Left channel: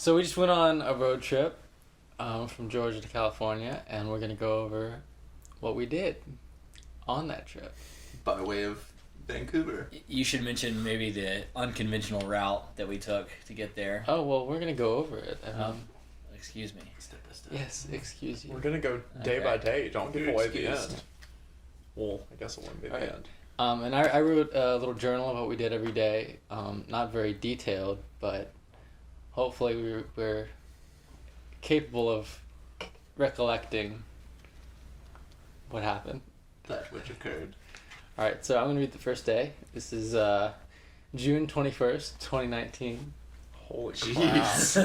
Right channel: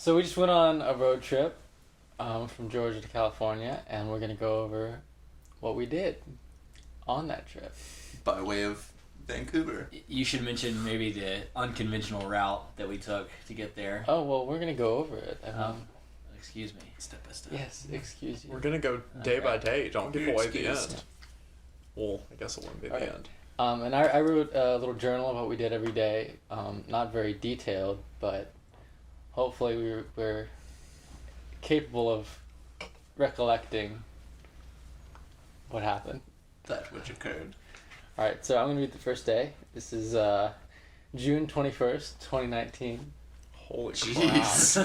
So we just went on a road trip from Georgia to California, and we're going to go over what we did on that trip. By way of Vancouver. You should mention maybe the unconventional route that we took to get there. Oh, well, we're going to go over it. Excuse me. Step by step. Yes, excuse you. We're gonna go day by day. Don't give away the Excuse. end. Well, I guess it wouldn't be the Right. end. And I wrote a little journal of what we did every day. Not very detailed, but hopefully we're capable of recollecting what happened. That which occurred. All right, so I'm going to read the first day. This is June 21st, 2019. Holy Jeez.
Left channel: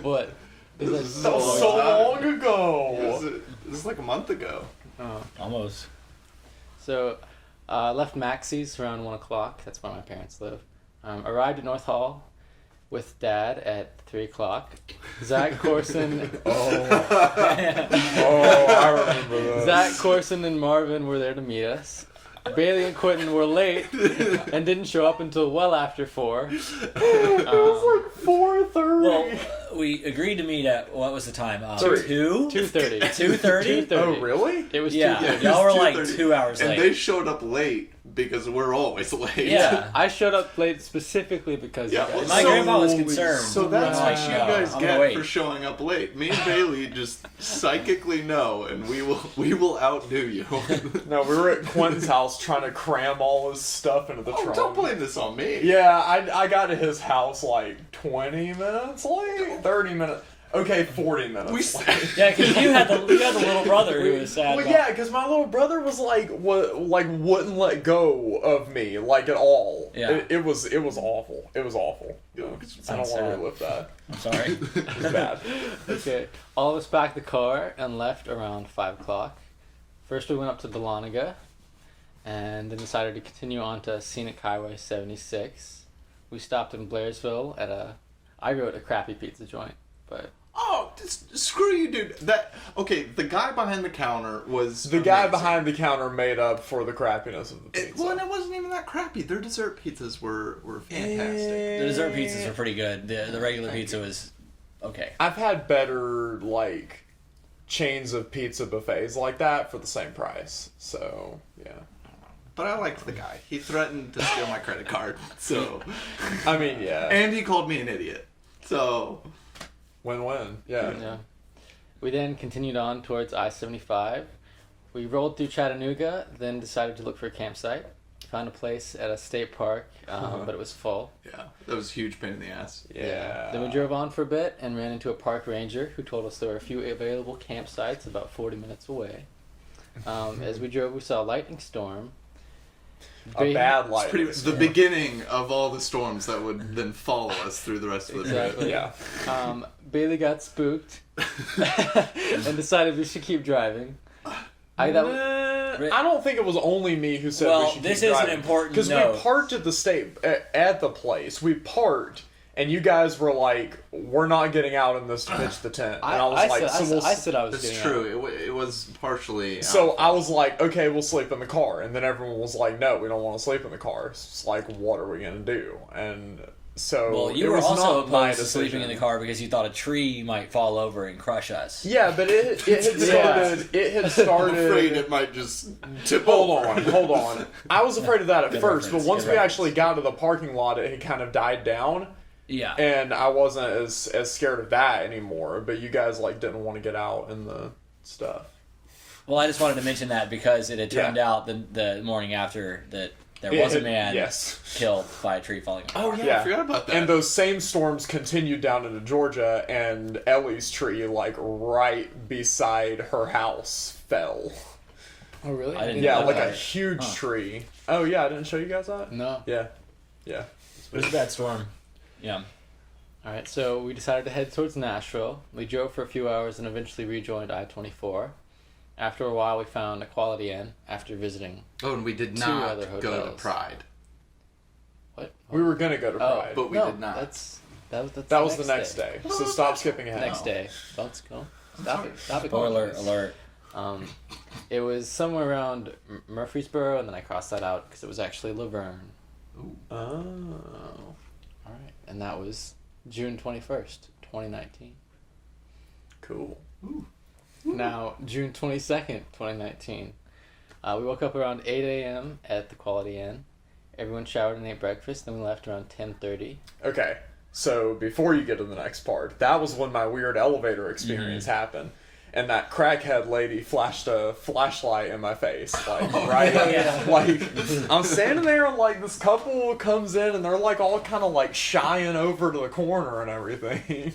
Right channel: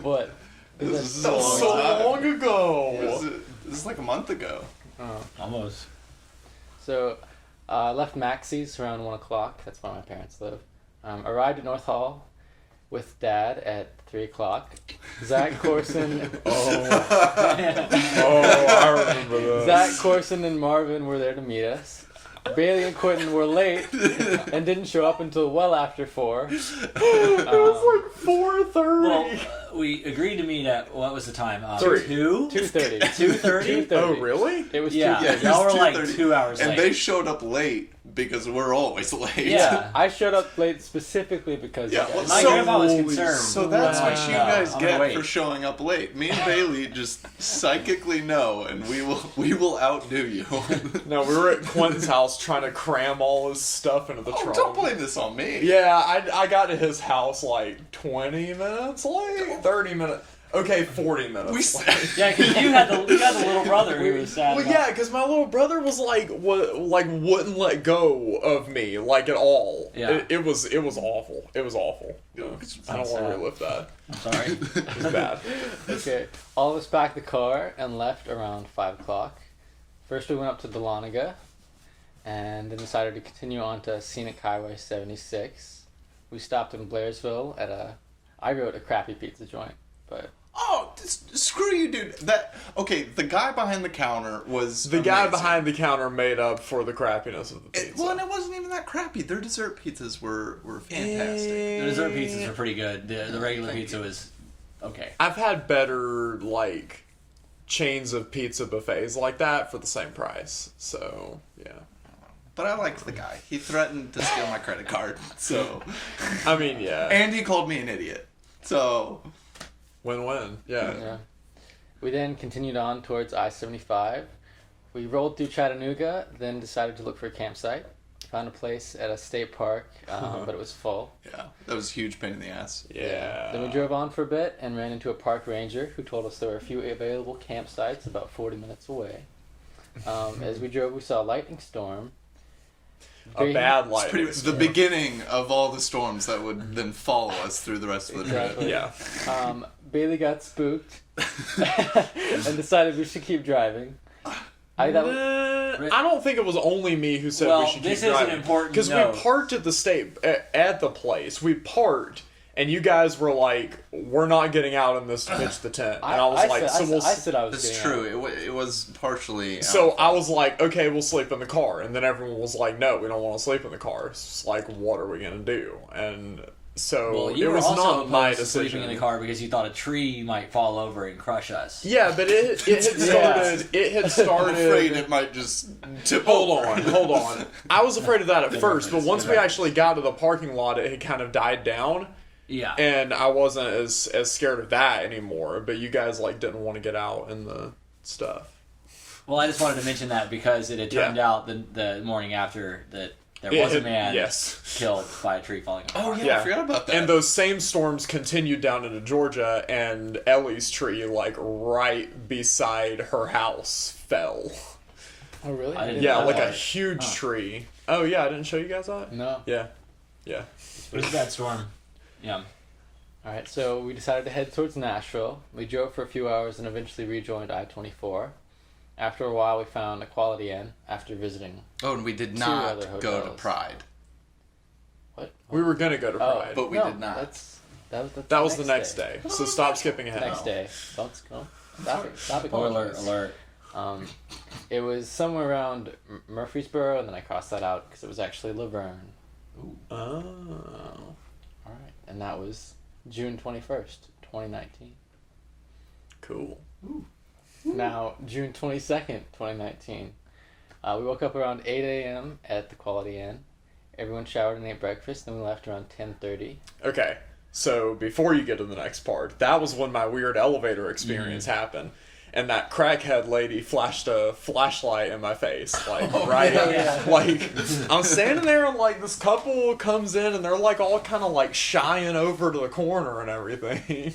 What? This is That was so long ago. This is like a month ago. Oh. Almost. So, left Maxie's around 1 o'clock. That's where my parents live. Arrived at North Hall with Dad at 3 o'clock. Zach Corson. I remember that. Zach Corson and Marvin were there to meet us. Bailey and Quentin were late and didn't show up until well after 4. It was like 4:30. Well, we agreed to meet at, what was the time? 2? 2:30. 2:30? 2:30. Oh, really? It was Yeah, 2:30. y'all were like 2:30. 2 hours And late. they showed up late because we're always late. Yeah. I showed up late specifically because Yeah, of well, that. My So- grandpa was concerned. So that's Wow. what you guys I'm gonna get wait. for showing up late. Me and Bailey just psychically know, and we will outdo you. No, we were at Quentin's house trying to cram all his stuff into the Oh, trunk. don't blame this on me. Yeah, I got to his house like 20 minutes late, 30 minutes. Okay, 40 minutes. We late. Yeah, because you had the little brother who was sad. Well, about- yeah, because my little brother was wouldn't let go of me like at all. Yeah. It was awful. It was awful. I don't Sounds want to sad. relive that. I'm sorry. It was bad. Okay, all of us packed the car and left around 5 o'clock. First we went up to Dahlonega and then decided to continue on to Scenic Highway 76. We stopped in Blairsville at I wrote a crappy pizza joint, but Oh, screw you, dude. The guy behind the counter was The guy amazing. behind the counter made up for the crappiness of the pizza. Well, and it wasn't even that crappy. Their dessert pizzas were fantastic. The dessert pizzas are pretty good. The regular pizza was okay. I've had better chains of pizza buffets like that for the same price. So yeah. But I liked the guy. He threatened to steal my credit card. So, I mean, yeah. and he called me an idiot. So, Win-win. Yeah. yeah. We then continued on towards I-75. We rolled through Chattanooga, then decided to look for a campsite. Found a place at a state park, but it was full. yeah, that was a huge pain in the ass. Yeah. Then we drove on for a bit and ran into a park ranger who told us there were a few available campsites about 40 minutes away. As we drove, we saw a lightning storm. A bad It's lightning the storm. beginning of all the storms that would then follow us through the rest of the Exactly. trip. Yeah. Bailey got spooked and decided we should keep driving. I don't think it was only me who said Well, we should this keep is an driving. important Because note. we parked at the state at the place. We parked, and you guys were like, "We're not getting out in this to pitch the tent." And I was like, "So we'll." I said I was It's getting true. out. It was partially. So I was like, "Okay, we'll sleep in the car," and then everyone was like, "No, we don't want to sleep in the car." It's like, what are we gonna do? And so Well, it you were was also not my opposed to decision. sleeping in the car because you thought a tree might fall over and crush us. Yeah, but it had started. It had I'm started. afraid it might just tip Hold over. on, hold on. I was afraid of that at Good first, but reference, once good we reference. actually got to the parking lot, it had kind of died down, Yeah. and I wasn't as scared of that anymore. But you guys didn't want to get out in the stuff. Well, I just wanted to mention that because it had turned Yeah. out the morning after that there It was a had- man yes. killed by a tree falling on. Oh yeah, Yeah. I forgot about that. And those same storms continued down into Georgia, and Ellie's tree, right beside her house, fell. Oh, really? I didn't Yeah, know like that. a huge tree. Oh yeah, I didn't show you guys that. No. Yeah, yeah. It was a bad storm. Yeah. All right, so we decided to head towards Nashville. We drove for a few hours and eventually rejoined I-24. After a while, we found a Quality Inn after visiting. Oh, and we did Two not other go to hotels. Pride. What? We were gonna go to Oh, Pride. But we no, did not. That's That was the next day. So stop skipping ahead. Next day. Don't go. Stop it. Stop it. Spoiler alert. It was somewhere around Murfreesboro, and then I crossed that out because it was actually Laverne. Ooh. Oh. All right, and that was June 21st, 2019. Cool. Now, June 22nd, 2019. We woke up around 8 a.m. at the Quality Inn. Everyone showered and ate breakfast, then we left around 10:30. Okay, so before you get to the next part, that was when my weird elevator experience happened. And that crackhead lady flashed a flashlight in my face, like, right? yeah. Like, I'm standing there and, like, this couple comes in and they're, like, all kind of, like, shying over to the corner and everything.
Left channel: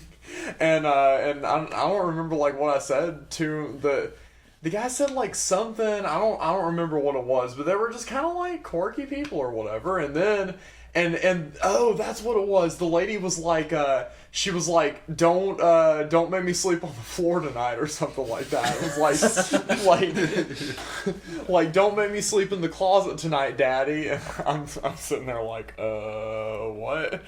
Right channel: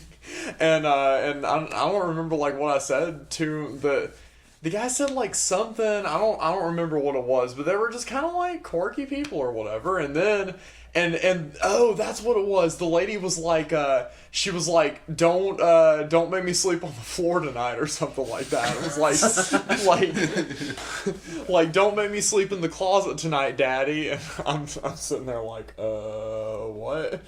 and I don't remember, like, what I said to the guy said, like, something, I don't remember what it was, but they were just kind of, like, quirky people or whatever. And then, and oh, that's what it was. The lady was like, she was like, don't make me sleep on the floor tonight or something like that. It was like, don't make me sleep in the closet tonight, Daddy. And I'm sitting there like, what?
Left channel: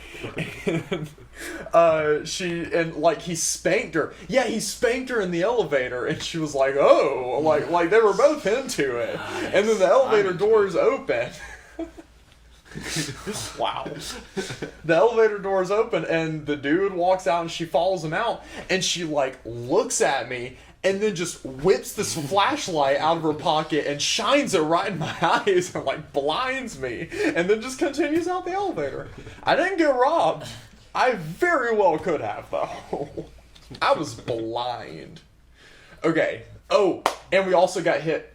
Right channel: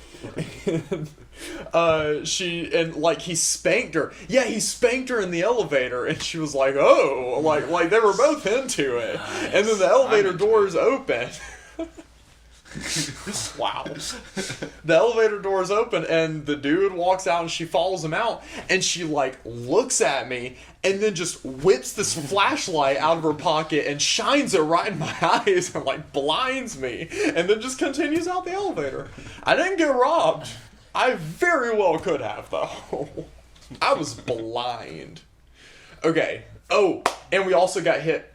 And like he spanked her. Yeah, he spanked her in the elevator, and she was like, oh, like they were both into it. Nice. And then the elevator doors open. Wow. The elevator doors open and the dude walks out and she follows him out and she like looks at me and then just whips this flashlight out of her pocket and shines it right in my eyes and like blinds me and then just continues out the elevator. I didn't get robbed. I very well could have though. I was blind. Okay. Oh, and we also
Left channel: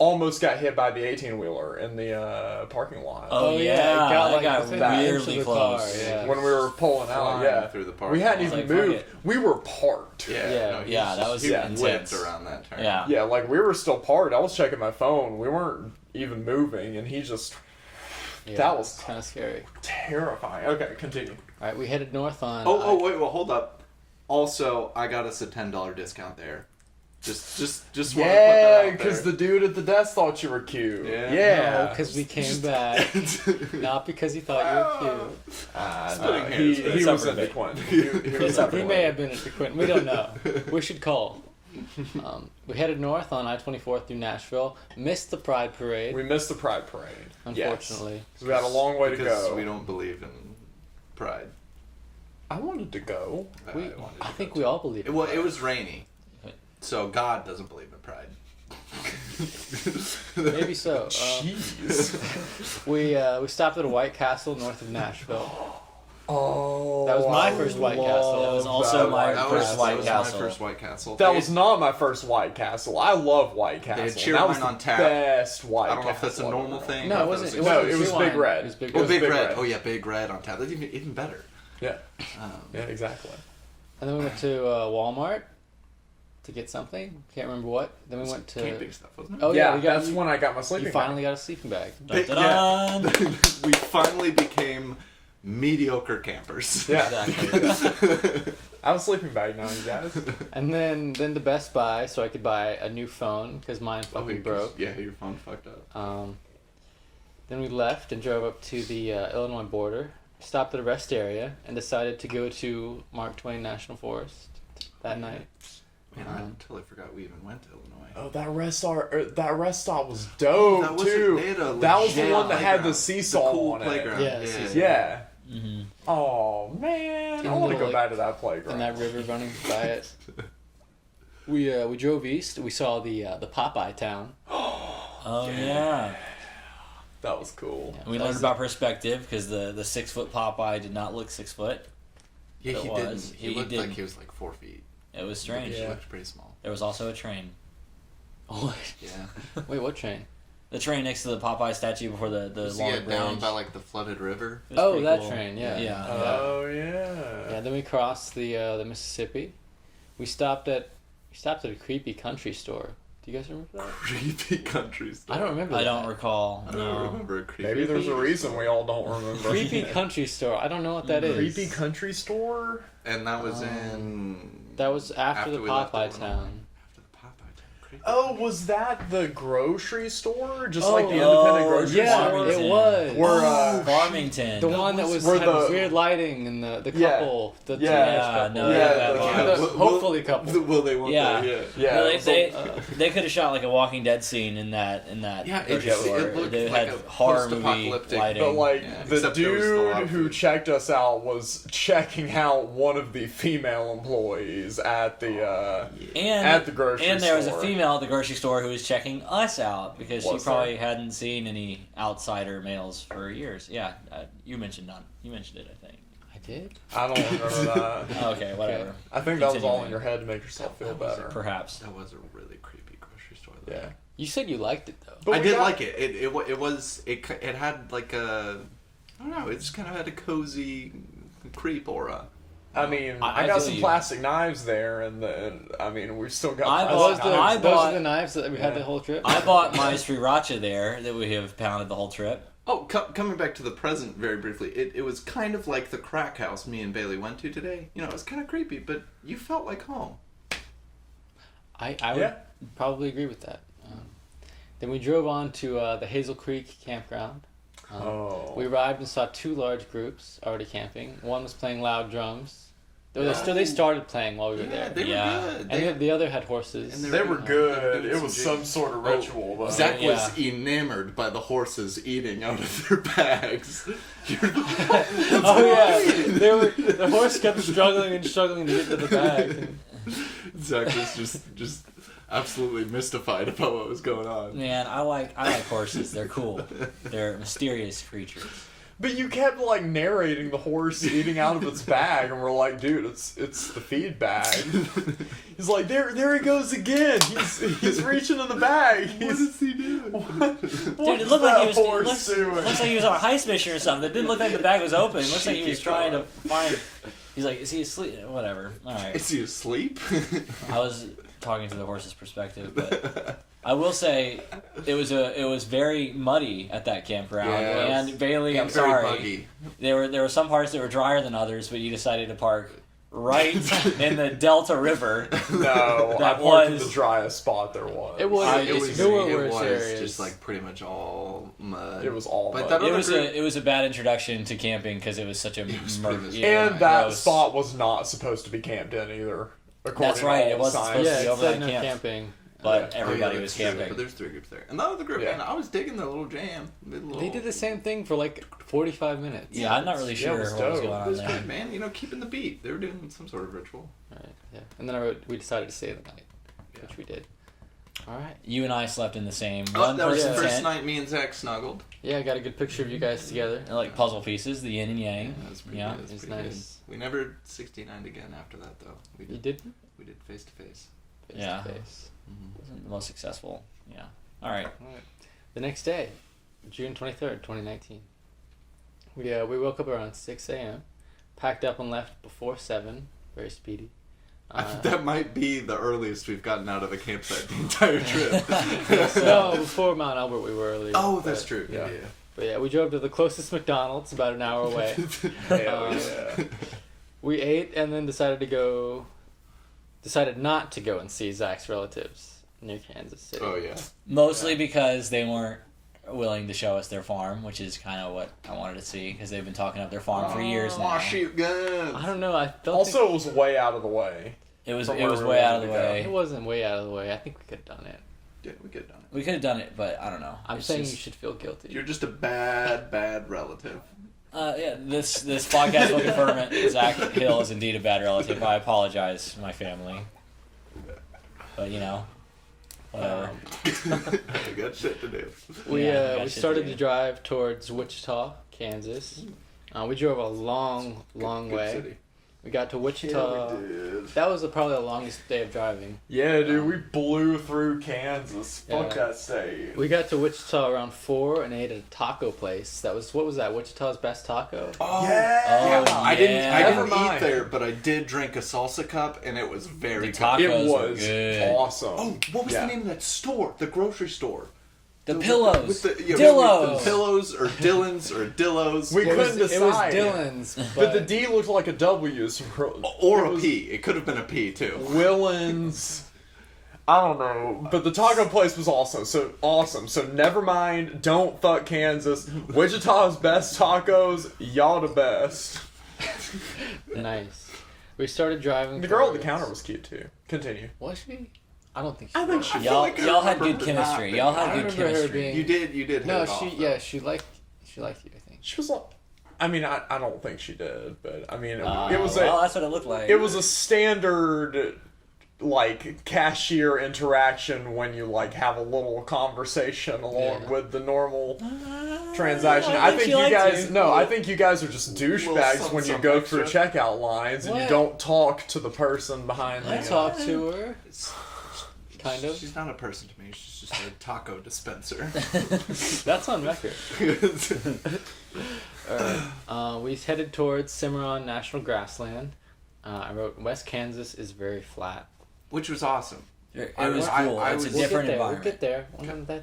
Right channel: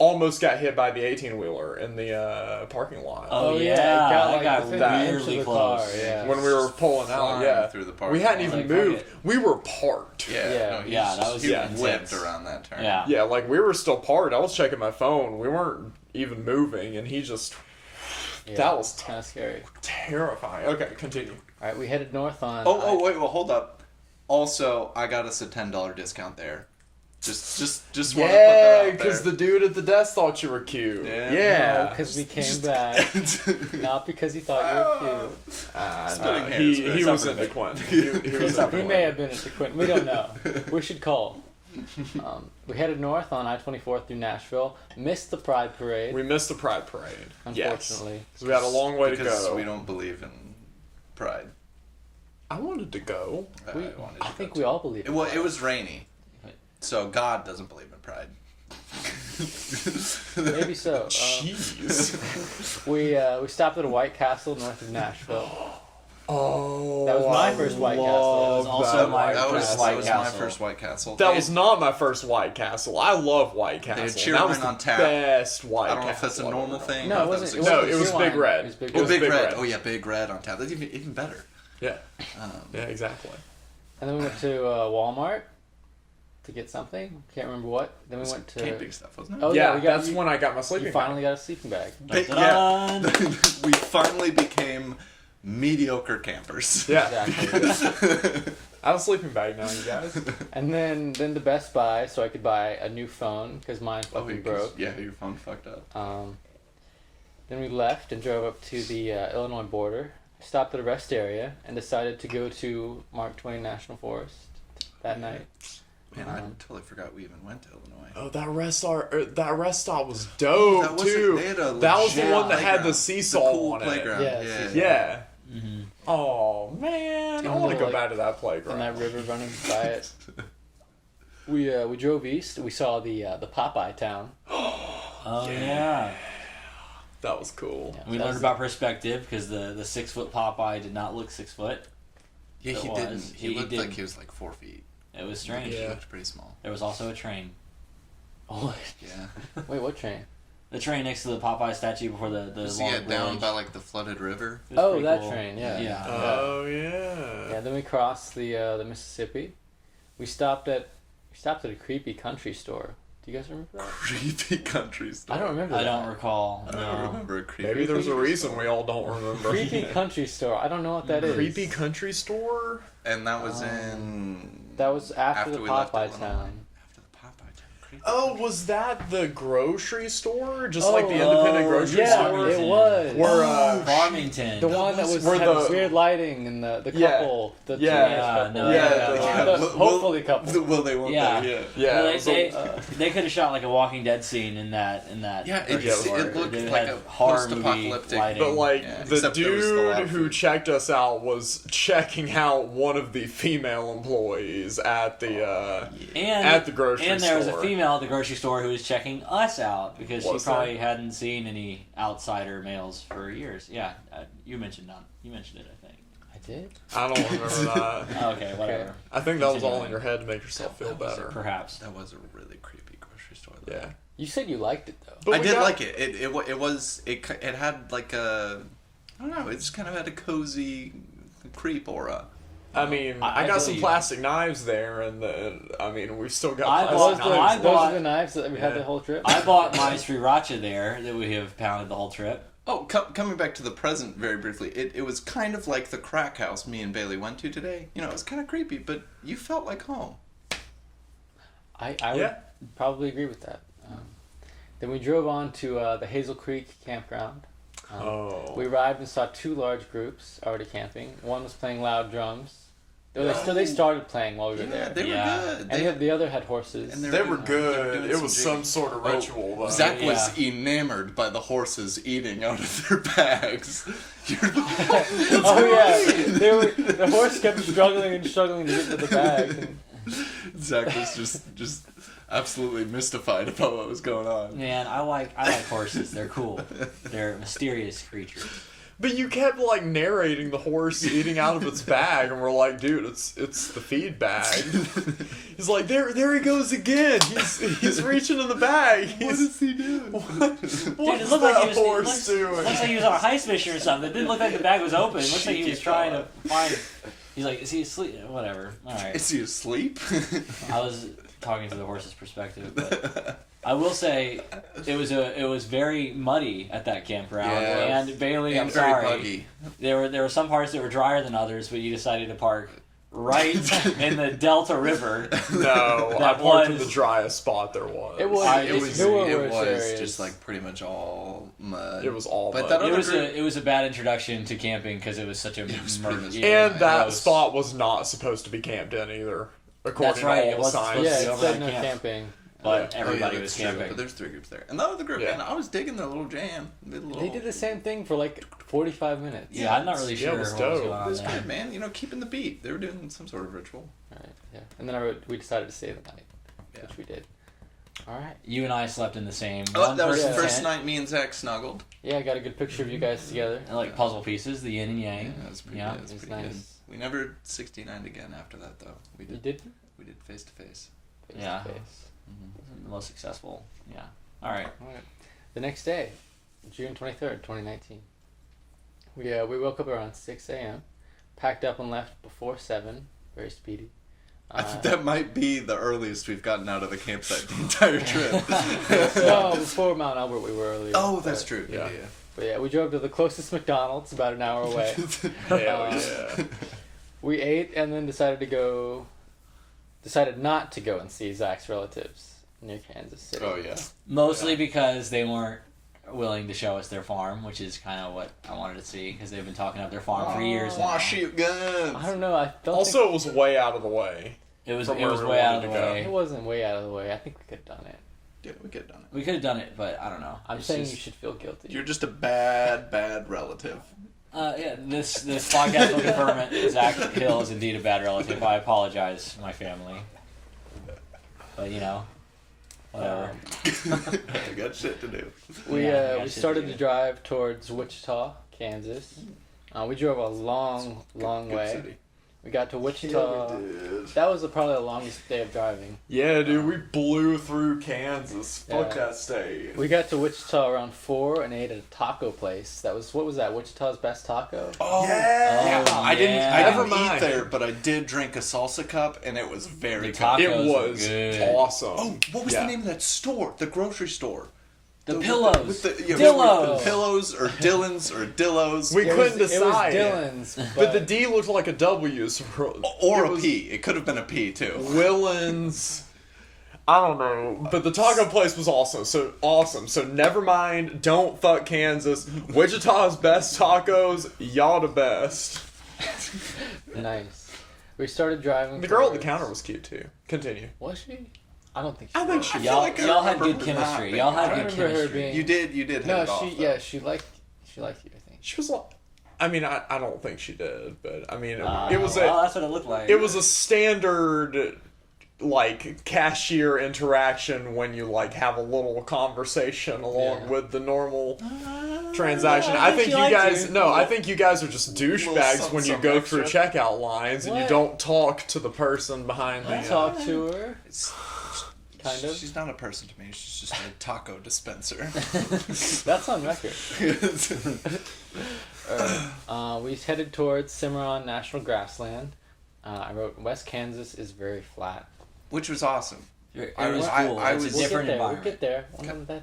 almost got hit by the 18-wheeler in the parking lot. Oh, yeah, yeah, it got, that like, got within the weirdly inch of the car, close. yeah. When we were pulling out, Flying yeah. through the parking We hadn't lot. even Like, fuck moved. it. We were parked. Yeah. No, he Yeah, that was he intense. whipped around that turn. Yeah. Yeah, like we were still parked. I was checking my phone. We weren't even moving, and he just Yeah, that was kind of scary. terrifying. Okay, continue. All right, we headed north on. Wait, well, hold up. Also, I got us a $10 discount there. Just want to put that Yeah, out because there. the dude at the desk thought you were cute. Yeah. No, because we came back. Not because he thought you were cute. Splitting hairs, He but was separate. into Quentin. He was We may have been at the Quentin. We don't know. We should call. We headed north on I-24 through Nashville. Missed the Pride Parade, We missed the Pride Parade. unfortunately. Yes. 'Cause we had a long way to because go. we don't believe in pride. I wanted to go. I think we all believe in Well, pride. it was rainy, so God doesn't believe in pride. Maybe so. Jeez. We stopped at a White Castle north of Nashville. Oh, That was my first White Castle. That was love also that my White That first was, Castle. White that was Castle. my first White Castle. That was not my first White Castle. I love White Castle. had cheer That was wine the on tap. best White Castle. I don't know if that's a normal thing. No, or it if wasn't. that It was No, wasn't it was Cheer Big Wine. Red. It was Big It Oh, was Red. Big Big Red. Red. Oh yeah, Big Red on tap. That's even better. Yeah. Yeah, exactly. And then we went to Walmart to get something. Can't remember what. Then we went to. Camping stuff, wasn't it? Oh yeah, we got. that's when I got my sleeping You finally got a sleeping bag. Dun-dun-dun. We finally became mediocre campers. bag. Yeah. Exactly. I have a sleeping bag now, you guys. And then to Best Buy so I could buy a new phone because mine fucking broke. Yeah, your phone fucked up. Then we left and drove up to the Illinois border, stopped at a rest area, and decided to go to Mark Twain National Forest that night. Man, I totally forgot we even went to Illinois. Oh, that rest stop was dope That was too. they had a That was the legit one that had the playground. seesaw cool on playground. Yeah, Yeah, seesaw. it. Yeah. Mm-hmm. Oh man, I And want to go like- back to that playground. And that river running by it. We drove east. We saw the Popeye town. Oh yeah. That was cool. Yeah, We that learned was- about perspective because the 6 foot Popeye did not look 6 foot. Yeah, It he was. didn't. He He looked didn't. like he was like 4 feet. It was strange. He Yeah. looked pretty small. There was also a train. Oh, Yeah. wait, what train? The train next to the Popeye statue before the Just to long get bridge. down by like the flooded river. It was Oh, pretty that cool. train, yeah. Yeah. Oh yeah. Yeah. Then we crossed the Mississippi. We stopped at a creepy country store. Do you guys remember that? Creepy country store. I don't remember. I that. don't recall. I don't No. remember a creepy. Maybe there's a country reason store. we all don't remember. Creepy country store. I don't know what that is. Creepy country store? And that was Um, in. That was after the we left Popeye Illinois. town. After the Popeye town. Oh, was that the grocery store? Just Oh, like the independent grocery yeah, store? it was. Where, Farmington. The one that was Where had the- weird lighting and the Yeah. couple, the Yeah. teenage Yeah, couple. no, Yeah, that the- vibe. Hopefully couple. Well, they won't. Yeah. yeah. No, so- they could have shot like a Walking Dead scene in that Yeah, it grocery just store. it looked They like had a horror movie post-apocalyptic. lighting. But like Yeah, the except there was the dude lobster. who checked us out was checking out one of the female employees at the at the grocery and there was a store. female at the grocery store who was checking us out because she Was probably there? hadn't seen any outsider males for years. Yeah, you mentioned it, I think. I did. I don't remember that. Oh, okay, whatever. I think that was all in Continuing. your head to make yourself feel better. Perhaps. That was a really creepy grocery store. Though. Yeah. You said you liked it though. But I we did got- like it. It had like a, I don't know. It just kind of had a cozy creep aura. I mean, I I got feel some you. plastic knives there, and we still got I plastic Was bought- the, I those bought- are the knives that we had Yeah. the whole trip? I bought my sriracha there that we have pounded the whole trip. Oh, coming back to the present very briefly, it was kind of like the crack house me and Bailey went to today. You know, it was kind of creepy, but you felt like home. I would Yeah. probably agree with that. Then we drove on to the Hazel Creek campground. Oh. We arrived and saw two large groups already camping. One was playing loud drums. They started playing while we were there. They Yeah. were good. And the other had horses. And They were They're good. doing It some was jig- some sort of ritual, though. Zach Yeah. was enamored by the horses eating out of their bags. Oh yeah, the horse kept struggling and struggling to get to the bag. And Zach was just absolutely mystified about what was going on. Man, I like horses. They're cool. They're mysterious creatures. But you kept like narrating the horse eating out of its bag, and we're like, dude, it's the feed bag. He's like, there he goes again. He's reaching in the bag. What is he doing? Dude, it looked like he was. Horse doing? Looks like he was on a heist mission or something. It didn't look like the bag was open. It looks like he was trying to find. He's like, is he asleep? Whatever. All right. Is he asleep? I was talking to the horse's perspective, but I will say it was very muddy at that campground. Yeah, and Bailey, Yeah, I'm very sorry, buggy. there were some parts that were drier than others, but you decided to park right in the Delta River. No, That I parked in was- the driest spot there was. It was- I It was, There were it worse was areas. just like pretty much all mud. It was all But mud. that It other was group- it was a bad introduction to camping because it was such a was murky. pretty much- And that gross. spot was not supposed to be camped in either. According That's right, To all it the wasn't signs. supposed yeah, to be it over said at no camp. camping. But Oh, yeah, everybody that's was true, camping. But there's 3 groups there, and the other group, Yeah. man, I was digging their little jam. They did the same thing for like 45 minutes. Yeah, I'm not really Yeah, it sure was what was dope. going It on was there. good, man. You know, keeping the beat. They were doing some sort of ritual. All right. Yeah. And then we decided to stay the night, which we did. All right. You and I slept in the same Oh, one that was the person first tent, night me and Zach snuggled. Yeah, I got a good picture of you guys together. and, like puzzle pieces, the yin and yang. that was pretty Yeah. good. That was It's pretty nice. good. We never 69'd again after that, though. We You did. did? We did face to face. Face Yeah. to face. Wasn't the most successful. Yeah. All right. All right. The next day, June 23rd, 2019. We woke up around 6 a.m., packed up and left before 7. Very speedy. That might be the earliest we've gotten out of the campsite the entire trip. No, before Mount Albert we were earlier. Oh, but- that's true. Yeah. Yeah. But yeah, we drove to the closest McDonald's, about an hour away. Hell Um, yeah. We ate and then decided not to go and see Zach's relatives near Kansas City. Oh yeah. Mostly because they weren't willing to show us their farm, which is kind of what I wanted to see because they've been talking up their farm for years now. Aw, shoot guns. I don't know. I don't Also, it was way out of the way. It was Somewhere way out of the ready to go. think it way. wasn't way out of the way. I think we could have done it. Yeah, we could have done it. We could have done it, but I don't know. I'm It's saying just- you should feel guilty. You're just a bad, bad relative. Yeah, this podcast will confirm it. Zach Hill is indeed a bad relative. I apologize to my family, but you know, whatever. We got shit to do. We Yeah, we gotcha, started dude. to drive towards Wichita, Kansas. We drove a long Good way. city. We got to Wichita. That was probably the longest day of driving. Yeah, dude, we blew through Kansas. Fuck Yeah. that state. We got to Wichita around 4 and ate at a taco place. What was that? Wichita's best taco? Oh, Yeah. Oh, I didn't Never eat mind. there, but I did drink a salsa cup, and it was very The good. tacos It were was good. awesome. Oh, what was Yeah. the name of that store? The grocery store. The With pillows. with the, yeah, Dillos. with the pillows or Dillons or Dillos. We It couldn't was, decide. It was Dylan's. But the D looked like a W. So or it a was P. It could have been a P too. Willens. I don't know, but the taco place was also so awesome. So never mind. Don't fuck Kansas. Wichita's best tacos. Y'all the best. Nice. We started driving. The girl at the towards- counter was cute too. Continue. Was she? I don't think she. I think was. she- Y'all, like I y'all had remember good her not chemistry. being- Y'all had I good remember her chemistry. being- You did hit it No, off. she. though. Yeah, she liked you. I think. She was like, I mean, I don't think she did, but I mean, Oh, it was well, a that's what it looked like. it was a standard like cashier interaction when you like have a little conversation along Yeah. with the normal transaction. I I think think she you liked guys you. no, I think you guys are just douchebags some- when you some go extra. through checkout lines and you What? don't talk to the person behind I the talked to her. It's- Kind of. She's not a person to me. She's just a taco dispenser. That's on record. We headed towards Cimarron National Grassland. I wrote West Kansas is very flat. Which was awesome. It I was was- cool. I It's a was- We'll get different there. We'll environment. get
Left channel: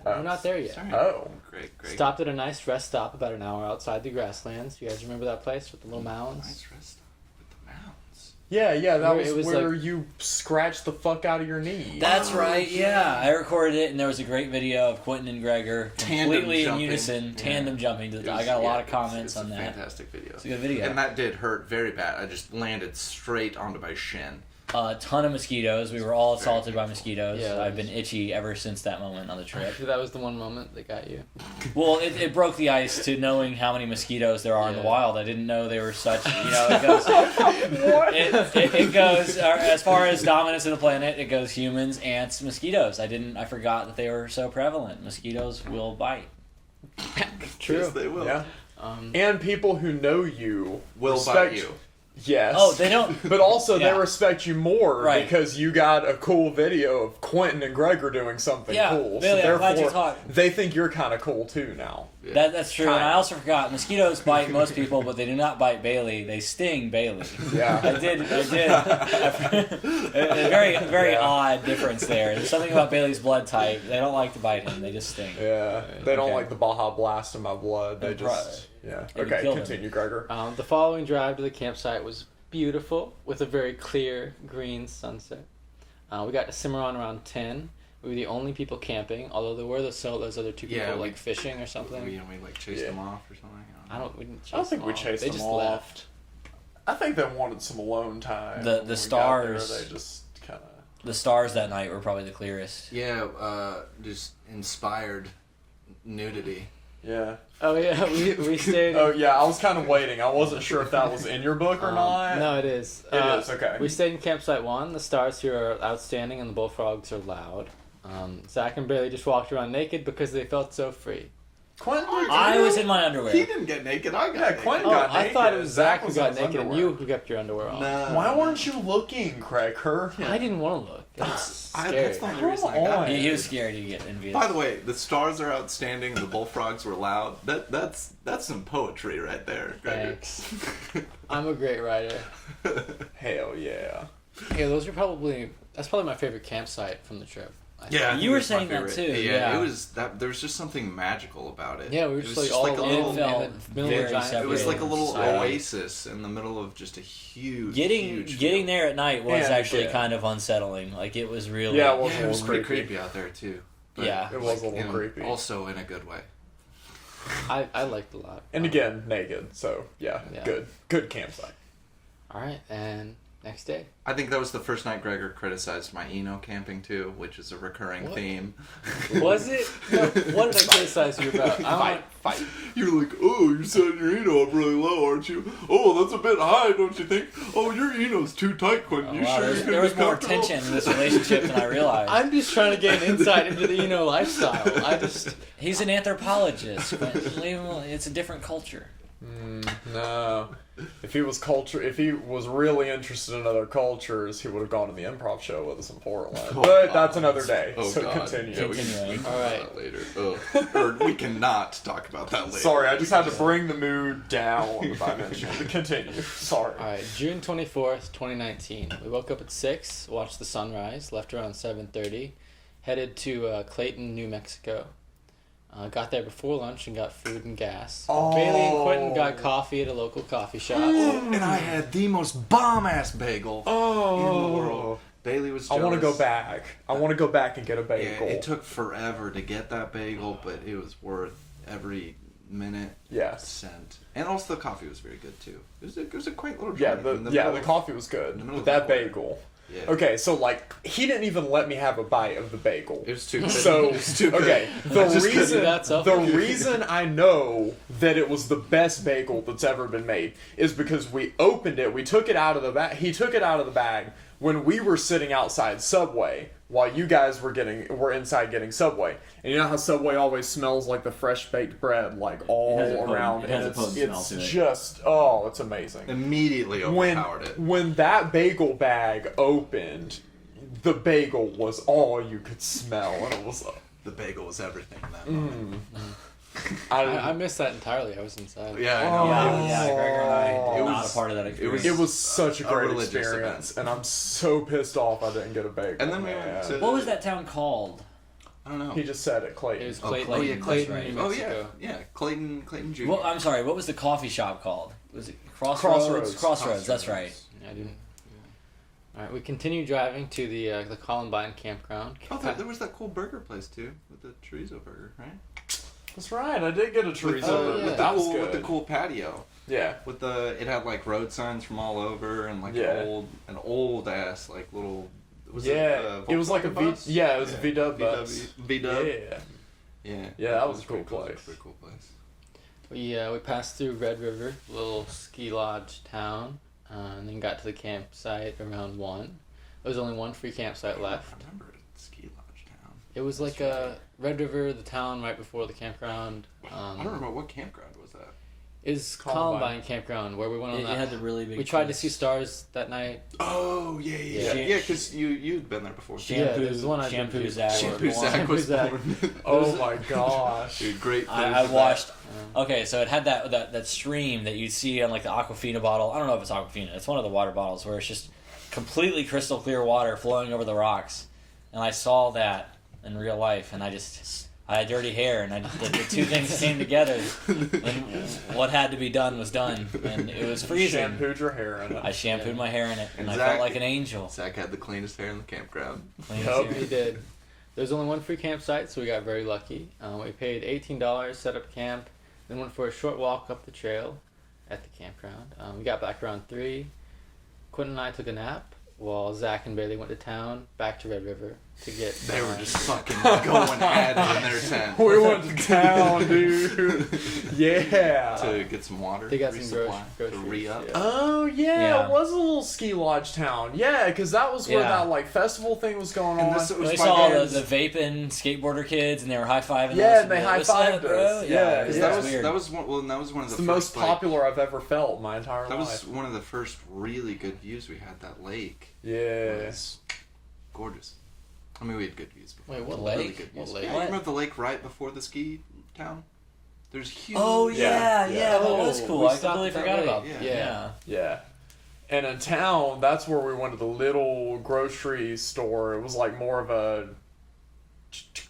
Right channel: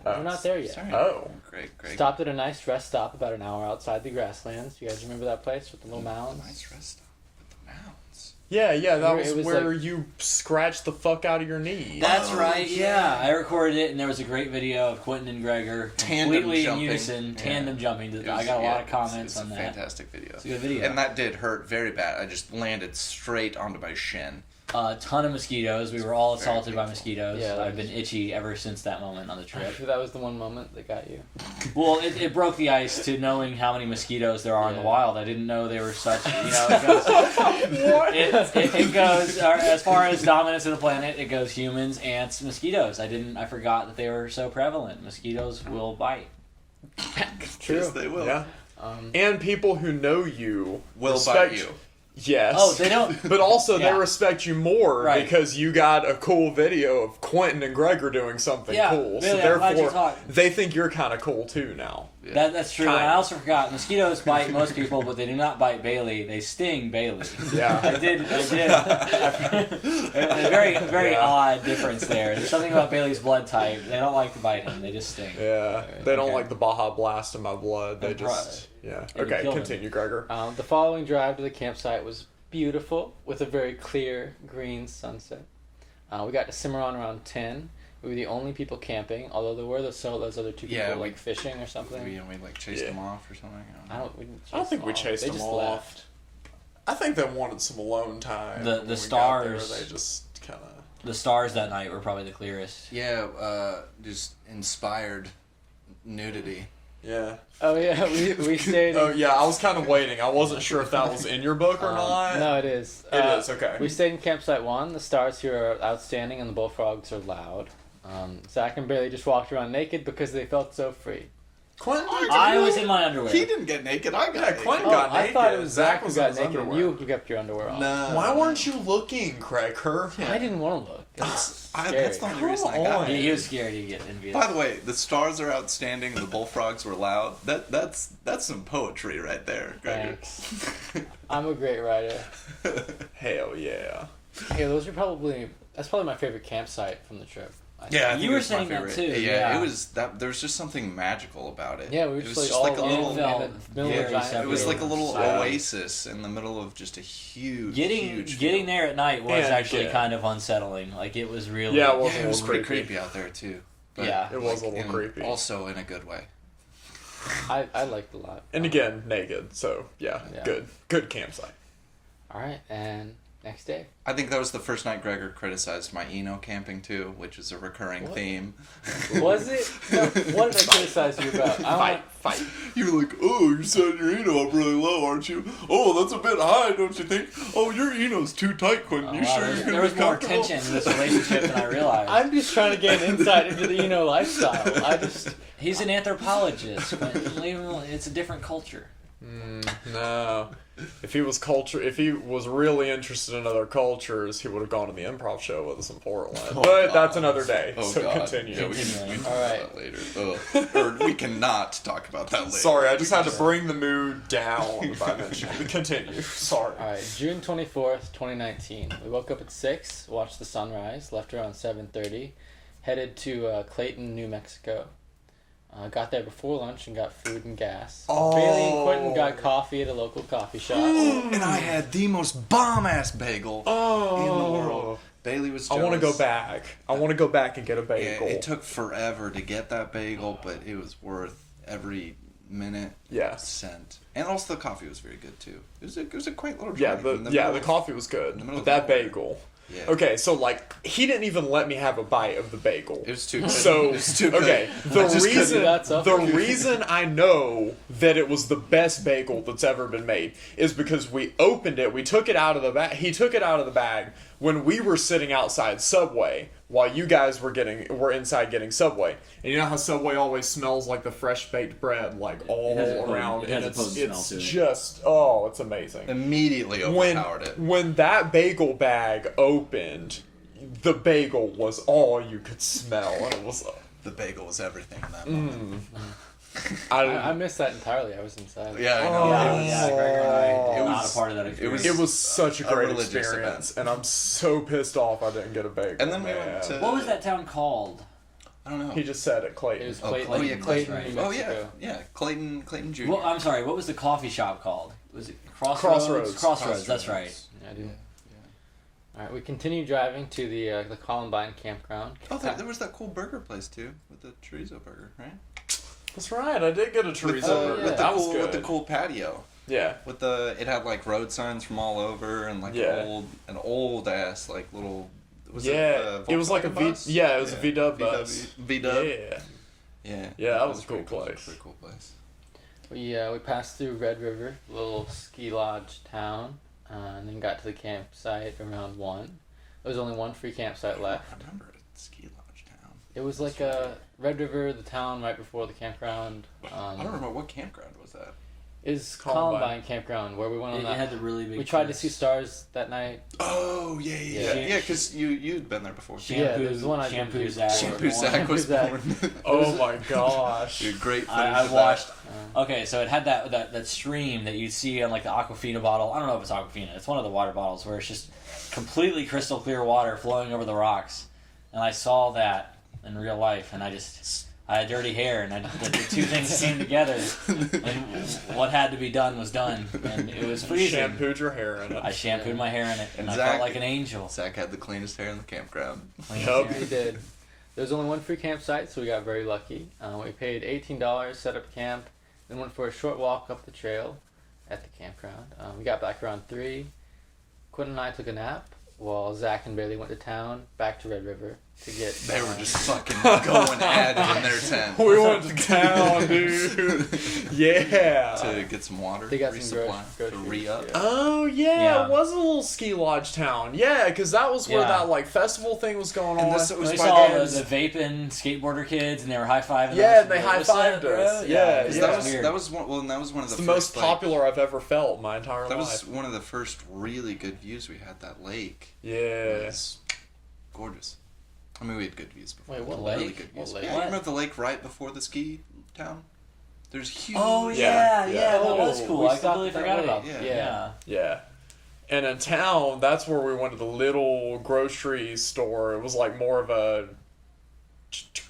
there. We're not there yet. Sorry. Oh. Great. Stopped at a nice rest stop about an hour outside the grasslands. You guys remember that place with the little mounds? Nice rest stop with the mounds. Yeah, that Where it was was where like- you scratched the fuck out of your knee. That's Oh, right. yeah. Yeah, I recorded it, and there was a great video of Quentin and Gregor Tandem completely in jumping. unison, Yeah. tandem jumping. It I was- got a lot yeah, of comments it's on a that. Fantastic video. It's a good video. And that did hurt very bad. I just landed straight onto my shin. A ton of mosquitoes. We were all assaulted by mosquitoes. Yeah, that I've was- been itchy ever since that moment on the trip. That was the one moment that got you. Well, it broke the ice to knowing how many mosquitoes there are in the Yeah. wild. I didn't know they were such. It goes as far as dominance of the planet. It goes humans, ants, mosquitoes. I forgot that they were so prevalent. Mosquitoes will bite. True. Yes, they will. Yeah. And people who know you Will respect bite you. Yes. Oh, they don't. But also, Yeah. they respect you more Right. because you got a cool video of Quentin and Gregor doing something Yeah, cool. really, I'm glad you thought. they think you're kind of cool too now. Yeah. That's true. And I also forgot mosquitoes bite most people, but they do not bite Bailey. They sting Bailey. Yeah. I did. A very Yeah. odd difference there. There's something about Bailey's blood type. They don't like to bite him. They just sting. Yeah. They don't Okay. like the Baja Blast in my blood. They Right. just. Yeah. They Okay, kill them. continue, Gregor. The following drive to the campsite was beautiful with a very clear green sunset. We got to Cimarron around 10. We were the only people camping, although there were those other two people Yeah, we- like fishing or something. We like chased Yeah. them off or something. We didn't chase I don't think them we off. chased They them just off. left. I think they wanted some alone time. The When we got stars- there, they just kind of. The stars that night were probably the clearest. Yeah, just inspired nudity. Yeah. Oh yeah, we stayed. Oh yeah, I was kind of waiting. I wasn't sure if that was in your book or not. No, it is. It is, okay. We stayed in campsite 1. The stars here are outstanding and the bullfrogs are loud. Zach and Bailey just walked around naked because they felt so free. Quentin, I was in my underwear. He didn't get naked. I got Yeah, naked. Quentin Oh, got I naked. thought it was Zach who was got in his naked and underwear. you kept your underwear on. No. Why weren't you looking, Cracker? I didn't want to look. That's That's scary. the only reason I got on. naked. He was scared he'd get envious. By the way, the stars are outstanding. The bullfrogs were loud. That's some poetry right there. Gregor. Thanks. I'm a great writer. Hell yeah. Yeah, that's probably my favorite campsite from the trip. I think. Yeah, I You think were it's my saying that favorite. too, Yeah, yeah. it was that. There was just something magical about it. Yeah, we were It just was like all a alone little. It felt in the middle of a very giant separate. It was like a field. little Yeah. oasis in the middle of just a huge, Getting huge getting field. there at night was And actually yeah. kind of unsettling. Like it was really. Yeah, well, Yeah, it was It was pretty creepy. creepy out there too. But, Yeah. It was a little in- creepy. Also in a good way. I liked it a lot. And again, naked. So yeah, Yeah. good campsite. All right, and next day. I think that was the first night Gregor criticized my Eno camping too, which is a recurring What? theme. Was it? No, what did I criticize you about? I don't Fight. You're like, oh, you're setting your Eno up really low, aren't you? Oh, that's a bit high, don't you think? Oh, your Eno's too tight, Quentin. Oh, You wow, sure there's- you're gonna there was be more comfortable?" tension in this relationship than I realized. I'm just trying to gain insight into the lifestyle. He's an anthropologist, but leave him alone. It's a different culture. No. If he was really interested in other cultures, he would have gone to the improv show with us in Portland. Oh, but God. that's another day. Oh, so God. continue. Yeah, we can Continuing. talk All about right. that later. Ugh. Or we cannot talk about that later. Sorry, I just had to bring the mood down by mentioning. Continue. Sorry. All right, June 24th, 2019. We woke up at 6, watched the sunrise, left around 7:30, headed to Clayton, New Mexico. Got there before lunch and got food and gas. Oh. Bailey and Quentin got coffee at a local coffee shop. And I had the most bomb-ass bagel in the world. Bailey was I jealous. want to go back. I want to go back and get a Yeah, bagel. it took forever to get that bagel, but it was worth every minute, Yes. cent. And also the coffee was very good too. It was a quaint little Yeah, joint in the middle of- coffee was in good, the middle but of that nowhere. bagel. Yeah. Okay, so like he didn't even let me have a bite of the bagel. It was too good. So it was too good. okay, I the just couldn't- reason that's up. the reason I know that it was the best bagel that's ever been made is because we opened it. We took it out of the bag. He took it out of the bag when we were sitting outside Subway while you guys were inside getting Subway. And you know how Subway always smells like the fresh baked bread, like all It has a potent- around. it has and a potent smell it's to it. just it's amazing. Immediately overpowered it. When that bagel bag opened, the bagel was all you could smell, and it was. The bagel was everything in that moment. I missed that entirely. I was inside. Yeah, I know. Yeah, Gregor and I It were not was- a part of that experience. It was such a great religious experience, and I'm so pissed off I didn't get a bagel. And then we man. went to. What was that town called? I don't know. He just said it, Clayton. It was Oh, Clayton, Clayton, Clayton, that's right. New Oh yeah, Mexico. yeah. Clayton Jr. Well, I'm sorry. What was the coffee shop called? Was it Crossroads. Crossroads. That's right. Yeah, I did. All right, we continue driving to the Columbine campground. Oh, there was that cool burger place too with the chorizo burger, right? That's right. I did get a With chorizo. Oh, burger. yeah. with the That was cool good. with the cool patio. Yeah. With it had like road signs from all over and like Yeah. an old ass like little. Yeah, it was like a Volkswagen V. bus? Yeah, it was a VW bus. VW. Yeah. Yeah. Yeah, that was a pretty cool That was place. a pretty cool place. We passed through Red River, a little ski lodge town, and then got to the campsite around 1. There was only one free campsite left. I remember Ski Lodge Town. It was like Red River, the town right before the campground. I don't remember what campground was that. Is Columbine. Columbine campground where we went on It that. had the really big. We tried to trees. see stars that night. Oh yeah, Yeah. yeah. Because you'd been there before. Yeah, there's one I did Shampoo do Zach. before. Shampoo Zach was Zach. born. Oh my gosh. Dude, great. I footage of that. watched. Okay, so it had that stream that you'd see on like the Aquafina bottle. I don't know if it's Aquafina. It's one of the water bottles where it's just completely crystal clear water flowing over the rocks. And I saw that in real life, and I had dirty hair, and the two things came together, and what had to be done was done, and it was freezing. Shampooed your hair in it. I shampooed my hair in it, and I Exactly. felt like an angel. Zach had the cleanest hair in the campground. Clean Yup. hair. We did. There was only one free campsite, so we got very lucky. We paid $18, set up camp, then went for a short walk up the trail at the campground. We got back around 3. Quentin and I took a nap while Zach and Bailey went to town, back to Red River to get. They were just fucking going at it in their tent. We went to town, dude. Yeah. To get some water. They got some resupply, groceries, to re-up. yeah. Oh yeah, Yeah. it was a little ski lodge town. Yeah, because that was where Yeah. that like festival thing was going on. And this was We my saw games. the vaping skateboarder kids, and they were high fiving. Yeah, and they high-fived us. Yeah, Because yeah. that was one. Well, and that was one of It's the the first, most popular I've ever felt in my Like, entire that life. was one of the first really good views we had. That lake. Yeah. It was gorgeous. I mean, we had good views before. Wait, what Really lake? good What views. lake? Yeah, What? you remember the lake right before the ski town? There's huge. Oh Yeah, yeah, that Oh, was cool. we I stopped completely at that forgot lake. about Yeah. that. Yeah. Yeah. And in town, that's where we went to the little grocery store. It was like more of a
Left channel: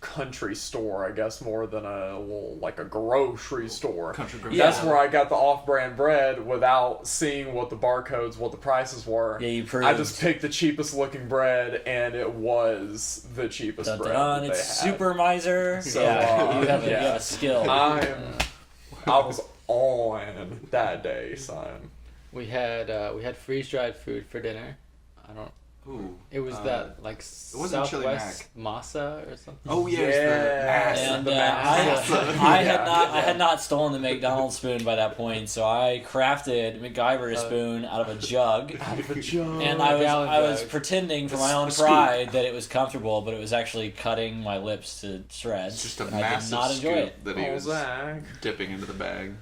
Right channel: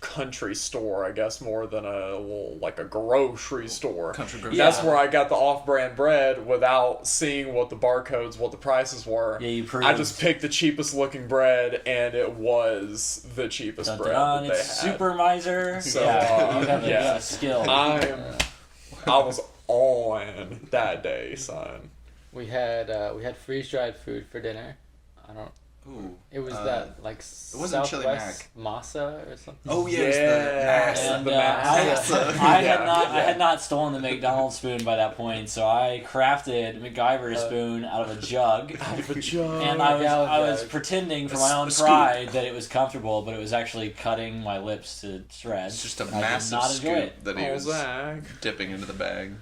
country store, I guess, more than a little, like a grocery store. Country grocery. Yeah. That's where I got the off-brand bread without seeing what the barcodes, what the prices were. Yeah, you proved. I just picked the cheapest looking bread, and it was the cheapest Dun, bread dun, that they it's had. Super Miser. So, yeah, you have a yeah. skill. I was on that day, son. We had freeze dried food for dinner. I don't. Ooh. It was that like wasn't chili Southwest masa or something. Oh yeah, it's Yes. the And the I Yeah. had not stolen the McDonald's spoon by that point, so I crafted MacGyver a spoon out of a jug, Out of a jug. and a gallon I was jug. pretending for A my own scoop. pride that it was comfortable, but it was actually cutting my lips to shreds. It's just a and I did massive not enjoy scoop it. that he Oh, was Zach. dipping into the bag.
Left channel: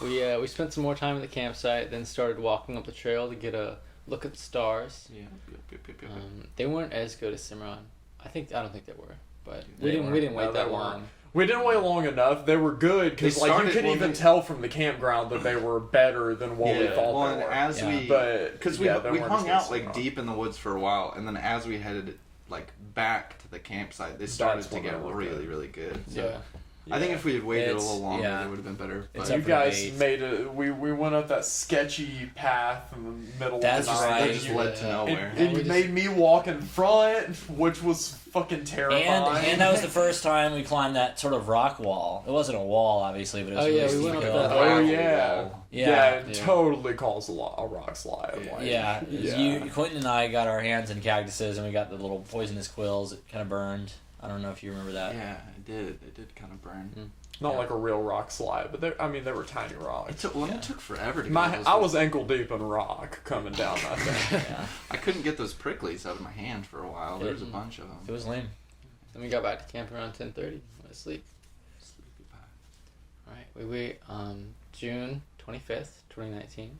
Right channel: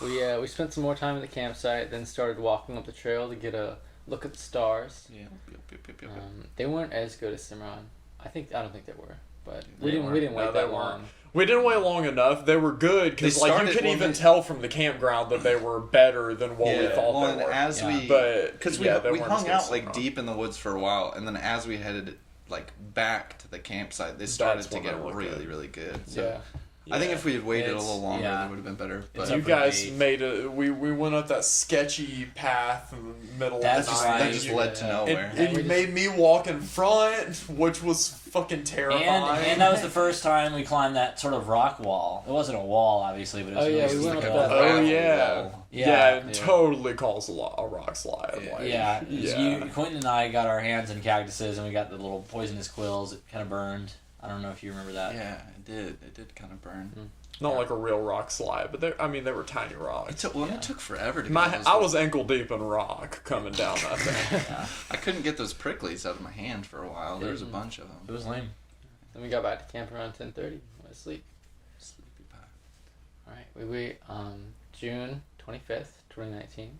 We spent some more time at the campsite, then started walking up the trail to get a look at the stars. Yeah. Yep. They weren't as good as Cimarron. I don't think they were, but They we didn't weren't. wait No, that they long. weren't. We didn't wait long enough. They were good because They like you started- could well, even they- tell from the campground that they were better than what we thought Well, they and were. as Yeah. we, But because yeah, they we weren't hung as good out as like Cimarron. deep in the woods for a while, and then as we headed like back to the campsite, they started to when get they looked really good. really good. So Yeah, I think if we had waited a It's- little longer, yeah. it would have been better. It's But up You for guys debate. made a. We went up that sketchy path in the middle That's of the right. night. that just You- led to Yeah. nowhere. And And you we made me walk in front, which was fucking terrifying. And that was the first time we climbed that sort of rock wall. It wasn't a wall, obviously, but it was Oh, a yeah, really we steep went up hill. that Oh Gravel yeah. wall. Yeah. It Yeah. totally caused a rock slide. Yeah. Like, Yeah, yeah. You, Quentin and I got our hands in cactuses, and we got the little poisonous quills. It kind of burned. I don't know if you remember that. Yeah, it did. It did kind of burn. Not like a real rock slide, but they were tiny It rocks. took, it took forever to My, get those. I was ankle deep in rock coming down that thing. Yeah, I couldn't get those pricklies out of my hand for a while. There was a Mhm. bunch of it them. was lame. Then we got back to camp around 10:30. Went to sleep. Sleepy pie. All right, we wait June 25th, 2019.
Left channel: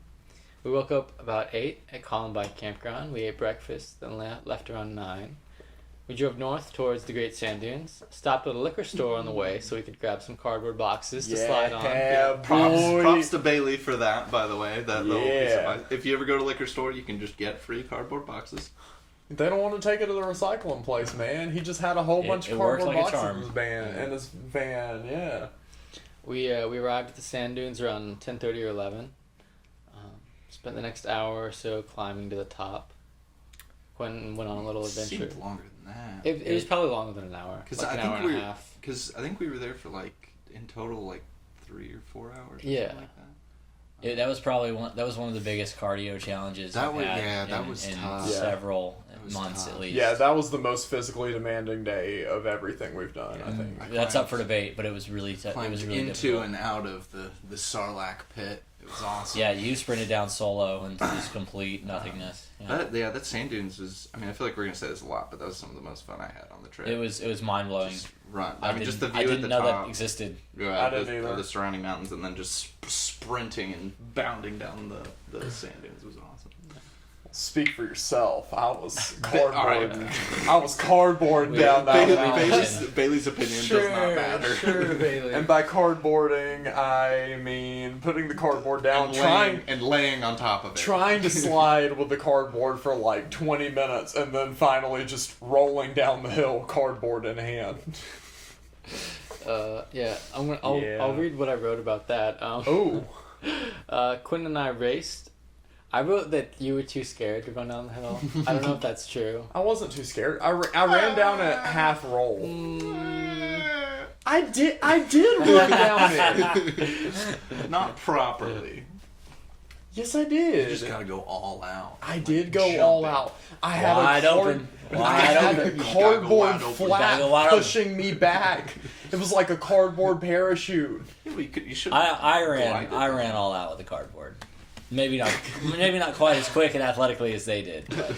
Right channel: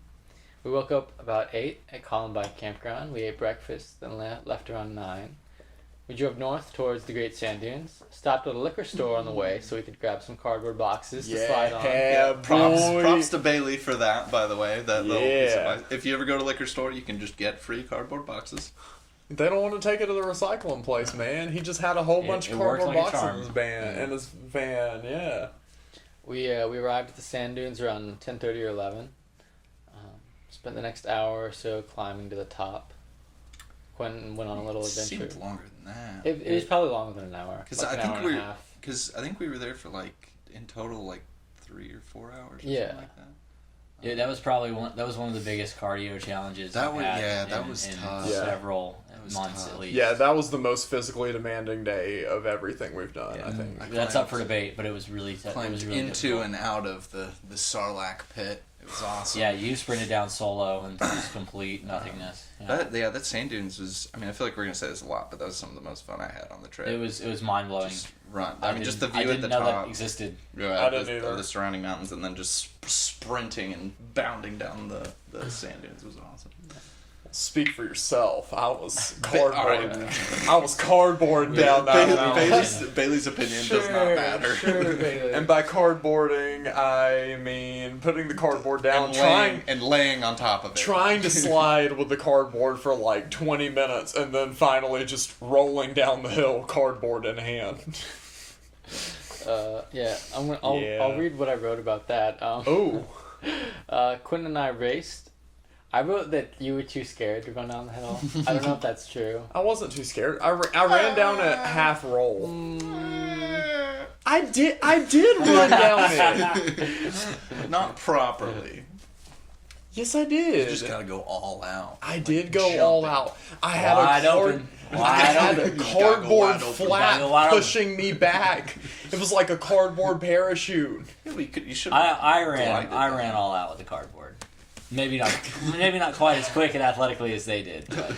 We woke up about 8 at Columbine Campground. We ate breakfast, then left around 9. We drove north towards the Great Sand Dunes, stopped at a liquor store on the way so we could grab some cardboard boxes to slide on. Yeah, boy. Props to Bailey for that, by the way. That little piece of Yeah. advice. If you ever go to a liquor store, you can just get free cardboard boxes. They don't want to take it to the recycling place, man. He just had a whole bunch It of worked cardboard like a boxes charm. in his van. In his van, yeah. We arrived at the sand dunes around 10:30 or 11. Spent the next hour or so climbing to the top. Quentin went on a little It adventure. seemed longer than that. It was probably longer than an hour. Because Like I an think hour and a half. Because I think we were there for like in total like 3 or 4 hours. Or Yeah. something like that. That was probably one of the biggest cardio challenges. That I've was- had yeah, that in, was in tough. Yeah. several was months tough. at least. Yeah, that was the most physically demanding day of everything we've done, I Yeah. think. I That's climbed- up for debate, but it was really it Climbed was really into difficult. and out of the Sarlacc pit. It was awesome. Yeah, you sprinted down solo and just complete nothingness. Yeah. That sand dunes was. I mean, I feel like we're gonna say this a lot, but that was some of the most fun I had on the trip. It was mind blowing. Just run. I mean, just the view I at didn't the know top. that existed. Yeah, I didn't either. the surrounding mountains, and then just sprinting and bounding down the sand dunes was awesome. Speak for yourself. I was Alright. cardboard. I was cardboard down that mountain. Bailey's opinion does not matter. Sure, Bailey. And by cardboarding, I mean putting the cardboard down, and laying on top of it. trying to slide with the cardboard for like 20 minutes, and then finally just rolling down the hill, cardboard in hand. Yeah, Yeah. I'll read what I wrote about that. Oh, Quentin and I raced. I wrote that you were too scared to go down the hill. I don't know if that's true. I wasn't too scared. I ran down at half roll. I did run down it. Not properly. Yes, I You did. just gotta go all out. I did go Jump all it. out. I had Wide a open. I Wide had open. a You just gotta go cardboard wide open. You flap gotta go wide open. pushing me back. It was like a cardboard parachute. You should. I ran glided. all out with the cardboard. Maybe not quite as quick and athletically as they did. But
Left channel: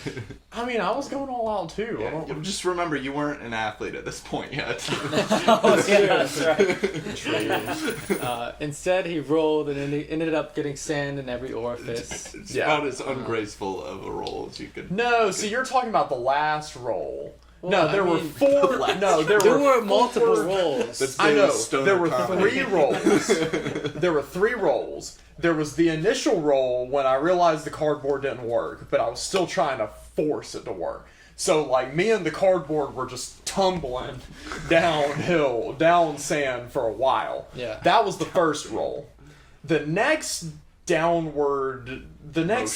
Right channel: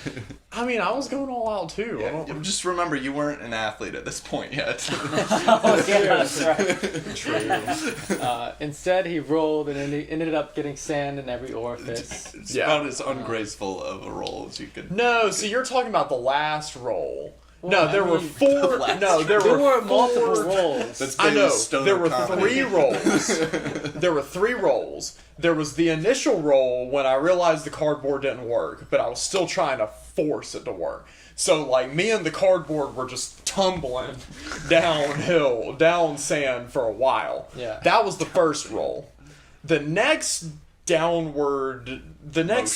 I mean, I was going all out too. I Yeah, don't- just remember, you weren't an athlete at this point yet. oh, yeah, that's right. Instead, he rolled and ended up getting sand in every orifice. It's Yeah. about as ungraceful of a roll as you could. No, so you're talking about the last roll. Well, no, there I were mean, four. last No, there There were were multiple four- rolls. That's I know. Bailey's stoner There were comedy. 3 rolls. There were 3 rolls. There was the initial roll when I realized the cardboard didn't work, but I was still trying to force it to work. So, like, me and the cardboard were just tumbling downhill, down sand for a while. Yeah. That was the first roll. The next next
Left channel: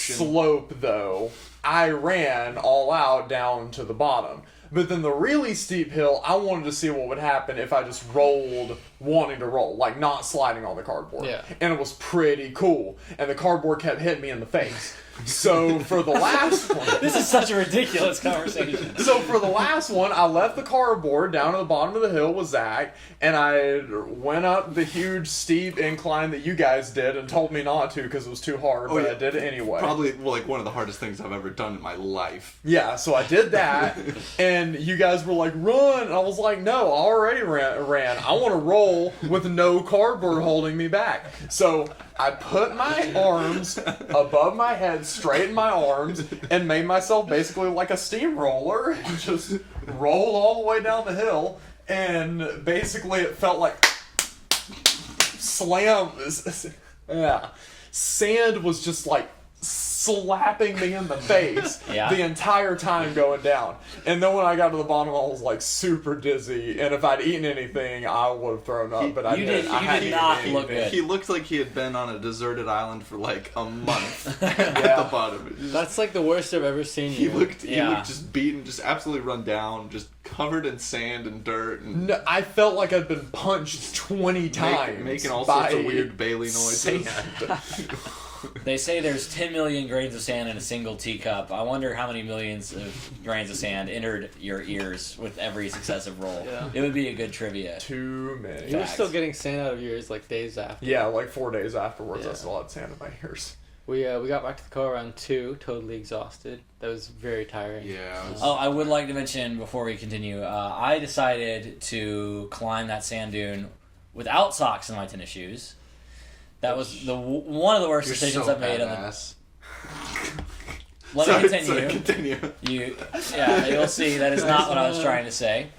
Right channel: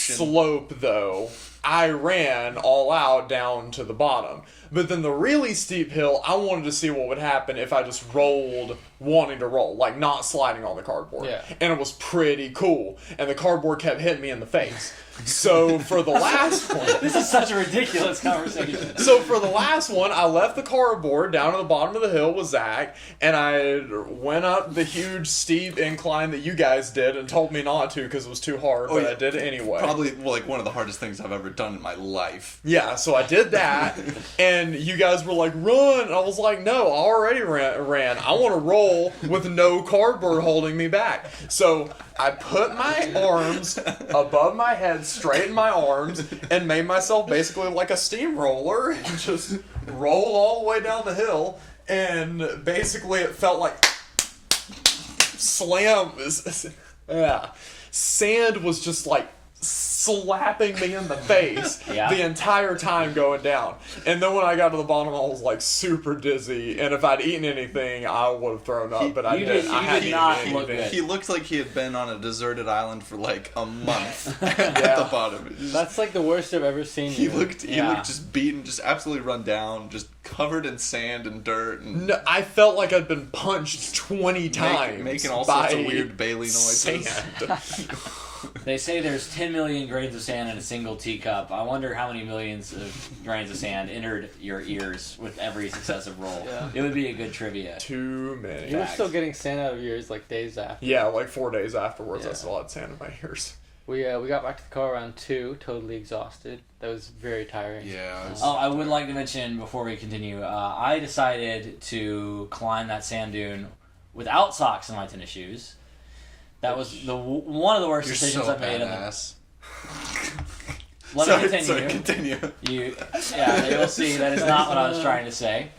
Motion. slope, though, I ran all out down to the bottom. But then the really steep hill, I wanted to see what would happen if I just rolled wanting to roll, like not sliding on the cardboard. Yeah. And it was pretty cool. And the cardboard kept hitting me in the face. So for the last one, This is such a ridiculous conversation. so for the last one, I left the cardboard down at the bottom of the hill with Zach, and I went up the huge steep incline that you guys did and told me not to because it was too hard, but yeah. I did it anyway. Probably like one of the hardest things I've ever done in my life. Yeah, so I did that, and you guys were like, run! And I was like, no, I already ran. I want to roll with no cardboard holding me back. So I put my arms above my head, straightened my arms, and made myself basically like a steamroller, and just rolled all the way down the hill, and basically it felt like slam. Yeah. Sand was just like slapping me in the face Yeah. the entire time going down. And then when I got to the bottom, I was like super dizzy. And if I'd eaten anything, I would have thrown up. But I you didn't. did- I you hadn't did eaten not look anything. good. He looked like he had been on a deserted island for like a month at the bottom. That's like the worst I've ever seen He you. looked Yeah. just beaten, just absolutely run down, just covered in sand and dirt, and No, I felt like I'd been punched 20 times. making all sorts of by weird Bailey noises. sand. They say there's 10 million grains of sand in a single teacup. I wonder how many millions of grains of sand entered your ears with every successive roll. Yeah. It would be a good trivia. Too many. You were Facts. still getting sand out of yours like days after. Yeah, like 4 days afterwards, I Yeah. still had sand in my ears. We got back to the car around 2, totally exhausted. That was very tiring. Yeah. it was- Oh, I would like to mention before we continue, I decided to climb that sand dune without socks in my tennis shoes. That was one of the worst You're decisions so I've made. badass. Let Sorry, me continue. sorry, continue. You'll see that is not what I was trying to say.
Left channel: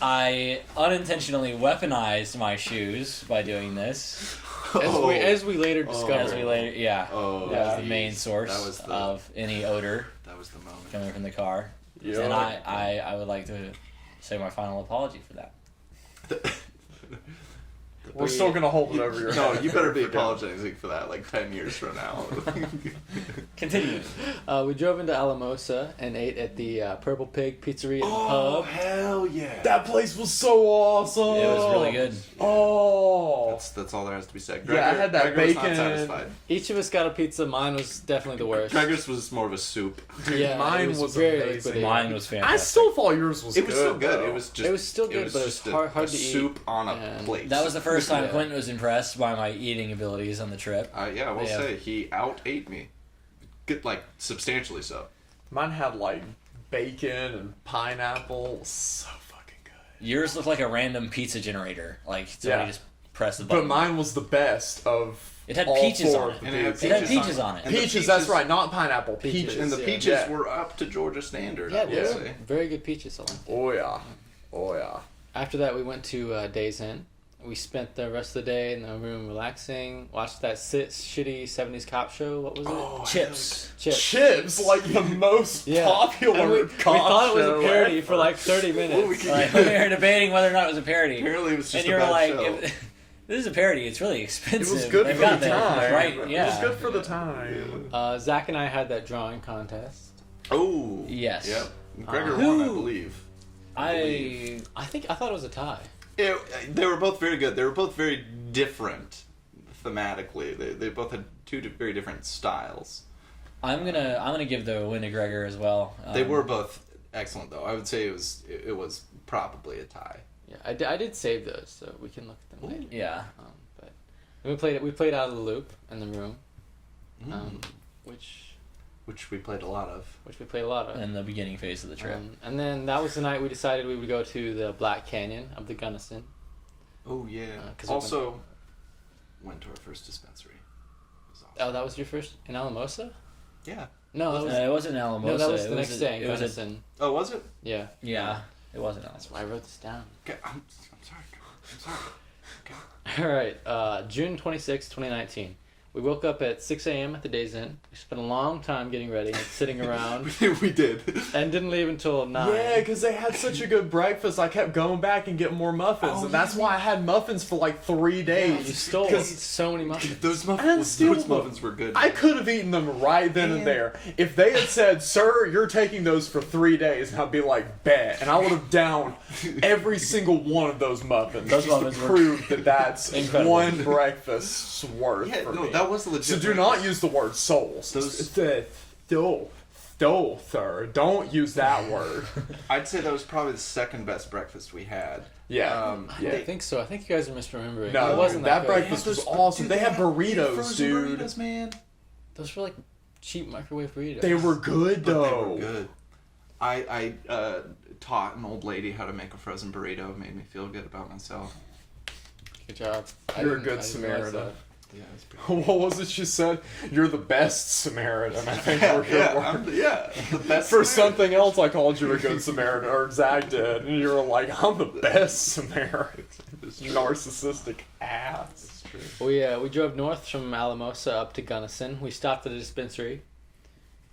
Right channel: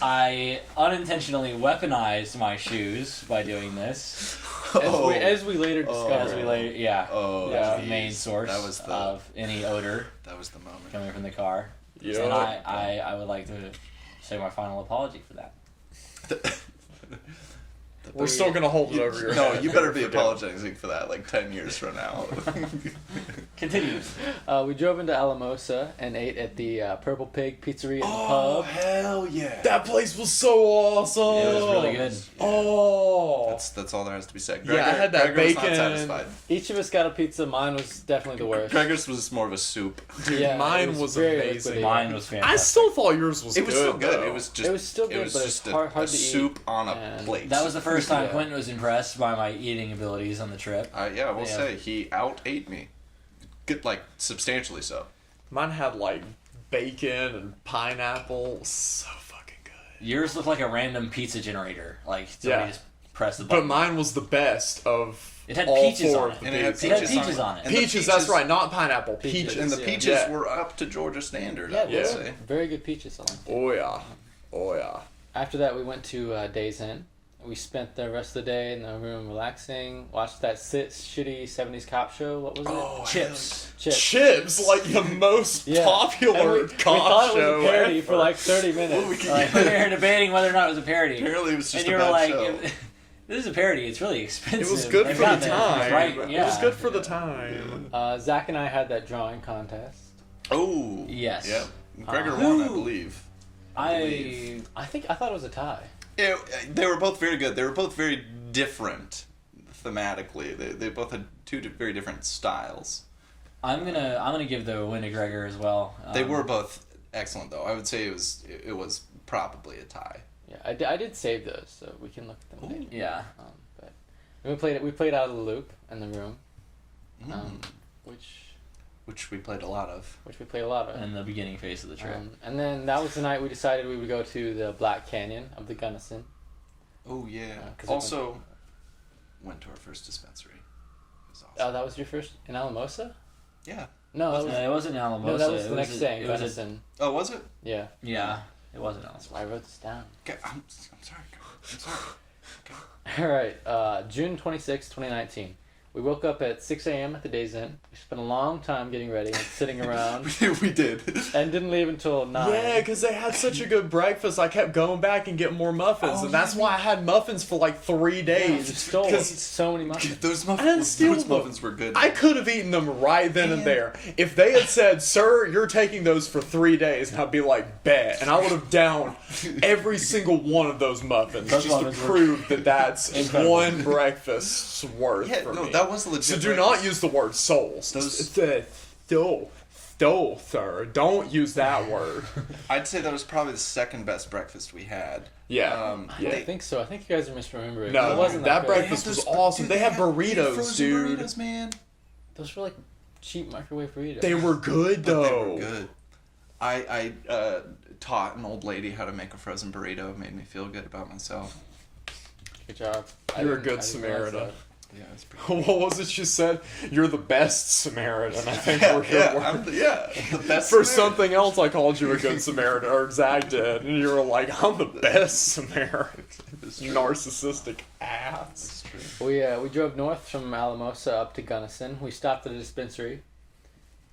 I unintentionally weaponized my shoes by doing this. As we later discovered. As we later, yeah, Oh, that was the geez. main source That was the- of any odor That was the moment. coming from the car. Yeah. And I would like to say my final apology for that. We're still gonna hold it over your No, head. you better be Forget it. apologizing for that like 10 years from now. Continue. We drove into Alamosa and ate at the Purple Pig Pizzeria and Oh, Pub. hell yeah. That place was so awesome. It was really good. Oh. That's all there has to be said. Yeah, I had that Gregor was not bacon. satisfied. Each of us got a pizza. Mine was definitely the worst. Gregor's was more of a soup. Dude, Yeah, mine it was very amazing. liquidy. Mine was I fantastic. still thought yours was It was good. still good. though. It was just. It was still good, but it was just hard a to eat, soup on a and plate. That was the first time Yeah. Quentin was impressed by my eating abilities on the trip. Yeah, I will Yeah. say he out ate me. Good, like substantially so. Mine had like bacon and pineapple. It was so fucking good. Yours looked like a random pizza generator. Like somebody Yeah. just pressed the But button. mine was the best of. It had all peaches four on of it. the And it had It had peaches on peaches on it. And the Peaches, that's peaches- right, not pineapple. Peaches. And the Yeah. peaches Yeah. were up to Georgia standard. Yeah, I they would were say. very good peaches. I liked it. Oh yeah. Oh yeah. After that, we went to Days Inn. We spent the rest of the day in the room relaxing. Watched that shitty 70s cop show. What was it? Oh, Chips. Chips. Like the most Yeah. popular And we cop thought it was show a parody ever. for like 30 minutes. Like, when they were debating whether or not it was a parody. Apparently, it was just And a you were bad like, show. if this is a parody, it's really expensive. It was good They've for the got time. Right, yeah. It was good for the time. Zach and I had that drawing contest. Oh. Yes. Yep. Gregor Who- won, I believe. I I thought it was a tie. They were both very good. They were both very different thematically. They both had two very different styles. I'm gonna give the win to Gregor as well. They were both excellent, though. I would say it was probably a tie. Yeah, I did save those, so we can look at them later. Yeah. But we played out of the loop in the room, which We played a lot of. we played a lot of. In the beginning phase of the trip. And then that was the night we decided we would go to the Black Canyon of the Gunnison. Oh yeah. 'cause we Also, went to our first dispensary. It was awesome. Oh, that was your first in Alamosa? Yeah. No, that was It wasn't Alamosa. no, that was it the next day. It was a, Gunnison. Oh, was it? Yeah, yeah. It wasn't that's Alamosa. why I wrote this down. Okay, I'm sorry. I'm sorry. All right, June 26, 2019. We woke up at 6 a.m. at the Days Inn. We spent a long time getting ready and sitting around, we did. and didn't leave until 9. Yeah, because they had such a good breakfast. I kept going back and getting more muffins, Oh, and that's yeah. why I had muffins for like 3 You days. stole 'Cause so many muffins. Those And muffins, still- those muffins were good. I could have eaten them right then and Man. there. If they had said, "Sir, you're taking those for 3 days," and I'd be like, "Bet," and I would have downed every single one of those muffins Those just to muffins were prove that that's incredible. one breakfast's worth Yeah, for no, me. that was a legit. So do not use the word souls. Those- Stole, sir. Don't use that word. I'd say that was probably the second best breakfast we had. Yeah. I Yeah. don't think so. I think you guys are misremembering. No, it wasn't that good. breakfast was awesome. They had burritos, frozen dude. burritos, man. Those were like cheap microwave burritos. They were good But they though. were good. I taught an old lady how to make a frozen burrito. It made me feel good about myself. Good job. You're a I good didn't realize Samaritan. Yeah, it's pretty. What was it she said? You're the best Samaritan, I think were your Yeah, words. the best. For Samaritan. something else, I called you a good Samaritan, or Zach did, and you were like, "I'm the best Samaritan." It's true. Narcissistic ass. We drove north from Alamosa up to Gunnison. We stopped at a dispensary,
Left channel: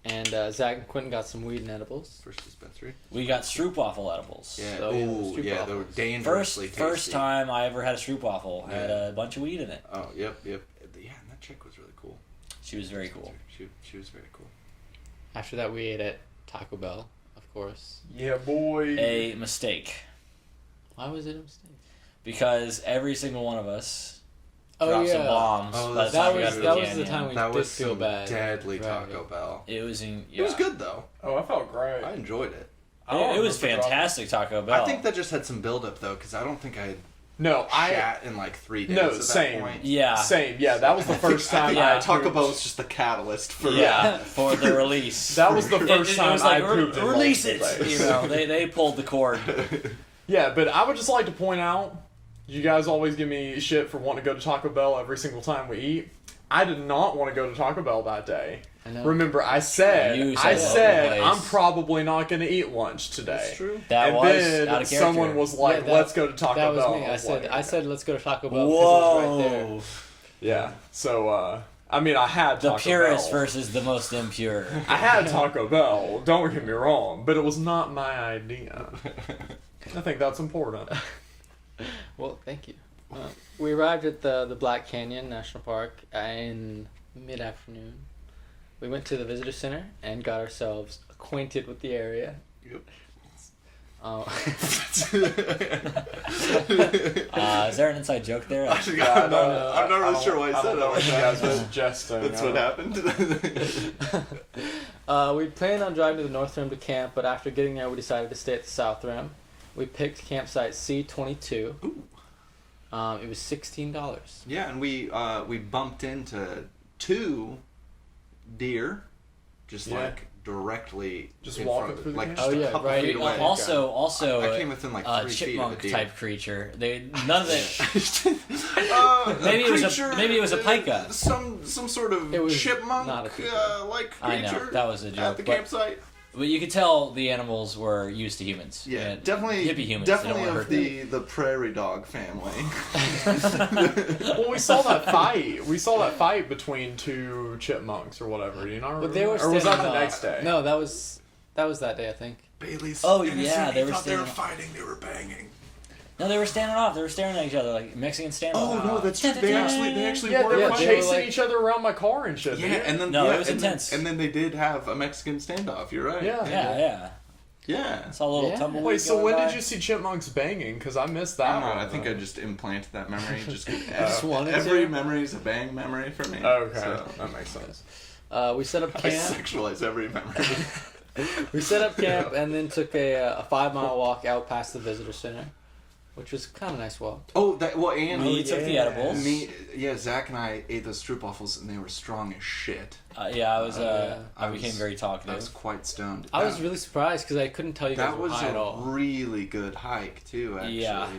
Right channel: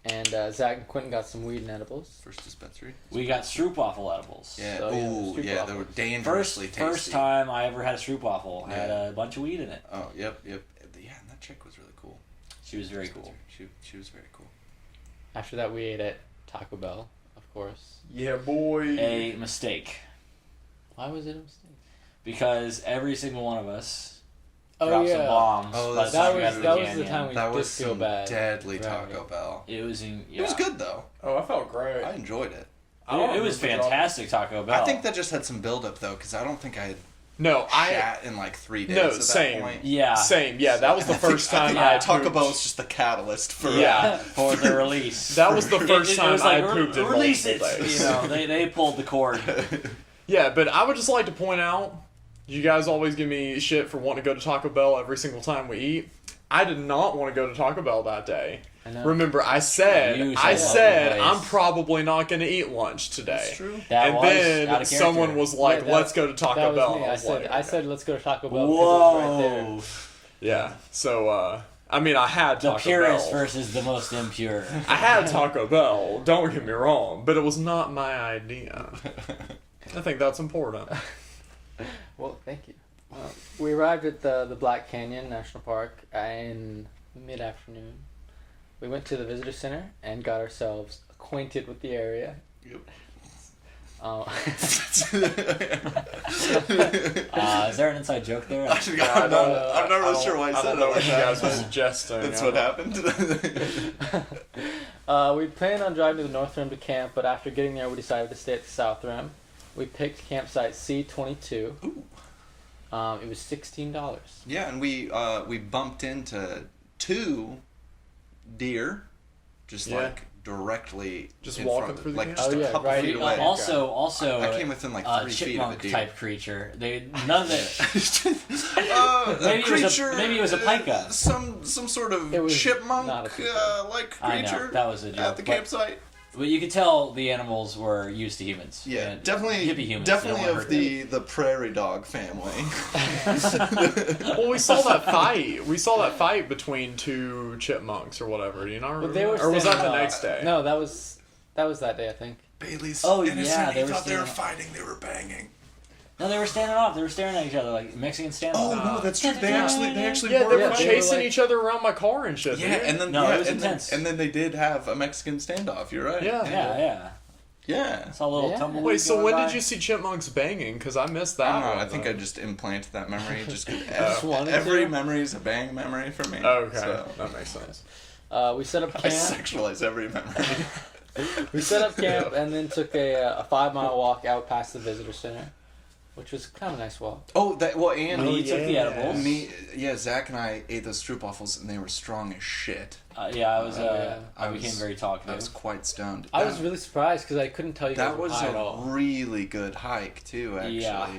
and Zach and Quentin got some weed and edibles. First dispensary. We got stroopwafel edibles. Yeah. So, yeah, Ooh, the yeah, they were stroopwafels. dangerously tasty. First time I ever had a stroopwafel. Had Yeah. a bunch of weed in it. Oh, yep. Yeah, and that chick was really cool. She was very cool. She was very cool. After that, we ate at Taco Bell, of course. Yeah, boy. A mistake. Why was it a mistake? Because every single one of us Oh, dropped some yeah. bombs Oh, by the that time we got was to that the was the canyon. time we That did was feel some bad. deadly driving. Taco Bell. It was in. It was yeah. good though. Oh, I felt great. I enjoyed it. I don't It was remember fantastic Taco Bell. I think that just had some buildup though, because I don't think I had No, I shat in like 3 days. No, at that same. point. Yeah. same. Yeah, that was the first I time. think Yeah. Taco pooped. Bell was just the catalyst for Yeah. For the release. That was the first it time was like, I pooped in release multiple it. days. You know, they pulled the cord. Yeah, but I would just like to point out, you guys always give me shit for wanting to go to Taco Bell every single time we eat. I did not want to go to Taco Bell that day. I know. Remember, I You said said that I'm place. probably not going to eat lunch today. That's true. That And was out then of character. someone was like, Yeah, that- "Let's go to Taco that was Bell." me. And I was said, like, I said, let's go to Taco Bell Whoa. because it was right there. "Yeah." So, I mean, I had The Taco purist Bell. versus the most impure. I had Taco Bell. Don't get me wrong, but it was not my idea. I think that's important. Well, thank you. We arrived at the Black Canyon National Park in mid-afternoon. We went to the visitor center and got ourselves acquainted with the area. Yep. Is there an inside joke there? I'm not really sure why I I said don't know if you guys that. was jesting. That's yeah. what happened. We planned on driving to the North Rim to camp, but after getting there, we decided to stay at the South Rim. We picked campsite C22. Ooh. It was $16. Yeah, and we bumped into 2 deer, just Yeah. like directly, Just in walking front of through it, the like camp? just Oh, a yeah, couple right. feet away. Also, I came within like 3 feet of a chipmunk deer. type creature. None of it. Maybe maybe it was a pika. Some sort of It was chipmunk not a pika. like I know, creature. that was a at joke, the but- campsite. But you could tell the animals were used to humans. Yeah, And definitely, hippie humans. They don't definitely wanna of hurt the prairie dog family. Well, we saw that fight. We saw that fight between 2 chipmunks or whatever. Do you not remember? But they were or was that standing the up. next day? No, that was that day, I think. Bailey's Oh, innocent. yeah, He they were thought they were standing- fighting. They were banging. No, they were standing off. They were staring at each other like Mexican standoff. Oh no, that's true. They actually Yeah, were they were fighting. chasing like- each other around my car and shit. Yeah, dude. and then No, yeah, it was and then- intense. and then they did have a Mexican standoff. You're right. Yeah. Yeah. Yeah. Saw a little Yeah. tumbleweed. Wait, so going when by. did you see chipmunks banging? Because I missed that. I don't know. one, I think though. I just implanted that memory. Just, just wanted every to? memory is a bang memory for me. Okay, So, that makes sense. We set up I camp. sexualize every memory. We set up camp and then took a 5-mile walk out past the visitor center, which was kind of a nice walk. Oh, that well, and Me took the edibles. Zach and I ate those stroopwafels, and they were strong as shit. Yeah, I was. Yeah. I became very I talkative. was quite stoned. I was really surprised because I couldn't tell you guys That were was high at a all. really good hike too. Actually. Yeah.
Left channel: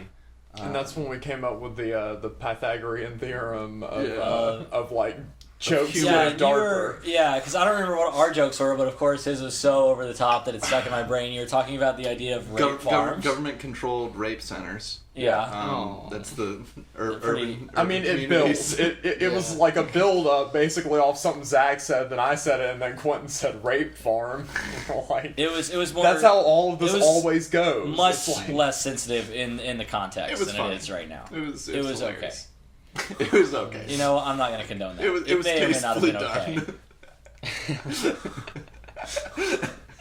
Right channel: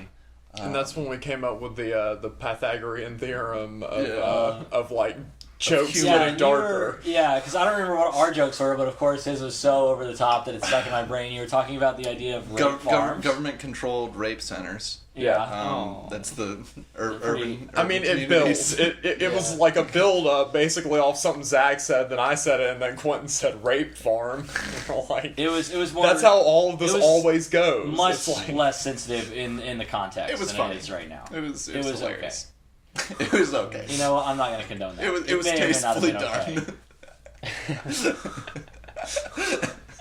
And that's when we came up with the Pythagorean theorem of, Yeah. of like jokes humor. getting darker. Because I don't remember what our jokes were, but of course his was so over the top that it stuck in my brain. You were talking about the idea of rape farms. government-controlled rape centers. Yeah. Oh. That's the Pretty- urban. I mean, it communities. built. It was Yeah. like a build up, basically off something Zach said, then I said it, and then Quentin said rape farm. Like It was more. that's how all of this it was always goes. much It's like- less sensitive in the context It was than funny. it is right now. It was okay. hilarious. It was okay. You know, I'm not going to condone that. It was may or may not have tastefully been okay. done.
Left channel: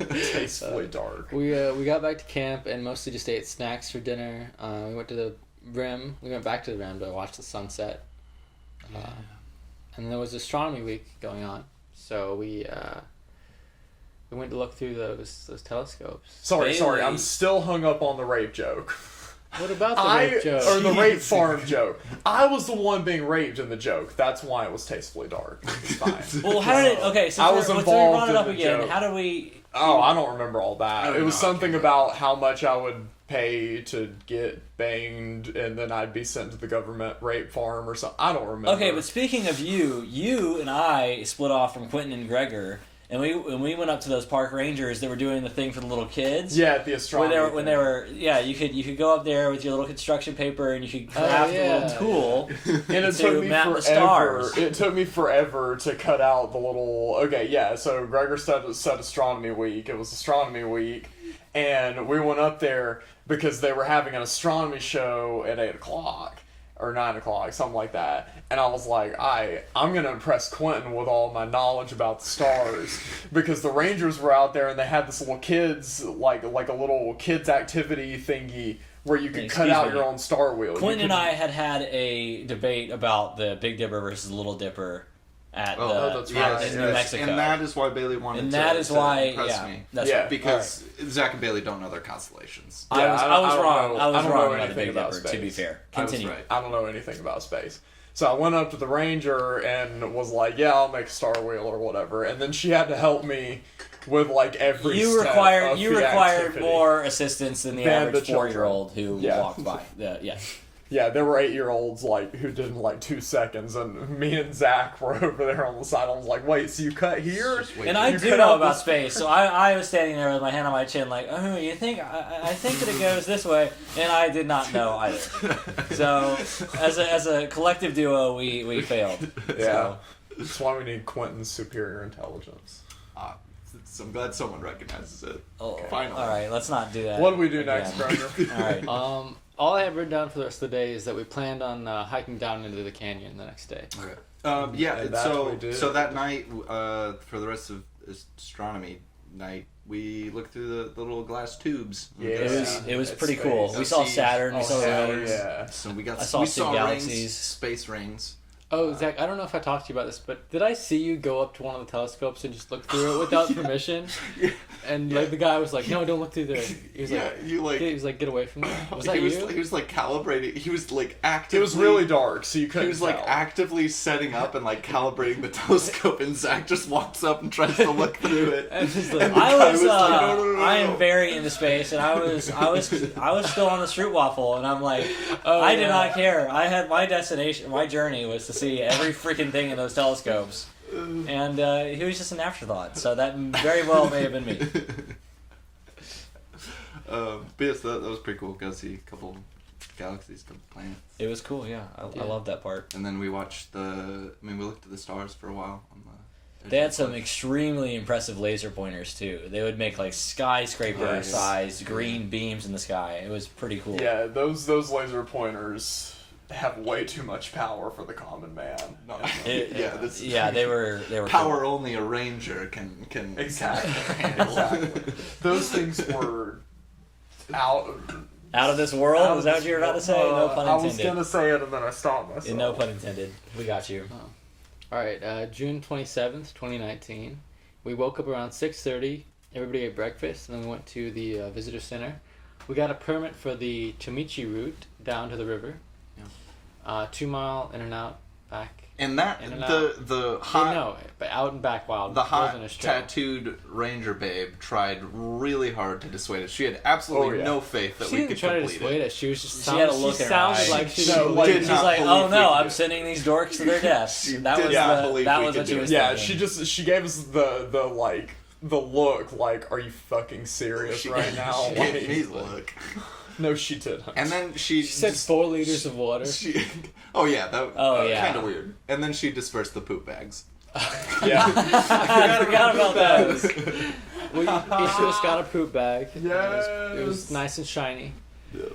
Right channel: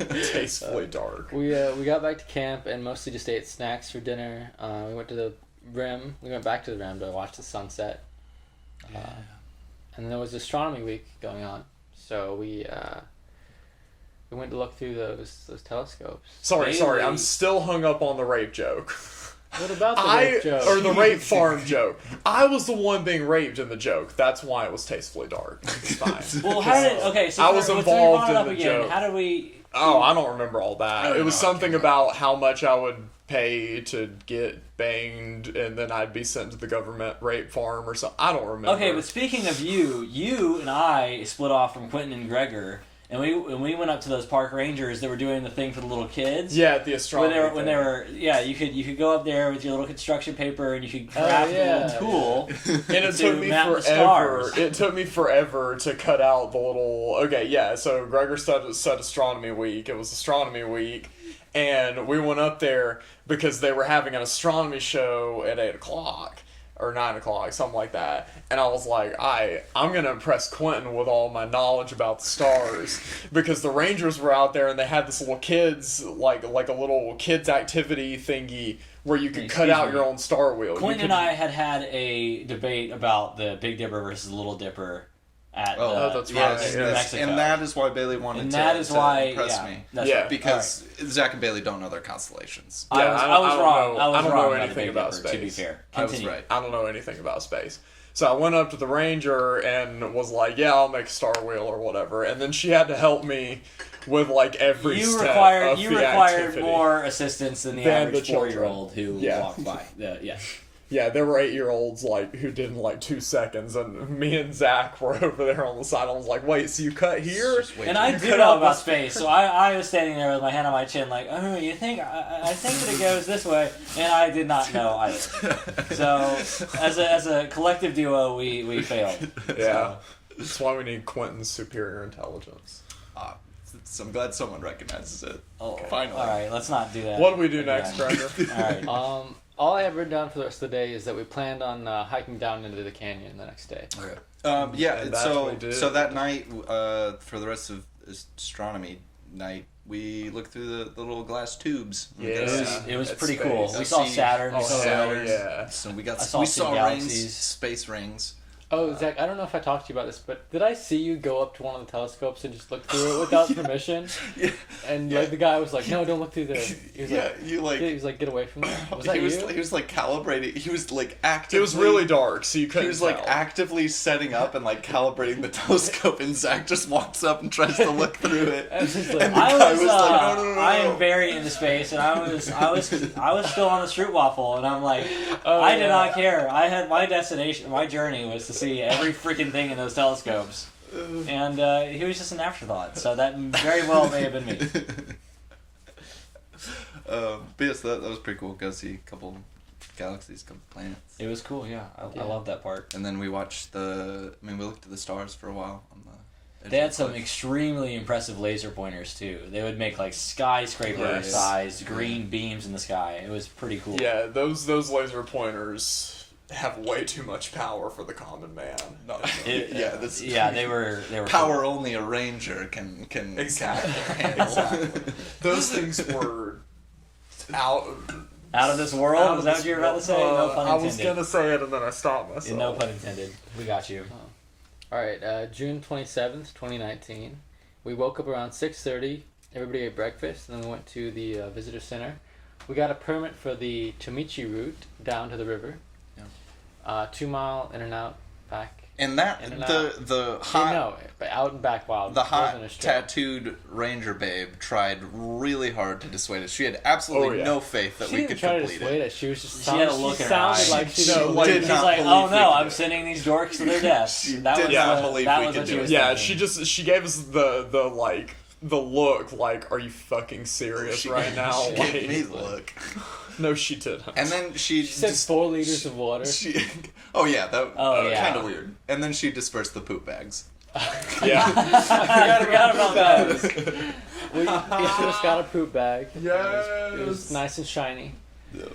tastefully dark. We got back to camp and mostly just ate snacks for dinner. We went to the rim. We went back to the rim to watch the sunset. And there was astronomy week going on, so we went to look through those telescopes. Sorry, Bailey. I'm still hung up on the rape joke. What about the rape joke? Or the rape farm joke. I was the one being raped in the joke. That's why it was tastefully dark. It's fine. Well, how did so I was so involved brought it in up the again. joke. How did we? Oh, I don't remember all that. I don't It was know. something about how much I would pay to get banged, and then I'd be sent to the government rape farm or something. I don't remember. Okay, but speaking of you and I split off from Quentin and Gregor, And we went up to those park rangers that were doing the thing for the little kids. Yeah, at the astronomy. When they were you could go up there with your little construction paper and you could craft yeah, a little tool. And it to took me map the forever. stars. It took me forever to cut out the little. Okay, yeah. So Gregor said astronomy week. It was astronomy week, and we went up there because they were having an astronomy show at 8:00 or 9:00, something like that. And I was like, I'm gonna impress Quentin with all my knowledge about the stars because the Rangers were out there and they had this little kids like a little kids activity thingy where you could cut out your own star wheel. Quentin and I had a debate about the Big Dipper versus the Little Dipper at that's in right. New Mexico. And that is why Bailey wanted And to, that is to why, impress me. that's Yeah. right. Because Zach and Bailey don't know their constellations. I was wrong. I was don't wrong know about the anything Big about Dipper, to be space. fair. I was Continue. right. I don't know anything about space. So I went up to the ranger and was like, yeah, I'll make a star wheel or whatever. And then she had to help me with like every You step required of you the required activity. more assistance than the Than average the children. 4-year-old who Yeah. walked by. Yeah. Yeah, there were 8-year-olds like who did in like 2 seconds, and me and Zach were over there on the side. I was like, "Wait, so you cut here?" Just wait And till I you do cut know out about this- space, so I was standing there with my hand on my chin, like, oh, you think I think that it goes this way, and I did not know either. So as a collective duo, we failed. Yeah, that's why we need Quentin's superior intelligence. So I'm glad someone recognizes it. Oh, Finally. all right, let's not do that. What do we do next, again. Gregor? All right. All I have written down for the rest of the day is that we planned on hiking down into the canyon the next day. Okay. And that's what we did. So that night, for the rest of astronomy night, we looked through the little glass tubes. Yeah. It was That's pretty space. cool. We saw See- Saturn. We Oh, saw hell Rings. yeah. So we I saw we two saw galaxies. rings, space rings. Oh, Zach, I don't know if I talked to you about this, but did I see you go up to one of the telescopes and just look through it without permission? Yeah. And like the guy was like, "No, don't look through there." He was like, you like. he was like, "Get away from there." Was that he was, you? he was like calibrating. He was like actively. It was really dark, so you couldn't. He was like tell. actively setting up and like calibrating the telescope, and Zach just walks up and tries to look through it. And he's like, And the I guy was, was like, no. I am very into space, and I was still on the Stroopwafel, and I'm like, Oh, I did yeah. not care. I had my destination, my journey was to see every freaking thing in those telescopes, and he was just an afterthought. So that very well may have been me. But yes, that was pretty cool. Got to see a couple galaxies, couple planets, It was cool, yeah. I love that part. and then we watched we looked at the stars for a while. On the edge They of had the some cliff. extremely impressive laser pointers too. They would make like skyscraper-sized green beams in the sky. It was pretty cool. Yeah, those laser pointers have way too much power for the common man. No. It- yeah, they were power cool. only a ranger can Exactly. handle. Exactly. Those things were out. Out of this world. Was that what you were about to say? No pun I was intended. gonna say it and then I stopped myself. No pun intended. We got you. All right, June 27th, 2019. We woke up around 6:30. Everybody ate breakfast, and then we went to the visitor center. We got a permit for the Tomichi route down to the river. 2 mile in and out back. And that In and the hot No, but out and back wild. the It wasn't hot a trail. tattooed ranger babe tried really hard to dissuade us. She had absolutely Oh, yeah. no faith that She we didn't could try to complete dissuade it. us. She was just She had a look she in her sounded eye. like she No, was like- did She's not like, believe oh we no, could I'm do it. sending these dorks to their deaths. She That did was not the, believe that we was could what she do was it. Yeah, thinking. she gave us the look like, are you fucking serious right now? She gave me the Like, look. no, she didn't. And then she She said 4 liters of water. She, oh yeah, that Oh, yeah. kind of weird. And then she dispersed the poop bags. Yeah. I forgot about that. We each of us got a poop bag. Yes. It was nice and shiny. Yeah.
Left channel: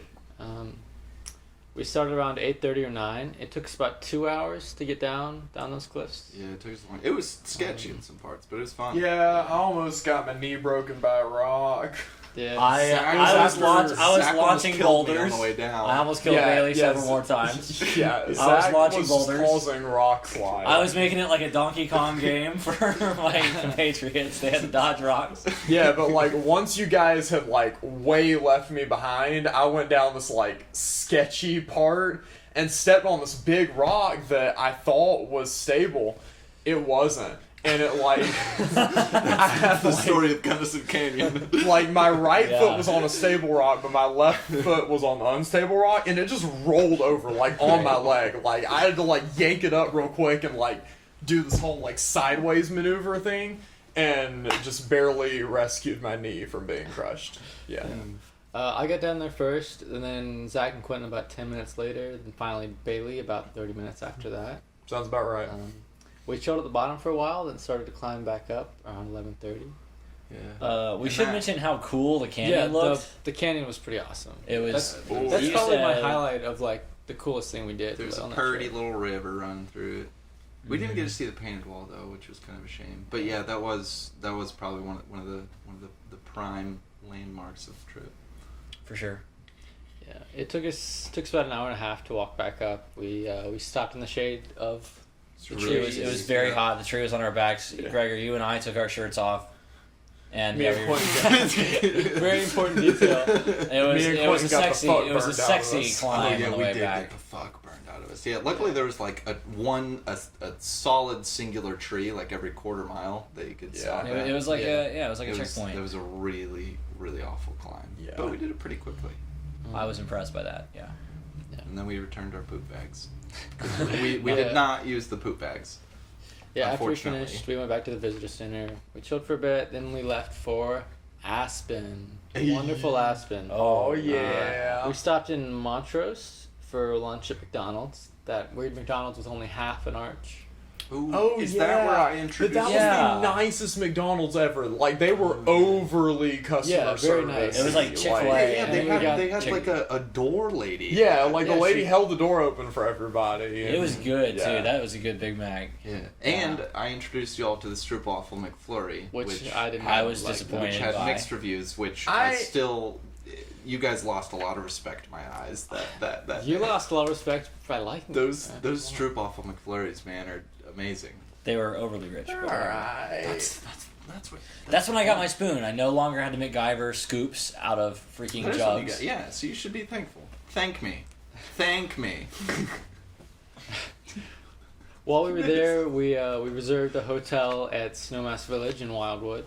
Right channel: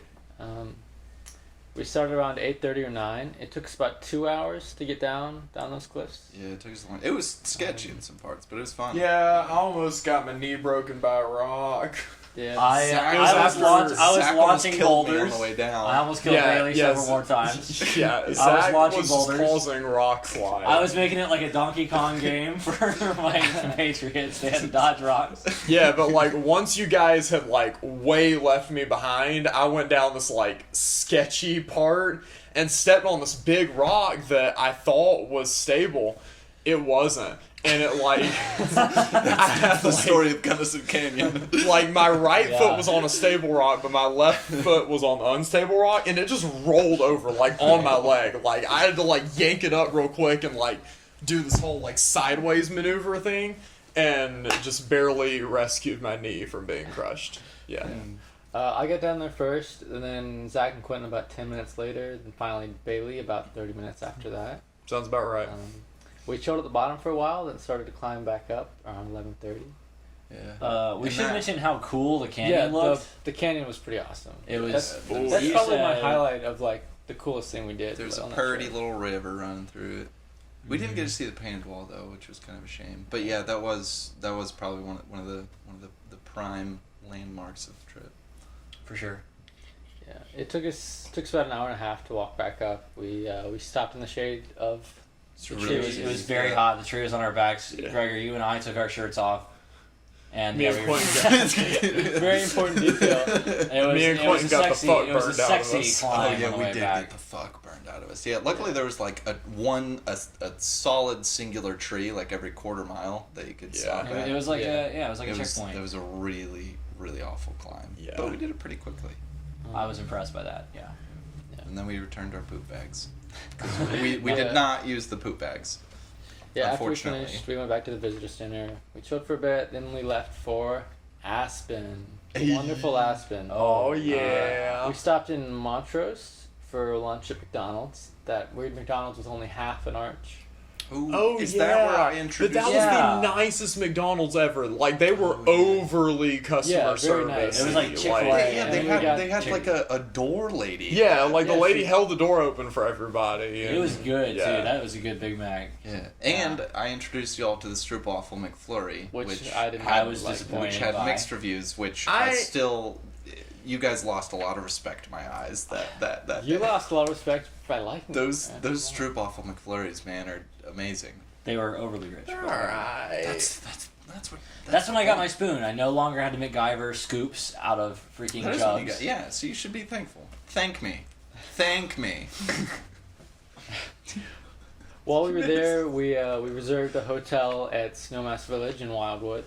We started around 8:30 or 9. It took us about 2 hours to get down those cliffs. Yeah, it took us long. It was sketchy in some parts, but it was fun. Yeah, I almost got my knee broken by a rock. Yeah. I Zach was launching almost launching killed me boulders. on the way down. I almost killed Yeah, Bailey yes. several more times. Yeah, I was Zach launching was boulders. causing rock slide. I was making it like a Donkey Kong game for the Patriots. They had to dodge rocks. Yeah, but like once you guys had like way left me behind, I went down this like sketchy part and stepped on this big rock that I thought was stable. It wasn't. And it like I had the like, story of Gunnison Canyon. like my right Yeah. foot was on a stable rock, but my left foot was on the unstable rock, and it just rolled over like on my leg. Like I had to like yank it up real quick and like do this whole like sideways maneuver thing, and just barely rescued my knee from being crushed. Yeah. I got down there first, and then Zach and Quentin about 10 minutes later, and finally Bailey about 30 minutes after that. Sounds about right. We chilled at the bottom for a while, then started to climb back up around 11:30. Yeah. We should mention how cool the canyon looked. The canyon was pretty awesome. It was. That's you probably my said- highlight of like the coolest thing we did. There was a on that pretty trip. little river running through it. We didn't get to see the painted wall though, which was kind of a shame. But yeah, that was probably one of the prime landmarks of the trip. For sure. Yeah, it took us about an hour and a half to walk back up. We stopped in the shade of the trees. It was very hot. The tree was on our backs. Yeah. Gregor, you and I took our shirts off. And Me yeah, and we were, Quentin Very important detail. it was a sexy burned out of sexy us. climb on the we way did back. get the fuck burned out of us. Yeah, luckily there was like a solid singular tree like every quarter mile that you could stop at. It was like Yeah. it was like a checkpoint. It was a really, really awful climb. Yeah. But we did it pretty quickly. I was impressed by that. Yeah. And then we returned our poop bags. we did not use the poop bags. Yeah, after we Unfortunately. finished, we went back to the visitor center. We chilled for a bit, then we left for Aspen. Wonderful Aspen. Oh, yeah. We stopped in Montrose for lunch at McDonald's. That weird McDonald's with only half an arch. Ooh, Oh, is yeah. that where I But introduced that was Yeah. the nicest McDonald's ever. Like, they were overly customer Yeah, very service. nice. It was like Chick-fil-A. Yeah, And they then we had, got they had chicken. like a door lady. Yeah, like the Yeah, lady she- held the door open for everybody. It was good Yeah. too. That was a good Big Mac. Yeah. And I introduced you all to the Stroopwafel McFlurry, Which I didn't I was like. disappointed. which had by. mixed reviews, which I still, you guys lost a lot of respect in my eyes. That You day. lost a lot of respect by liking those it. those Stroopwafel McFlurries, man, are amazing. They were overly rich. All but- right. That's when I got my spoon. I no longer had to MacGyver scoops out of freaking That is what you jugs. got. Yeah, so you should be thankful. Thank me. Thank me. While we were there, we reserved a hotel at Snowmass Village in Wildwood.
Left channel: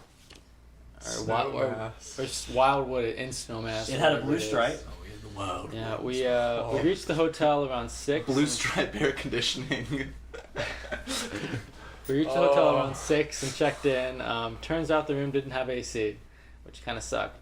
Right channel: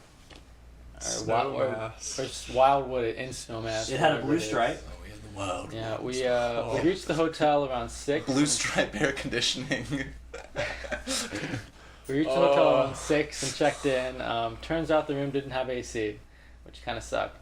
Snowmass. Or just Wildwood in Snowmass. It had a whatever blue it is. stripe. Whoa. Yeah, we reached the hotel around 6. Blue stripe air conditioning. We reached the hotel Oh. around 6 and checked in. Turns out the room didn't have AC, which kind of sucked.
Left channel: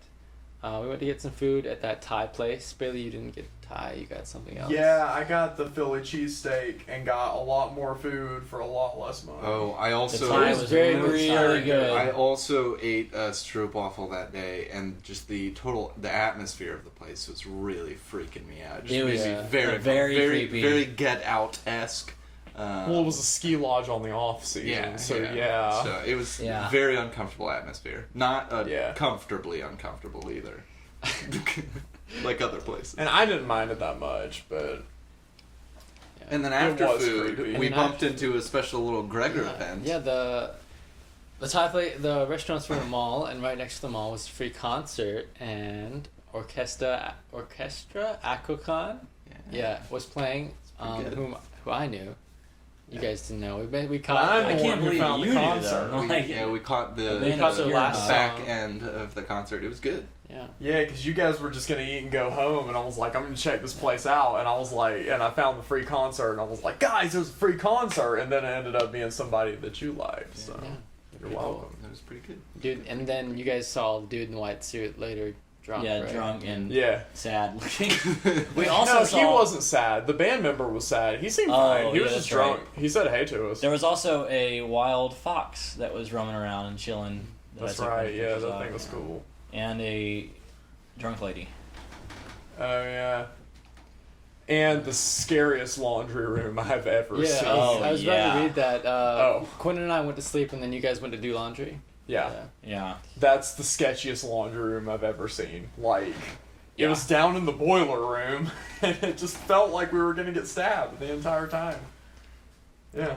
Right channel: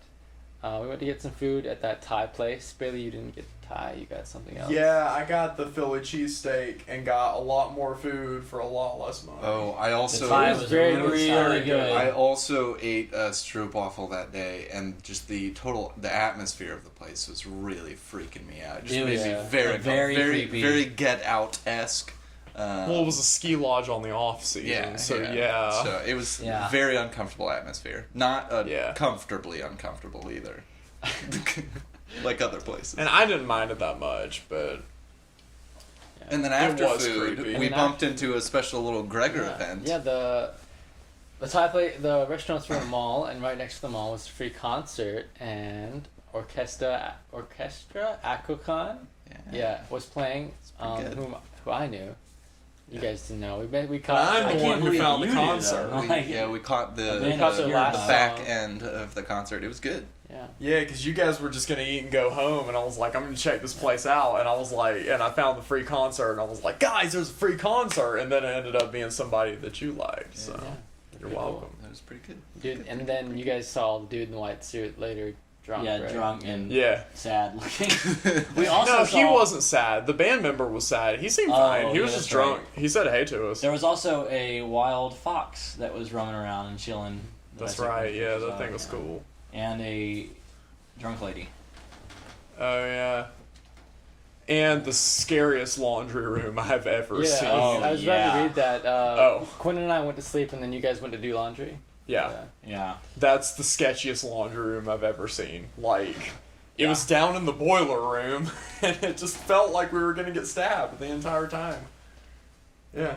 We went to get some food at that Thai place. Bailey, you didn't get Thai. You got something else. Yeah, I got the Philly cheesesteak and got a lot more food for a lot less money. Oh, I also The Thai was was very really good. good. I also ate a stroopwafel that day, and just the atmosphere of the place was really freaking me out. Just It made was, me very very, creepy. very Get Out esque. Well, it was a ski lodge on the off season, Yeah, so yeah. yeah. So it was Yeah. very uncomfortable atmosphere. Not Yeah. comfortably uncomfortable either. Like other places. And I didn't mind it that much, but And then It after was food, creepy. we And bumped after- into a special little Gregor Yeah, event. yeah, the Thai place, the restaurants were in a mall, and right next to the mall was a free concert, and Orchestra Akokon, yeah, was playing. pretty good. Who I knew. You guys didn't know. We caught. I'm I the can't one who believe found the you knew concert. that. We, Like- yeah, we caught the, We caught their last back song. end of the concert. It was good. Yeah. Yeah, because you guys were just gonna eat and go home, and I was like, I'm gonna check this place out, and I was like, and I found the free concert, and I was like, guys, there's a free concert, and then it ended up being somebody that you liked. So Yeah. you're Pretty welcome. It was pretty good. Dude, and then you guys saw the dude in the white suit later, drunk. Yeah, right? drunk and Yeah. sad looking. We also No, saw, he wasn't sad. The band member was sad. He seemed Oh, fine. He yeah, was just that's right. drunk. He said hey to us. There was also a wild fox that was roaming around and chilling. that I That's took right. Yeah, pictures that of, thing was cool. And a drunk lady. Oh yeah. And the scariest laundry room I've ever Yeah, seen. I was about yeah. to read that. Oh. Quentin and I went to sleep, and then you guys went to do laundry. Yeah. Yeah. That's the sketchiest laundry room I've ever seen. Like, it Yeah. was down in the boiler room, and it just felt like we were gonna get stabbed the entire time. Yeah.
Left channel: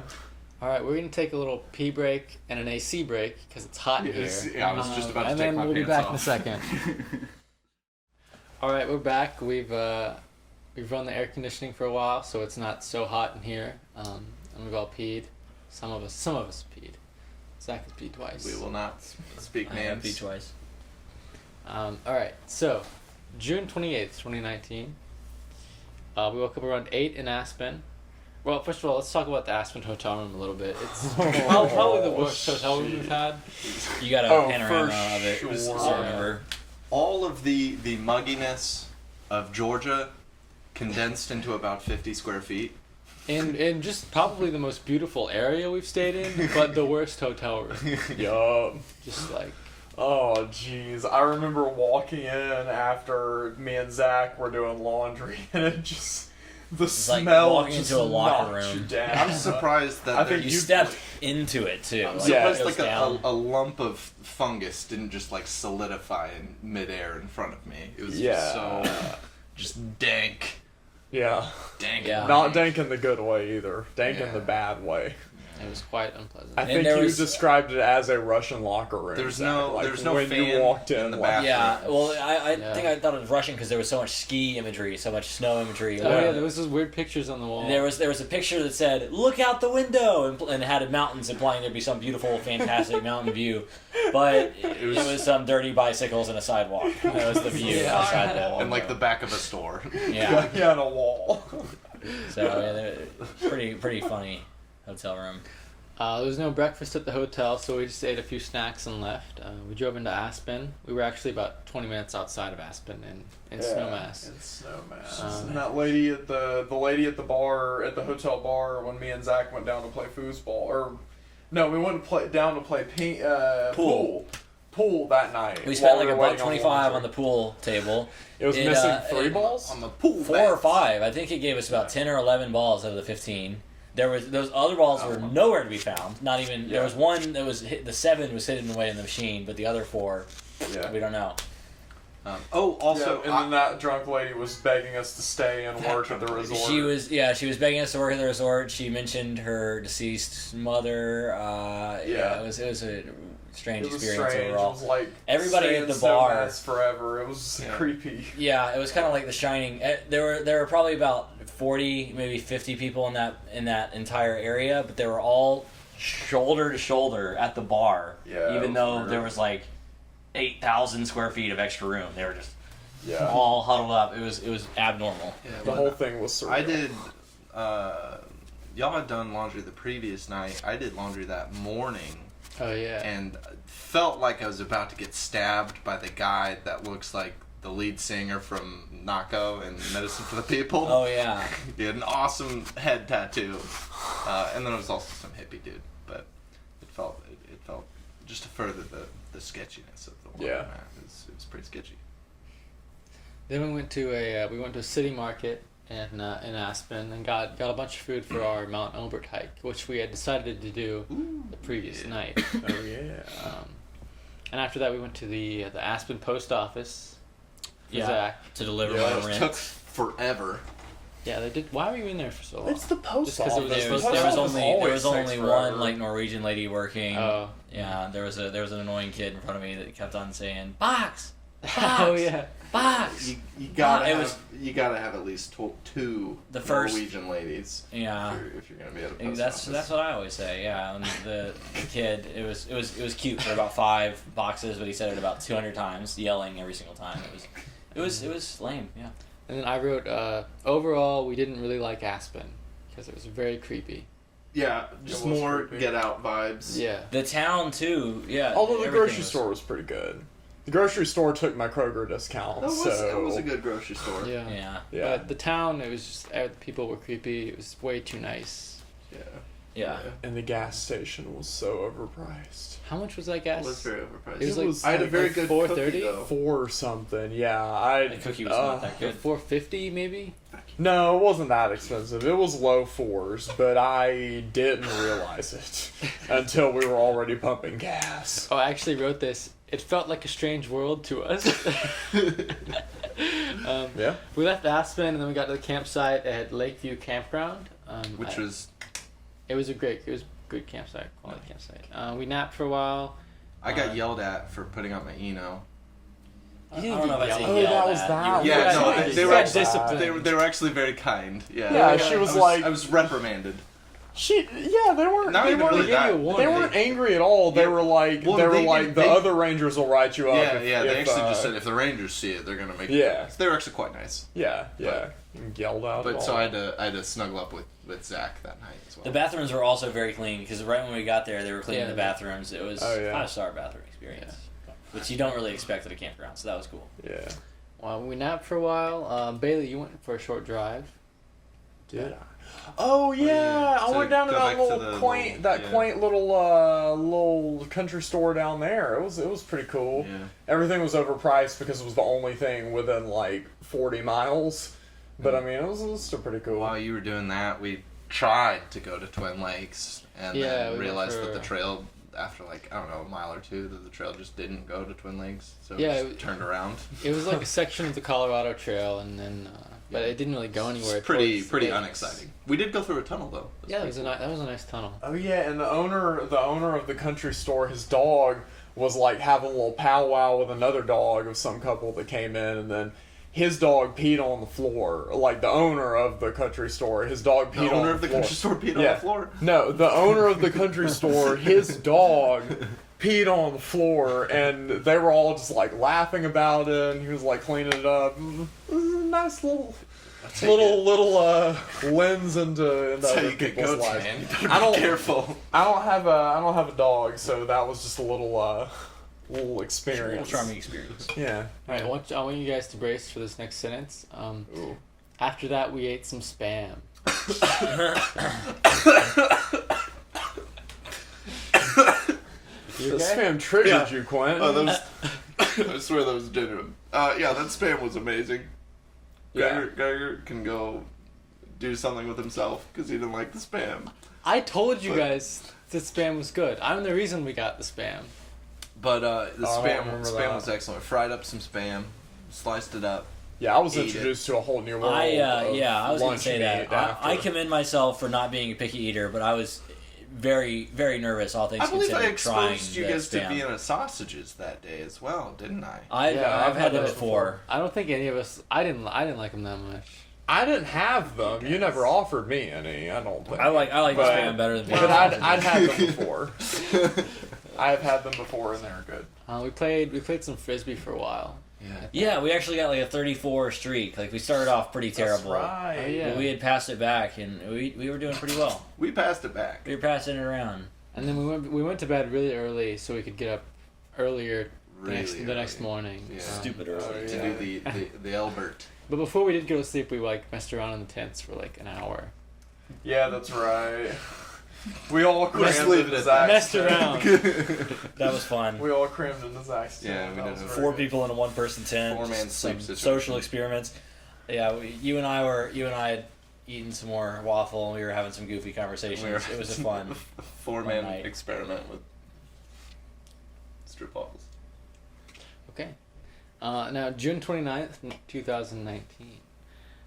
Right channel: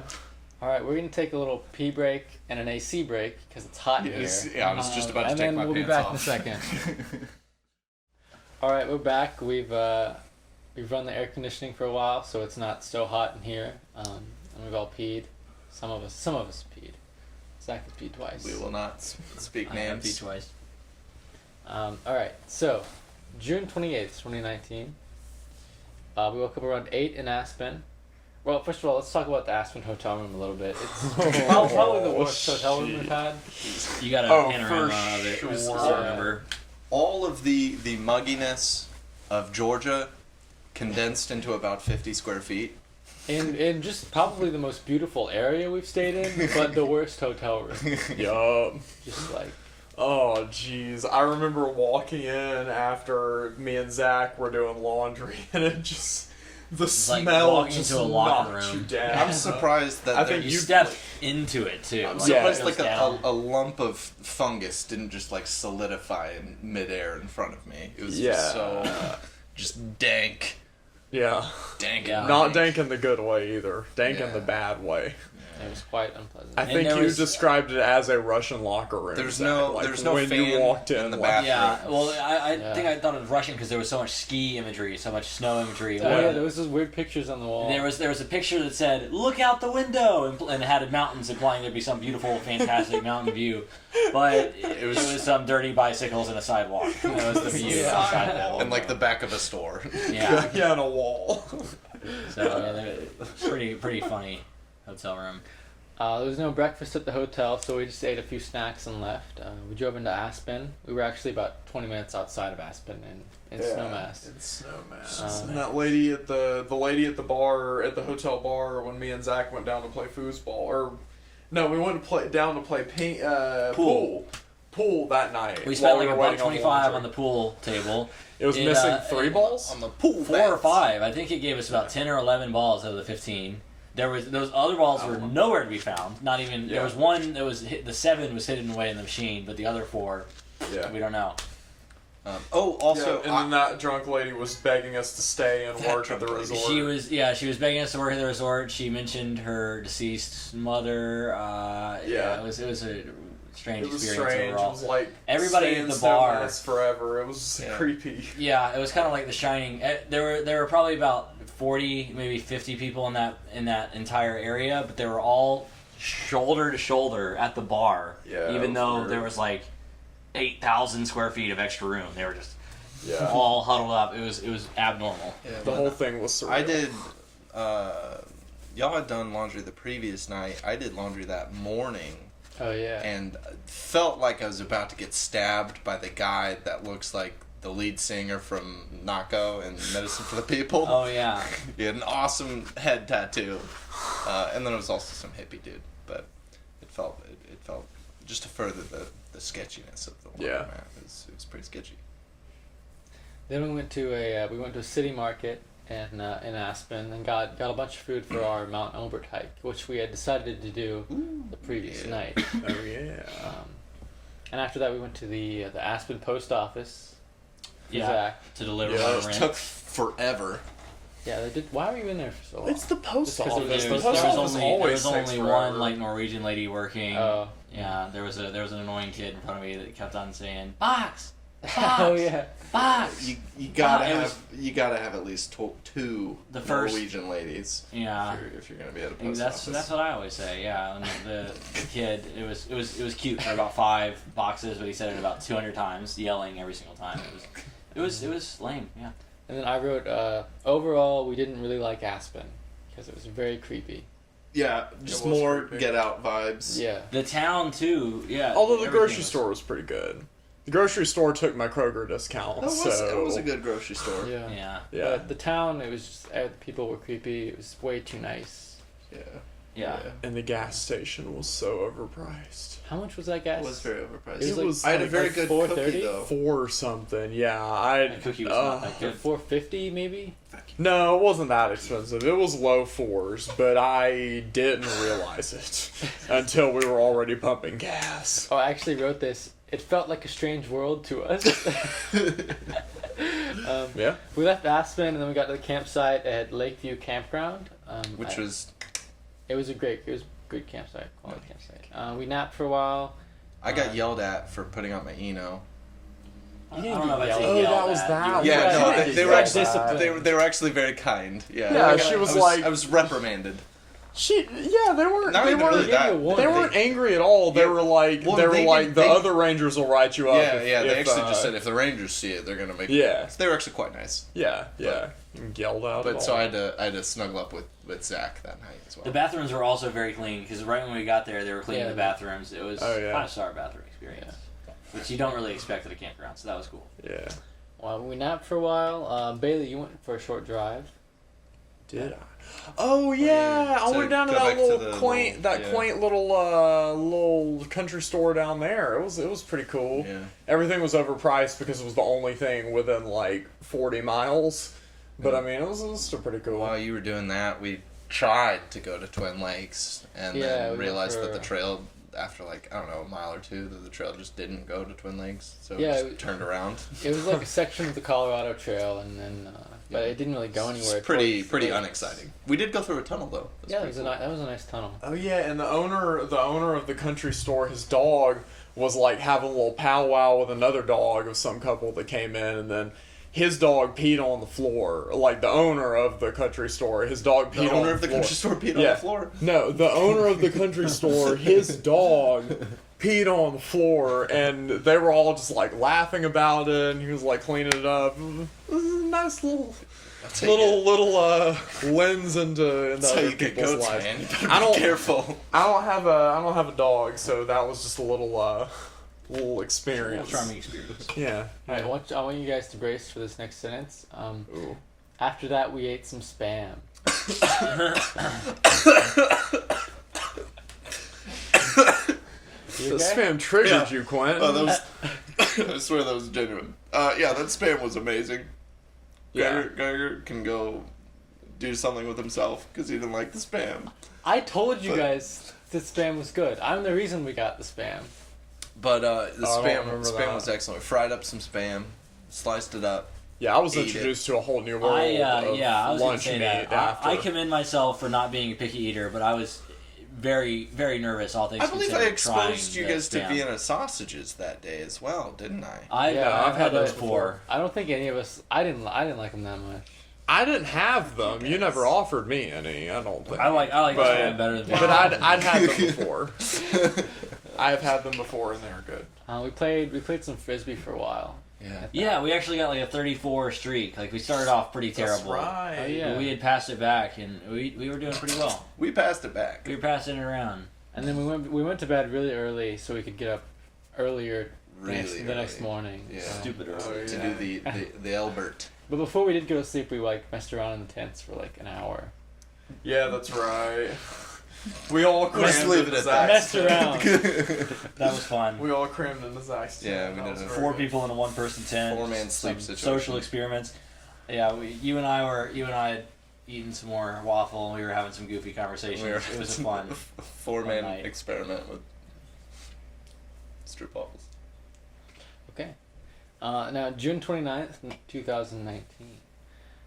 All right, we're gonna take a little pee break and an AC break because it's hot in Yes, here. yeah, I was just about to and take then my we'll be pants back off. in a second. All right, we're back. We've run the air conditioning for a while, so it's not so hot in here. And we've all peed. Some of us peed. Zach has peed twice. We will not speak I have names. twice. All right, so June 28th, 2019. We woke up around 8 in Aspen. Well, first of all, let's talk about the Aspen hotel room a little bit. It's probably the worst hotel room we've had. You got a Oh, panorama for of it. sure. So remember. All of the mugginess of Georgia condensed into about 50 square feet. In just probably the most beautiful area we've stayed in, but the worst hotel room. Yup. Just like, Oh, jeez. I remember walking in after me and Zach were doing laundry, and it just... The like smell walking just into a locker knocked you room. down. I'm surprised that I think You you- stepped into it too. I'm Like, Yeah, surprised it like goes down. a lump of fungus didn't just like solidify in midair in front of me. It was Yeah. just so just dank. Yeah. Dank. Yeah. Not dank in the good way either. Dank in Yeah. the bad way. it was quite unpleasant. I And think there you was- described it as a Russian locker room. There's Zach. no- Like, there's no when fan you walked in in. the like, bathroom. Yeah, well, I Yeah. think I thought it was Russian because there was so much ski imagery, so much snow imagery. Oh yeah, there was those weird pictures on the wall. There was a picture that said "Look out the window" and it had mountains, implying there'd be some beautiful, fantastic mountain view, but it was some dirty bicycles and a sidewalk. That was the view Yeah. outside the And like the window. back of a store. Yeah, yeah, on a wall. so pretty funny hotel room. There was no breakfast at the hotel, so we just ate a few snacks and left. We drove into Aspen. We were actually about 20 minutes outside of Aspen in Snowmass. In Snowmass. Um, and that lady at the lady at the bar, at the hotel bar, when me and Zach went down to play foosball, or no, we went down to play pool that night. We spent while like were about waiting 25 the on the pool table. It was It, missing uh, 3 it- balls. On the pool 4 or bats. 5. I think it gave us about 10 or 11 balls out of the 15. There was those other balls were nowhere to be found. Not even there Yeah. was one that was the 7 was hidden away in the machine, but the other 4 Yeah. we don't know. Also, yeah, and then that drunk lady was begging us to stay and That work at the drunk lady. resort. She was begging us to work at the resort. She mentioned her deceased mother. Yeah. It was a strange It was experience strange. overall. It was like Everybody stay at in the bar- Snowmass forever. It was Yeah. creepy. Yeah, it was kind of like The Shining. There were probably about 40, maybe 50 people in that entire area, but they were all shoulder to shoulder at the bar. Yeah, even it was though weird. there was like 8,000 square feet of extra room, they were just Yeah. all huddled up. It was abnormal. The whole thing was surreal. I did. Y'all had done laundry the previous night. I did laundry that morning, Oh yeah. and felt like I was about to get stabbed by the guy that looks like the lead singer from Nako and Medicine for the People. Oh yeah, He had an awesome head tattoo, and then it was also some hippie dude. But it felt just to further the sketchiness of the Yeah. laundromat. It was pretty sketchy. Then we went to a city market in Aspen and got a bunch of food for our Mount Elbert hike, which we had decided to do the previous yeah. night. Oh yeah. And after that, we went to the Aspen post office. For Yeah. Zach. to deliver Yeah, my It rent. took forever. Yeah, they did. Why were you in there for so long? It's the post Just 'cause it was office. There was, The there post was office only always takes one forever. like Norwegian lady working. Oh. Yeah, there was an annoying kid in front of me that kept on saying box, Oh yeah. box. You gotta it have was- you gotta have at least two The first- Norwegian ladies Yeah. if you're gonna be at a And post that's office. that's what I always say. Yeah, and the kid, it was cute for about 5 boxes, but he said it about 200 times, yelling every single time. It was lame. Yeah. And then I wrote, overall, we didn't really like Aspen because it was very creepy. Yeah, just It was more creepy. get out vibes. Yeah. The town too. Yeah. Although the everything grocery was- store was pretty good. The grocery store took my Kroger discount, It was a good grocery store. Yeah. Yeah. Yeah. But the town, it was just, people were creepy. It was way too nice. Yeah. Yeah. And the gas station was so overpriced. How much was that gas? It was very overpriced. It was like- I had a very like good 4.30? cookie though. 4 something, yeah. I The cookie was not that good. $4.50 maybe? No, it wasn't that expensive. It was low 4s, but I didn't realize it until we were already pumping gas. Oh, I actually wrote this. It felt like a strange world to us. Yeah. We left Aspen and then we got to the campsite at Lakeview Campground. Which was It was a good campsite, quality campsite. We napped for a while. I got yelled at for putting out my Eno. I don't know if I Oh, say yelled that was at. that. You- Yeah, no, Yeah, they were yeah, actually disciplined. they were actually very kind. Yeah. Yeah, she was like- I was reprimanded. They weren't. Not They even weren't. really that. They weren't angry at all. They were like, Well, they were they like, did- the they- other Rangers will write you up. Yeah, if, yeah. They if, actually just said if the Rangers see it, they're gonna make. Yeah. They were actually quite nice. Yeah. And yelled out. But so I had to snuggle up with Zach that night as well. The bathrooms were also very clean because right when we got there, they were cleaning Yeah. the bathrooms. It was Oh, yeah. 5-star bathroom experience, which you don't really expect at a campground. So that was cool. Yeah. Well, we napped for a while. Bailey, you went for a short drive. Did I? Oh yeah, I So went down to go that back to little the quaint, little- yeah. quaint little country store down there. It was pretty cool. Yeah. Everything was overpriced because it was the only thing within like 40 miles. But I mean, it was still pretty cool. While you were doing that, we tried to go to Twin Lakes and Yeah, we then went realized for- that the trail, after like I don't know, a mile or two, that the trail just didn't go to Twin Lakes, so Yeah, it it- just turned around. It was like a section of the Colorado Trail, and then but it didn't really go anywhere. It's pretty towards the lakes. unexciting. We did go through a tunnel though. Yeah, that was a nice tunnel. Oh yeah, and the owner of the country store, his dog was like having a little powwow with another dog of some couple that came in, and then his dog peed on the floor. Like the owner of the country store, his dog peed The on owner the of the floor. country store peed on Yeah. the floor. No, the owner of the country store, his dog peed on the floor, and they were all just like laughing about it, and he was like cleaning it up. It was a nice little lens into That's how other you get people's goats, lives. man. You better I be don't- careful. I don't have a dog, so that was just a little Little experience. charming experience. Yeah. All right, I want you guys to brace for this next sentence. Ooh. After that, we ate some spam. You This okay? spam triggered Yeah. you, Quinn. Oh, that was. I swear that was genuine. Yeah, that spam was amazing. Yeah. Gregor can go do something with himself because he didn't like the spam. I told you But- guys that spam was good. I'm the reason we got the spam. But the I don't spam remember spam that. was excellent. We fried up some spam, sliced it up. Yeah, I was Eat introduced to a whole new world. I of I was gonna lunch say meat that. after. I commend myself for not being a picky eater, but I was very, very nervous. All things I believe I considered, trying exposed you the guys to spam. Vienna sausages that day as well, didn't I? I've had those before. I don't think any of us. I didn't like them that much. I didn't have them. You never offered me any. I don't think. I like the But- spam better than But I'd had them before. I've had them before, and they're good. We played some frisbee for a while. Yeah. Yeah, we actually got like a 34 streak. Like we started off pretty terrible. That's right. Oh, yeah. But we had passed it back, and we were doing pretty well. We passed it back. We were passing it around. And then we went to bed really early so we could get up earlier Really the next early. morning. Yeah. Stupid early. Oh, To yeah. do the Albert. But before we did go to sleep, we like messed around in the tents for like an hour. Yeah, that's right. We all crammed Just leave into it at that. Zach's Messed tent. around. That was fun. We all crammed into Zach's tent. Yeah, we That did was it. very 4 good. people in a 1-person tent. 4-man just sleep some situation. social experiments. Yeah, you and I had eaten some more waffle, and we were having some goofy conversations. It was a fun. 4-man night. experiment with strip waffles. Okay. Now, June 29th, 2019.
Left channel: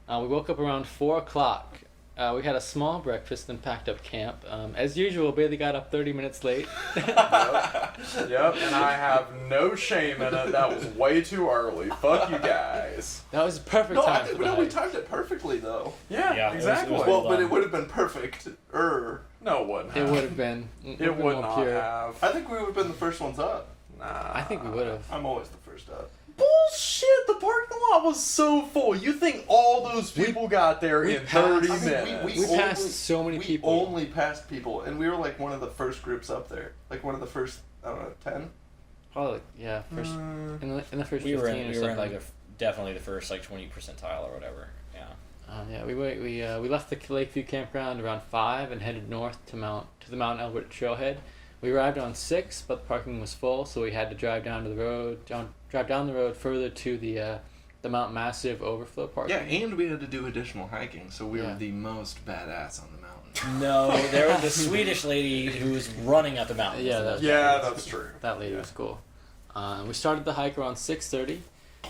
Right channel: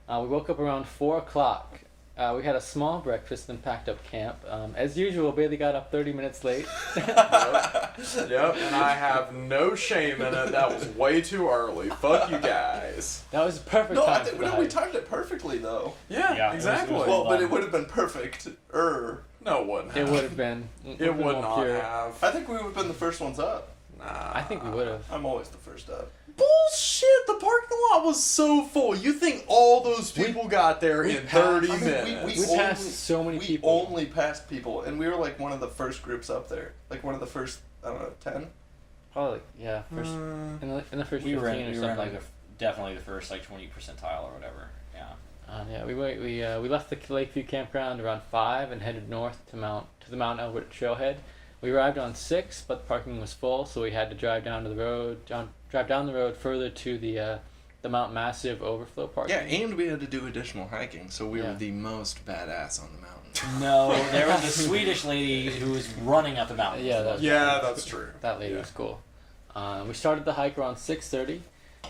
We woke up around 4 o'clock. We had a small breakfast and packed up camp. As usual, Bailey got up 30 minutes late. Yep, and I have no shame in it. That was way too early. Fuck you guys. That was a perfect No, time for the we hike. timed it perfectly though. Yeah, Yeah, it was- exactly. it was Well, but done. it would have been perfect. No, it wouldn't. It would have been. It would more not pure. have. I think we would have been the first ones up. Nah. I think we would have. I'm always the first up. Bullshit! The parking lot was so full. You think all those people got there in 30 minutes? We passed so many we people. only passed people, and we were like one of the first groups up there. Like one of the first, I don't know, 10? Probably, yeah. First, Mm. in the first We 15 were or in something. like definitely the first like 20 percentile or whatever. Yeah. Yeah, we left the Lakeview campground around 5 and headed north to the Mount Elbert trailhead. We arrived on 6, but the parking was full, so we had to drive down the road further to the Mount Massive overflow parking. Yeah, and we had to do additional hiking, so we Yeah. were the most badass on the mountain. No, there was a Swedish lady who was running up the mountain. Yeah, that- Yeah, that's true. That lady Yeah. was cool. We started the hike around 6:30.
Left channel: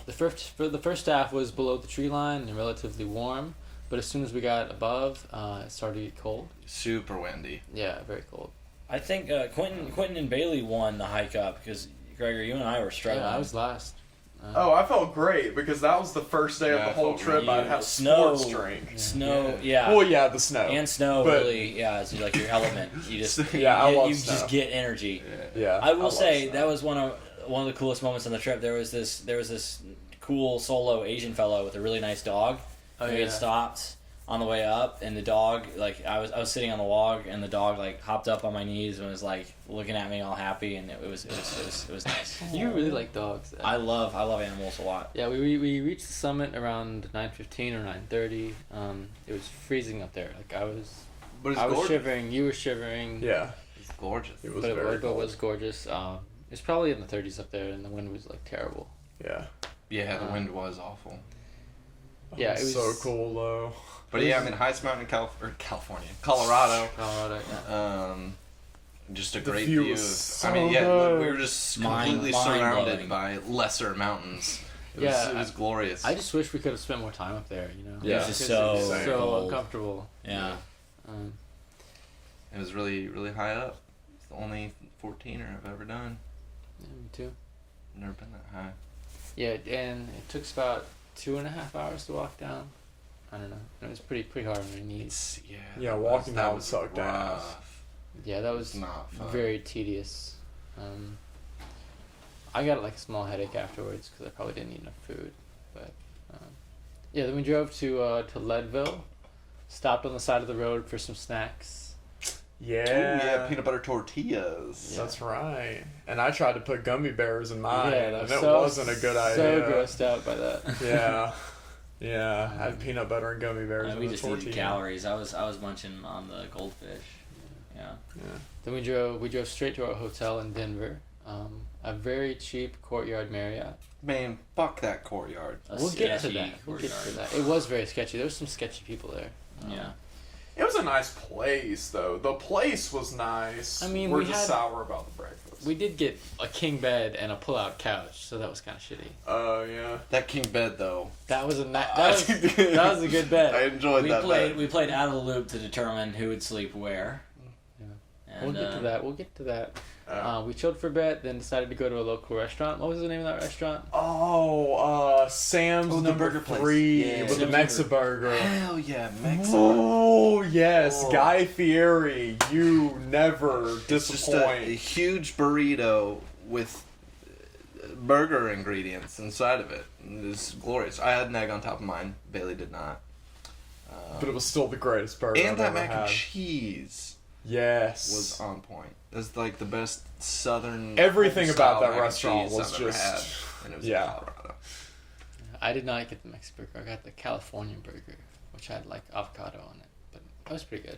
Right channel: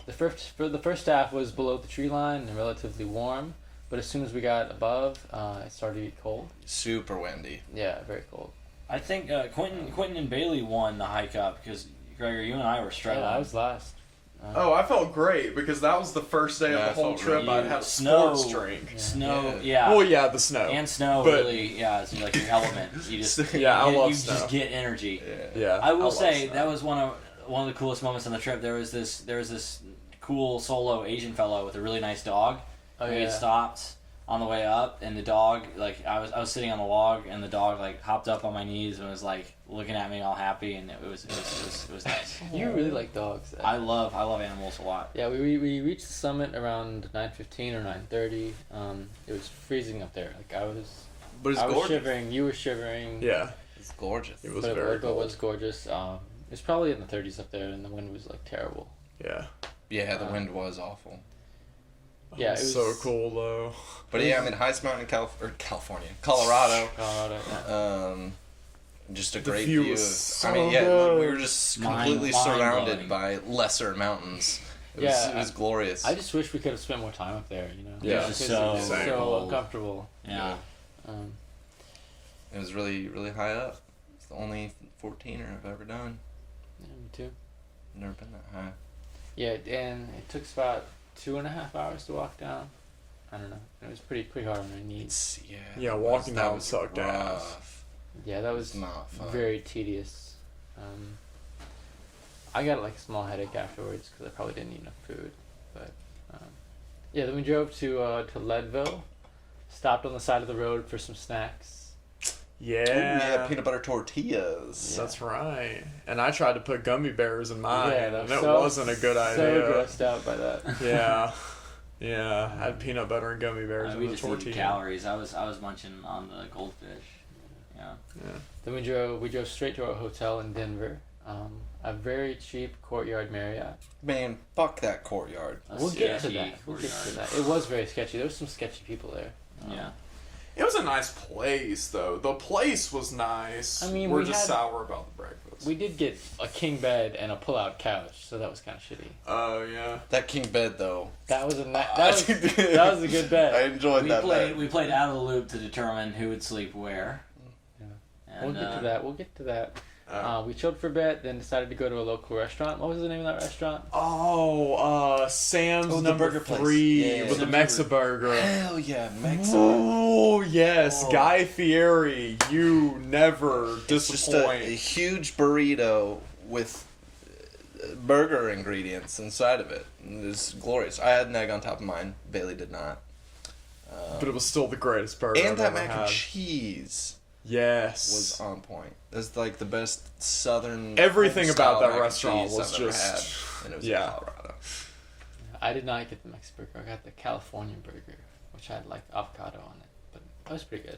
The first staff was below the tree line and relatively warm, but as soon as we got above, it started to get cold. Super windy. Yeah, very cold. I think Quentin and Bailey won the hike up because Gregor, you and I were struggling. Yeah, I was last. Oh, I felt great because that was the first day Yeah, of the whole I felt trip really I'd had a snow. sports drink. Snow, yeah. Well, yeah, the snow. And snow But- really, yeah, it's like your element. You just, Yeah, I you, love you snow. just get energy. Yeah, I will love say snow. that was one of the coolest moments on the trip. There was this cool solo Asian fellow with a really nice dog. Oh, We yeah. had stopped on the way up, and the dog, like, I was sitting on the log, and the dog, like, hopped up on my knees and was, like, looking at me all happy, and it was nice. You really like dogs. Though. I love animals a lot. Yeah, we reached the summit around 9:15 or 9:30. It was freezing up there. Like I was But it's I was gorgeous. shivering. You were shivering. Yeah, It's gorgeous. it was but very it cold. was gorgeous. It's probably in the 30s up there, and the wind was like terrible. Yeah. Yeah, the wind was awful. Yeah, It it was was so cool though. But yeah, I mean, highest mountain in California, Colorado. Colorado. Yeah. Just a The great view view. was Of, so I mean, yeah, good. we were just Mind- completely mind-blowing. surrounded by lesser mountains. Yeah, It was glorious. I just wish we could have spent more time up there. You know. Yeah. It was Because so it was so cold. uncomfortable. Yeah. Um, It was really, really high up. It's the only 14er I've ever done. yeah, me too. Never been that high. Yeah, and it took us about 2.5 hours to walk down. I don't know. It was pretty hard on my knees. It's Yeah, that walking that down was sucked rough. ass. Yeah, that It's was not fun. very tedious. I got like a small headache afterwards because I probably didn't eat enough food. But yeah, then we drove to Leadville, stopped on the side of the road for some snacks. Yeah. Ooh, yeah, peanut butter tortillas. That's right. And I tried to put gummy bears in mine, that and it so- wasn't a good idea. So grossed out by that. Yeah. Yeah, I had peanut butter and gummy bears in we the just needed tortilla. calories. I was munching on the goldfish. Yeah. Then we drove straight to our hotel in Denver. A very cheap Courtyard Marriott. Man, fuck that courtyard. A We'll get to sketchy that. We'll get to courtyard. that. It was very sketchy. There was some sketchy people there. Yeah. It was a nice place, though. The place was nice. I mean, we're we just had- sour about the breakfast. We did get a king bed and a pull-out couch, so that was kind of shitty. Oh, yeah. That king bed, though. That was that was a good I bed. enjoyed that bed. We played out of the loop to determine who would sleep where. Yeah. And, We'll get to that. We chilled for a bit, then decided to go to a local restaurant. What was the name of that restaurant? Sam's Oh, the number burger place. 3 Yeah. with the Mexa burger. Hell yeah, Mexican. Oh, yes. Oh. Guy Fieri, you never It's just a disappoint. huge burrito with burger ingredients inside of it. It was glorious. I had an egg on top of mine. Bailey did not. But it was still the greatest burger And I've that ever mac had. and cheese Yes. was on point. It's like the best southern. Everything about style that mac and restaurant cheese was I've ever just- had, and it was yeah. in Colorado. I did not get the Mexican burger. I got the Californian burger, which had like avocado on it, but that was pretty good.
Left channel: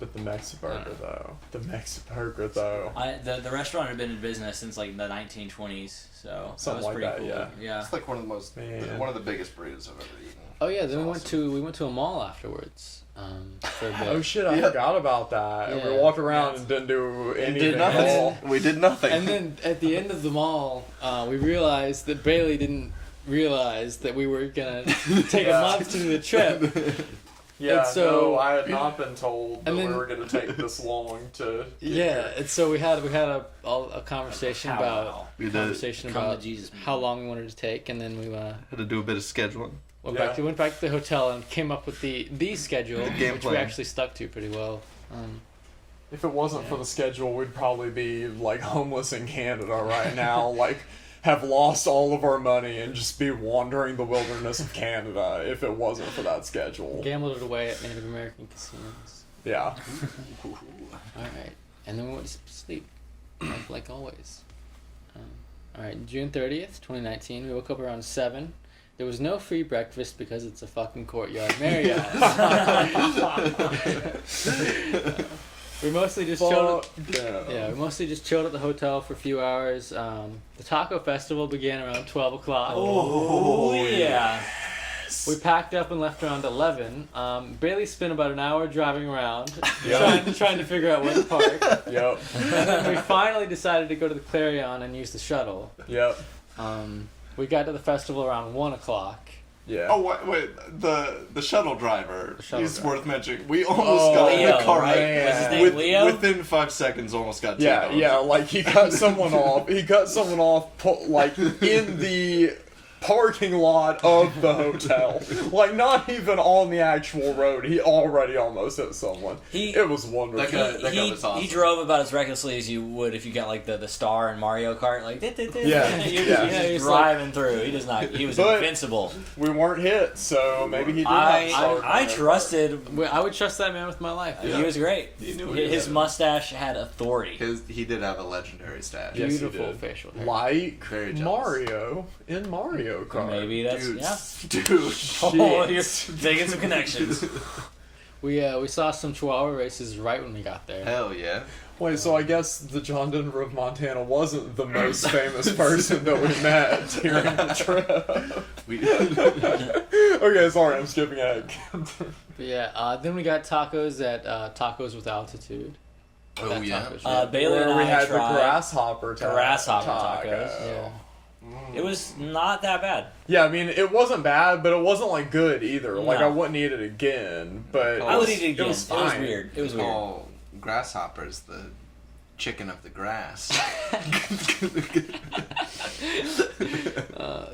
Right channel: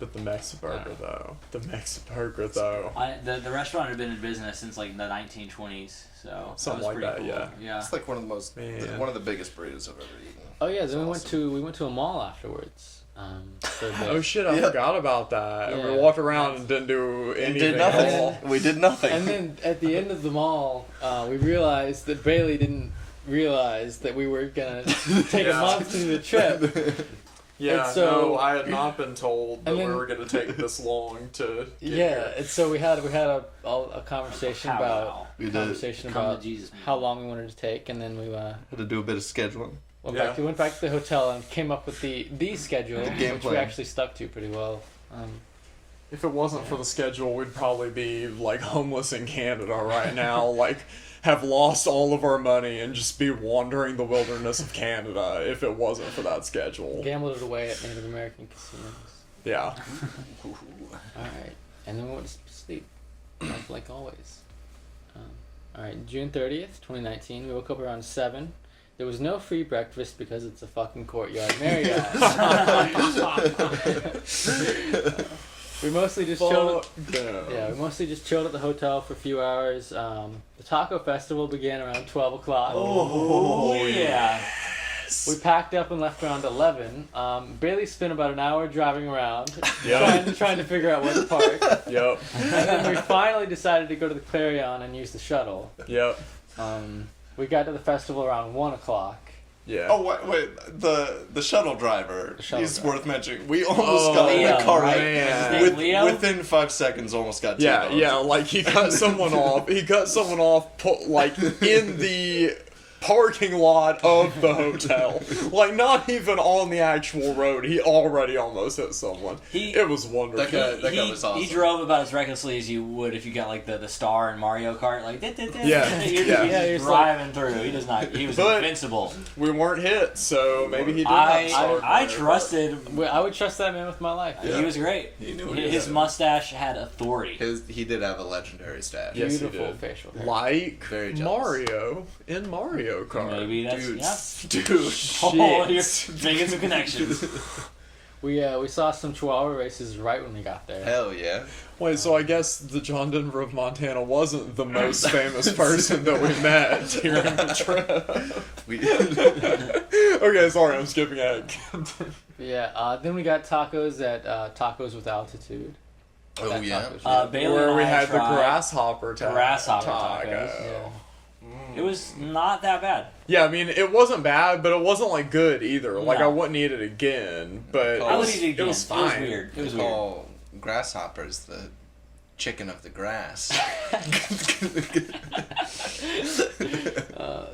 But the Mexa burger, though. The Mexa burger, though. the restaurant had been in business since like the 1920s, so Something that like was pretty that, cool. yeah. It's like one of the most, Man. one of the biggest burritos I've ever eaten. Oh yeah, then It's we went to a mall afterwards. For a bit. Oh shit, I Yeah. forgot about that. Yeah. We walked around and didn't do anything. did at nothing. all. We did nothing. And then at the end of the mall, we realized that Bailey didn't realize that we were gonna take Yeah. a month to the trip. Yeah, And so- no, I had not been told that And then- we were going to take this long to get Yeah, here. and so we had a conversation Powwow. about We did. conversation Come to about Jesus. how long we wanted to take, and then we Had to do a bit of scheduling. went back to the hotel and came up with the schedule, The game which we plan. actually stuck to pretty well. If it wasn't for the schedule, we'd probably be like homeless in Canada right now, like have lost all of our money and just be wandering the wilderness of Canada if it wasn't for that schedule. Gambled it away at Native American casinos. Yeah. All right, and then we went to sleep, like always. All right, June 30th, 2019. We woke up around 7. There was no free breakfast because it's a fucking Courtyard Marriott. We mostly just chilled. Fuck them. Yeah, we mostly just chilled at the hotel for a few hours. The taco festival began around 12 o'clock. Oh yeah. We packed up and left around 11. Bailey spent about an hour driving around, Yeah. trying to figure out where to park. Yep. And then we finally decided to go to the Clarion and use the shuttle. Yep. We got to the festival around 1 o'clock. Yeah. Oh wait, the shuttle driver. shuttle He's driver. worth mentioning. We almost Oh, got in Leo, a car right? man. What's his name? With, Leo? within 5 seconds. Almost got Yeah, T-boned. yeah, like he cut someone off. He cut someone off, like in the parking lot of the hotel. Like not even on the actual road. He already almost hit someone. It was wonderful. That guy was awesome. He drove about as recklessly as you would if you got like the star in Mario Kart, like Yeah, you're yeah. just driving through. He does not. He was But- invincible. We weren't hit, so maybe he did. not start I there. trusted. I would trust that man with my life. Yeah. He was great. He knew what he His did. mustache had authority. He did have a legendary stash. Yes, he Beautiful did. facial hair. Like Very jealous. Mario in Mario Kart. Maybe that's Dude, yeah. dude. Oh, you're making some connections. We saw some Chihuahua races right when we got there. Hell yeah. Wait, so I guess the John Denver of Montana wasn't the most famous person that we met during the trip. Okay, sorry, I'm skipping ahead. But yeah, then we got tacos at Tacos with Altitude. Oh, That yeah. taco's really Bailey Where and we I had tried. the grasshopper Grasshopper taco. tacos. Yeah. It was not that bad. Yeah, I mean, it wasn't bad, but it wasn't like good either. Like No. I wouldn't eat it again, but I I it would was- eat it again. It was fine. weird. It was weird. Call grasshoppers the chicken of the grass.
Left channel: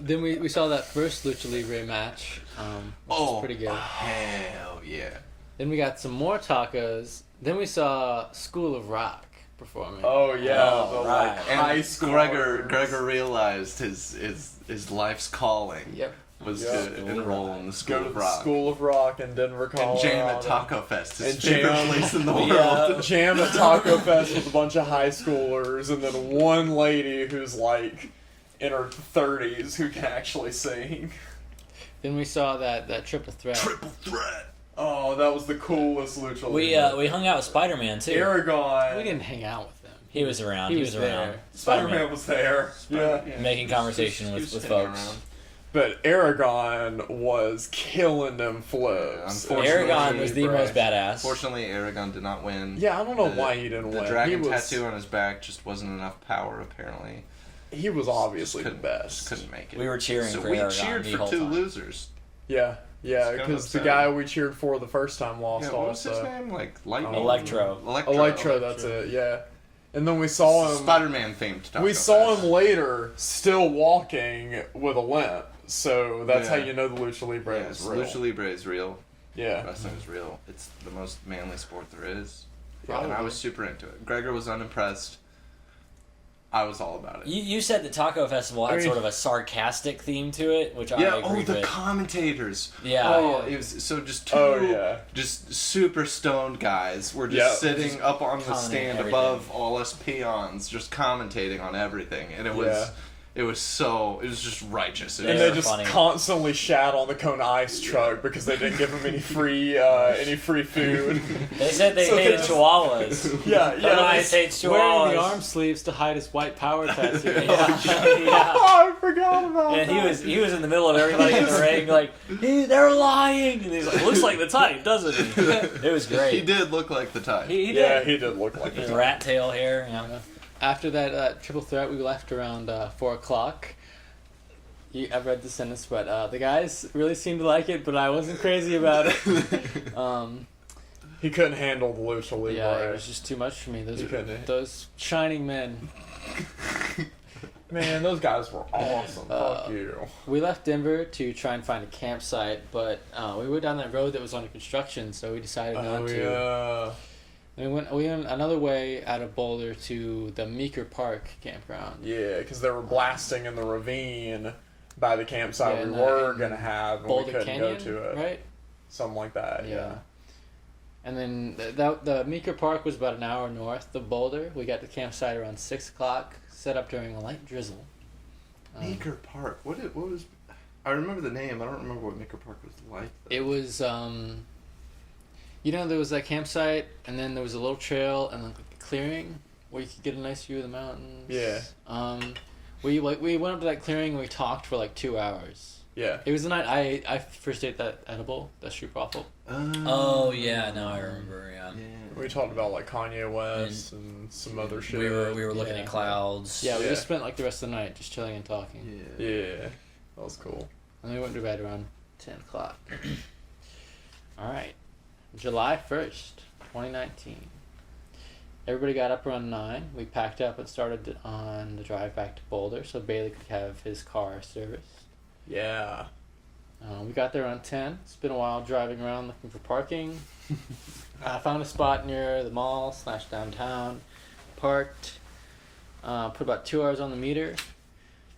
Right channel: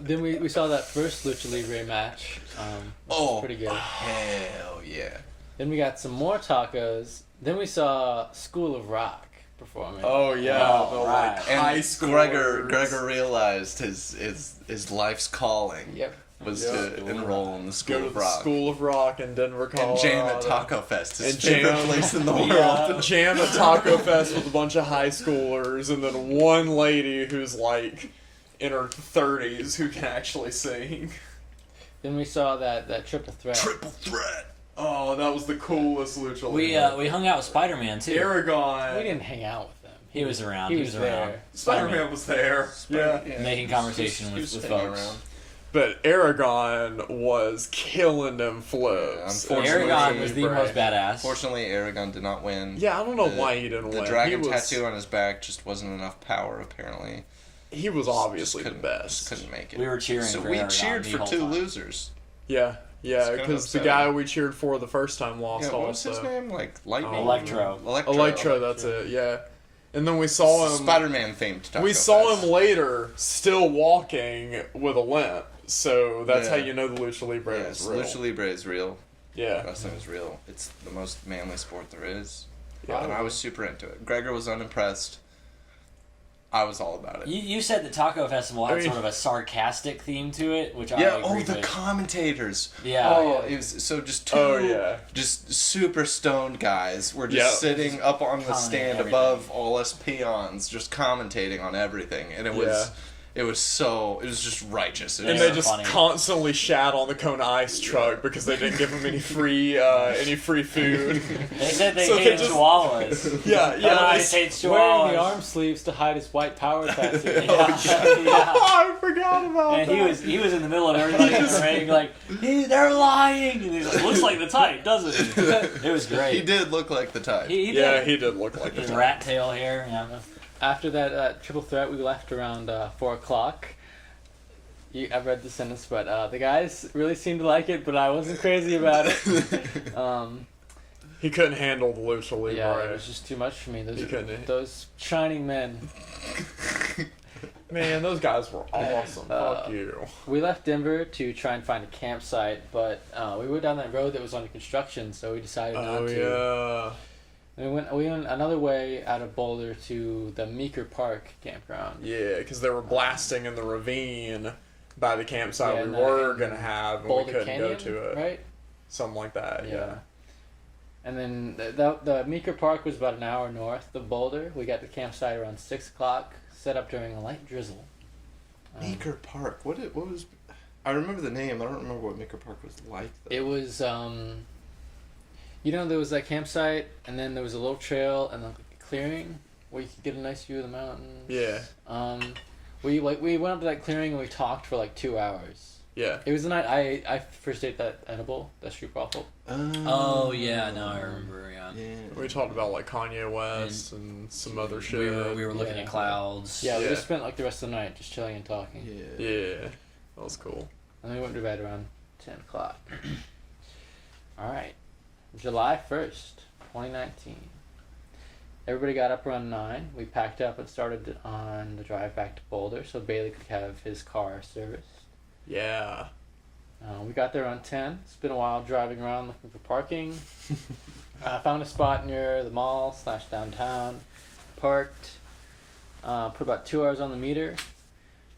Then we saw that first Lucha Libre match, which was pretty good. Hell yeah. Then we got some more tacos. Then we saw School of Rock performing. Oh yeah, Oh, the right. like And high school. Gregor realized his life's calling Yep. was Yeah. to enroll in the School Go to of the Rock. School of Rock in Denver, And Colorado. jam at Taco Fest, his And favorite jam- place in the Yeah. world. Jam at Taco Fest with a bunch of high schoolers, and then one lady who's like in her 30s who can actually sing. Then we saw that triple threat. Triple threat. Oh, that was the coolest lucha. We hung out with Spider-Man too. Aragon. We didn't hang out with them. He was around. He He was was around. there. Spider-Man was there. Yeah. Making conversation with He's folks. hanging around. But Aragon was killing them flips. Unfortunately, Aragon was the Libre. most badass. Fortunately, Aragon did not win. Yeah, I don't know The- why he didn't The win. dragon he was, tattoo on his back just wasn't enough power, apparently. He was obviously the Just best. couldn't make it. We were cheering so for we Aragon cheered the for whole 2 time. losers. Yeah, It's kind of because the upsetting. guy we cheered for the first time lost Yeah, what was his also. name? Like Lightning? Electro. Electro, that's it. Yeah, and then we saw him. Spider-Man themed Taco We saw Fest. him later, still walking with a limp. So that's Yeah. how you know the lucha libre Yes, is real. Lucha Libre is real. Yeah, Wrestling is real. It's the most manly sport there is. Probably. And I was super into it. Gregor was unimpressed. I was all about it. You said the Taco Festival had I mean- sort of a sarcastic theme to it, which I Yeah, agree the with. commentators. Yeah. Oh, it was so just two Oh, yeah. just super stoned guys were just Yeah. sitting up on the Commenting stand everything. above all us peons, just commentating on everything. And it was just righteous. It and was they They're just funny. constantly shat on the Kona Ice truck because they didn't give him any free food. They said they So they hated just- chihuahuas. Yeah, Kona yeah. Ice hates Wearing the chihuahuas. arm sleeves to hide his white power tattoo. Yeah. Yeah. I forgot about And that. he was in the middle of everybody in the ring, like, they're lying. And he's like, looks like the type, doesn't he? It was great. he did look like the type. He Yeah, did. he did look like His that. rat tail hair. Yeah. After that triple threat, we left around 4 o'clock. I've read the sentence, but the guys really seemed to like it, but I wasn't crazy about it. He couldn't handle the lucha libre. Yeah, it was just too much for me. He couldn't. Those shining men. Man, those guys were awesome. Fuck you. We left Denver to try and find a campsite, but we went down that road that was under construction, so we decided not Oh to. yeah. We went another way out of Boulder to the Meeker Park campground. Yeah, because they were blasting in the ravine by the campsite Yeah, we and, were and gonna have, and Boulder we couldn't Canyon, go to it. right? Something like that. Yeah. And then the Meeker Park was about an hour north of Boulder. We got to campsite around 6 o'clock, set up during a light drizzle. Maker Park. What was? I remember the name. I don't remember what Maker Park was like. Though. It was, there was that campsite, and then there was a little trail and like a clearing where you could get a nice view of the mountains. Yeah. We went up to that clearing and we talked for like 2 hours. Yeah. It was the night I first ate that edible, that street waffle. Oh, yeah, now I remember, yeah. We talked about like Kanye West and some other shit. We were looking Yeah. at clouds. Yeah, we Yeah. just spent like the rest of the night just chilling and talking. Yeah. Yeah. That was cool. And then we went to bed around 10 o'clock. All right. July 1st, 2019. Everybody got up around 9. We packed up and started on the drive back to Boulder so Bailey could have his car serviced. Yeah. We got there around 10. It's been a while driving around looking for parking. Found a spot near the mall / downtown. Parked. Put about 2 hours on the meter.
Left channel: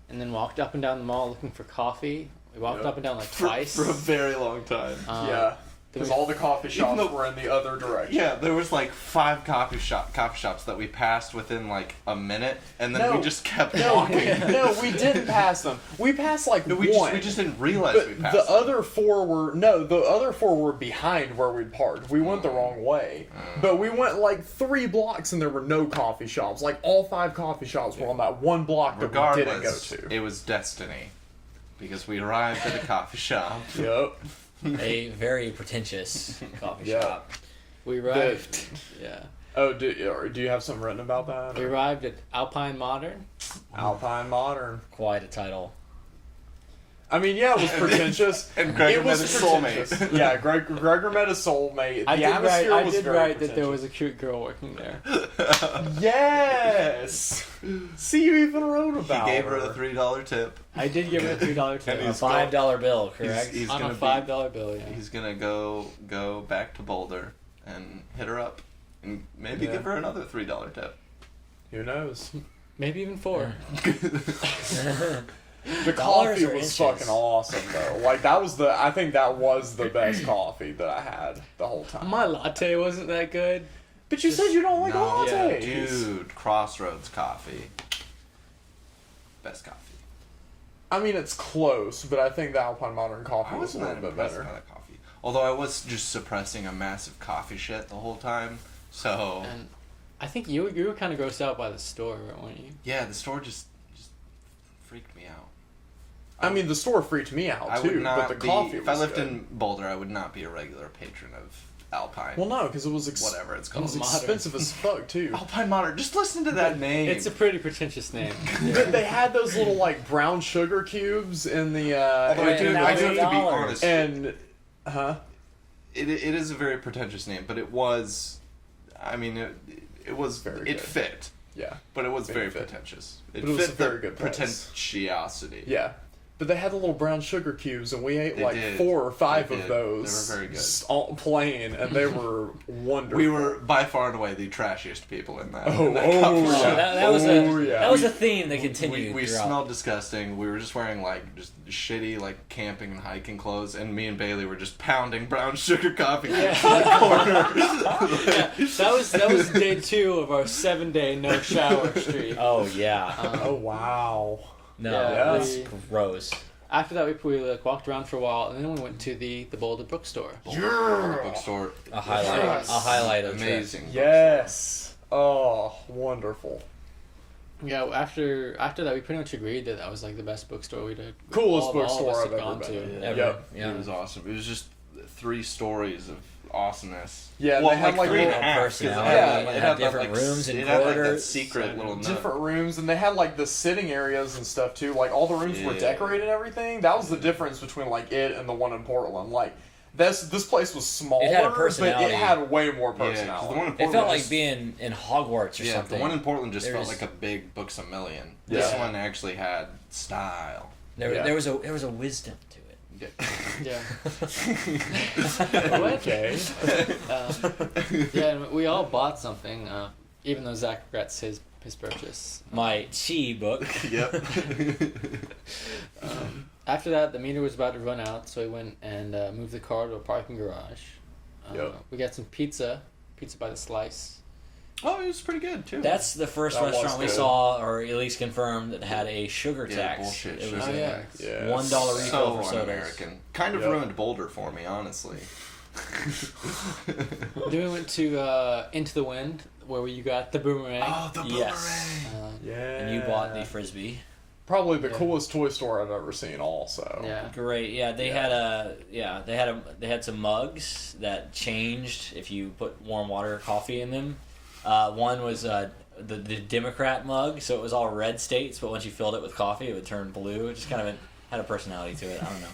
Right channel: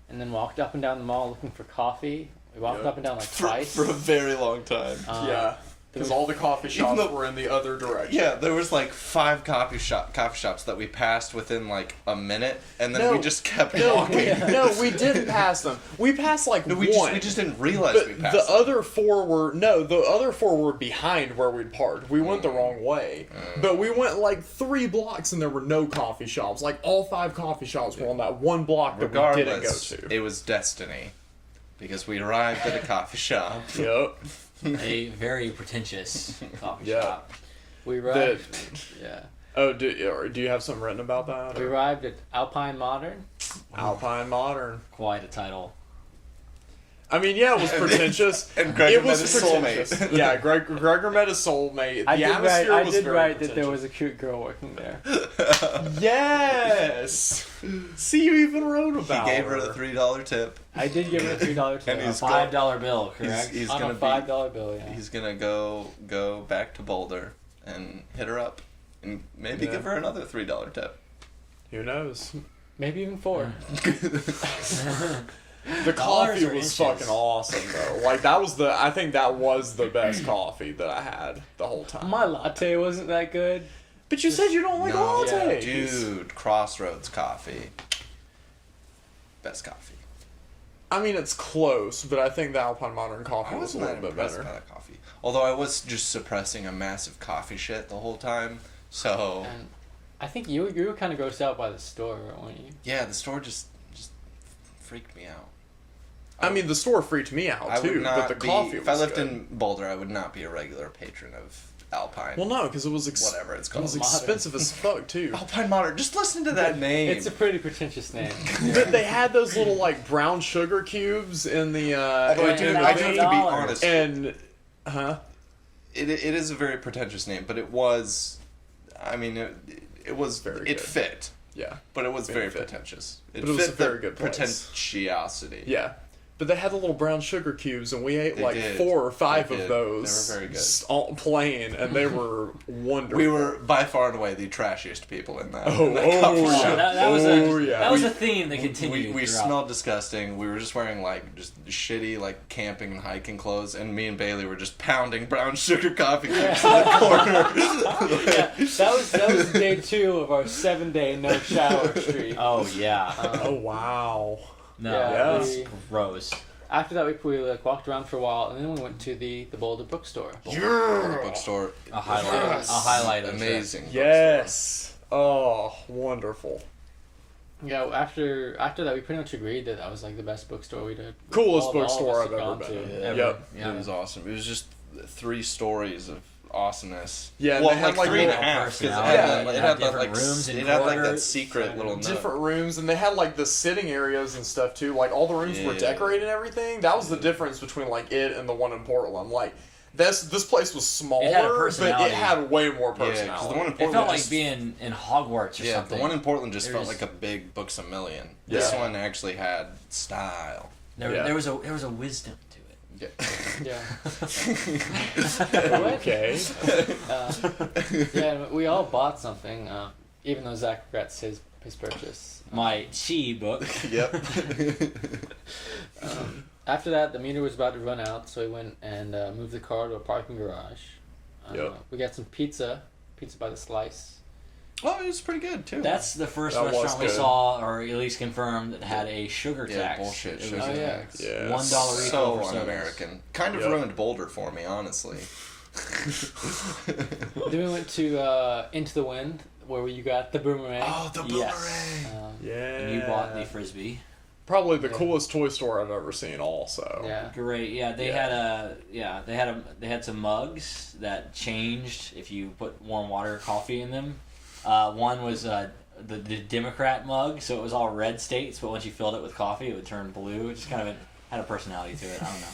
And then walked up and down the mall looking for coffee. We walked Yep. up and down like twice. For a very long time. Yeah. Because all the coffee shops though- were in the other direction. Yeah, there was like 5 coffee shops that we passed within like a minute, and then No. we just kept No, walking. no, we didn't pass them. We passed like No, one. we just didn't realize we But passed. the them. other four were behind where we parked. We went the wrong way. But we went like 3 blocks and there were no coffee shops. Like all 5 coffee shops were on that one block that we didn't go Regardless, to. it was destiny, because we arrived at a coffee shop. Yep. A very pretentious coffee Yeah. shop. We arrived. Yeah. Oh, do you have something written about that? We arrived at Alpine Modern. Alpine Modern. Quite a title. I mean, yeah, it was pretentious. And Gregor it was met his pretentious. soulmate. Yeah, Gregor met his soulmate. I The did write. atmosphere I was did very write that there pretentious. was a cute girl working there. Yes. See, you even wrote about. He gave her the $3 tip. I did give her a $2 tip A he's $5 bill, correct? He's on gonna a $5 bill. Yeah. He's gonna go back to Boulder and hit her up, and maybe Yeah. give her another $3 tip. Who knows? Maybe even 4. The Dollars coffee or was inches? fucking awesome though. Like I think that was the best coffee that I had the whole time. My latte wasn't that good. But you said you don't like No, lattes. dude, Crossroads coffee, best coffee. I mean, it's close, but I think the Alpine Modern coffee I was a wasn't little that bit impressed better. by that coffee. Although I was just suppressing a massive coffee shit the whole time. So And I think you were kind of grossed out by the store, weren't you? yeah, the store just freaked me out. I mean, the store freaked me out I too, would not but the be, coffee if was I lived good. in Boulder, I would not be a regular patron of Alpine. Well, no, because it was Whatever it's it called. was Modern. expensive as fuck too. Alpine Modern. Just listen to that name. It's a pretty pretentious name. But they had those little like brown sugar cubes in the Although I do, in the I do have thing. to be $1,000. honest. And it is a very pretentious name, but it was. I mean, it was Very It good. fit, yeah, but it was Very very fit. pretentious. But it was fit a very the good price. pretentiosity. yeah. But they had the little brown sugar cubes, and we ate They like did. 4 or 5 They of did. those. They were very good. All plain, and they were wonderful. We were by far and away the trashiest people in that. Oh, in that coffee oh, shop. That was Oh, a yeah. that was a theme that continued. We throughout. smelled disgusting. We were just wearing like just shitty like camping and hiking clothes, and me and Bailey were just pounding brown sugar coffee cubes in the corner. Yeah, that was day 2 of our 7-day no shower streak. Oh yeah. Oh wow! No, Yeah, that's we- gross. After that, we like walked around for a while, and then we went to the Boulder bookstore. The bookstore. A highlight. Yes. A highlight of the trip. Amazing. Yes. Oh, wonderful. Yeah, after that, we pretty much agreed that was like the best bookstore we'd had. Coolest all of bookstore us I've had ever gone been to. in. Ever. Yep. Yeah. It was awesome. It was just 3 stories of awesomeness. Yeah, well, they had, like, 3 and a little half. 'cause personality. It They had had that, different like, rooms and it had like that corridors. secret little nook. Different rooms, and they had like the sitting areas and stuff too. Like all the rooms were Yeah. decorated and everything. That was the difference between like it and the one in Portland. Like this place was smaller, It had a but personality. it had way more Yeah, personality. 'cause the one in It Portland felt like just- being in Hogwarts or Yeah, something. the one in Portland just There felt was- like a big Books A Million. This Yeah. one actually had style. there, Yeah. there was a wisdom to it. Yeah. Yeah. Okay. Yeah, we all bought something, even though Zach regrets his purchase. My chi book. Yep. After that, the meter was about to run out, so we went and moved the car to a parking garage. Yep. We got some pizza by the slice. Oh, it was pretty good too. That's the first That was restaurant we good. saw, or at least confirmed, that had a sugar yeah, tax. bullshit. It sugar was Oh, yeah. tax. Yeah. $1 refill So for sodas. un-American. Kind of Yep. ruined Boulder for me, honestly. Then we went to Into the Wind, where you got the boomerang. Oh, the boomerang. Yes. Yeah. And you bought the frisbee. Probably the Yeah. coolest toy store I've ever seen. Also. Yeah. Great. Yeah, they Yeah. they had some mugs that changed if you put warm water or coffee in them. One was the Democrat mug, so it was all red states, but once you filled it with coffee, it would turn blue. It just kind of had a personality to it. I don't know.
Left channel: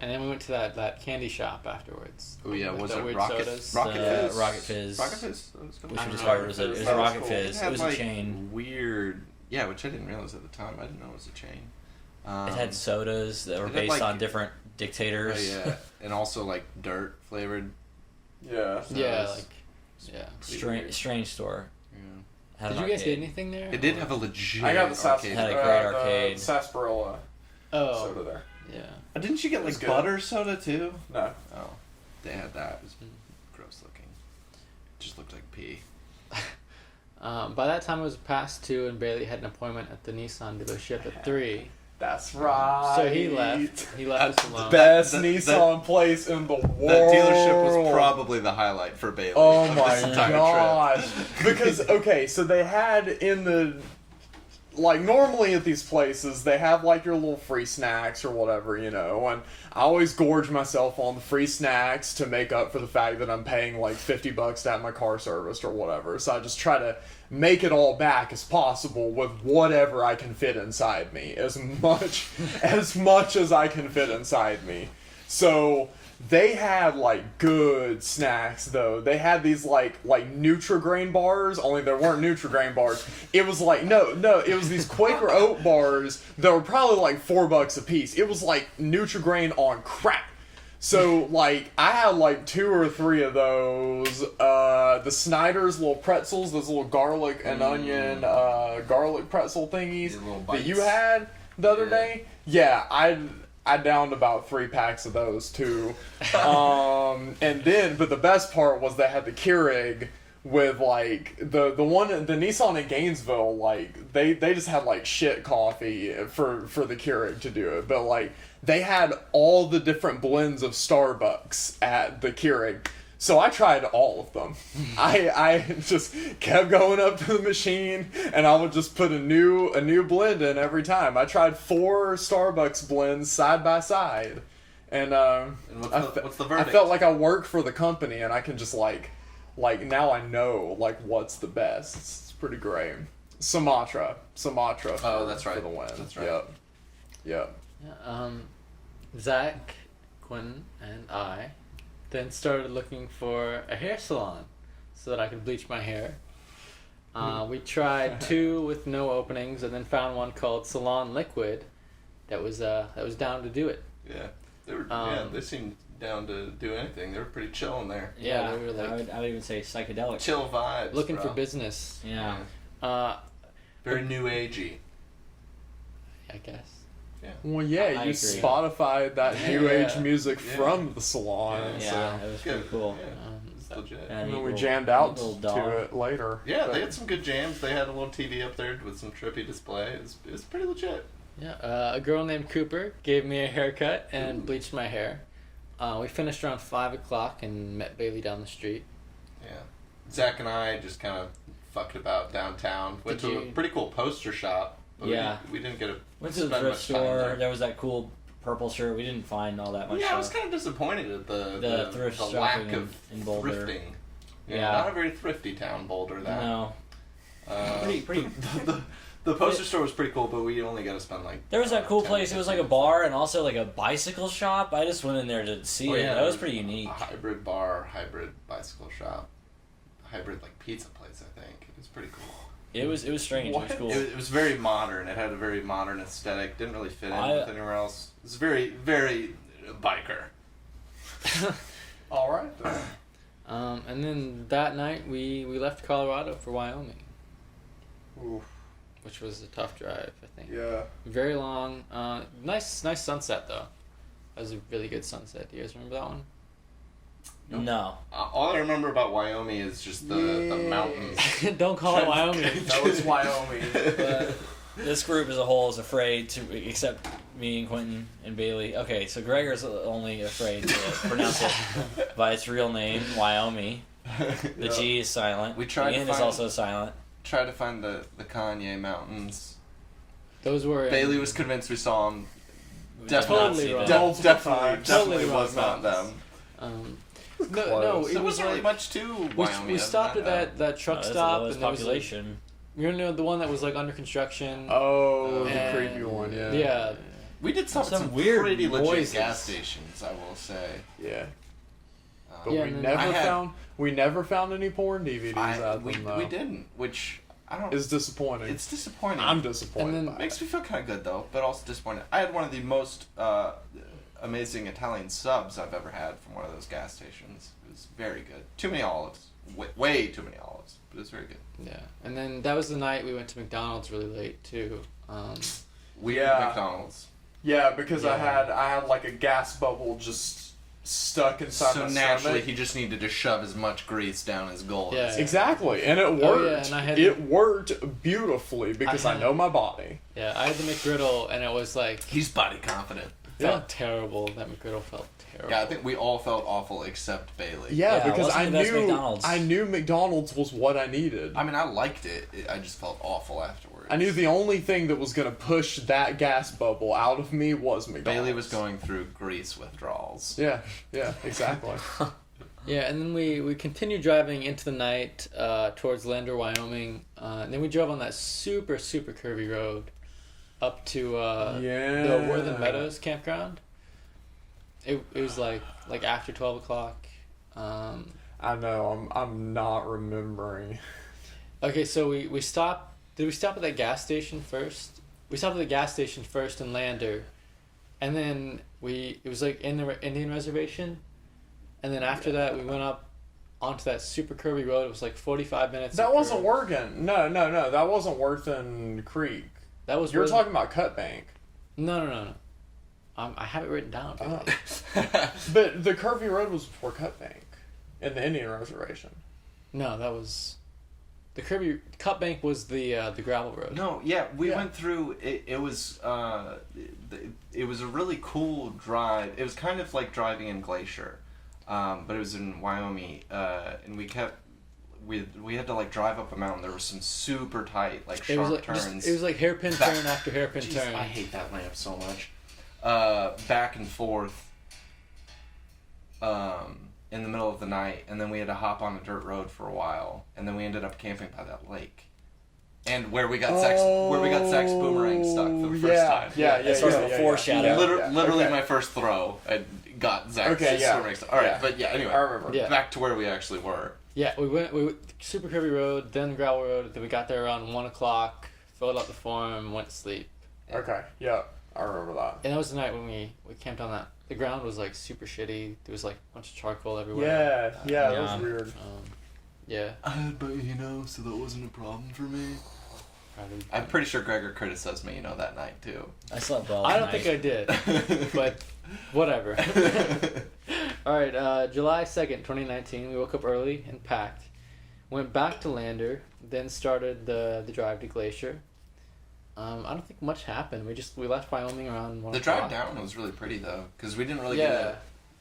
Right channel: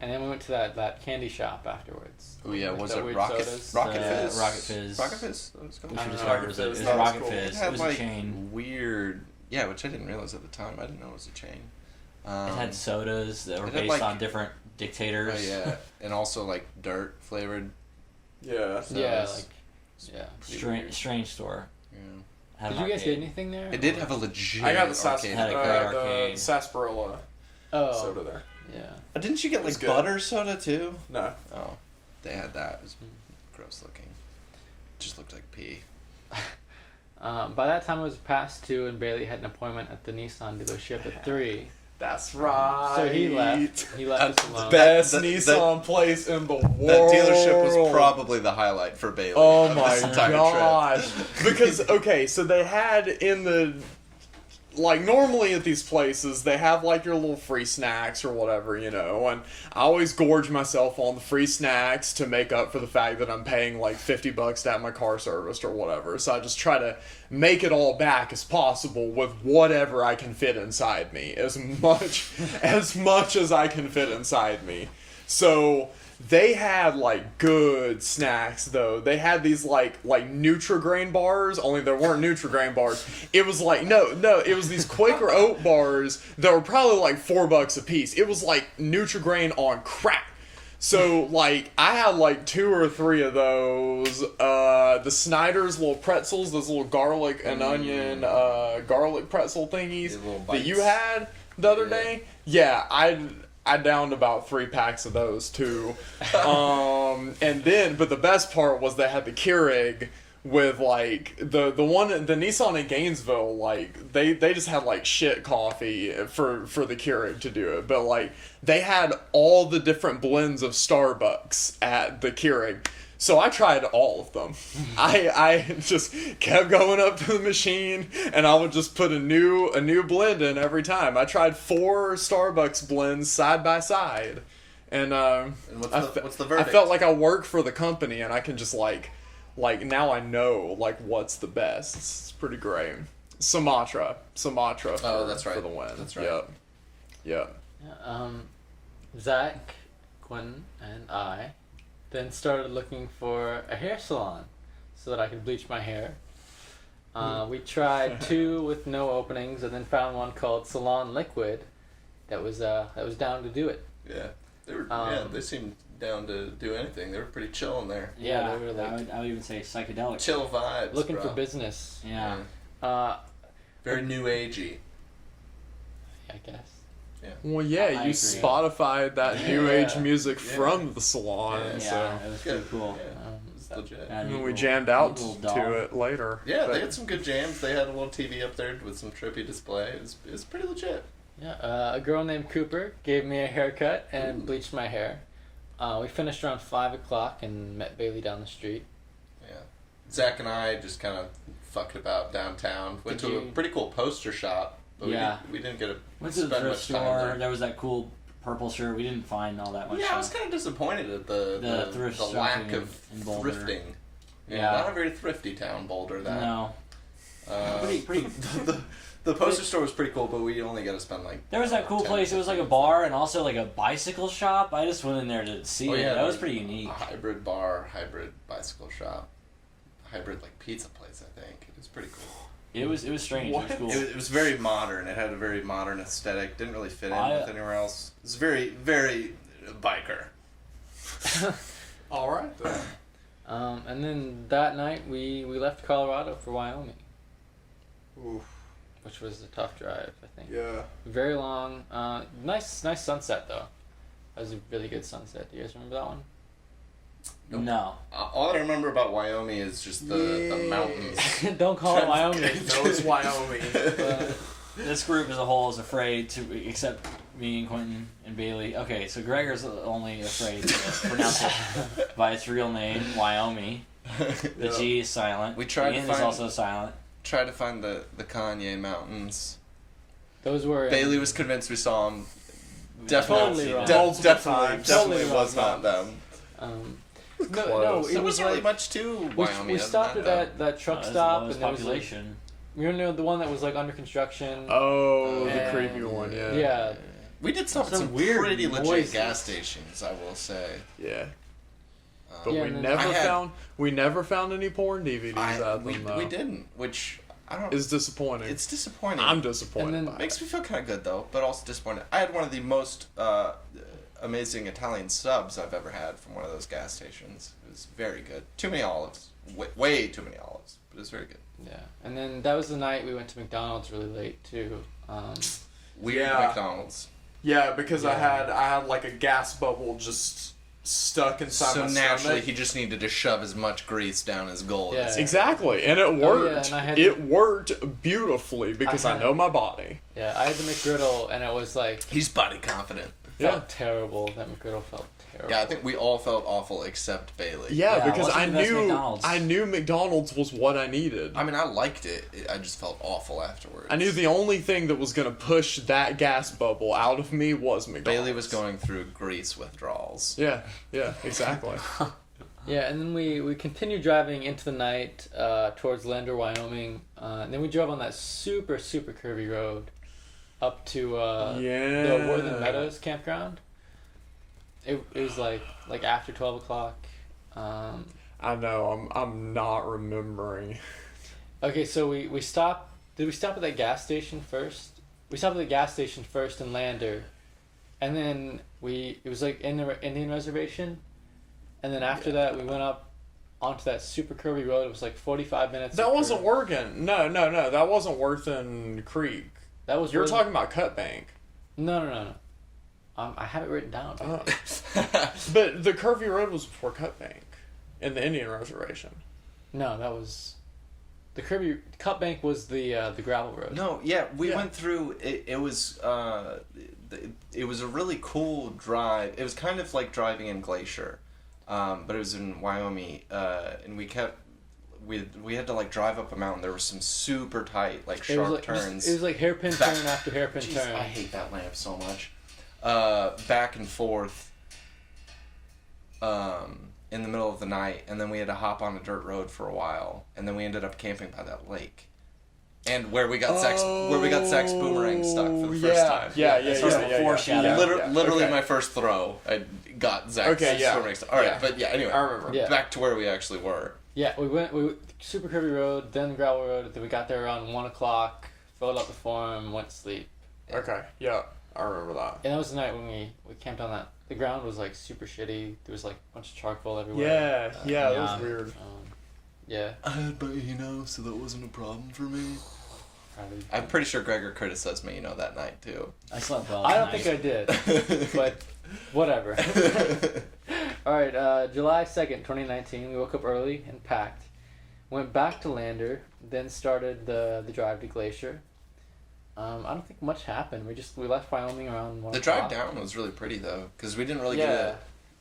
And then we went to that candy shop afterwards. Oh yeah, With was the it weird Rocket sodas. Rocket The Fizz? Rocket Fizz. Rocket Fizz. That was called? We I should don't describe know, it as a, Rocket it was Fizz, a that was Rocket cool. Fizz. It It had was like a chain. weird, yeah, which I didn't realize at the time. I didn't know it was a chain. It had sodas that were it had, based like- on different Oh, dictators. yeah, and also like dirt flavored. Yeah. Yeah, sodas. like yeah. Strange store. Yeah. Had Did an you guys arcade. get anything there? It did have a legit. I got the arcade. Had a great arcade. The sarsaparilla Oh, soda there. yeah. Didn't you get It's like good. butter soda too? No. Oh, they had that. It was gross looking. Just looked like pee. By that time it was past 2, and Bailey had an appointment at the Nissan dealership at 3. That's right. So he left. He left us alone. Best That- Nissan place in the world. That dealership was probably the highlight for Bailey. Oh of my this entire god! trip. Because okay, so they had in the like normally at these places they have like your little free snacks or whatever, you know, and I always gorge myself on the free snacks to make up for the fact that I'm paying like $50 to have my car serviced or whatever. So I just try to make it all back as possible with whatever I can fit inside me, as much as I can fit inside me. So they had like good snacks though. They had these like Nutri-Grain bars, only there weren't Nutri-Grain bars. It was like no, it was these Quaker Oat bars that were probably like $4 a piece. It was like Nutri-Grain on crack. So like I had like 2 or 3 of those. The Snyder's little pretzels, those little garlic and onion garlic pretzel thingies The little that you bites. had the other Yeah. day. Yeah, I downed about 3 packs of those too. And then, but the best part was they had the Keurig with like the Nissan in Gainesville, like they just had like shit coffee for the Keurig to do it, but like they had all the different blends of Starbucks at the Keurig. So I tried all of them. I just kept going up to the machine, and I would just put a new blend in every time. I tried 4 Starbucks blends side by side, and what's the I verdict? felt like I work for the company, and I can just like now I know like what's the best. It's pretty great. Sumatra. Oh, that's right. For the win. That's right. Yep. Yep. Yeah, Zach, Quinn, and I then started looking for a hair salon so that I could bleach my hair. We tried 2 with no openings, and then found one called Salon Liquid that was down to do it. Yeah, they were. Um, they seemed down to do anything. They were pretty chill in there. Yeah, they were I like would even say psychedelic. Chill vibes. looking bro. for business. Yeah. Very new agey. I guess. Well, yeah, I you agree. Spotified that new Yeah. age music Yeah. from the salon. Yeah. So. Yeah, it was pretty cool. Yeah, it's legit. Yeah, And neat we little- jammed neat out little to dog. it later. Yeah, But- they had some good jams. They had a little TV up there with some trippy display. It was pretty legit. Yeah, a girl named Cooper gave me a haircut and bleached my hair. We finished around 5 o'clock and met Bailey down the street. Yeah. Zach and I just kind of fucked about downtown. Went Did to a you- pretty cool poster shop. But Yeah. we didn't get a Went to the spend thrift much time store. there. There was that cool purple shirt. We didn't find all that much Yeah, I was stuff. kind of disappointed at The thrift the shopping lack in- of in Boulder. thrifting. Yeah. Not a very thrifty town, Boulder. That. No. Pretty- The poster store was pretty cool, but we only got to spend like. There was that cool 10, place. It was like a 15 bar and also like a bicycle shop. I just went in there to see Oh, it. yeah. That was pretty unique. A hybrid bar, hybrid bicycle shop, hybrid like pizza place. I think it was pretty cool. It was strange. It was What? cool. It was very modern. It had a very modern aesthetic. Didn't really fit in I- with anywhere else. It was very, very biker. All right. Then. And then that night we left Colorado for Wyoming, Oof. which was a tough drive, I think. Yeah. Very long. Nice sunset though. That was a really good sunset. Do you guys remember that one? No. All I remember about Wyoming is just the mountains. Don't call it Wyoming. That was Wyoming. This group as a whole is afraid to, except me and Quentin and Bailey. Okay, so Gregor's only afraid to pronounce it by its real name, Wyoming. The Yeah. G is silent. We tried to Ian is find- also silent. Try to find the Kanye mountains. Those were Bailey was convinced we saw them. We Totally did not wrong. see that. Multiple Definitely times. Totally was wrong not them. No, Close. it There was wasn't really like much to Wyoming. we other stopped than at that truck That's the stop, lowest and there was like, population. you know the one that was like under construction. Oh, the And- creepy one. Yeah. Yeah. We did stop at Some some weird pretty legit noises. gas stations, I will say. Yeah. But Yeah, we and then never found any porn DVDs out of we them though. didn't, which I don't. It's disappointing. It's disappointing. I'm disappointed. And then- by Makes it. me feel kind of good though, but also disappointed. I had one of the most amazing Italian subs I've ever had from one of those gas stations. It was very good. Too many olives, way too many olives, but it was very good. Yeah, and then that was the night we went to McDonald's really late too. We Yeah. McDonald's. Yeah, because I Yeah. had like a gas bubble just stuck inside So my naturally, stomach. he just needed to shove as much grease down his gullet. Yeah. as Exactly, and it Oh, worked. yeah, and I had- It worked beautifully because I Uh-huh. know my body. Yeah, I had the McGriddle, and it was like He's body confident. felt terrible. That McGriddle felt terrible. Yeah, I think we all felt awful except Bailey. Yeah, Yeah, it because wasn't I the best knew McDonald's. I knew McDonald's was what I needed. I mean, I liked it. I just felt awful afterwards. I knew the only thing that was going to push that gas bubble out of me was McDonald's. Bailey was going through grease withdrawals. Yeah, exactly. Yeah, and then we continued driving into the night towards Lander, Wyoming. And then we drove on that super curvy road up to the Worthen Meadows campground. It was like after 12 o'clock. I know. I'm not remembering. Okay, so we stopped. Did we stop at that gas station first? We stopped at the gas station first in Lander, and then it was like in the Indian reservation, and then after that we went up onto that super curvy road. It was like 45 minutes. That of wasn't curve. working. No. That wasn't Worthen Creek. That was You're Worthen- talking about Cut Bank. No. I have it written down. But the curvy road was before Cut Bank in the Indian reservation. No, that was the curvy cut bank was the gravel road. No, yeah, we Yeah. went through. It was it was a really cool drive. It was kind of like driving in Glacier, but it was in Wyoming, and we had to like drive up a mountain. There were some super tight like It was sharp like turns. it was like hairpin Back- turn after hairpin Jeez, turn. I hate that lamp so much. Back and forth. In the middle of the night, and then we had to hop on a dirt road for a while, and then we ended up camping by that lake, and where we got Zach's boomerang stuck for the first time. Yeah. That's sort of a foreshadow. Literally okay. my first throw, I got Zach's Okay, yeah. boomerang stuck. All right, Yeah. but yeah, anyway, I remember. Yeah. back to where we actually were. Yeah, we went super curvy road, then gravel road. Then we got there around 1 o'clock. Filled out the form, went to sleep. Okay. Yeah. I remember that. And that was the night when we camped on that. The ground was like super shitty. There was like a bunch of charcoal everywhere. Yeah. That Yeah. was weird. Yeah. I had Bahino, so that wasn't a problem for me. Probably. I'm pretty sure Gregor criticized Bahino that night too. I slept well. I that don't night. think I did, but whatever. All right, July 2nd, 2019. We woke up early and packed. Went back to Lander, then started the drive to Glacier. I don't think much happened. We left Wyoming around 1 The o'clock. drive down was really pretty though, because we didn't really Yeah. get a.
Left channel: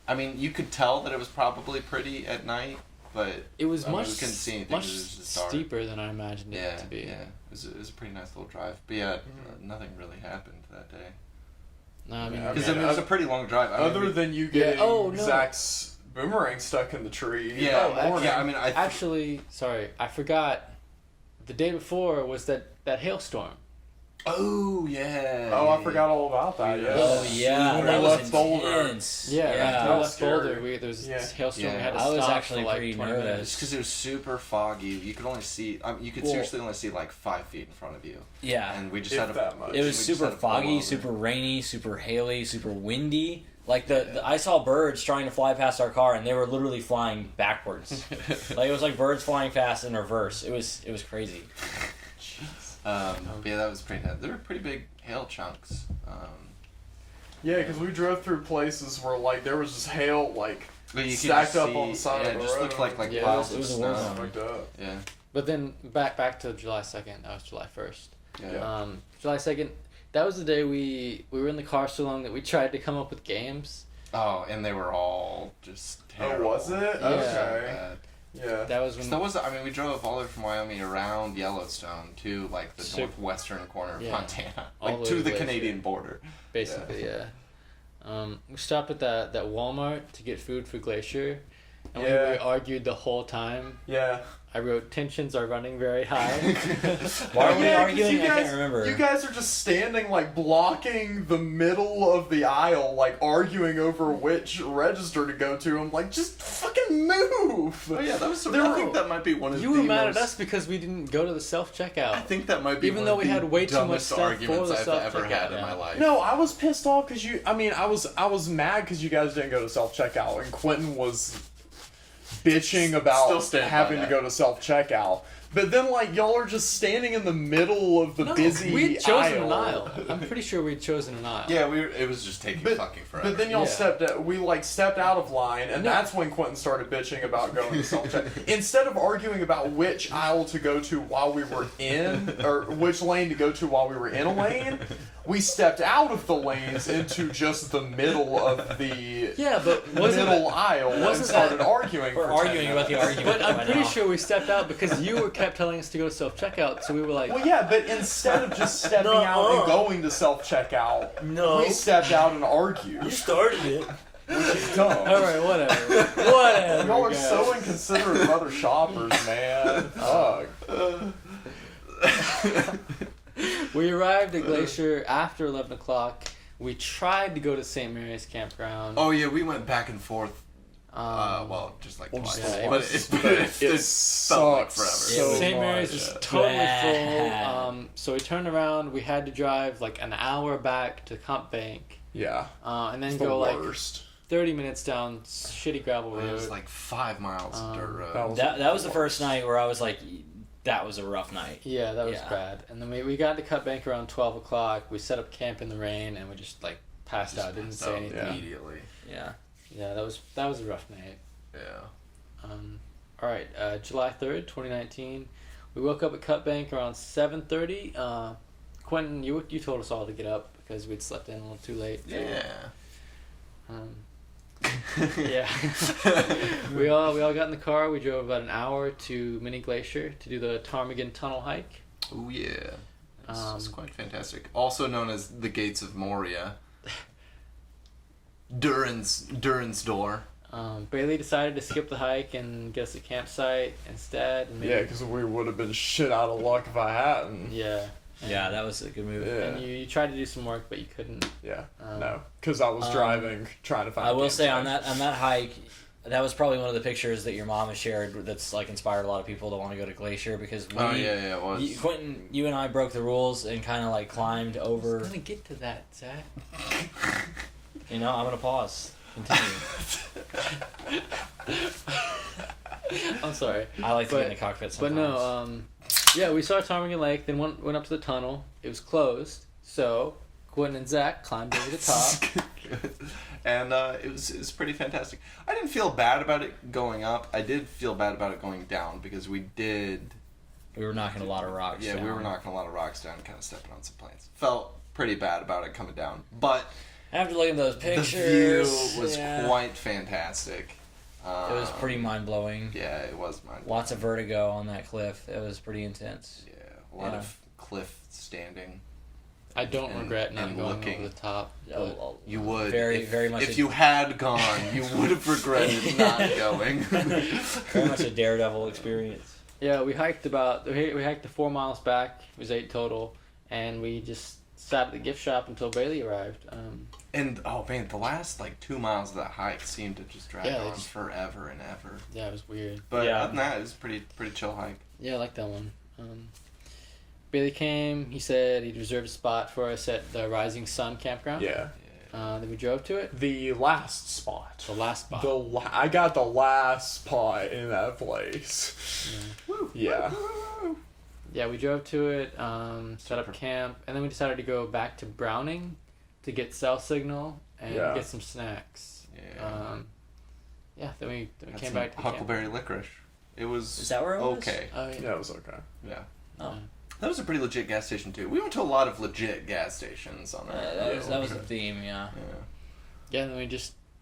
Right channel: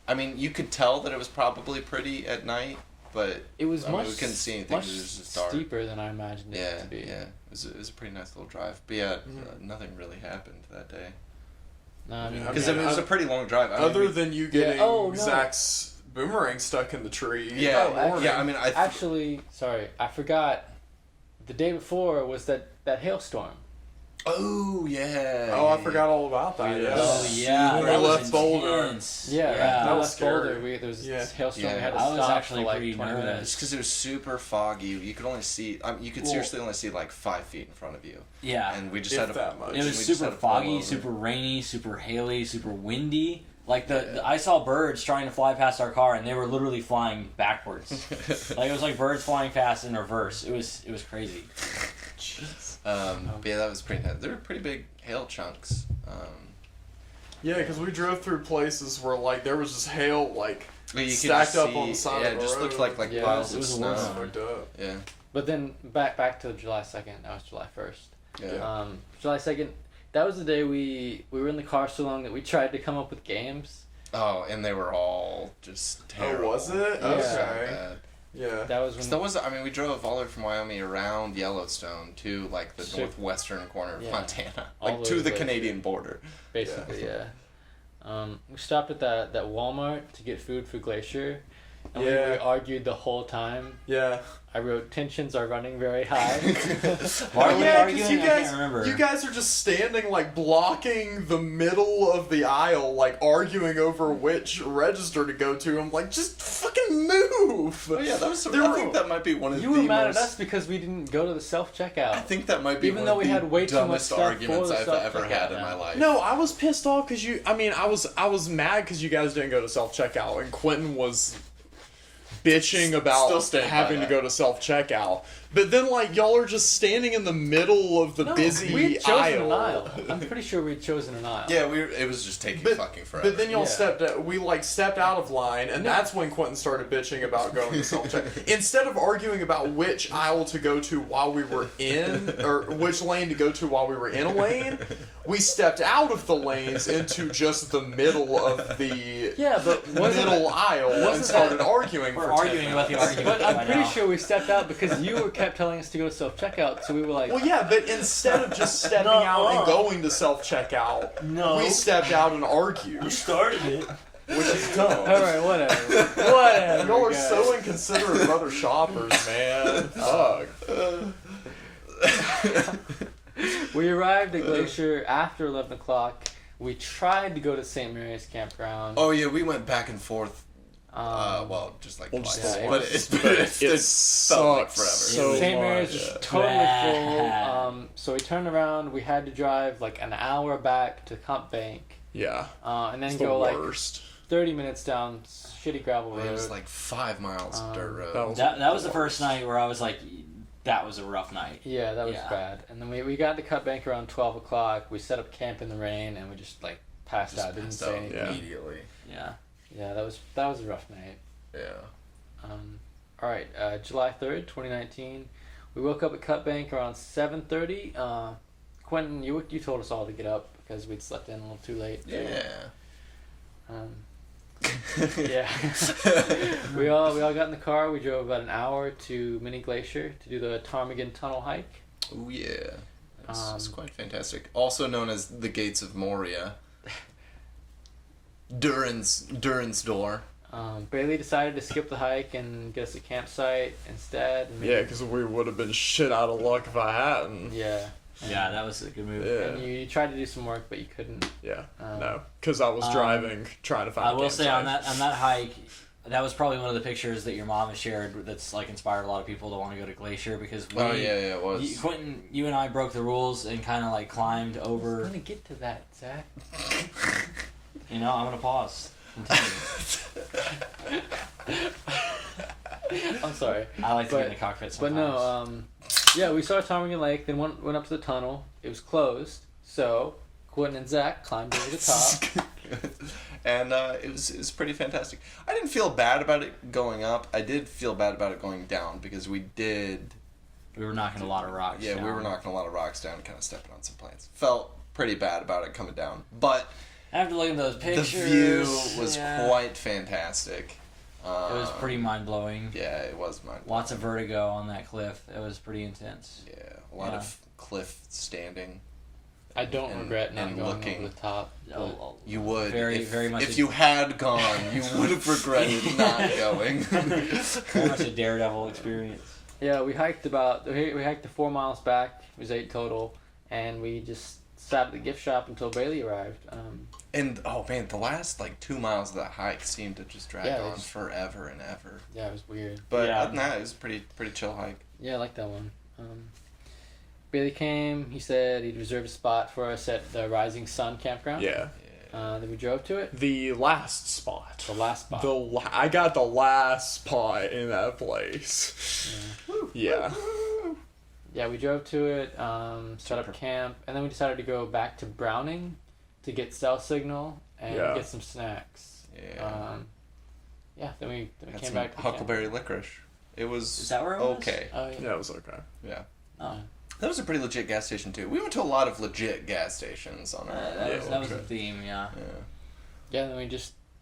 I mean, you could tell that it was probably pretty at night, but It was I mean, much, we couldn't see anything, much it was just dark. steeper than I imagined yeah, it to be. yeah, it was a pretty nice little drive. But yeah, nothing really happened that day No, I mean, Yeah, because mean, it was a pretty long drive. I mean, Other we- than you getting Oh, no. Zach's boomerang stuck in the tree. yeah, Oh, actually- yeah. I mean, actually, sorry, I forgot. The day before was that hailstorm. Oh yeah. Oh, I forgot all about that. Yeah. Oh yeah, When that we was left Boulder. intense. Yeah, yeah. we That was left Boulder. scary. There was Yeah. this hailstorm. Yeah. We had to I was stop actually for like pretty 20 nervous. minutes. Just because it was super foggy, you could only see. You could Well- seriously only see like 5 feet in front of you, Yeah. and we just If had to. that much. It we was just super had to pull foggy, over. super rainy, super haily, super windy. Like I saw birds trying to fly past our car, and they were literally flying backwards. Like it was like birds flying fast in reverse. It was crazy. But yeah, that was pretty. They were pretty big hail chunks. Yeah, because we drove through places where like there was just hail like But you could stacked just up on the see- side yeah, of the it just road. looked like Yeah, piles it of was a snow. war zone. Fucked up. Yeah, But then back to July 2nd. That was July 1st. yeah. July 2nd. That was the day we were in the car so long that we tried to come up with games. Oh, and they were all just terrible. Oh, was it? Yeah. Okay. Bad. Yeah. That was when. So that was. I mean, we drove all the way from Wyoming around Yellowstone to like the So- northwestern corner of Yeah. Montana, All like the to way the to Canadian border. Basically, yeah. We stopped at that Walmart to get food for Glacier, and we Yeah. argued the whole time. Yeah. I wrote tensions are running very high. Why were we Yeah, 'cause arguing? you I guys, can't remember. You guys are just standing like blocking the middle of the aisle, like arguing over which register to go to. I'm like, just fucking move. Oh yeah, that was. There I were- think that might be one of You the were mad most, at us because we didn't go to the self checkout. I think that might be Even one though of we the had way too much dumbest stuff for arguments the I've ever self-checkout had in now. my life. No, I was pissed off because I was mad because you guys didn't go to self checkout, and Quentin was bitching Still about stand by having to that. go to self checkout. But then, like, y'all are just standing in the middle of the busy we had chosen aisle. an aisle. I'm pretty sure we'd chosen an aisle. Yeah, it was just taking fucking forever. But then y'all Yeah. we stepped out of line, and that's when Quentin started bitching about going to self check. Instead of arguing about which aisle to go to while we were in, or which lane to go to while we were in a lane, we stepped out of the lanes into just the middle of the Yeah, but wasn't middle aisle and wasn't started that- arguing. We're for 10 arguing about the minutes. argument. But I'm by pretty now. sure we stepped out because you kept telling us to go self checkout. So we were like, Well, yeah, but instead of just stepping out and going to self checkout, we stepped out and argued. started it. Which is dumb. all right, whatever, whatever. Y'all are guys. so inconsiderate of other shoppers, man. Fuck. We arrived at Glacier after 11 o'clock. We tried to go to St. Mary's Campground. oh yeah, we went back and forth. Um, Just like Well, twice, just yeah, but it it felt like sucks forever. so St. Mary's much. was totally full. Bad. So we turned around. We had to drive like an hour back to Comp Bank, Yeah. and then It's go the like worst. 30 minutes down shitty gravel It road. was like 5 miles of dirt road. That was the first night where I was like, that was a rough night. Yeah, that was Yeah. bad. And then we got to Cut Bank around 12 o'clock. We set up camp in the rain, and we just like passed out. Didn't Passed say out anything. Yeah. immediately. Yeah. Yeah, that was a rough night. Yeah. All right, July 3rd, 2019. We woke up at Cut Bank around 7:30. Quentin, you told us all to get up because we'd slept in a little too late. Yeah. Yeah. we all got in the car. We drove about an hour to Mini Glacier to do the Ptarmigan Tunnel hike. Oh yeah. It's Um, quite fantastic. Also known as the Gates of Moria. Durin's door. Bailey decided to skip the hike and get us a campsite instead. And Yeah, because we would have been shit out of luck if I hadn't. yeah. Yeah, that was a good move. Yeah. And you tried to do some work, but you couldn't. Yeah. Um, No. Because I was driving, trying to find I a will say campsite. on that hike, that was probably one of the pictures that your mom has shared that's like inspired a lot of people to want to go to Glacier because we, It was. Quentin, you and I broke the rules and kind of like climbed I'm over. gonna get to that, Zach. You know, I'm gonna pause. Continue. I'm sorry. I like to get in But- the cockpit But sometimes. no, yeah, we saw Ptarmigan Lake, then went up to the tunnel. It was closed, so Quentin and Zach climbed over the top. And it was pretty fantastic. I didn't feel bad about it going up. I did feel bad about it going down because we did. we were knocking a lot of rocks. Yeah, down. we were knocking a lot of rocks down, kind of stepping on some planes. Felt pretty bad about it coming down, but After looking at those pictures, the view was yeah, quite fantastic. It was pretty mind blowing. Yeah, it was mine. Lots of vertigo on that cliff. It was pretty intense. Yeah, a lot Yeah. of cliff standing. I don't And- regret not and going looking. over the top. Oh, You would Very- if, very much if a- you had gone, you would have regretted not going. Very much a daredevil experience. Yeah, we hiked the 4 miles back. It was 8 total, and we just sat at the gift shop until Bailey arrived. And oh man, the last like 2 miles of that hike seemed to just drag Yeah, on it's- forever and ever. Yeah, it was weird. But Yeah. other than that, it was a pretty chill hike. Yeah, I like that one. Bailey came. He said he'd reserved a spot for us at the Rising Sun campground. Yeah. Then we drove to it. The last spot. The last spot. I got the last spot in that place. Yeah. Yeah, we drove to it, set up camp, and then we decided to go back to Browning to get cell signal and Yeah. get some snacks. Yeah. Then we Had came some back to the camp. Huckleberry licorice. It was Is that where it was? okay. Oh, yeah. Yeah, it was okay. Yeah. Oh. That was a pretty legit gas station too. We went to a lot of legit gas stations on our That was the trip. theme, yeah. Yeah. Yeah, and then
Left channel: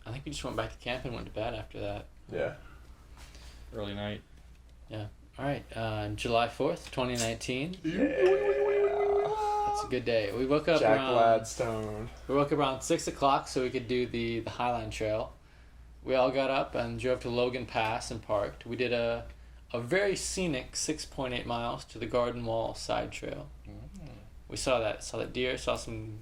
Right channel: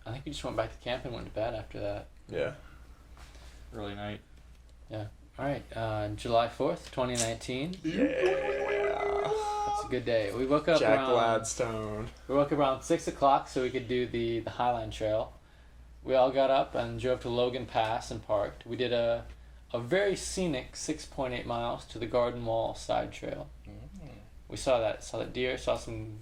I think we just went back to camp and went to bed after that. Yeah. Early night. All right, July 4th, 2019. Yeah. That's a good day. We woke up Jack around Gladstone. 6 o'clock so we could do the Highline Trail. We all got up and drove to Logan Pass and parked. We did a a very scenic 6.8 miles to the Garden Wall side trail. We saw that deer, saw some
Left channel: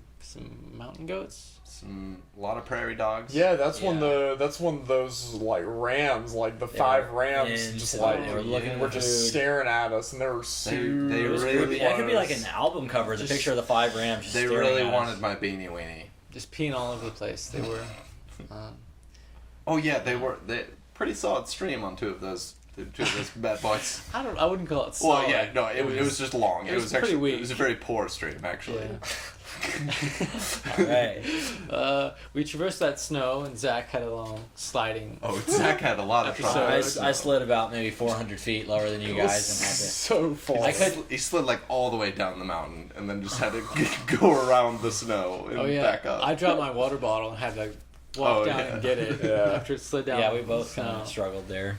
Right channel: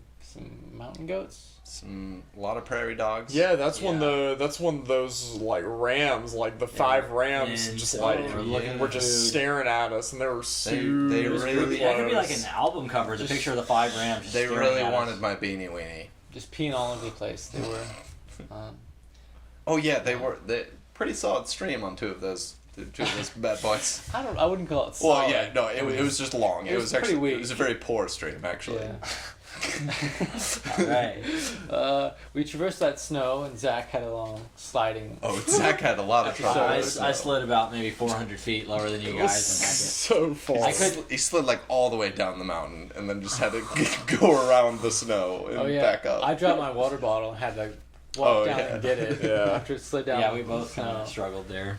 mountain goats. A lot of prairie dogs. Yeah, that's when Yeah. that's when those like rams, like the 5 rams, and just so like we're looking were at just food. staring at us, and they were super. they It was really creepy. That could be like close. an album cover. It's a picture of the 5 rams. Just They staring really at wanted us. my beanie weenie. Just peeing all over the place. They were. Oh yeah, they were pretty solid stream on two of those bad boys. I wouldn't call it Well, solid. yeah, no, it was just long. it was actually pretty weak. It was a very poor stream, actually. Yeah. All right. We traversed that snow, and Zach had a long sliding. Oh, Zach had a lot of So- trouble. I slid about maybe 400 feet lower than you It was guys. And had to- so far. I could- He slid like all the way down the mountain, and then just had to go around the snow and Oh yeah, back up. I dropped my water bottle and had to walk Oh, down yeah. and get it Yeah. after it slid down. Yeah, we both the kind of snow. struggled there.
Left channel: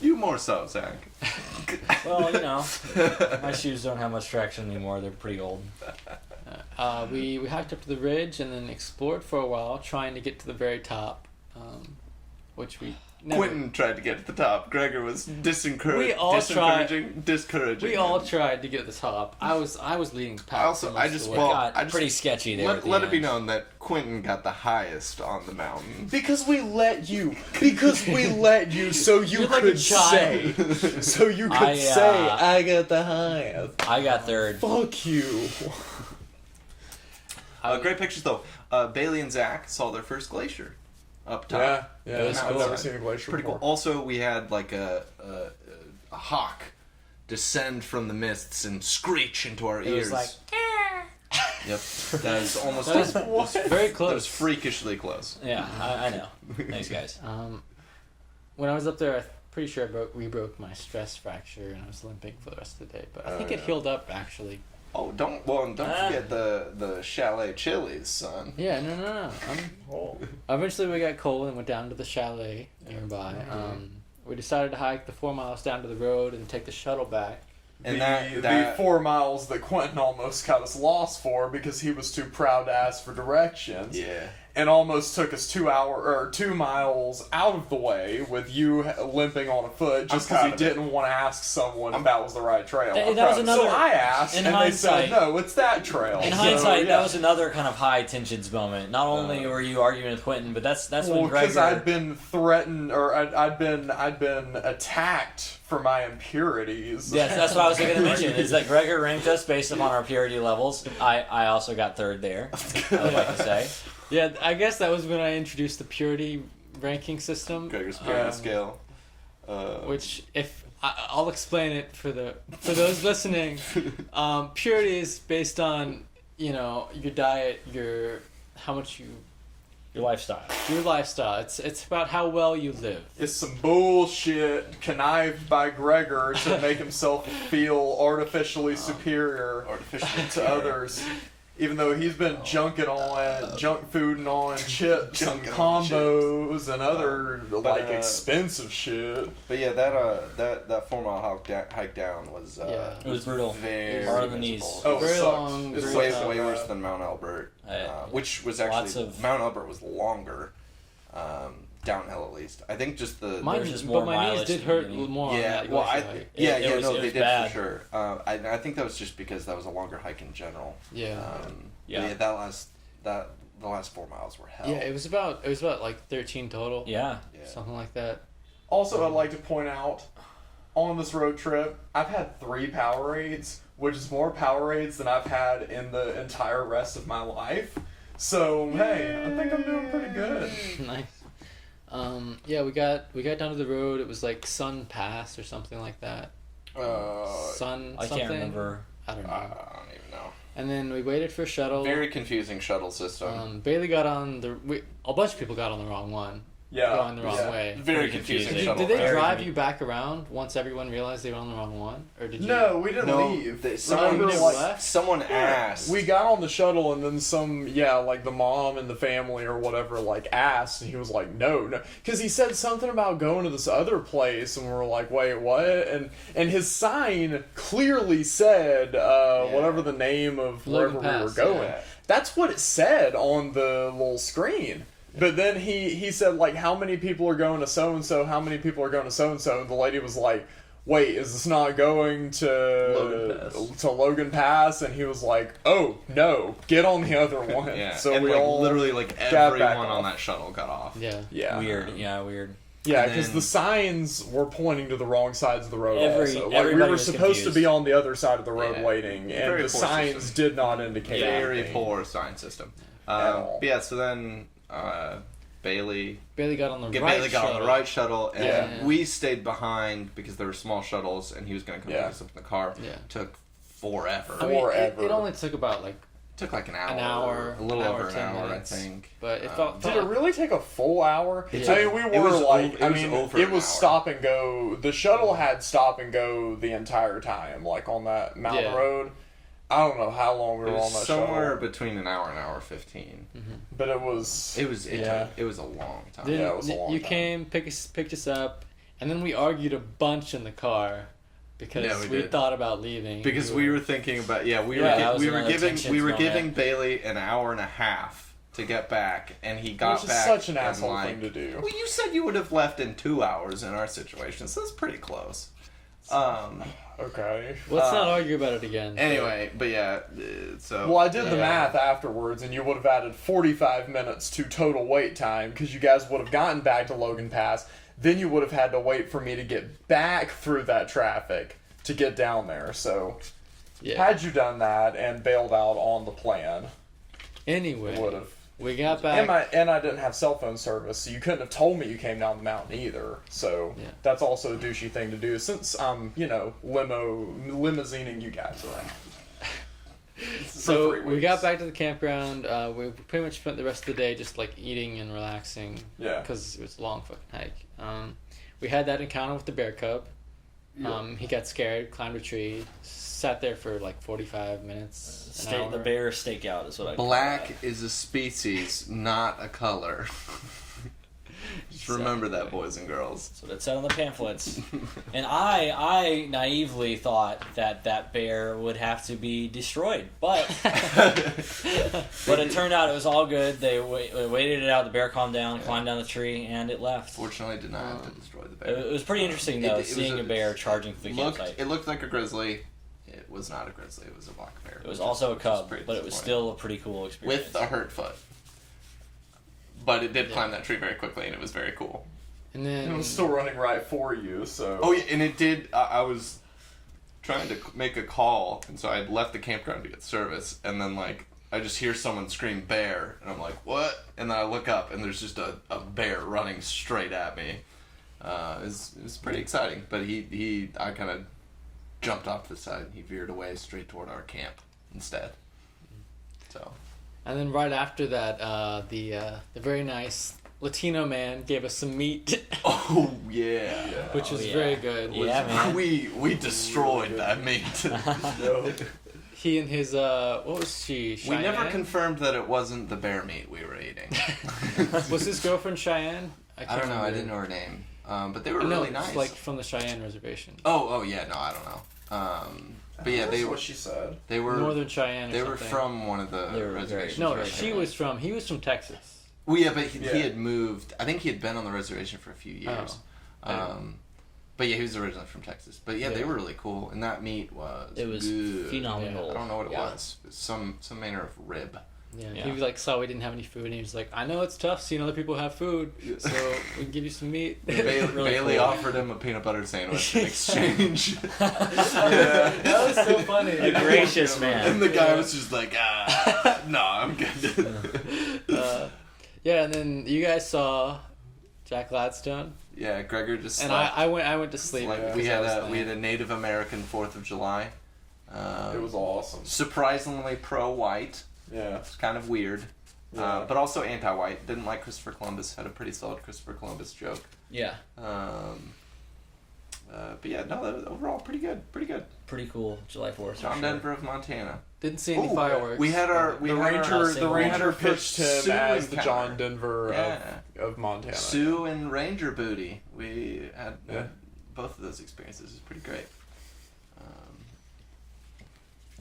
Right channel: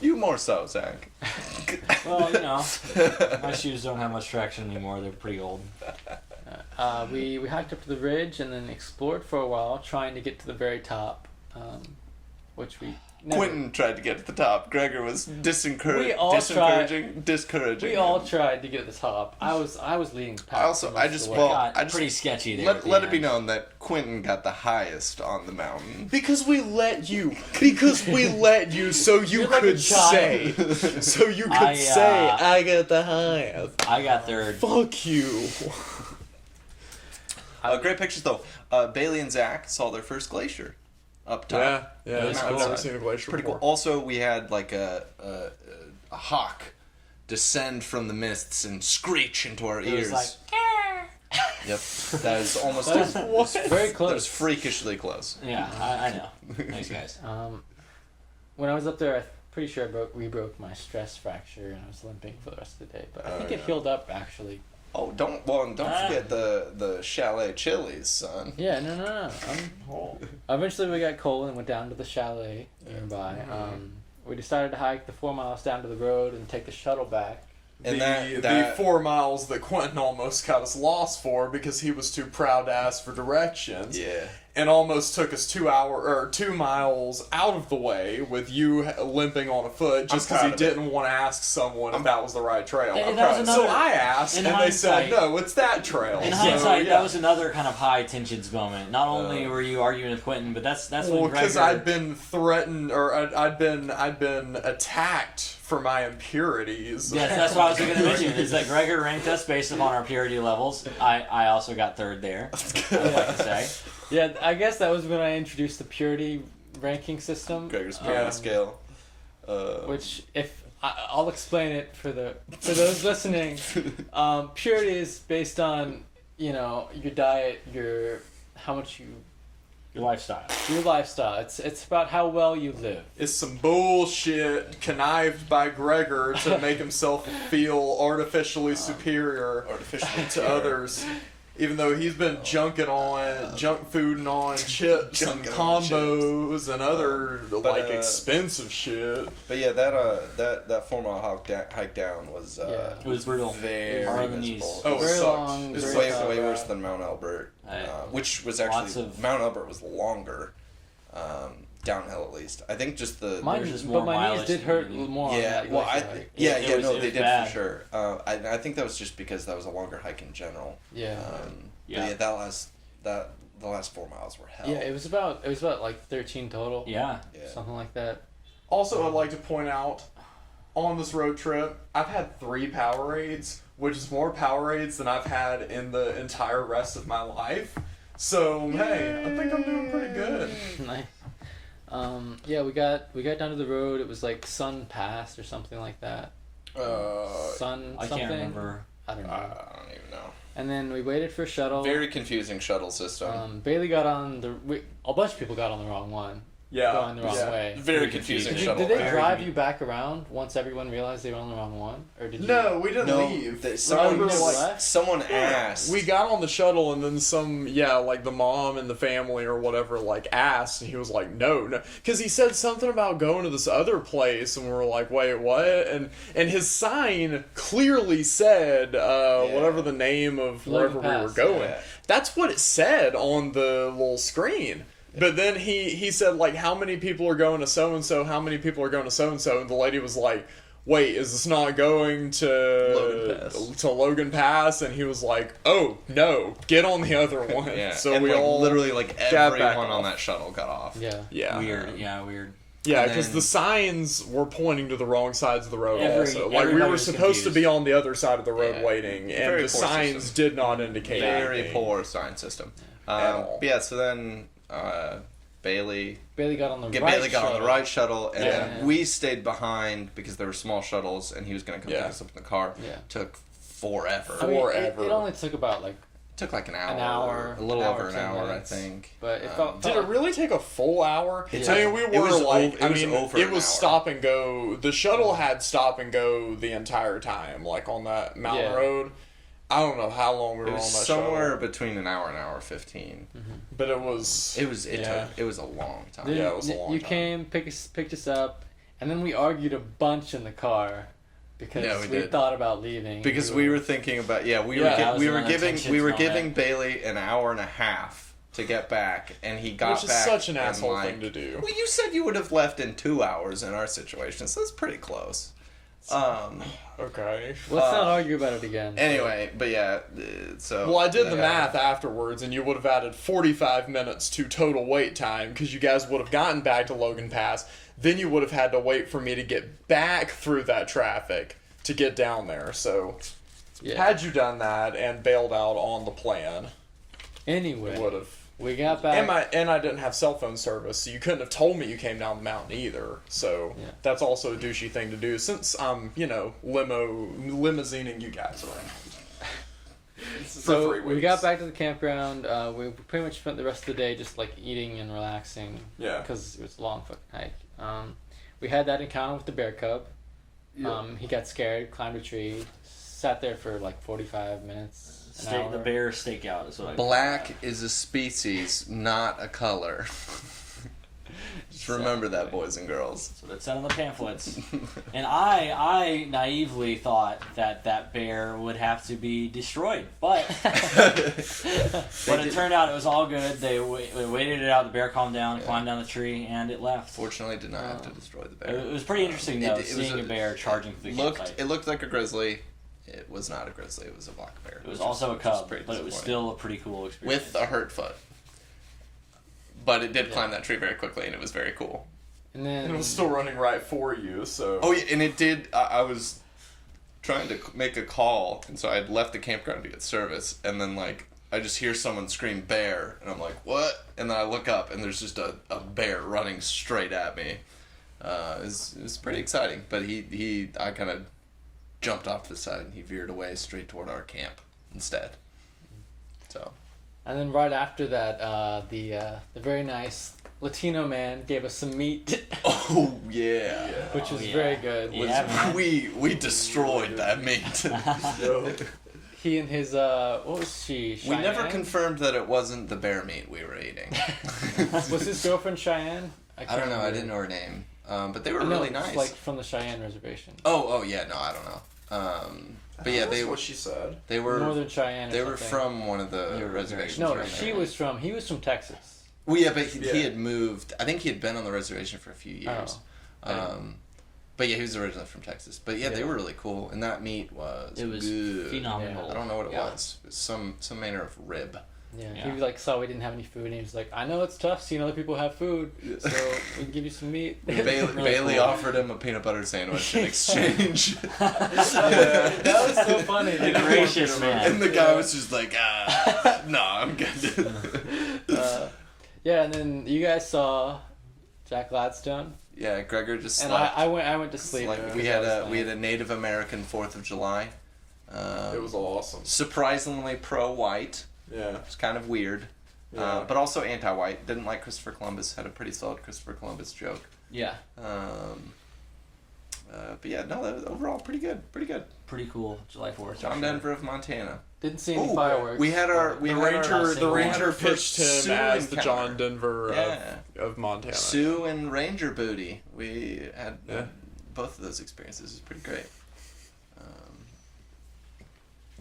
You more so, Zach. Well, my shoes don't have much traction anymore. They're pretty old. We hiked up to the ridge and then explored for a while, trying to get to the very top, which we never, Quentin tried to get to the top. Gregor was We all discouraging. we all him. tried to get to the top. I was leading the pack. for most I of the just- way. well, Got I just- pretty sketchy there. Let it be known that Quentin got the highest on the mountain. Because we let you. Because we let you, so you You're like a could say. child. So you could I, say, I got the highest. I got third. Fuck you. Great pictures though. Bailey and Zach saw their first glacier up top. Yeah, It was I've cool. never seen a glacier Pretty cool. before. Also, we had like a hawk descend from the mists and screech into our It ears. was like, Yep, that is almost That was very that close. was freakishly close. yeah, I know. Thanks, guys. When I was up there, I'm pretty sure we broke my stress fracture and I was limping for the rest of the day. But I think it healed up actually. Oh, don't forget the chalet chilies, son. Yeah, no. Eventually, we got cold and went down to the chalet nearby. We decided to hike the 4 miles down to the road and take the shuttle back. And the that 4 miles that Quentin almost got us lost for because he was too proud to ask for directions. yeah. And almost took us 2 miles out of the way with you limping on a foot just I'm because proud he of didn't want to ask someone if that was the right trail. That was another- so I asked, in and they said, hindsight- no, it's that trail. In So, hindsight, yeah. that was another kind of high tensions moment. Not only were you arguing with Quentin, but that's Well, when because Gregor. I'd been threatened, or I'd been attacked for my impurities. Yes, that's what I was going to mention. Is that Gregor ranked us based upon our purity levels. I also got third there. I would like to say. Yeah, I guess that was when I introduced the purity ranking system. Gregor's purity um, scale. Which, if I'll explain it for those listening, purity is based on your diet, how much Your lifestyle. your lifestyle. It's about how well you live. It's some bullshit connived by Gregor to make himself feel artificially superior Artificially to others. Even though he's been junk fooding on chips and Junking on combos and other But, expensive shit. But yeah, that 4 mile hike down was Yeah. It was brutal. very Hard on the miserable. knees. Oh, it Very sucked. long, It's very way tough. worse than Mount Albert, which was Lots actually of- Mount Albert was longer, downhill at least. I think just the Mine, just more but my knees mileage did than hurt you need. more. on yeah, that well, glacier hike. It was they did bad. for sure. I think that was just because that was a longer hike in general. Yeah. Yeah. The last 4 miles were hell. Yeah, it was about like 13 total. Yeah. Yeah. Something like that. Also, I'd like to point out, on this road trip, I've had 3 Powerades, which is more Powerades than I've had in the entire rest of my life. So, hey, I think I'm doing pretty good. Nice. Yeah, we got down to the road. It was like Sun Pass or something like that. Sun I something. can't remember. I don't I know. don't even know. And then we waited for a shuttle. Very confusing shuttle system. Bailey got on a bunch of people got on the wrong one. Yeah. Going the wrong yeah. way. Very confusing Did shuttle. Did they Very drive good. you back around once everyone realized they were on the wrong one, or did you? No, we didn't No, leave. someone, you never like, left? someone asked. we got on the shuttle and then like the mom and the family or whatever, like asked, and he was like, no, because he said something about going to this other place, and we were like, wait, what? And his sign clearly said whatever the name of Logan wherever we were Pass, going. yeah. That's what it said on the little screen. But then he said, like, how many people are going to so-and-so, how many people are going to so-and-so, and the lady was like, wait, is this not going to Logan Pass? And he was like, oh, no, get on the other one. Yeah. So and we like, all literally like got back everyone on off. that shuttle got off. Yeah. Yeah. Weird. Yeah, weird. Yeah, And because then- the signs were pointing to the wrong sides of the road also. Like, we everybody were was supposed to confused. be on the other side of the road Yeah. waiting, and Very the poor signs system. did not indicate Very anything. poor sign system. At all. But yeah, so then Bailey Bailey got on the Bailey got on the right shuttle, and Yeah. we stayed behind because there were small shuttles, and he was going to come Yeah. pick us up in the car. Yeah. Took forever. I mean, Forever. it only took about like, Took like an hour. hour, A little an hour, over an 10 hour, minutes. I think. but it Um, felt. Did it really take a full hour? Yeah. I mean, we It were was like, over- it was over it an was hour. stop and go. The shuttle had stop and go the entire time, like on that mountain Yeah. road. I don't know how long we It were on was that somewhere shuttle, between an hour and hour 15. but it was. It was Yeah. it was a long time. Then Yeah, it was a long you time. came, picked us up, and then we argued a bunch in the car because Yeah, we we did. thought about leaving. Because we were thinking about Yeah, that was we were another giving tension we were thrown giving in. Bailey an hour and a half to get back, and he got Which is back. such an and, asshole like, thing to do. Well, you said you would have left in 2 hours in our situation, so that's pretty close. Okay. Let's not argue about it again. Anyway, but yeah, so Well, I did the yeah. math afterwards, and you would have added 45 minutes to total wait time because you guys would have gotten back to Logan Pass. Then you would have had to wait for me to get back through that traffic to get down there. So, Yeah. had you done that and bailed out on the plan, Anyway, it would have. we got back. And I didn't have cell phone service, so you couldn't have told me you came down the mountain either. So Yeah. that's also a douchey thing to do since I'm, limousining you guys around. So for 3 we weeks. got back to the campground. We pretty much spent the rest of the day just like eating and relaxing. Yeah. Because it was a long fucking hike. We had that encounter with the bear cub. He got scared, climbed a tree, sat there for like 45 minutes. An hour. The bear stakeout is what I. Black is a species, not a color. Just remember that, boys and girls. So that said on the pamphlets. And I naively thought that bear would have to be destroyed, but it turned out it was all good. They waited it out. The bear calmed down, climbed down the tree, and it left. Fortunately, did not have to destroy the bear. It was pretty interesting though, It was seeing a bear charging through the campsite. It looked like a grizzly. It was not a grizzly. It was a black bear. It was also a cub, pretty but it was disappointing. still a pretty cool experience. With a hurt foot. But it did climb that tree very quickly, and it was very cool. And then And it was still running right for you, so. Oh yeah, and it did. I was trying to make a call, and so I had left the campground to get service, and then like I just hear someone scream "bear," and I'm like, "What?" And then I look up, and there's just a bear running straight at me. It's pretty exciting, but I kind of jumped off the side, and he veered away straight toward our camp instead. So. And then right after that, the very nice Latino man gave us some meat, Oh yeah. which was yeah. very good. Yeah, man. We destroyed that meat. He and his what was she? We never Cheyenne? confirmed that it wasn't the bear meat we were eating. Was his girlfriend Cheyenne? I don't know. I didn't know her name, but they were No, really it's nice. like from the Cheyenne reservation. oh yeah, no, I don't know. But yeah, That's what she said. they were Northern Cheyenne. Or they were something. from one of the They were very- reservations. No, around she there. was from. He was from Texas. Well, yeah, but he Yeah. had moved. I think he had been on the reservation for a few years. But yeah, he was originally from Texas. But yeah, they Yeah. were really cool, and that meat was Good. I Phenomenal. don't know what it Yeah. was. It was some manner of rib. Yeah. Yeah. He was like saw we didn't have any food, and he was like, "I know it's tough seeing other people have food, so we can give you some meat." Bailey, Really Bailey cool. offered him a peanut butter sandwich in exchange. That was so funny. A gracious man. And the guy was just like, no, I'm good. Yeah, and then you guys saw Jack Gladstone, Yeah, Gregor just and slept. I went to sleep. Like, because we I had was a tired. Native American 4th of July. It was awesome. Surprisingly pro-white. Yeah. It's kind of weird. Yeah. But also anti-white. Didn't like Christopher Columbus. Had a pretty solid Christopher Columbus joke. Yeah, But yeah, no, that was overall pretty good. Pretty good. pretty cool. July 4th. John Denver of Montana. Didn't see any Ooh, fireworks. We had our The had our- ranger, the we had ranger our pitched first him as Sioux the encounter. John Denver Yeah. of Montana. Sioux and Ranger booty. We had Yeah. both of those experiences. It was pretty great.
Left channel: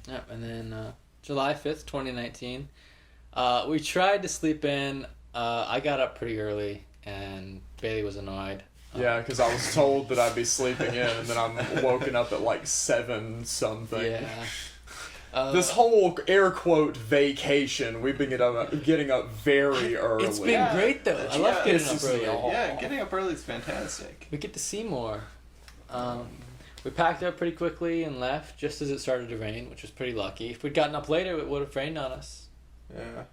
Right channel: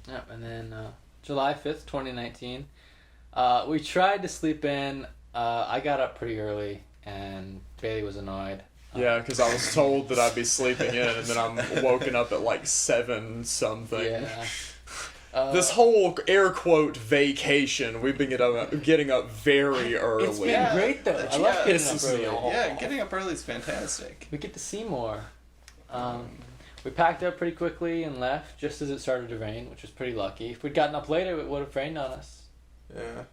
Yep, and then July 5th, 2019, we tried to sleep in I got up pretty early, and Bailey was annoyed. Yeah, because I was told that I'd be sleeping in, and then I'm woken up at like 7 something. Yeah. This whole air quote vacation, we've been getting up very early. It's been great though. I love getting up pisses me early. off. Yeah, getting up early is fantastic. We get to see more. We packed up pretty quickly and left just as it started to rain, which was pretty lucky. If we'd gotten up later, it would have rained on us. Yeah.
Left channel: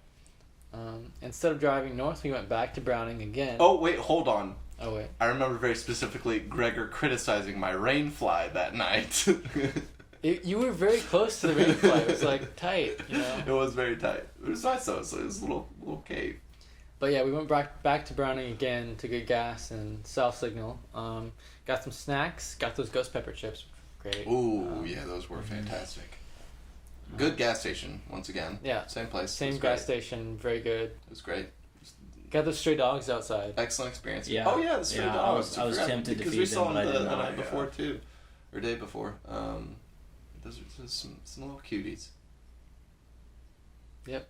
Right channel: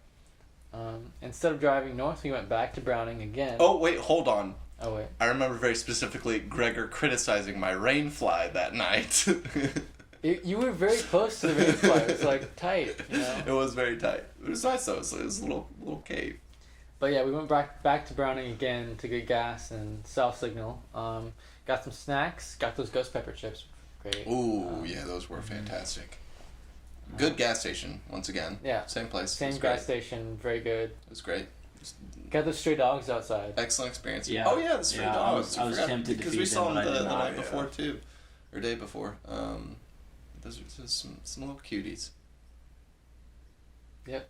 Instead of driving north, we went back to Browning again. Oh wait, hold on. Oh wait. I remember very specifically Gregor criticizing my rain fly that night. You were very close to the rain fly. It was like tight, you know. It was very tight. It was nice though. So it was a little cave. But yeah, we went back to Browning again to get gas and South Signal. Got some snacks. Got those ghost pepper chips. Great. Ooh, yeah, those were fantastic. Good gas station once again. Yeah. Same place. It Same was gas great. station. Very good. It was great. Got those stray dogs outside. Excellent experience. Yeah. Oh yeah, the stray Yeah, dogs. I was forgot, tempted to because feed we them, saw them but I the did not, night yeah. before too, or day before. Those are just some little cuties. Yep.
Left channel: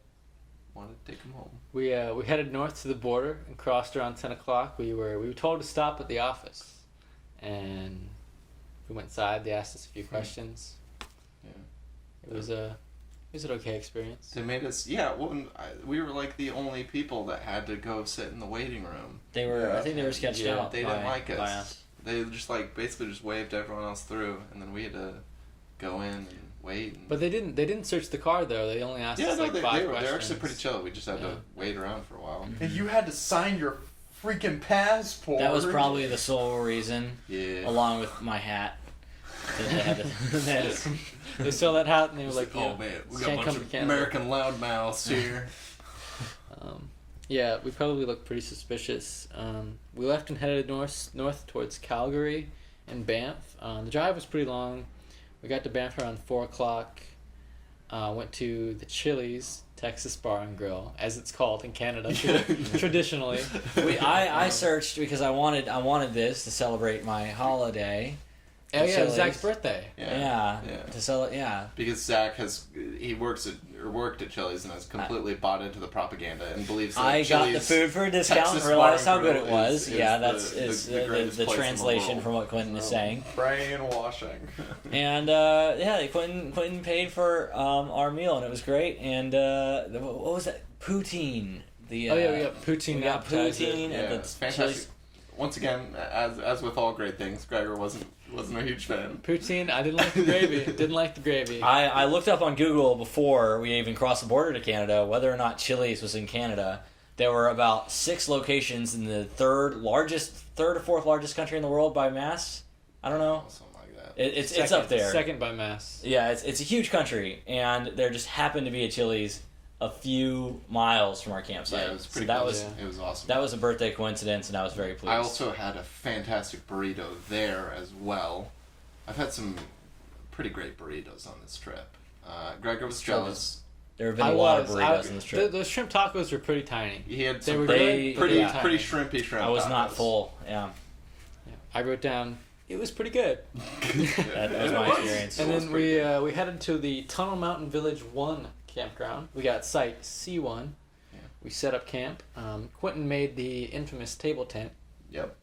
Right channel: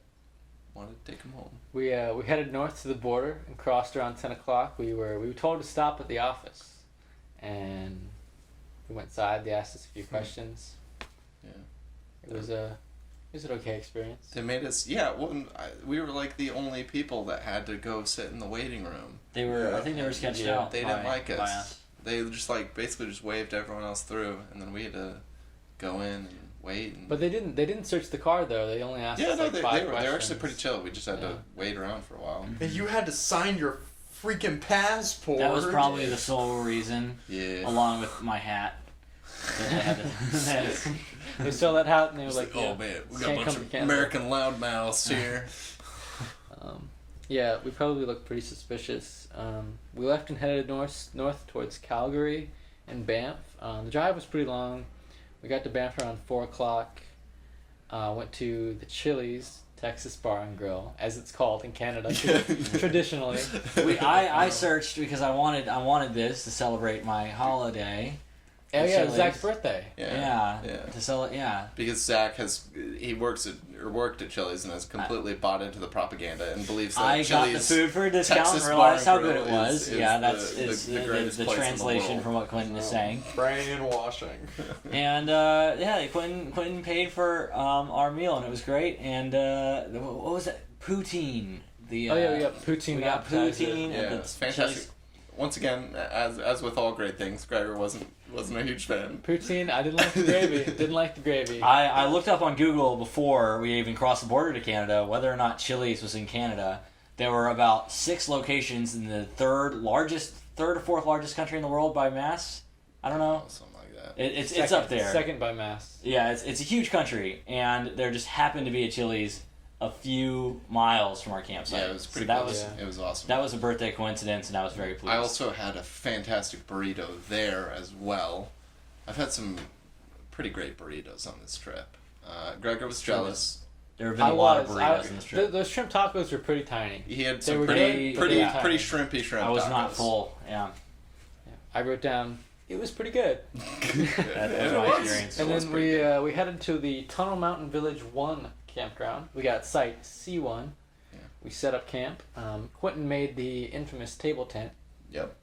Wanted to take them home. We headed north to the border and crossed around 10 o'clock. We were told to stop at the office, and we went inside. They asked us a few questions. Yeah. It was an okay experience. They made us. Yeah. Well, we were like the only people that had to go sit in the waiting room. They were. Yeah. I think they were sketched Yeah, out. They by, didn't like by us. They just basically just waved everyone else through, and then we had to go in and wait. And But they didn't search the car though. They only asked yeah, us no, like they 5 were questions. actually pretty chill. We just had Yeah. to wait around for a while. And you had to sign your freaking passport. That was probably the sole reason, Yeah. along with my hat. That they had to, they had to- They saw that hat and they were It's like, oh yeah. man, we got a Can't bunch come to of Canada. American loudmouths here. Yeah, we probably looked pretty suspicious. We left and headed north towards Calgary and Banff. The drive was pretty long. We got to Banff around 4 o'clock. Went to the Chili's Texas Bar and Grill, as it's called in Canada traditionally. I searched because I wanted this to celebrate my holiday. Oh yeah, it was Chili's. Zach's birthday. Yeah. Yeah. To celebrate. Yeah. Because Zach worked at Chili's and has completely bought into the propaganda and believes that I got the Chili's food for a discount Texas and realized Bar how good Grill it was. is Yeah, the- that's the is greatest the place in the translation world. from what Quentin is saying. brainwashing. And Quentin paid for our meal and it was great. And what was that? Poutine. The Oh yeah, poutine. we got appetizer. poutine Yeah, at the it's fantastic. Once again, as with all great things, Gregor wasn't a huge fan. Poutine. I didn't like the gravy. Didn't like the gravy. I looked up on Google before we even crossed the border to Canada whether or not Chili's was in Canada. There were about 6 locations in the third or fourth largest country in the world by mass. I don't know. Something like that. It's up there. Second by mass. Yeah, it's a huge country, and there just happened to be a Chili's a few miles from our campsite. Yeah, it was pretty so that cool. was It was awesome. that was a birthday coincidence, and I was very pleased. I also had a fantastic burrito there as well. I've had some pretty great burritos on this trip. Gregor was jealous. there have been a lot of I- burritos on this trip. Those shrimp tacos were pretty tiny. He had They some were They- good, but pretty they were pretty tiny. shrimpy shrimp. I was not tacos. full. Yeah, I wrote down it was pretty good. that was my experience. And was then pretty we headed to the Tunnel Mountain Village 1 campground. We got site C1. Yeah. We set up camp. Quentin made the infamous table tent. Yep.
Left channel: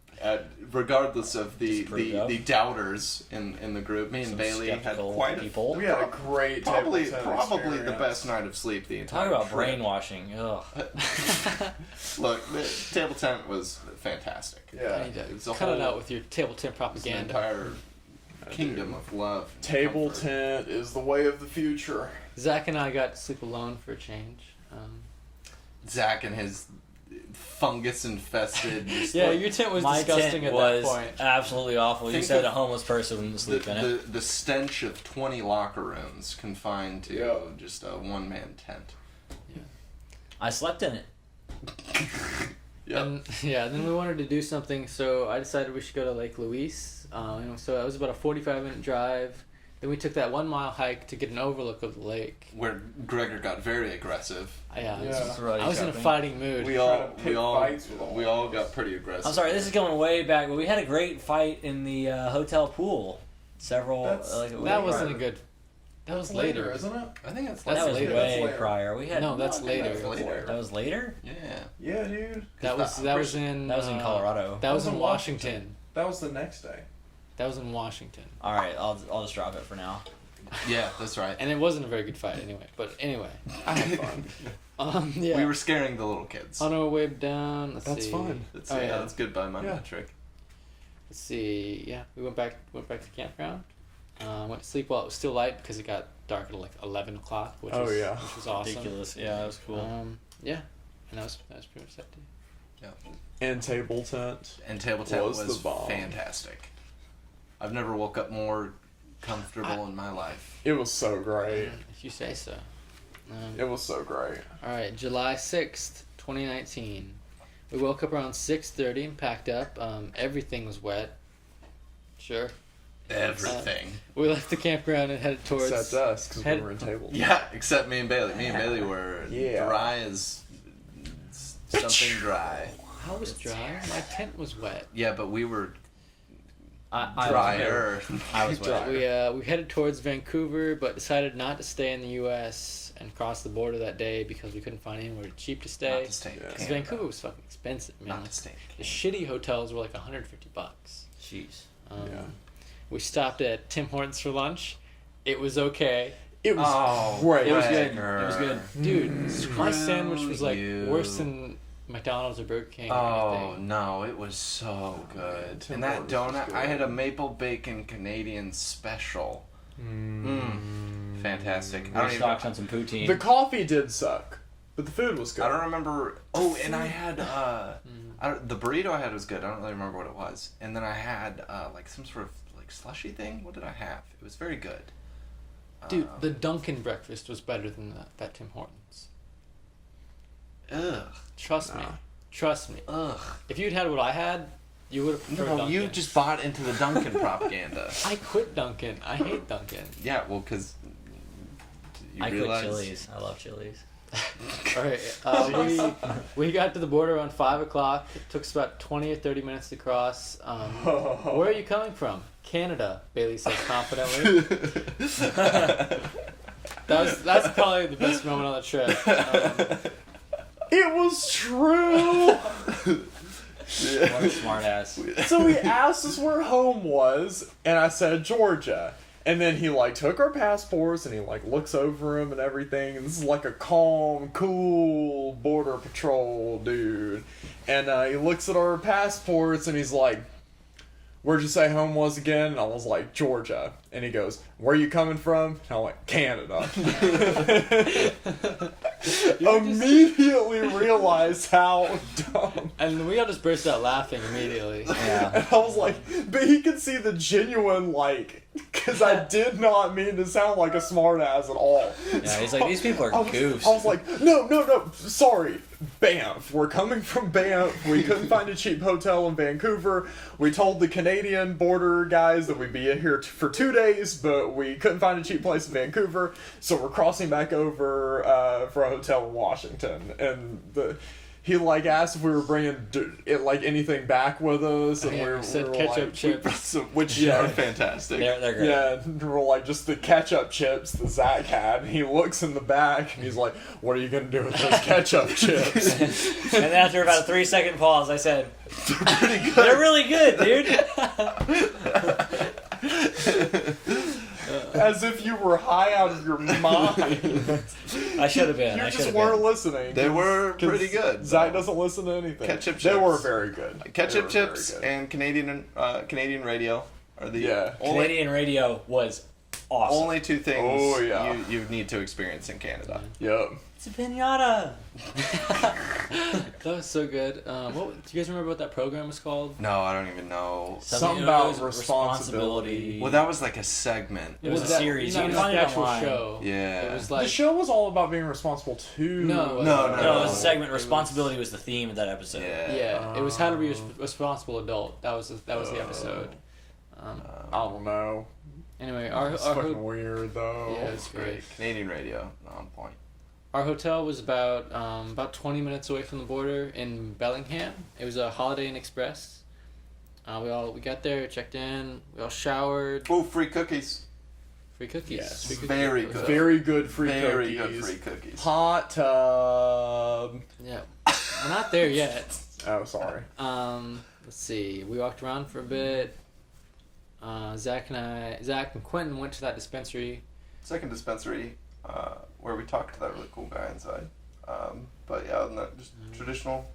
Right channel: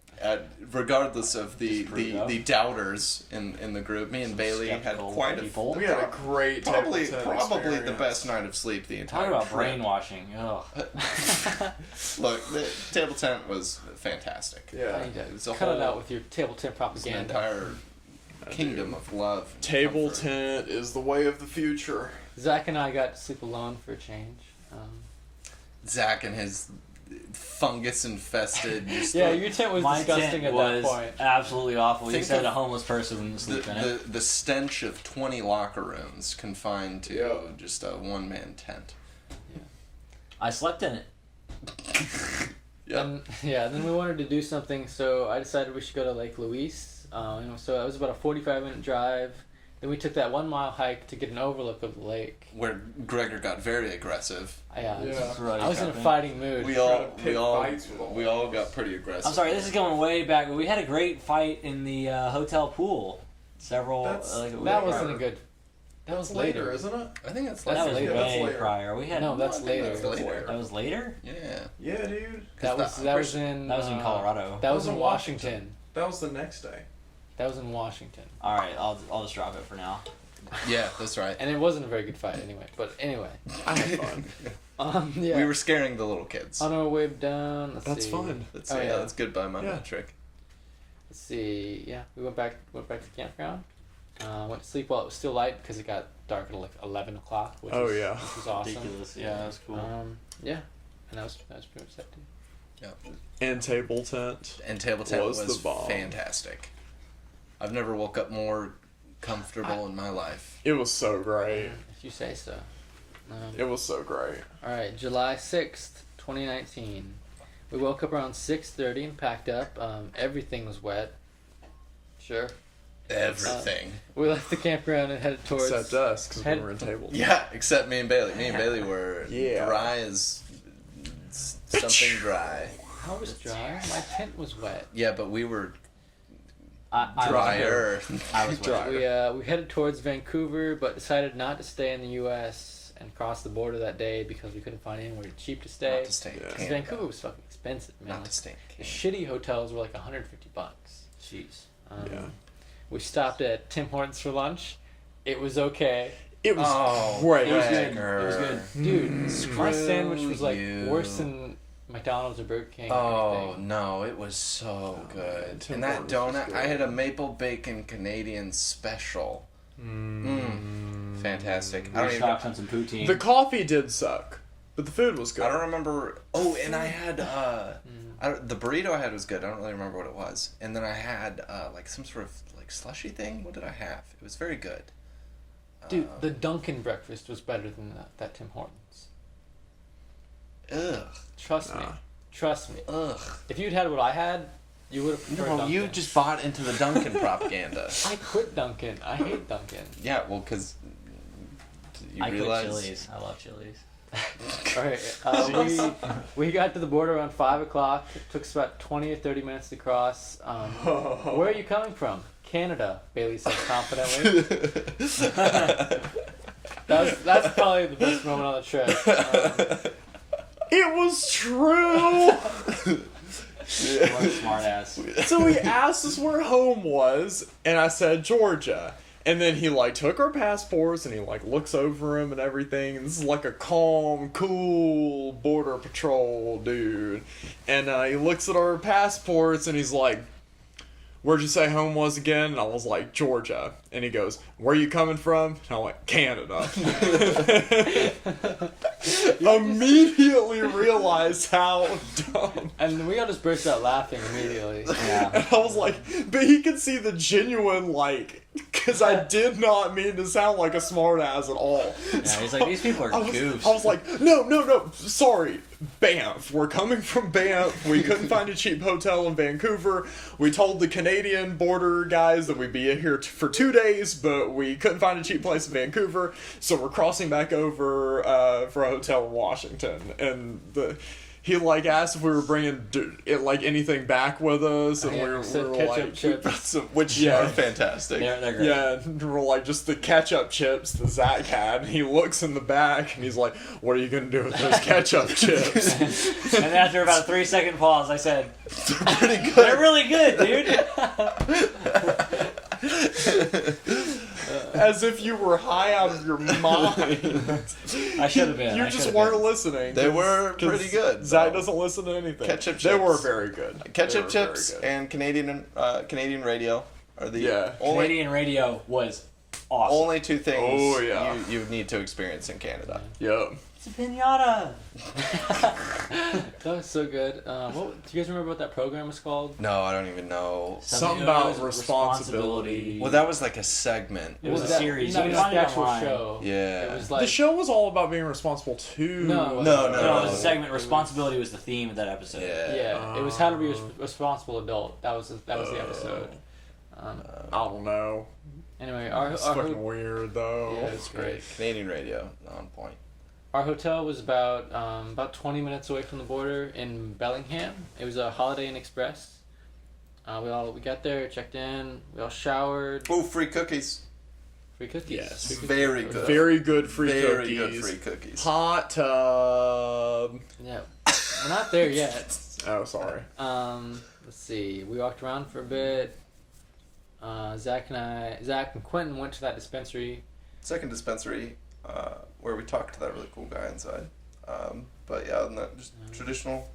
Regardless of the, Just pretty the, rough. the doubters in the group, me and Some Bailey had skeptical quite people. We had a great probably table tent probably the experience. best night of sleep the entire Talk about trip. brainwashing. Ugh. Look, the table tent was fantastic. I Yeah. need to It's a cut it whole- out with your table tent It's an propaganda. entire kingdom of love. and Table comfort. tent is the way of the future. Zach and I got to sleep alone for a change. Zach and his fungus infested. Yeah, your tent was My disgusting tent at was that point. absolutely awful. You Think said of a homeless person wouldn't sleep in it. the stench of 20 locker rooms confined to Yeah. just a one-man tent. I slept in it. Yeah. And then we wanted to do something, so I decided we should go to Lake Louise. So it was about a 45-minute drive. Then we took that 1 mile hike to get an overlook of the lake. Where Gregor got very aggressive. Yeah, Yeah. I was in a fighting mood. We Trying all to pick fights with all we all got pretty aggressive. I'm sorry, this is going way back, but we had a great fight in the hotel pool. Several. That's- like, that wasn't a good. That was later. isn't it? I think that's That's That was later. way later. prior. We had No, that's I think later. that's later. that was later. Yeah. Yeah, dude. That was in. That was in Colorado. That was That in was in Washington. That was the next day. That was in Washington, All right, I'll just drop it for now. Yeah, that's right. and it wasn't a very good fight anyway. But anyway, I had fun. yeah. We were scaring the little kids. on our way down. Let's That's see. fun. That's, Oh, yeah, yeah. that's good by my Yeah. metric. Let's see. Yeah, we went back to the campground. Went to sleep while it was still light because it got dark at like 11 o'clock. Which Oh, was, yeah. which was awesome. Ridiculous. Yeah, that was cool. Yeah, and that was pretty much that too. And table tent. And table tent Was was the bomb. fantastic. I've never woke up more comfortable in my life. It was so great. If you say so. It was so great. All right, July 6th, 2019. We woke up around 6:30 and packed up. Everything was wet. Sure. Everything. We left the campground and headed towards. Except us, because we head- were in table tent. Yeah, except me and Bailey. Me and Bailey were Yeah. dry as something dry. I was dry. My tent was wet. Yeah, but we were I drier. I was wet. We headed towards Vancouver, but decided not to stay in the U.S. and cross the border that day because we couldn't find anywhere cheap to stay. Not to stay in Yeah. 'Cause Canada. Vancouver was fucking expensive, man. Not to stay in The Canada. shitty hotels were like $150. Jeez. Yeah. We stopped at Tim Hortons for lunch. It was okay. It was Oh, great. It was good. Wagner. It was good. Dude, my Screw sandwich was like you. worse than McDonald's or Burger King. or Oh anything. no, it was so good. Tim And that Hortons was donut, I good. had a maple bacon Canadian special. Fantastic. I We don't, stocked even, on some poutine. The coffee did suck, but the food was good. I don't remember. Oh, and I had the burrito I had was good. I don't really remember what it was. And then I had like some sort of like slushy thing. What did I have? It was very good. Dude, the Dunkin' breakfast was better than that Tim Hortons. Ugh, Trust me. Nah. Trust me. ugh. If you'd had what I had, you would have preferred No, Dunkin'. you just bought into the Dunkin' propaganda. I quit Dunkin'. I hate Dunkin'. Yeah, well, because you I quit realize. Chili's. I love Chili's. Alright, we got to the border around 5 o'clock. It took us about 20 or 30 minutes to cross. Where are you coming from? Canada, Bailey said confidently. That's probably the best moment on the trip. It was true. What a smart ass. So he asked us where home was, and I said Georgia. And then he like took our passports and he like looks over him and everything. And this is like a calm, cool border patrol dude. And he looks at our passports and he's like, "Where'd you say home was again?" And I was like, "Georgia." And he goes, "Where you coming from?" And I'm like, "Canada." Immediately realized how dumb. And we all just burst out laughing immediately. Yeah. And I was like, but he could see the genuine, like, because I did not mean to sound like a smartass at all. Yeah, he's like, these people are I was, goofs. I was like, no, sorry, Banff. We're coming from Banff. We couldn't find a cheap hotel in Vancouver. We told the Canadian border guys that we'd be here for 2 days, but we couldn't find a cheap place in Vancouver, so we're crossing back over for a hotel in Washington. And he like asked if we were bringing like anything back with us, and Yeah, we said were ketchup like, chips. Which Yeah. are fantastic. They're great. yeah, and we're like just the ketchup chips that Zach had. And he looks in the back and he's like, "What are you gonna do with those ketchup chips?" And then after about a 3-second pause, I said, Pretty good. they're really good, dude. As if you were high out of your mind. I should have been. You I just should've weren't been. listening. They 'cause- were 'cause pretty good, Zach though. doesn't listen to anything. Ketchup They chips. were very good. Ketchup They were chips very good. and Canadian radio are the Yeah. only Canadian radio was awesome. only two things Oh, yeah. you need to experience in Canada. Yep. It's a pinata. That was so good. Do you guys remember what that program was called? No, I don't even know. Something It about was responsibility. Well, that was like a segment. It was a that- series. No, You can not find the it actual online. show. Yeah. It was The like show was all about being responsible too. No, No, No, it was a No. segment. It was- Responsibility was the theme of that episode. Yeah. Yeah, it was how to be a responsible adult. That was the Oh. episode. I don't know. Anyway, It's fucking weird though. Yeah, it's great. Canadian radio on point. Our hotel was about 20 minutes away from the border in Bellingham. It was a Holiday Inn Express. We got there, checked in, we all showered. Oh, free cookies. Free cookies. Yes. Free cookies. Very good. Very good free Very cookies. good free cookies. Hot tub. Yeah. We're not there yet. Oh, sorry. Let's see. We walked around for a bit. Zach and Quentin went to that dispensary. Second dispensary, where we talked to that really cool guy inside. But yeah, just traditional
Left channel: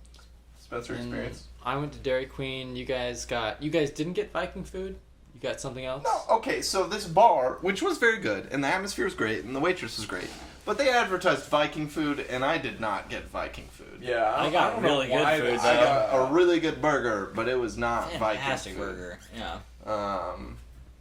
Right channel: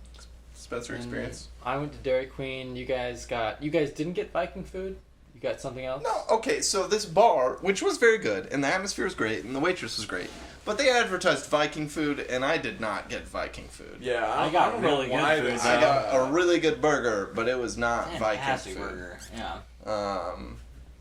dispensary And experience. I went to Dairy Queen. You guys didn't get Viking food? You got something else? No, okay, so this bar, which was very good, and the atmosphere was great, and the waitress was great, but they advertised Viking food, and I did not get Viking food. Yeah, I got don't know really good why food, they- I got a really good burger, but it was not Fantastic Viking food. burger. Yeah.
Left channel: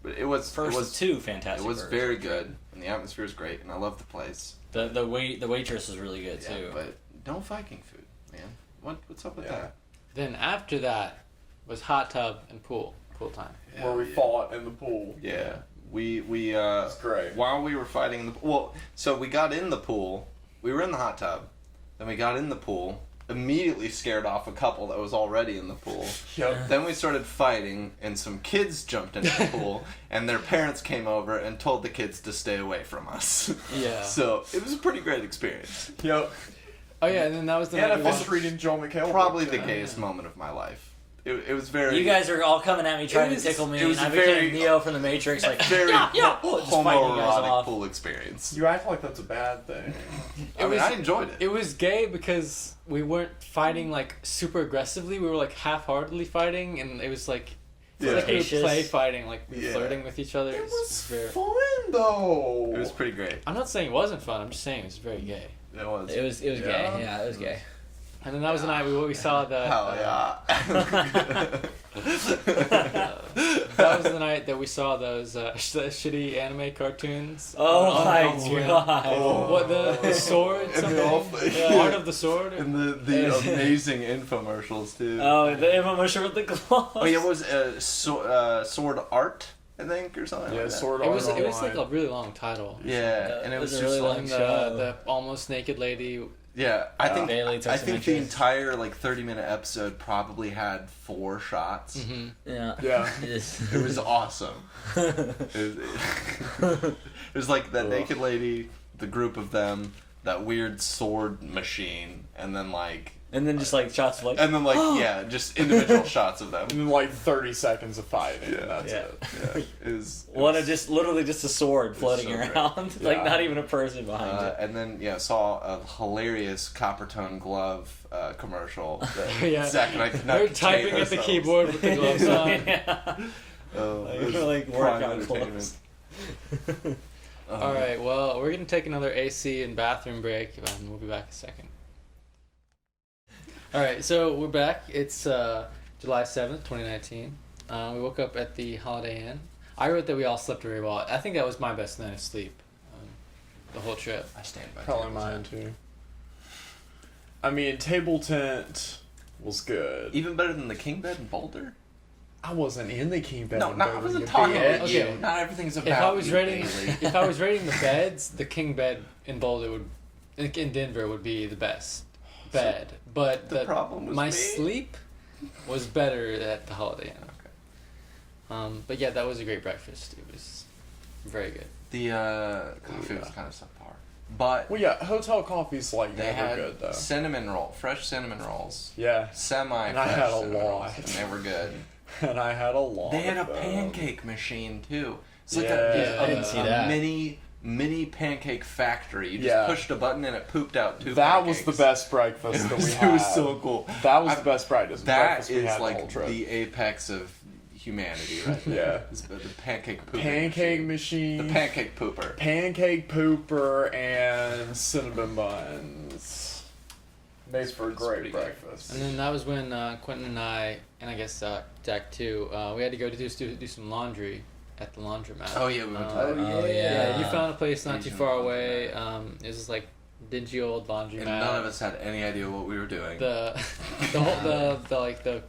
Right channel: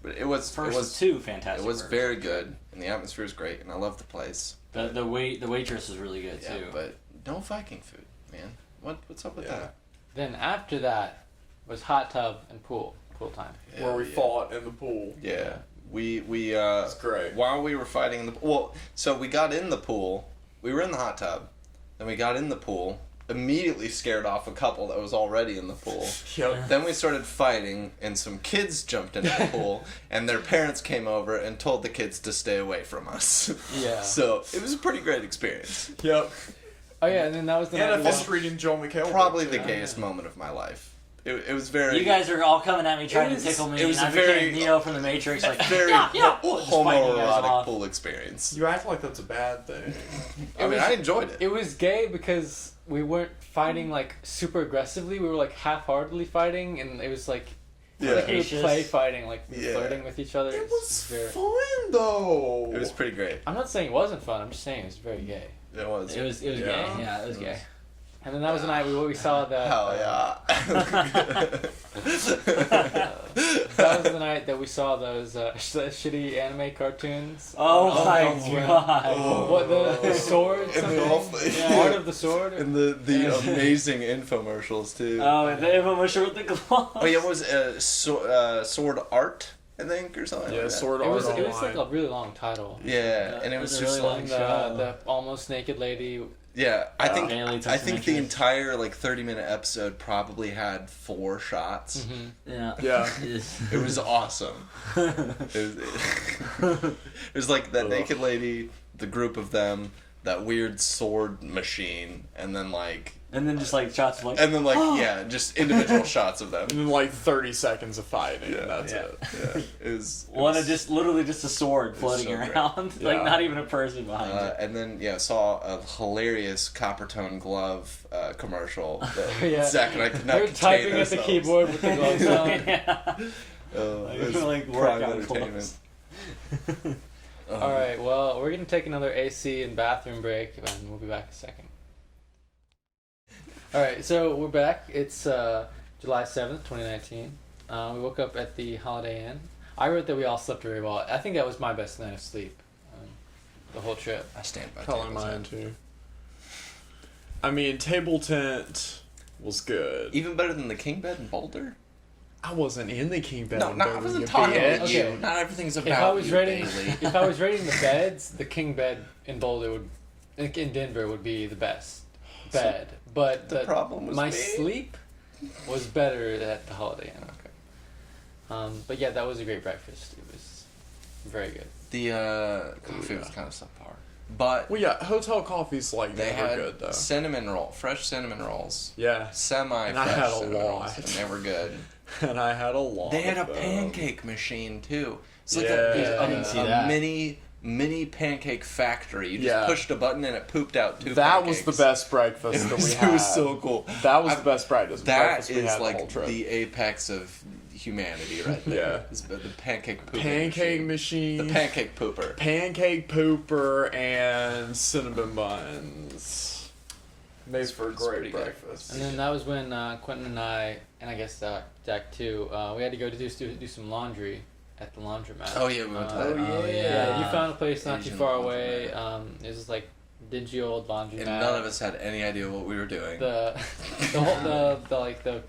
But it was First it was two fantastic it was burgers. very good, and the atmosphere was great, and I loved the place. The waitress was really good Yeah, too. but no Viking food, man. What's up with Yeah. that? Then after that was hot tub and pool time. Where we fought in the pool. Yeah, we It's great. while we were fighting in the so we got in the pool. We were in the hot tub, then we got in the pool. Immediately scared off a couple that was already in the pool. Yep. Then we started fighting, and some kids jumped into the pool, and their parents came over and told the kids to stay away from us. Yeah. So it was a pretty great experience. Yep. Oh yeah, and then that was the And night a we fish watched- reading Joe McHale. Probably the book, gayest moment of my life. It was very. You guys are all coming at me trying It was- to tickle me. it was I a very- became Neo from the Matrix. Like very just fighting you guys homoerotic off. pool experience. You act like that's a bad thing. I mean, I enjoyed it. It was gay because we weren't fighting like super aggressively. We were like half-heartedly fighting, and it was like Yeah. like we would Spacious. play fighting, like we were Yeah. flirting with each other. It was very. fun though. It was pretty great. I'm not saying it wasn't fun. I'm just saying it was very gay. It was. It was Yeah. gay. Yeah, it was gay. And then that was the night we saw the. Hell yeah. That was the night that we saw those shitty anime cartoons. Oh my when- god. What the sword? And the Something? awful- Art of the sword. And the amazing infomercials too. Oh, the infomercial with the gloves. Oh yeah, what was sword art? I think or something. Yeah, like that. sword It was art like a online. really long title. Yeah, and it It was was a just really like long And show. the almost naked lady. yeah. I think Bailey took I some think the interest. entire like 30-minute episode probably had 4 shots. Mm-hmm. Yeah. Yeah. It was awesome. It was like that naked lady, the group of them, that weird sword machine, and then like just like shots of like. yeah, just individual shots of them. And then like 30 seconds of fighting. Yeah. And that's Yeah. it. Yeah, it was. One of just literally just a sword floating so great. around, like Yeah. not even a person behind it. And then saw a hilarious Coppertone glove commercial that Yeah. Zach and I could not We're contain typing at the ourselves. keyboard with the gloves on. Yeah. It was Like prime workout entertainment. clothes. All right. Well, we're gonna take another AC and bathroom break, and we'll be back in a second. All right. So we're back. It's July 7th, 2019. We woke up at the Holiday Inn. I wrote that we all slept very well. I think that was my best night of sleep. The whole trip. I stand by Probably Table mine Tent. too. I mean, table tent was good. Even better than the king bed in Boulder. I wasn't in the king bed. No, when no, I Boulder wasn't was talking big. about Okay. you. Not everything's about If I was you, rating, Bailey. if I was rating the beds, the king bed in Boulder in Denver would be the best bed. But the problem was my me? sleep was better at the Holiday Inn. Okay. But yeah, that was a great breakfast. It was very good. The coffee was kind of subpar, but Well, yeah, hotel coffee's like they never had good though. fresh cinnamon rolls, Yeah, semi-fresh And I had a cinnamon rolls, lot. and they were good. and I had a lot. They had a of them. pancake machine too. It's like Yeah. I didn't see a that. mini pancake factory. You just Yeah. pushed a button and it pooped out 2 That was pancakes. the best breakfast that we It had. was so cool. That was I- the best breakfast. That breakfast we is had the whole like trip. the apex of humanity right there. Yeah. Is the pancake pooping pancake machine, The pancake pooper. pancake pooper, and cinnamon buns. Makes for a It's pretty great good. breakfast. And then that was when Quentin and I, and I guess Jack too, we had to go do some laundry at the laundromat. Oh yeah, we went to Uh, that. Oh, Yeah, yeah. you found a place not too Asian far away. laundromat. It was this like dingy old laundromat. And none of us had any idea what we were doing. The the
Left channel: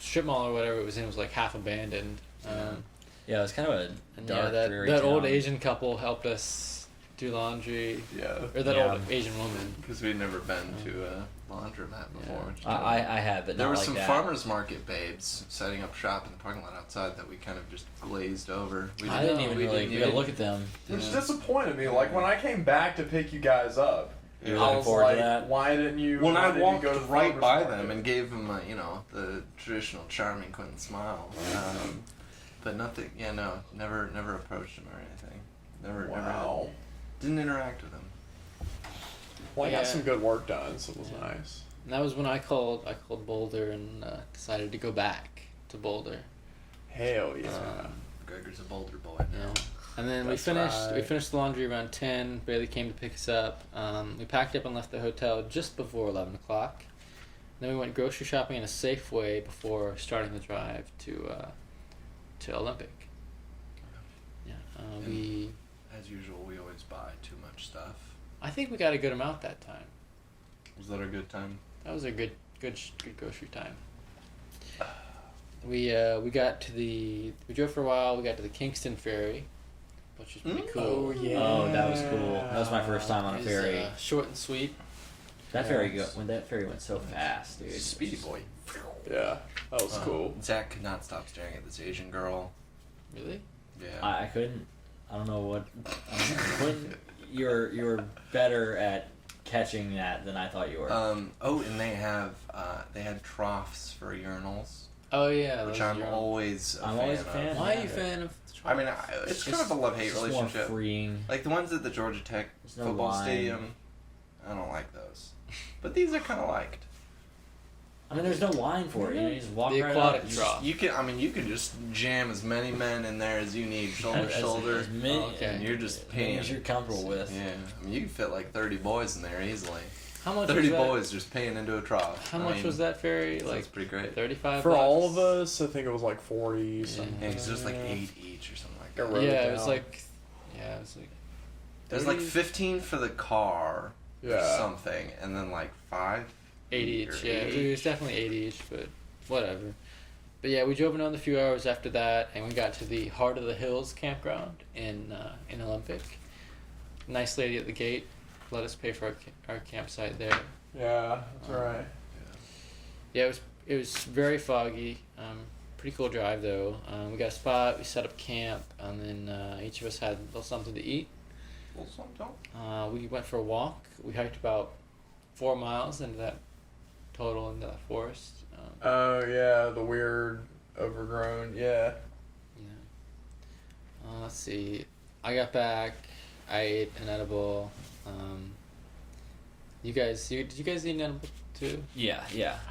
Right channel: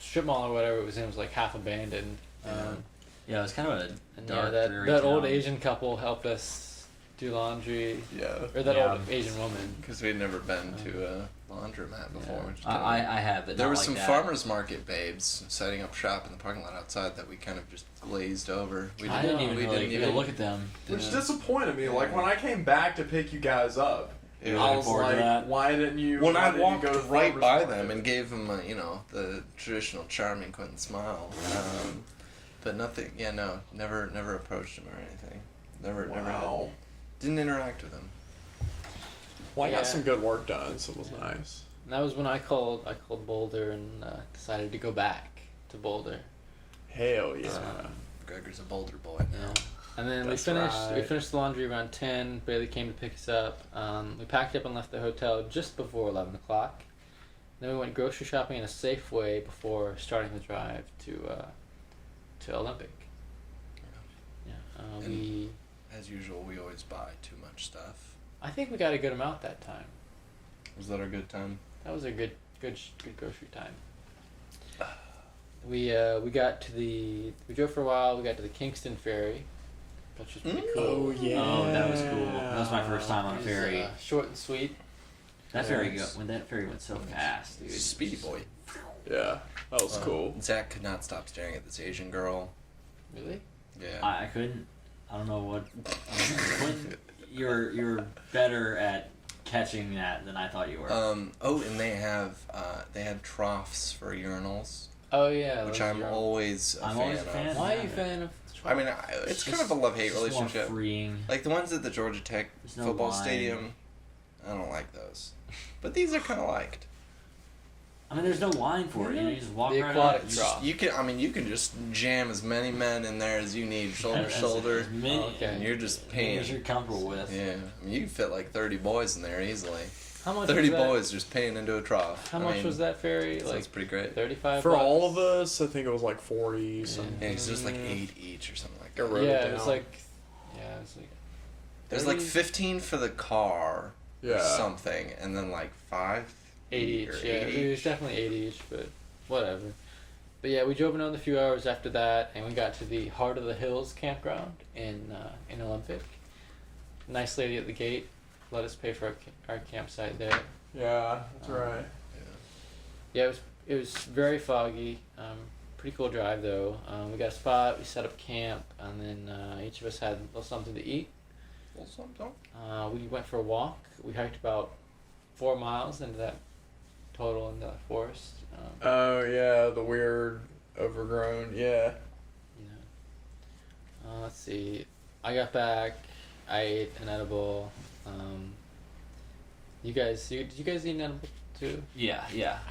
strip mall or whatever it was in was like half abandoned. Yeah, it was kind of a And dark, yeah, dreary that old town. Asian couple helped us do laundry, Yeah. or that Yeah. old Asian woman. Because we'd never been to a laundromat before. Yeah. Which is I kinda- have, but There not were like some that. farmers market babes setting up shop in the parking lot outside that we kind of just glazed over. We I didn't No, even we really didn't get a even- look at them. Which Yeah. disappointed me. Like when I came back to pick you guys up, You were Yeah. I looking was forward to like, that? why didn't you? When why I didn't you walked go to right farmer's by market? them and gave them, the traditional charming Quentin smile, but nothing. Yeah, no, never approached him or anything. Never Wow. didn't interact with him. Well, I got Yeah. some good work done, so it was nice. And that was when I called Boulder and decided to go back to Boulder. Hell yeah. Gregor's a Boulder boy now. Yeah. And then That's we right. finished the laundry around 10. Bailey came to pick us up. We packed up and left the hotel just before 11 o'clock. Then we went grocery shopping in a Safeway before starting the drive to Olympic. Yeah. We As usual, we always buy too much stuff. I think we got a good amount that time. Was that a good time? That was a good grocery time. We got to we drove for a while. We got to the Kingston Ferry, which was pretty cool. Oh yeah. Oh, that was cool. That was my first time on a It was, ferry. short and sweet. That ferry that ferry went so fast, dude. Speedy boy. Yeah, that was cool. Zach could not stop staring at this Asian girl. Really? Yeah. I couldn't. I don't know what. Quentin, you're better at catching that than I thought you were. And they had troughs for urinals, Oh yeah. which those I'm are- always a I'm fan always a of. fan. Why are you a Yeah. fan of? I mean, it's kind of a love-hate It's more relationship. freeing. Like the ones at the Georgia Tech There's no football line. stadium, I don't like those. But these are kind of liked. I mean, there's no line for it. You just walk The right aquatic up. trough. You can just jam as many men in there as you need, shoulder to As shoulder, many, Oh, okay. and you're just as many peeing. as you're comfortable with. Yeah, I mean you can fit like 30 boys in there easily. How much 30 was that? boys just peeing into a trough. How much was that ferry? That's Like pretty great. 35. For bucks? all of us, I think it was like 40. Something. Yeah, 'cause there's like 8 each or something like I that. wrote Yeah, it it was down. like. Yeah, it was like. There's like 30 15 for the car, or Yeah. something, and then like 5. 80 each. or Yeah, 80 it was each. definitely 80 each, but whatever. But yeah, we drove another few hours after that, and we got to the Heart of the Hills campground in Olympic. Nice lady at the gate let us pay for our campsite there. Yeah, that's right. Yeah, it was very foggy. Pretty cool drive though. We got a spot. We set up camp, and then each of us had a little something to eat. Well, something. We went for a walk. We hiked about 4 miles into that total in the forest. Oh yeah, the weird overgrown. Yeah. Let's see. I got back. I ate an edible. Did you guys eat an edible too? Yeah.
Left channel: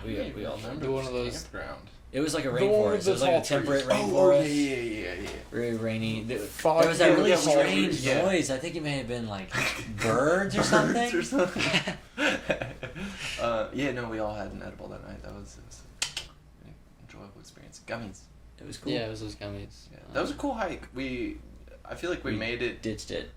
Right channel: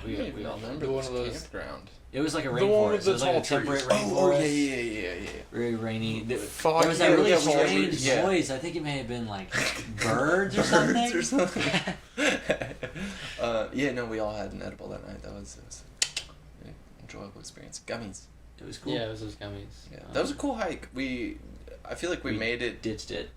We all. remember do one this of those- campground. It was like a The one with rainforest. the It was like tall a temporary trees. rainforest. yeah. Very rainy. There Fuck, was that really yeah, tall strange trees. Yeah. noise. I think it may have been like birds or something. Or something. Yeah, no, we all had an edible that night. It was an enjoyable experience. Gummies. It was cool. Yeah, it was those gummies. Yeah, that was a cool hike. I feel like we made it Ditched it.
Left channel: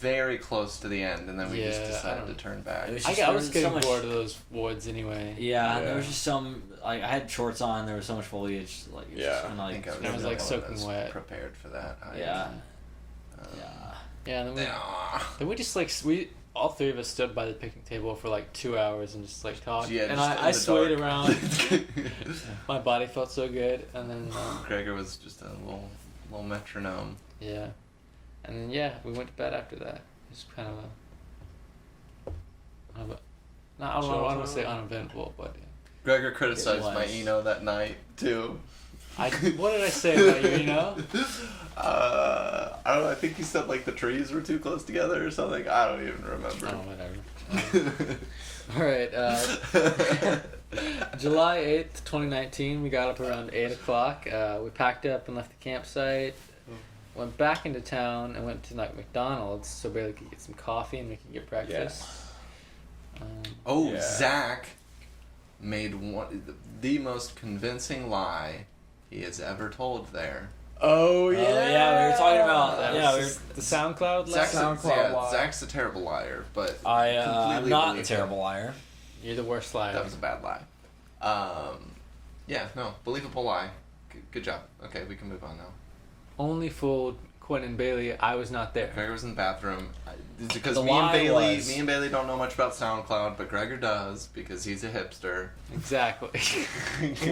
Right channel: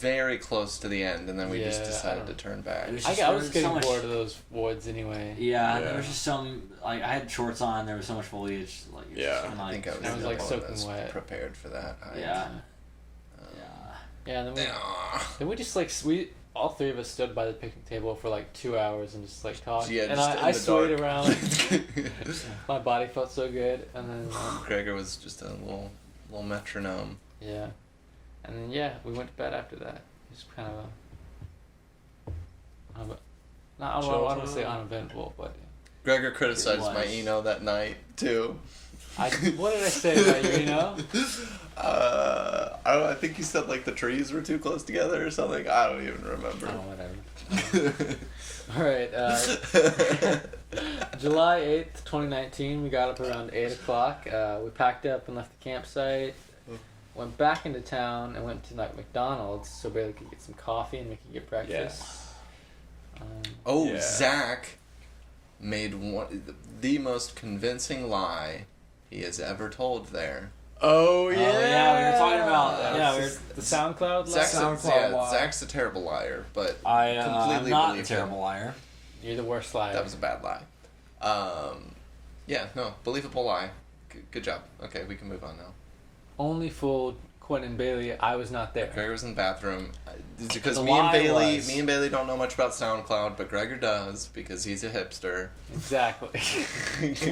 very close to the end, and then we just Yeah, I decided don't- to turn back. It was I just- there was was getting so much- bored of those woods anyway. Yeah, Yeah. there was just some. Like I had shorts on. There was so much foliage. Like it's Yeah. just kinda I like, think I was, like I soaking was wet. prepared for that. hike. Yeah. Um, Yeah. Yeah, and yeah. then we just like all three of us stood by the picnic table for like 2 hours and just like talked. Yeah, and just in I the swayed dark. around. My body felt so good, and then Gregor was just a little metronome. yeah, and then yeah, we went to bed after that. Just kind of I don't want to say uneventful, but Gregor criticized It my was. Eno that night too. what did I say about you? You know? I don't know. I think he said like the trees were too close together or something. I don't even Oh, remember. whatever. All right. July 8th, 2019. We got up around 8 o'clock. We packed up and left the campsite. Went back into town and went to like McDonald's so Bailey could get some coffee and we could get breakfast. Oh, Yeah. Zach made the most convincing lie he has ever told there. Oh yeah. yeah, we were talking about- That yeah, was we just the SoundCloud Zach's lesson. Zach's a terrible liar, but I'm completely not a believed him. terrible liar. You're the worst liar. That was a bad lie. Yeah, no, believable lie. Good job. Okay, we can move on now. Only fooled Quentin Bailey, I was not there. Gregor was in the bathroom. It's because The me and lie Bailey, was- me and Bailey don't know much about SoundCloud, but Gregor does because he's a hipster. Exactly.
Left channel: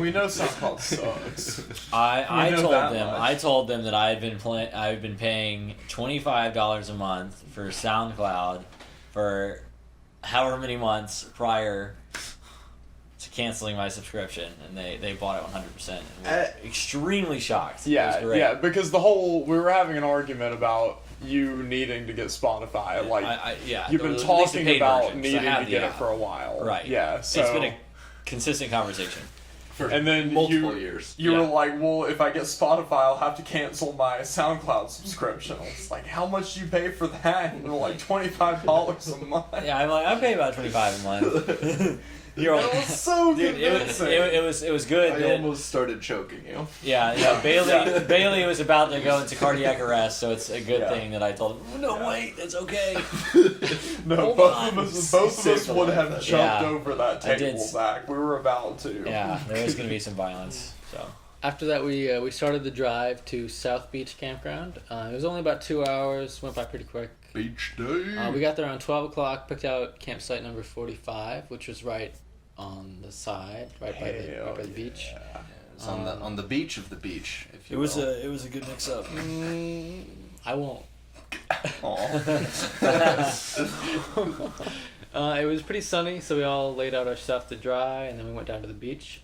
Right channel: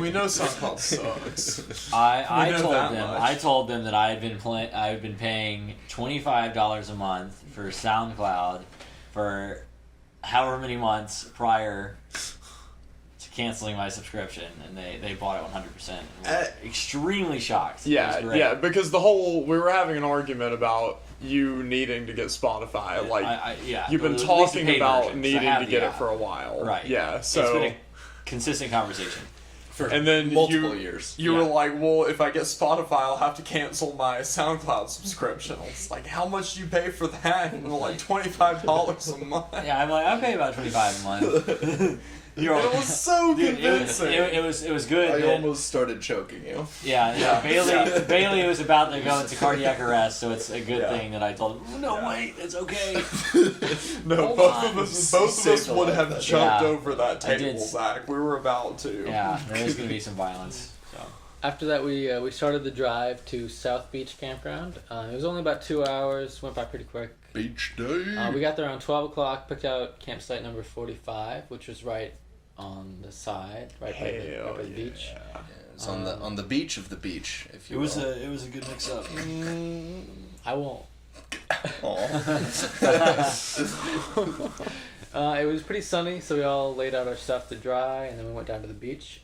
We know SoundCloud sucks. I We know told that them much. I told them that I had been paying $25 a month for SoundCloud for however many months prior to canceling my subscription, and they bought it 100%. And were extremely shocked. It was Yeah, great. yeah, because we were having an argument about you needing to get Spotify. Like, yeah, you've been at least the talking paid about version, 'cause I needing have to the get it app. for a while. Right. Yeah, It's so. been a consistent conversation. For And then multiple you years. you Yeah. were like, well, if I get Spotify, I'll have to cancel my SoundCloud subscription. It's like, how much do you pay for that? And we're like, $25 a month. Yeah, I'm like, I pay about $25 a month. You're It was so Dude, convincing. it was good. I that- almost started choking you. Yeah, Bailey was about to go into cardiac arrest, so it's a good Yeah. thing that I told him, no, Yeah. wait, it's okay. No, Hold both on. of us Saved a would life have that jumped day. over that I did table, s- Zach. We were about to. Yeah, there is going to be some violence. So After that, we started the drive to South Beach Campground. It was only about 2 hours. Went by pretty quick. Beach day. We got there around 12 o'clock. Picked out campsite number 45, which was right on the side, right by the beach. yeah. It was on the beach of the beach, if you will. it was a good mix up. I won't. Aw. It was pretty sunny, so we all laid out our stuff to dry, and then we went down to the beach.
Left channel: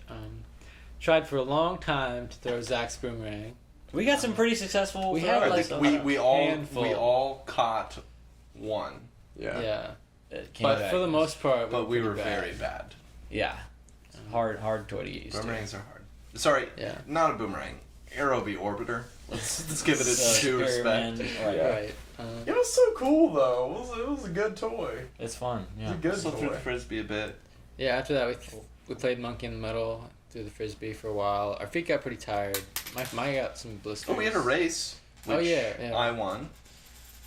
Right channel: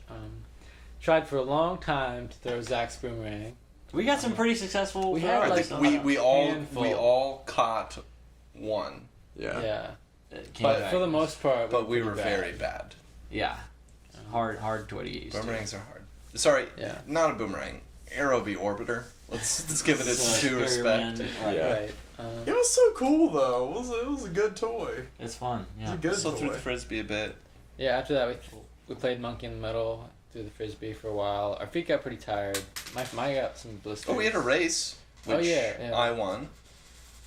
Tried for a long time to throw Zach's boomerang. We got some pretty successful. We had, throws. like, we handful. all caught one, Yeah. Yeah, It came but back. for the most part, but we pretty were bad. very bad. Yeah, it's hard to get used Boomerangs are hard. Sorry, Yeah. not a boomerang. Arrow v orbiter. Let's give it to. its due respect. Right. Yeah. Right. It was so cool, though. It was a good toy. It's fun. It was Yeah. a good Still threw toy. the frisbee a bit. Yeah. After that, we played monkey in the middle. Threw the frisbee for a while. Our feet got pretty tired. My got some blisters. Oh, we had a race. Which Oh, yeah. I won.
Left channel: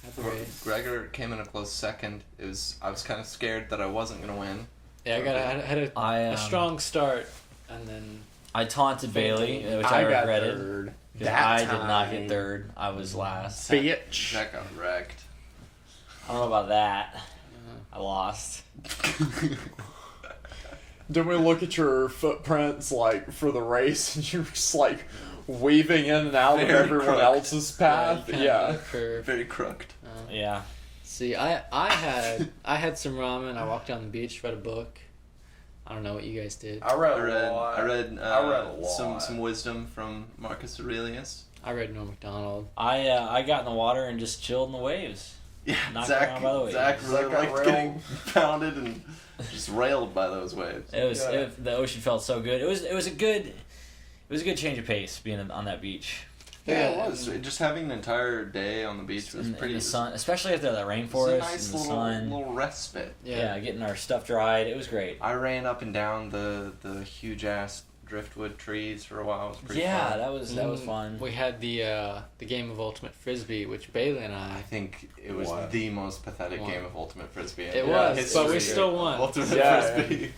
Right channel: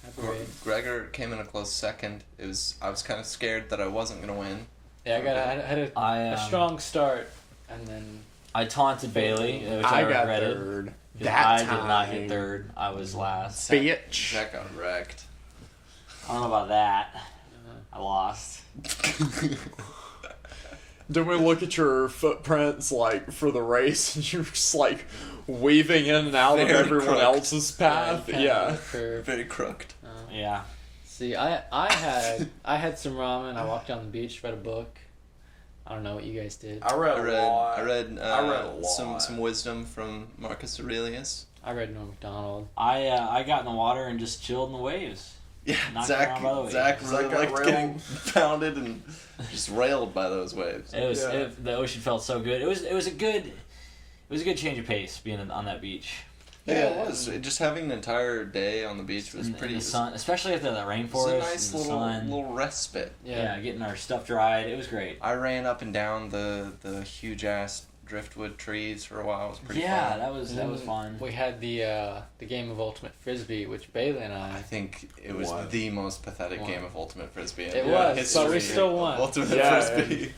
I believe. Gregor came in a close second. I was kind of scared that I wasn't gonna win. Yeah, I had a strong start, and then I taunted Bailey, which I I got regretted. third. 'Cause That I did not time. hit third. I was last. Bitch. Zach got wrecked. I don't know about that. I lost. Then we look at your footprints, like, for the race, and you're just, like, weaving in and out of Very everyone crooked. else's path. kinda Yeah. curve. Very crooked. Yeah. See, I had some ramen. I walked down the beach, read a book. I don't know what you guys did. I read I read a lot. some wisdom from Marcus Aurelius. I read Norm Macdonald. I got in the water and just chilled in the waves. Yeah, Knocked Zach around by the waves. Zach Zach really got liked railed. getting pounded and just railed by those waves. It was Yeah. the ocean felt so good. It was a good change of pace being on that beach. Yeah, it was. Just having an entire day on the beach was in pretty. the sun, especially after that It was rainforest a nice and the little sun. little respite. Yeah, getting our stuff dried. It was great. I ran up and down the huge ass driftwood trees for a while. It was pretty Yeah, fun. that was fun. We had the game of Ultimate Frisbee, which Bailey and I I. think it was What? the most pathetic Won. game of Ultimate Frisbee. in It the was, history but we still won. of Ultimate Yeah, Frisbee.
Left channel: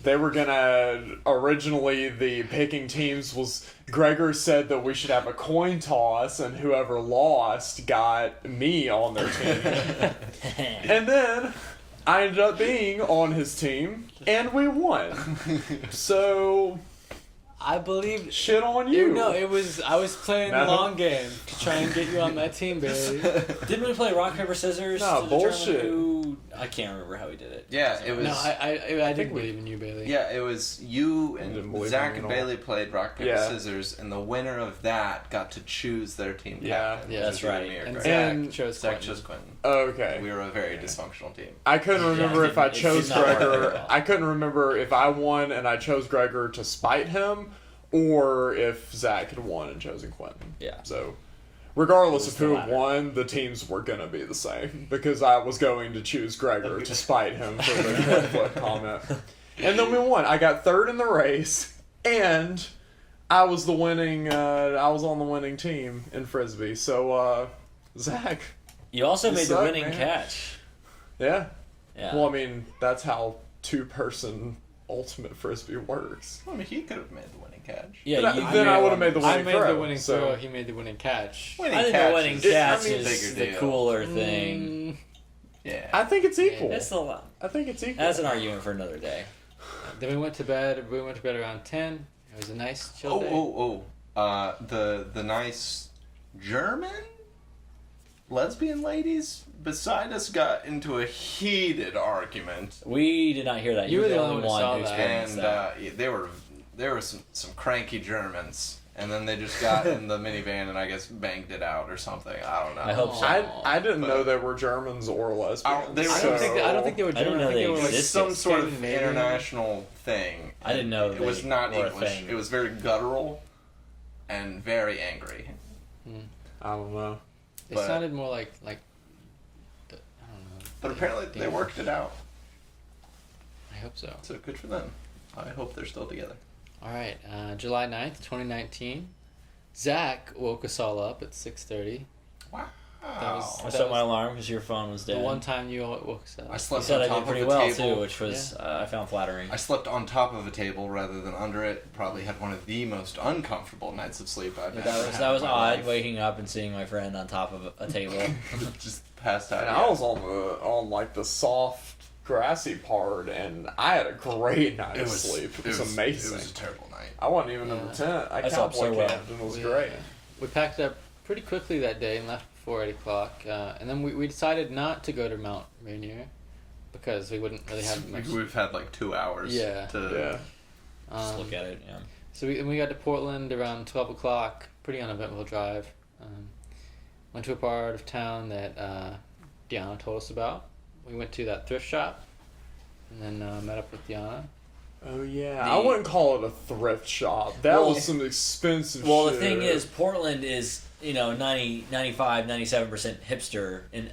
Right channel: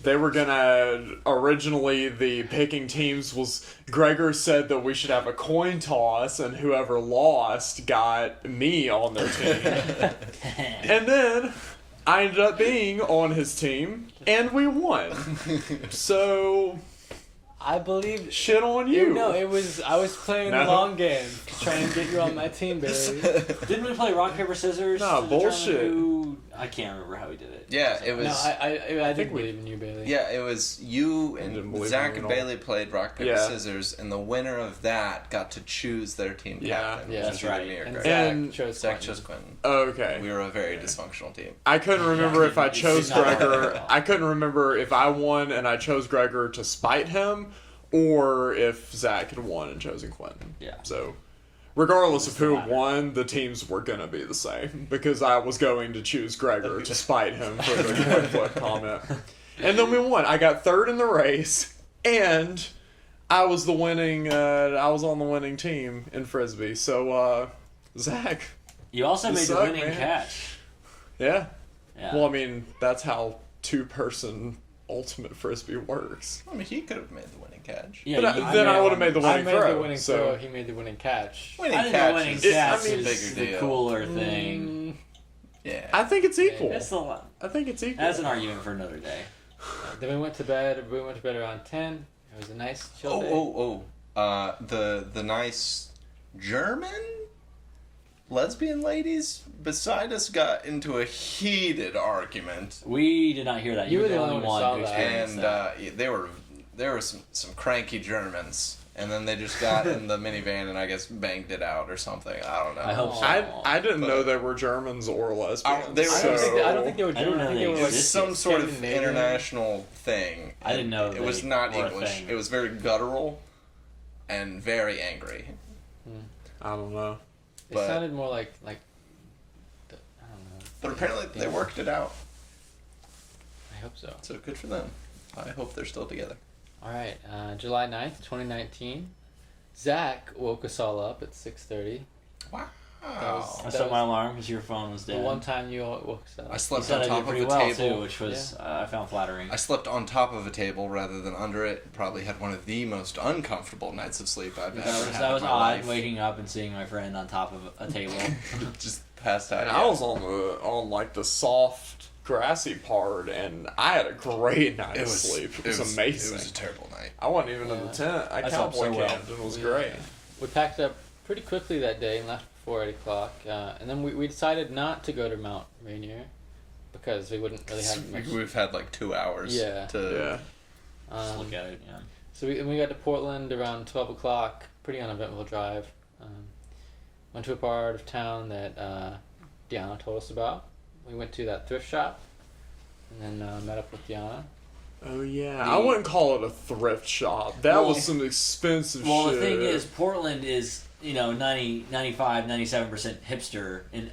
They were gonna originally the picking teams was Gregor said that we should have a coin toss and whoever lost got me on their team. And then I ended up being on his team and we won. So I believe. shit on you. No, I was playing the No. long game to try and get you on my team, Bailey. Didn't we play rock paper scissors? No, to determine bullshit. who- I can't remember how we did it. Yeah, So- it was. No, I think didn't we- believe in you, Bailey. Yeah, it was you didn't and believe Zach me and at all. Bailey played rock paper Yeah. scissors, and the winner of that got to choose their team Yeah. captain. Yeah, which that's was right. me or And Greg. Zach And chose Zach Quentin. chose Quentin. Okay. We were a very dysfunctional team. I couldn't remember Yeah, if I it did chose not work Gregor. out. I couldn't remember if I won and I chose Gregor to spite him, or if Zach had won and chosen Quentin. Yeah. So, regardless It was of who the latter. won, the teams were gonna be the same because I was going to choose Gregor to spite him for the foot comment. And then we won. I got third in the race, and I was the winning. I was on the winning team in frisbee. So, Zach, You also You made the suck, winning man. catch. yeah. Yeah. Well, I mean, that's how two-person ultimate frisbee works. I mean, he could have made the winning catch. Yeah, But you, then I would have one. made the I winning made throw. the winning so. throw. He made the winning catch. Winning I think the catch winning is- catch I mean, is bigger the deal. cooler thing. Mm, Yeah. I think it's equal. It's the I think it's equal. that's an argument for another day. then we went to bed. We went to bed around 10. It was a nice chill day. The nice German lesbian ladies beside us got into a heated argument, We did not hear that. You You were were the only who one saw who's that. experienced and that. there were some cranky Germans, and then they just got in the minivan and I guess banged it out or something. I don't know. I hope so. I didn't But- know they were Germans or lesbians. they were- I so- don't think they were I didn't German. know I think they they were It like was existed. some sort of Scandinavian. international thing. I didn't know It was they not were a English. thing. It was very guttural and very angry. I don't know. It But- sounded more like I don't know. But apparently they worked it out. I hope so. So good for them. I hope they're still together. All right, July 9th, 2019. Zach woke us all up at 6:30. Wow. was- I set my alarm because your phone was The dead. one time you all woke us up. I You slept said on I top did of pretty a well table. too, which was I found flattering. I slept on top of a table rather than under it. Probably had one of the most uncomfortable nights of sleep I've ever had. That was in my odd, life. waking up and seeing my friend on top of a table. Just passed out. And I was on like the soft grassy part, and I had a great night of sleep. It was amazing. It was a terrible night. I wasn't even in the Yeah. tent. I slept so cowboy well. camped and it was We, great. We packed up pretty quickly that day and left before 8 o'clock. And then we decided not to go to Mount Rainier because we wouldn't really have much. We've had like 2 hours. Yeah. To, Yeah. Just look at it, yeah. So we got to Portland around 12 o'clock. Pretty uneventful drive. Went to a part of town that Deanna told us about. We went to that thrift shop and then met up with Deanna. Oh yeah. The- I wouldn't call it a thrift shop. That Well- was some expensive Well, shit. the thing is, Portland is, 95, 97% hipster, and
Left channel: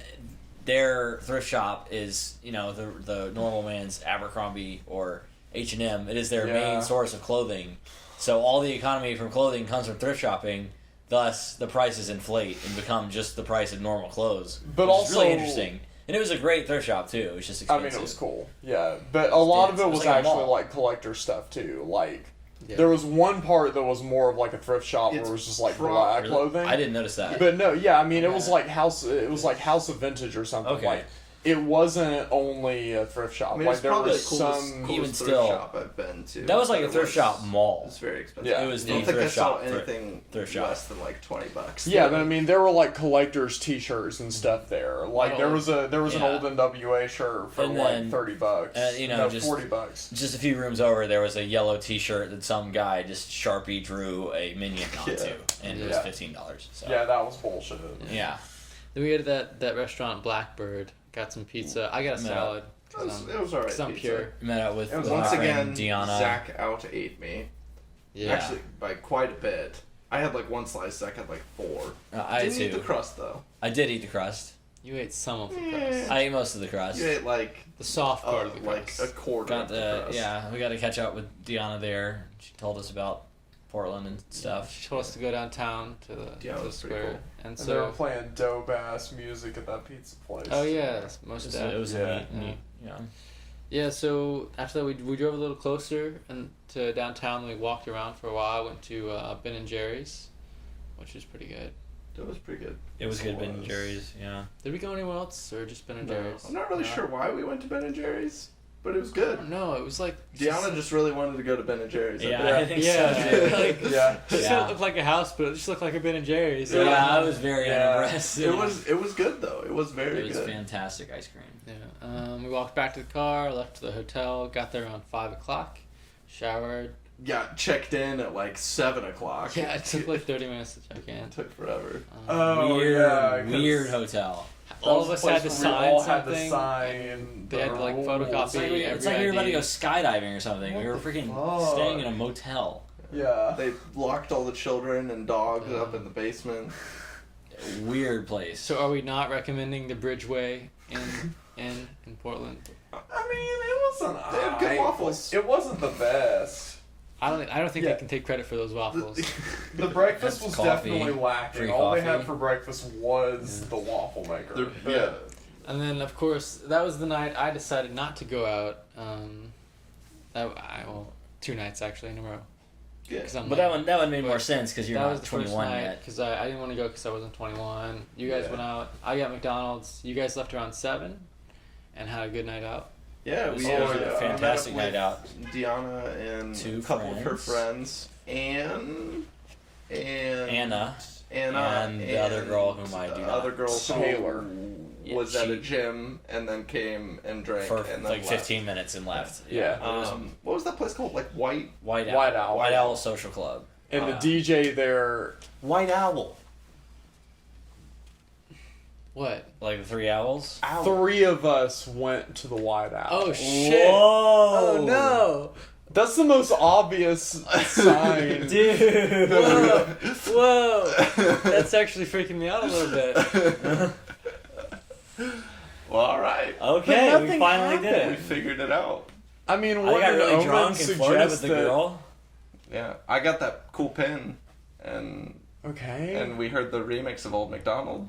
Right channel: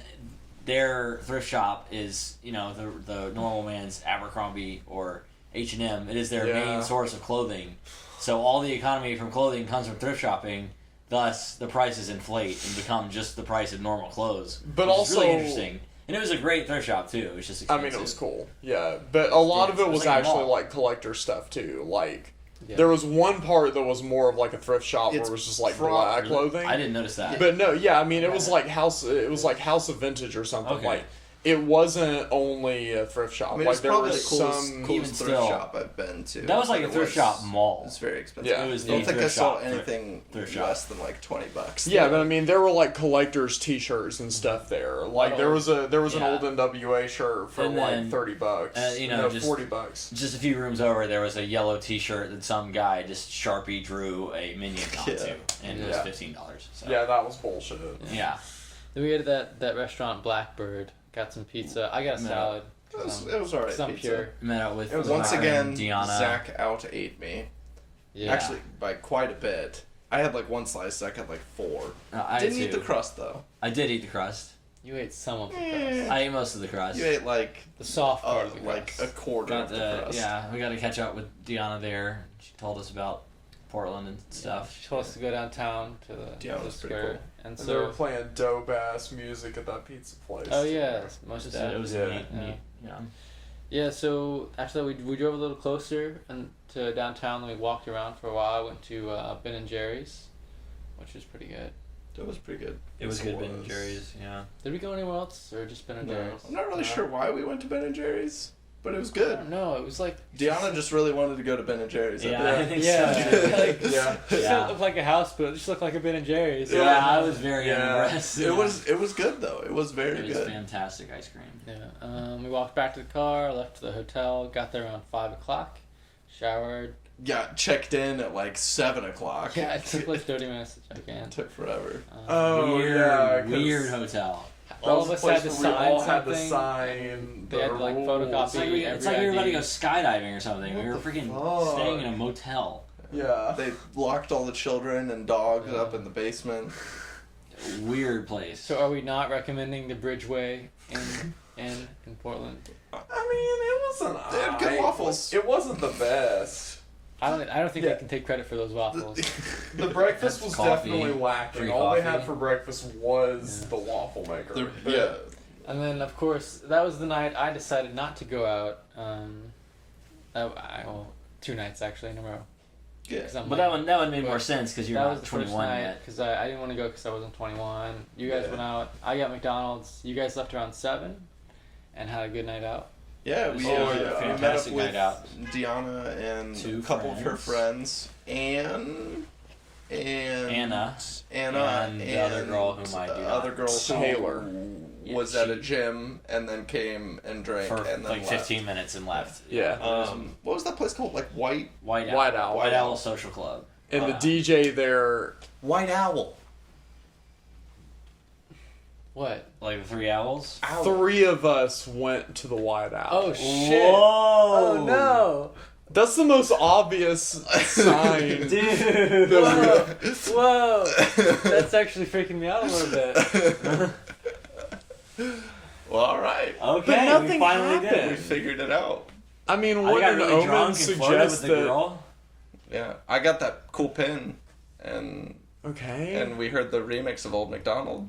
their thrift shop is, the normal man's Abercrombie or H&M. It is their Yeah. main source of clothing. So all the economy from clothing comes from thrift shopping. Thus, the prices inflate and become just the price of normal clothes. But which is also- really interesting. And it was a great thrift shop, too. It was just I expensive. mean, it was cool. Yeah, but a lot of Yeah, it it was was like a actually mall. like collector stuff too. Like Yeah. there was one part that was more of like a thrift shop where It's it was just like pro- black Really? clothing. I didn't notice that. But no, yeah, I mean it was like house. It was like House of Vintage or something. Okay. Like it wasn't only a thrift shop. I mean, like it's there probably was the coolest, some. Even coolest thrift still, shop I've been to. That was like but a thrift it shop mall. It's very expensive. Yeah. It was I the don't think I thrift saw shop. anything thrift shop. less than like $20. Yeah, but I mean there were like collectors T-shirts and stuff there. Like there was an Yeah. old NWA shirt for And like then, $30. just- $40. Just a few rooms over, there was a yellow T-shirt that some guy just Sharpie drew a minion onto, and it was Yeah. $15. So. Yeah, that was bullshit. Yeah. Then we ate at that restaurant Blackbird. Got some pizza. I got a No. salad. It was alright. It's not pizza. pure. Met out with And my once friend again, Deanna. Zach out-ate me. Yeah. Actually, by quite a bit. I had like one slice, Zach had like 4. I Didn't too. eat the crust though. I did eat the crust. You ate some of the Yeah. crust. I ate most of the crust. You ate like The soft part of the like crust. a quarter Got of the the crust. yeah. We got to catch up with Deanna there. She told us about Portland and stuff. She told us to go downtown to the, Yeah, it to the was pretty square. cool. And And they were so, playing dope ass music at that pizza place. oh yeah, most It of that. was Yeah. a neat, yeah. Yeah, so after that we drove a little closer and to downtown. Then we walked around for a while. Went to Ben and Jerry's, which was pretty good. That was pretty good. It was Yes, good, it Ben and was. Jerry's. Yeah. Did we go anywhere else or just Ben and No, Jerry's? I'm not really Yeah. sure why we went to Ben and Jerry's, but it was I good. don't know. It was like Deanna just really wanted to go to Ben and Jerry's. I Yeah, think. I think Yeah. so. Like, Yeah. It just Yeah. looked like a house, but it just looked like a Ben and Jerry's. Yeah, I was very Yeah. unimpressed. It was good though. It was very It was good. fantastic ice cream. Yeah. We walked back to the car, left to the hotel, got there around 5 o'clock, showered. Got checked in at like 7 o'clock. Yeah, it took like 30 minutes to check in. It took forever. Oh, weird, yeah, 'cause weird hotel. All of that was us the had place to where we sign all had to something. sign They had to, like, the photocopy It's like, every it's like we were about to ID. go skydiving or something. We were freaking fuck? staying in a motel. Yeah. They locked all the children and dogs Yeah. up in the basement. Weird place. So are we not recommending the Bridgeway in Portland? I mean, it wasn't. They had good waffles. It wasn't the best. I don't think Yeah. they can take credit for those waffles. The breakfast was Coffee, definitely lacking. free All they coffee. had for breakfast was the waffle maker. Yeah. And then of course that was the night I decided not to go out. Well, 2 nights actually in a row. Good. 'Cause I'm But like- that one made more sense because you're that not was the first 21 night yet. because I didn't want to go because I wasn't 21. You guys Yeah. went out. I got McDonald's. You guys left around 7 and had a good night out. Yeah, we Oh, met yeah. up Fantastic with night out. Deanna and 2 a couple of her friends. friends, and Anna and the other girl whom I do the not other girl Taylor. Yeah, was at a she- gym and then came and drank for and then like left. 15 minutes and left. Yeah. What was that place called? Like White. White White Owl. Owl. White Owl Social Club. And the DJ there. White Owl. What? Like the 3 owls. 3 of us went to the White Owl. Oh shit! Whoa! Oh no! That's the most obvious sign. Dude. Whoa! Whoa! That's actually freaking me out a little bit. Well, all right. Okay, But we nothing finally did We it. figured it out. I mean, I what got did really Omen drunk and flirted with suggest the that? girl. Yeah, I got that cool pin, and Okay. we heard the remix of Old MacDonald.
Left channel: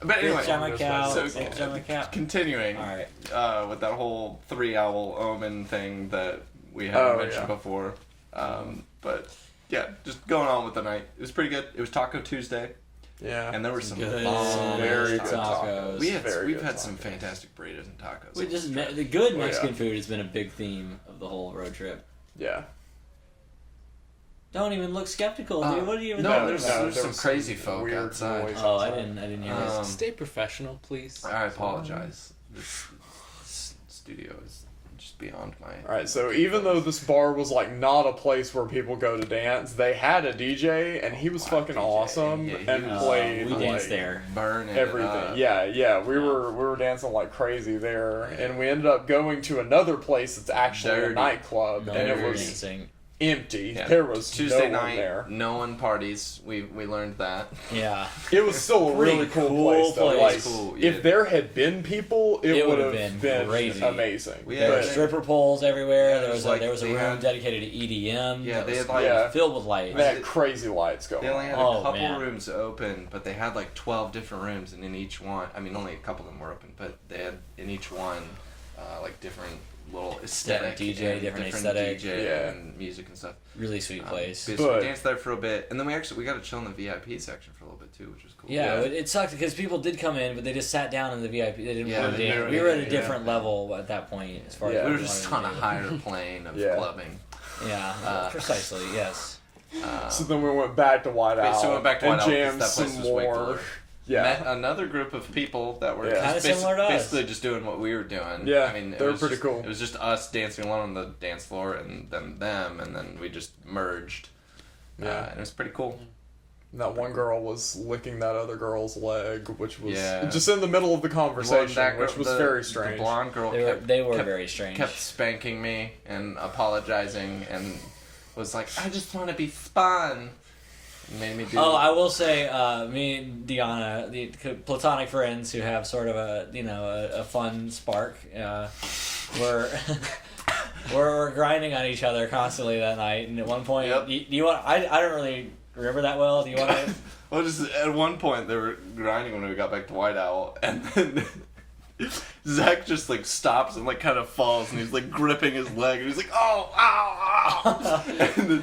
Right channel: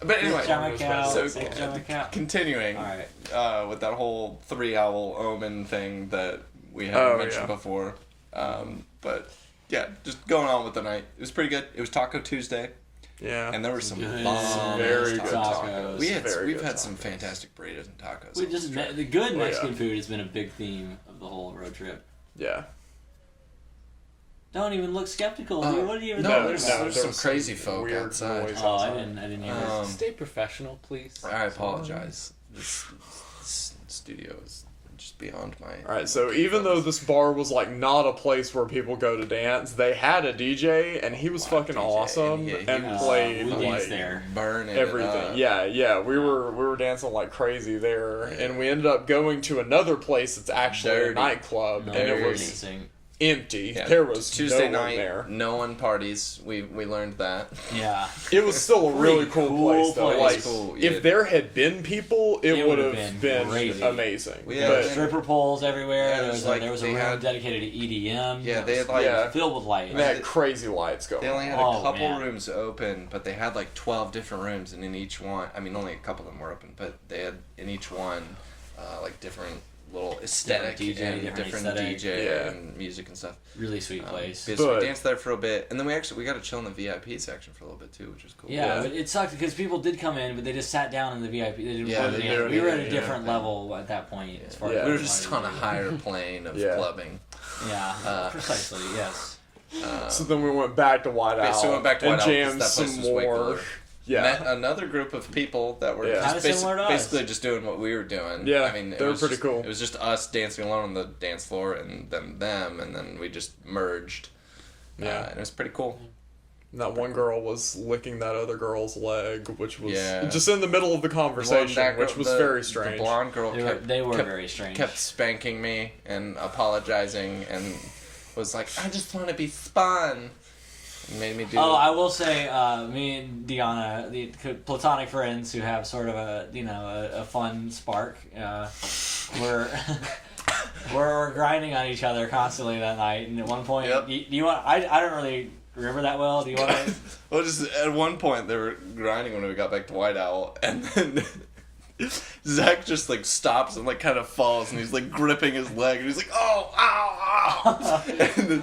But anyway, so continuing All right. with that whole 3 owl omen thing that we haven't Oh, mentioned yeah. before. But yeah, just going on with the night. It was pretty good. It was Taco Tuesday, Yeah. and there were some Good. bomb Very good tacos. tacos. We've good had some tacos. fantastic burritos and tacos. We just the good yeah. Mexican food has been a big theme of the whole road trip. Yeah. Don't even look skeptical, dude. What are you even no, talking there's about? there's there some was crazy some folk weird outside. noise. Oh, I didn't hear it. Stay professional, please. I apologize. This studio is just beyond my. Alright, so even though this bar was like not a place where people go to dance, they had a DJ and he was Wow, fucking DJ. awesome Yeah, he and was- played we like danced there. Burning it everything. up. Yeah. We were dancing like crazy there, and we ended up going to another place that's actually a Dirty. nightclub, No, and it dirty. was dancing. empty. Yeah. There was Tuesday no one night. there. No one parties. We learned that. Yeah. It was still a really Pretty cool place, though. place. Like, Cool, yeah. if there had been people, it It would would've have been been crazy. amazing. We There had were Yeah. stripper poles everywhere. Yeah, there was like, there was a they room had- dedicated to EDM. Yeah, that they was had like Yeah. filled with lights. They had crazy lights going. they only had Oh, a couple man. rooms open, but they had like 12 different rooms, and in each one, I mean, only a couple of them were open, but they had in each one like different little aesthetic DJ, and different different aesthetic. DJ Yeah. and music and stuff. Really sweet place. So But- we danced there for a bit, and then we got to chill in the VIP section for a little bit too, which was cool. Yeah, Yeah. but it sucked because people did come in, but they just sat down in the VIP. They didn't Yeah, want to they dance. didn't We were at a really- different level at that point. As far Yeah. as we were we just wanted on a to higher plane of Yeah. clubbing. do. Yeah, precisely. Yes. So then we went back to White Okay, Owl so we went back to and White Owl 'cause jammed that place some was way more. cooler. Yeah. Met another group of people that were Yeah. just Kinda similar to us. basically just doing what we were doing. Yeah, I mean, they were pretty just, cool. It was just us dancing alone on the dance floor, and then them, and then we just merged. Yeah. And it was pretty cool. And that one girl was licking that other girl's leg, which was Yeah. just in the middle of the conversation, That which girl- was the- very The strange. blonde girl They were kept, very strange. kept spanking me and apologizing, and was like, "I just want to be spun." And made me do. Oh, I will say, me and Deanna, the platonic friends who have sort of a fun spark, we're we're grinding on each other constantly that night. And at one point, Yep. do you want? I don't really remember that well. Do you want to? Well, just at one point they were grinding when we got back to White Owl, and then Zach just like stops and like kind of falls, and he's like gripping his leg, and he's like, "Oh, ow, ow!" And then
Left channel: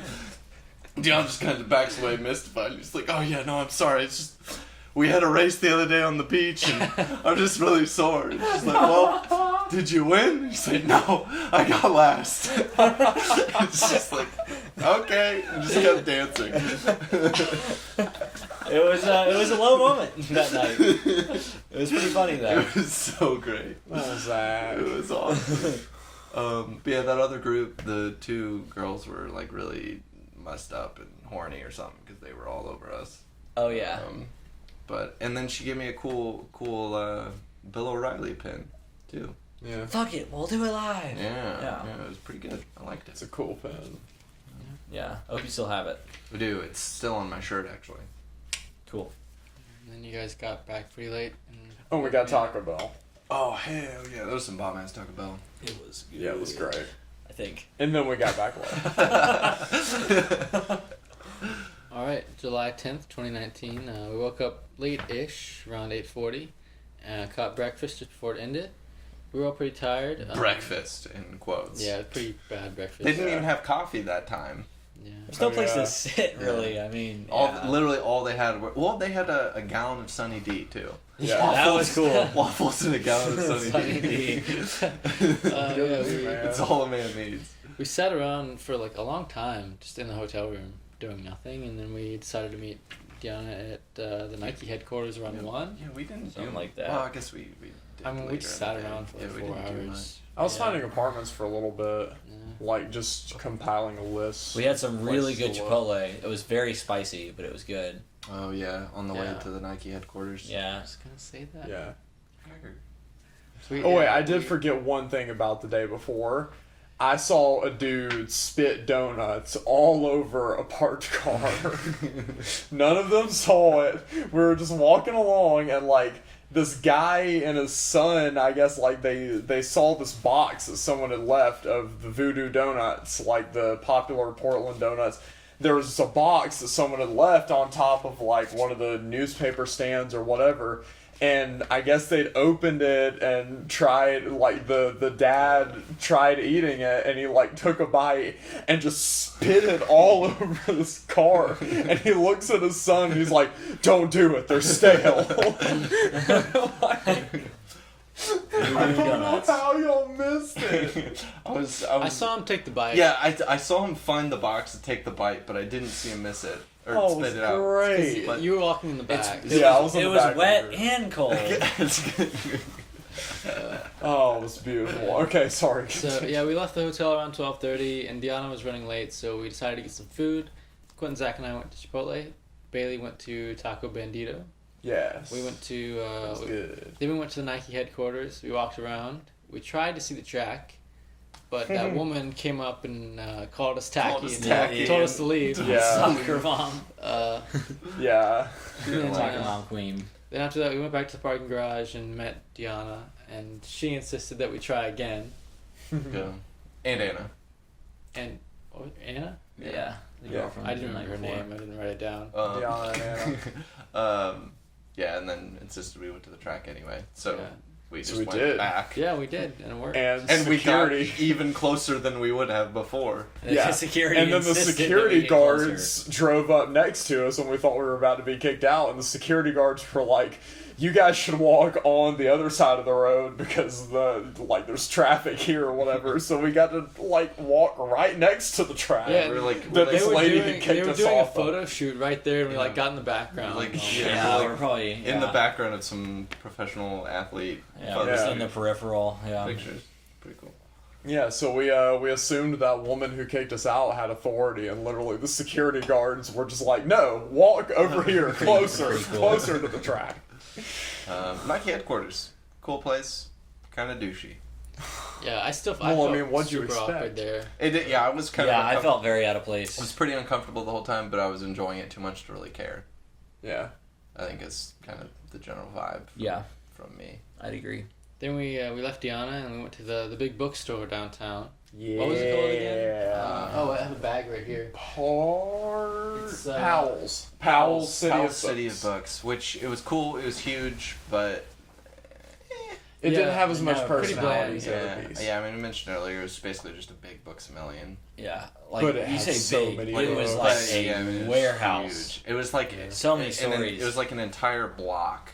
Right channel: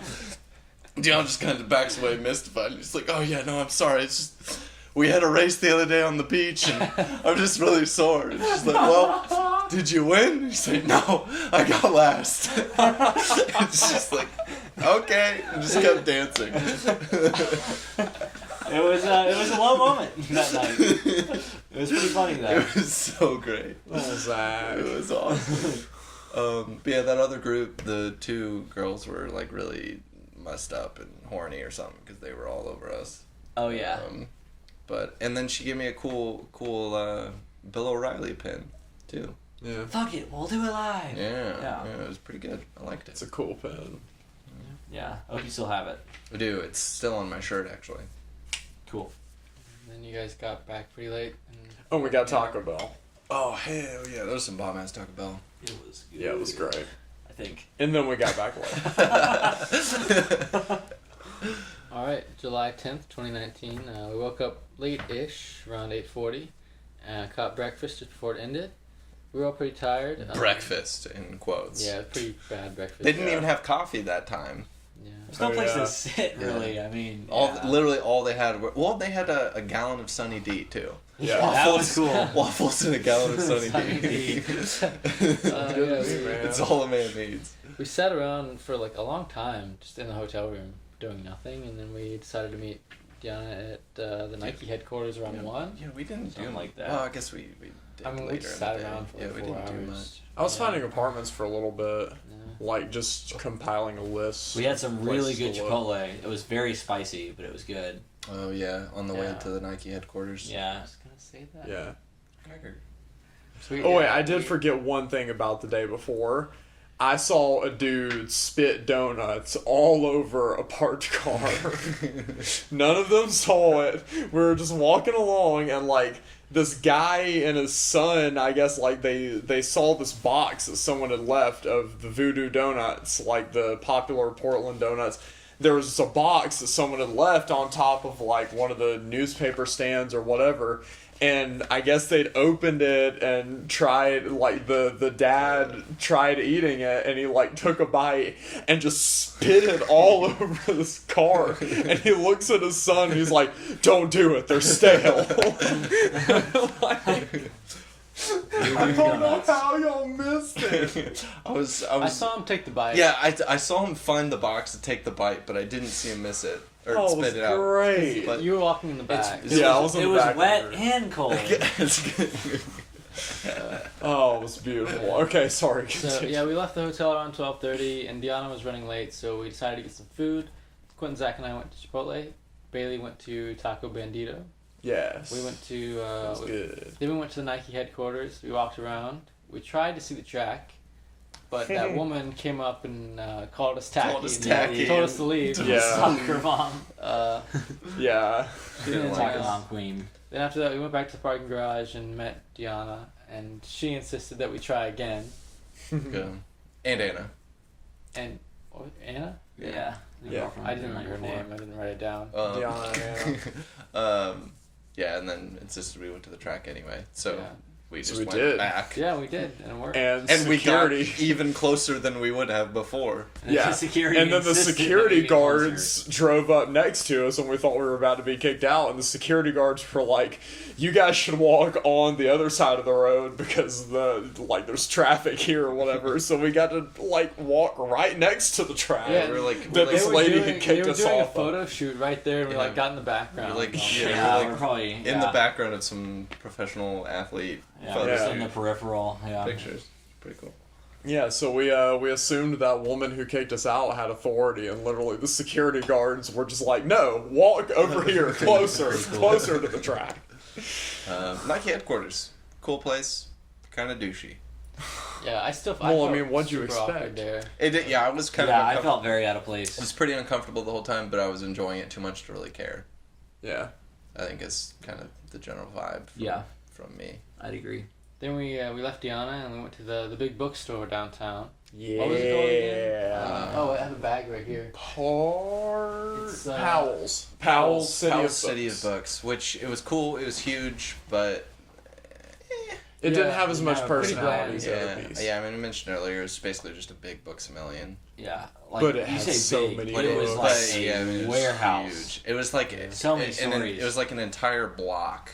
Dion just kind of backs away, mystified. He's like, "Oh yeah, no, I'm sorry. It's just we had a race the other day on the beach, and I'm just really sore." And she's like, "Well, did you win?" He's like, "No, I got last." It's just like, okay, and just kept dancing. It was a low moment that night. It was pretty funny though. It was so great. Oh, Zach. It was awesome. But yeah, that other group, the 2 girls were like really messed up and horny or something because they were all over us. Oh yeah. And then she gave me a cool Bill O'Reilly pin too. Yeah. Fuck it, we'll do it live. Yeah, it was pretty good. I liked It's it. a cool pin. Yeah, hope you still have it. I do. It's still on my shirt actually. Cool. And then you guys got back pretty late. And Oh, we got Taco Bell. Oh hell yeah, that was some bomb ass Taco Bell. It was good. Yeah, it was great. I think. And then we got back late. all right, July 10th, 2019. We woke up late-ish, around 8:40. Caught breakfast just before it ended. We were all pretty tired. Breakfast in quotes. Yeah, pretty bad breakfast. They didn't even have coffee that time. Yeah. There's no Oh, place yeah. to sit, really. I mean, Literally all they had they had a gallon of Sunny D too. Yeah. that was cool. Waffles and a gallon of Sunny Sunny D. D. Yeah, It's all a man needs. we sat around for like a long time, just in the hotel room, doing nothing, and then we decided to meet Deanna at the Nike headquarters around 1. Yeah, we didn't Something do like that. Well, I guess we did I mean, we later just in sat the day. around for like we 4 didn't do much. hours. I was Yeah. finding apartments for a little bit, Yeah. like just compiling a list. We had some really Places good to look. Chipotle. It was very spicy, but it was good. Oh yeah, on the way Yeah. to the Nike headquarters. I Yeah. was gonna say that. Yeah. So we- Oh wait, yeah, I did we- forget one thing about the day before. I saw a dude spit donuts all over a parked car. None of them saw it. We were just walking along, and like this guy and his son, I guess, like they saw this box that someone had left of the Voodoo Donuts, like the popular Portland donuts. There was a box that someone had left on top of like one of the newspaper stands or whatever. And I guess they'd opened it and tried, like, the dad tried eating it, and he, like, took a bite and just spit it all over this car. And he looks at his son, he's like, don't do it, they're stale. Like, I don't know how y'all missed it. I was. I saw him take the bite. Yeah, I saw him find the box to take the bite, but I didn't see him miss it or Oh, it was spit it out. great. But- You were walking in the back. Yeah, I was in It the was back wet of it. and cold. Oh, it was beautiful. Okay, sorry. So yeah, we left the hotel around 12:30, and Deanna was running late, so we decided to get some food. Quentin, Zach, and I went to Chipotle. Bailey went to Taco Bandito. Yes. We went to It was good. then we went to the Nike headquarters. We walked around. We tried to see the track, but that woman came up and called us tacky. Called us and tacky. told us to leave. Yeah. Soccer mom. Uh, Yeah. She didn't Yeah. like her mom queen. then after that, we went back to the parking garage and met Deanna, and she insisted that we try again. Yeah. And Anna. And Anna? Yeah. The Yeah. girlfriend I didn't the night remember her before. name. I didn't write it down. Deanna, Yeah, and then insisted we went to the track anyway. So Yeah. we So just we went did. back. Yeah, we did, and it worked. And And we security. got even closer than we would have before. And Yeah. the security And then the insisted that we security get closer. guards drove up next to us, and we thought we were about to be kicked out. And the security guards were like, "You guys should walk on the other side of the road because there's traffic here or whatever." So we got to like walk right next to the track. Yeah, We're like, that we're this like- lady had kicked they were us doing off a of. photo shoot right there, and we like Yeah. got in the background. Like, and all yeah, that. Yeah, like, we're probably in the background of some professional athlete Yeah, photos just Yeah. in the peripheral. Yeah. pictures. Pretty cool. Yeah, so we assumed that woman who kicked us out had authority, and literally the security guards were just like, "No, walk over here, closer, closer to the track." Nike headquarters. Cool place. Kind of douchey. Yeah, I still. Well, I felt mean, what'd you super expect? awkward there. Yeah, I was kind Yeah, of. I uncomfortable. felt very out of It place. was pretty uncomfortable the whole time, but I was enjoying it too much to really care. Yeah. I think it's kind of the general vibe. Yeah, From me. I'd agree. Then we left Deanna and we went to the big bookstore downtown. Yeah. What was it called again? Oh, I have a bag right here. It's, Powell's. Powell's City City of Books, which it was cool. It was huge, but It Yeah, didn't have as it much had a pretty personality as the yeah, other piece. yeah. I mean, I mentioned earlier, it's basically just a big books a million. Yeah, like But it you had say so big, many but it was books. like a Yeah, I mean, it was warehouse. huge. It was like So many and stories. It was like an entire block,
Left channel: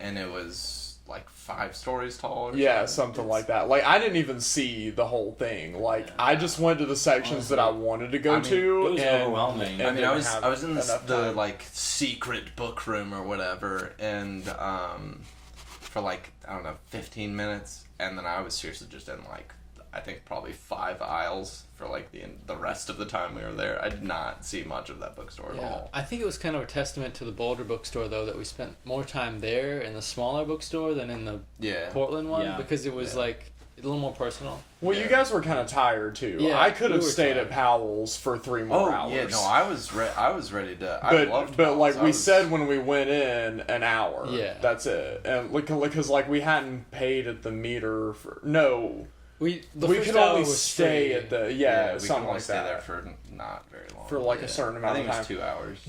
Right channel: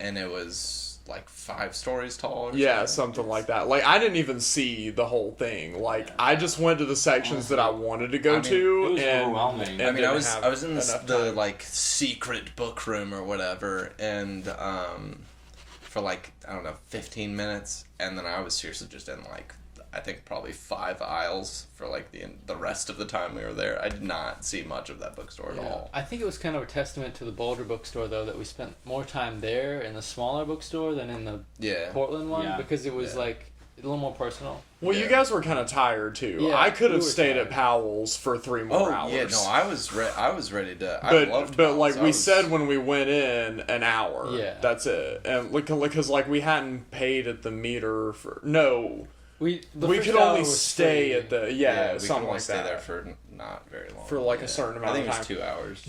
and it was like 5 stories tall. Or Yeah, something like that. Like I didn't even see the whole thing. Like I just went to the sections that I wanted to go I mean, to. it was and, overwhelming. and I mean, I didn't was have I was in enough the time. like secret book room or whatever, and for like I don't know 15 minutes, and then I was seriously just in like I think probably 5 aisles for like the rest of the time we were there. I did not see much of that bookstore at Yeah, all. I think it was kind of a testament to the Boulder bookstore though that we spent more time there in the smaller bookstore than in the Yeah, Portland one Yeah. because it was Yeah. like a little more personal. Well, you Yeah. guys were kind of tired too. Yeah, I could have we were stayed tired. at Powell's for 3 more Oh hours. yeah, no, I was ready to. I loved But Powell's. like I we was- said when we went in, an hour. Yeah. That's it. And because like we hadn't paid at the meter for no. The we first could hour only was stay free. at the we something could only like stay that. there for not very long. For, like, a certain amount I think of it was time. 2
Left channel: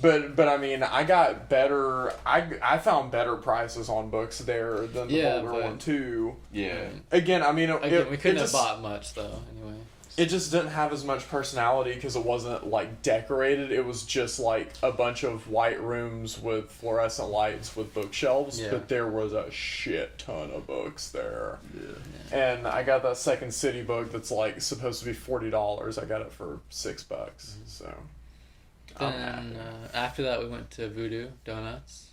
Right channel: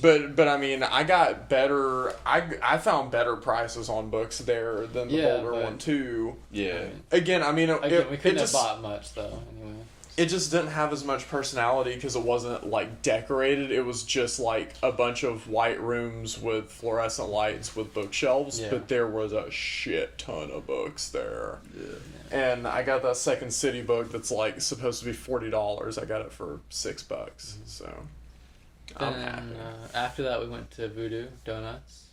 hours. But I mean, I got better. I found better prices on books there than the Yeah, Boulder but- one too. Yeah. Again, I mean, Again, we couldn't just, have bought much though. Anyway. It just didn't have as much personality because it wasn't like decorated. It was just like a bunch of white rooms with fluorescent lights with bookshelves. Yeah. But there was a shit ton of books there. And I got that Second City book that's like supposed to be $40. I got it for $6. So I'm happy. Then after that, we went to Voodoo Donuts.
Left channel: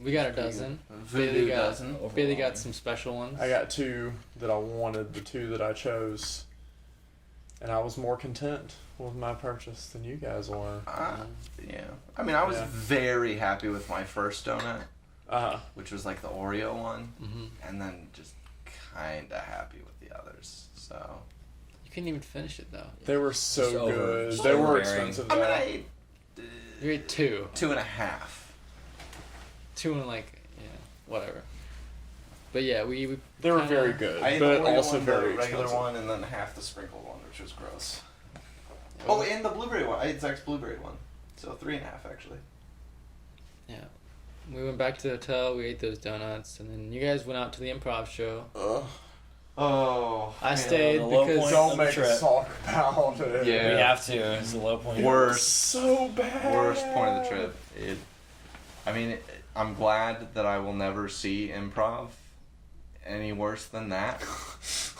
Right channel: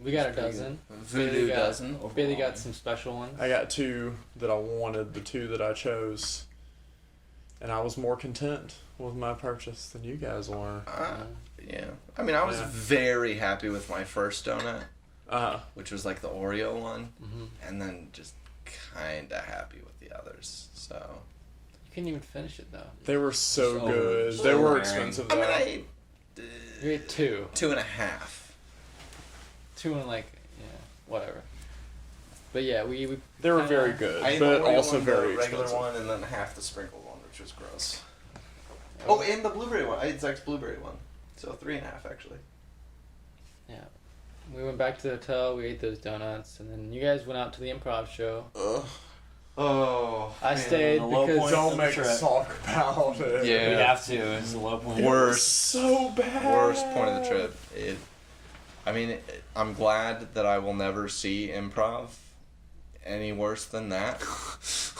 We got a dozen. Voodoo Bailey got, dozen. Bailey got some special ones. I got 2 that I wanted, the 2 that I chose. And I was more content with my purchase than you guys were. Yeah. I mean, I was Yeah. very happy with my first donut, Uh, which was like the Oreo one, hmm and then just kind of happy with the others. So. You couldn't even finish it though. they were so So good. so They were overbearing. expensive I mean, though. I ate You ate 2. 2.5. 2 and like whatever. But yeah, we They were kinda- very good, I ate but the Oreo also one, very the regular expensive. one, and then half the sprinkled one, which was gross. Oh, and the blueberry one. I ate Zach's blueberry one. So 3.5 actually. Yeah. We went back to the hotel, we ate those donuts, and then you guys went out to the improv show. Ugh. Oh. I stayed the low because point. Don't of make the us trip. talk about it. Yeah. We have to. It's the low point. It was Worst. so bad. Worst point of the trip. I'm glad that I will never see improv any worse than that.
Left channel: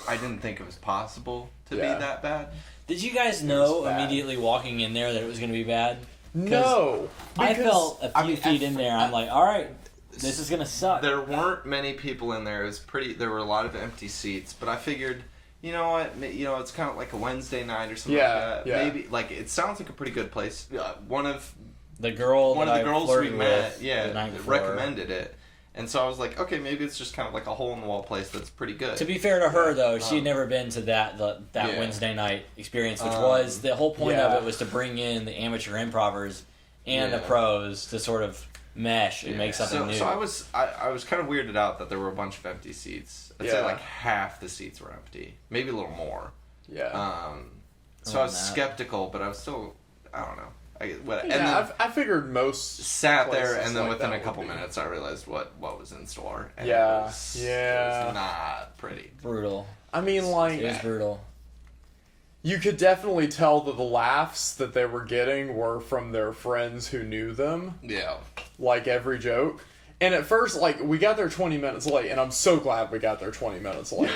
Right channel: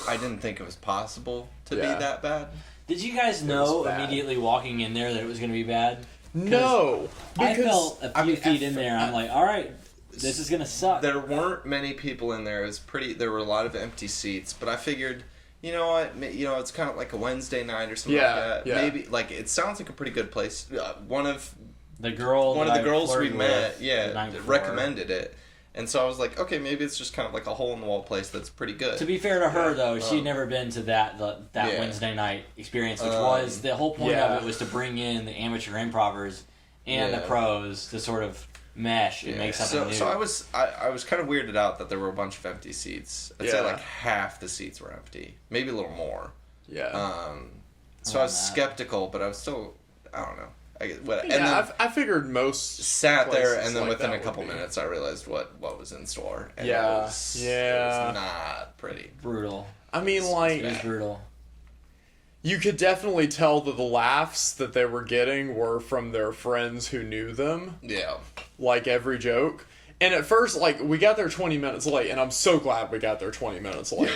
I didn't think it was possible to Yeah. be that bad. Did you guys was know bad. immediately walking in there that it was going to be bad? No, I because felt a few feet in there. I'm like, all right, this is going to suck. There weren't many people in there. It was pretty. There were a lot of empty seats, but I figured, you know what? It's kind of like a Wednesday night or something Yeah, like that. yeah. Maybe like it sounds like a pretty good place. One of The one of that the I girls we flirted met, with the night before. recommended it, and so I was like, okay, maybe it's just kind of like a hole in the wall place that's pretty good. To be fair to her, Yeah. though, she'd Um, never been to that yeah. Wednesday night experience, which Um, was the whole point of yeah. it was to bring in the amateur improvers and the Yeah. pros to sort of mesh and Yeah. make something new. So I was kind of weirded out that there were a bunch of empty seats. I'd say Yeah. like half the seats were empty, maybe a little more. yeah. So I was Around that. skeptical, but I was still, I don't know. And Yeah, then I figured most sat there, places and then like within that a would couple be. minutes, I realized what was in store. And Yeah, it was, yeah. It was not pretty. brutal. I mean, like, It was brutal. you could definitely tell that the laughs that they were getting were from their friends who knew them, Yeah. like every joke. And at first, like, we got there 20 minutes late, and I'm so glad we got there 20 minutes late.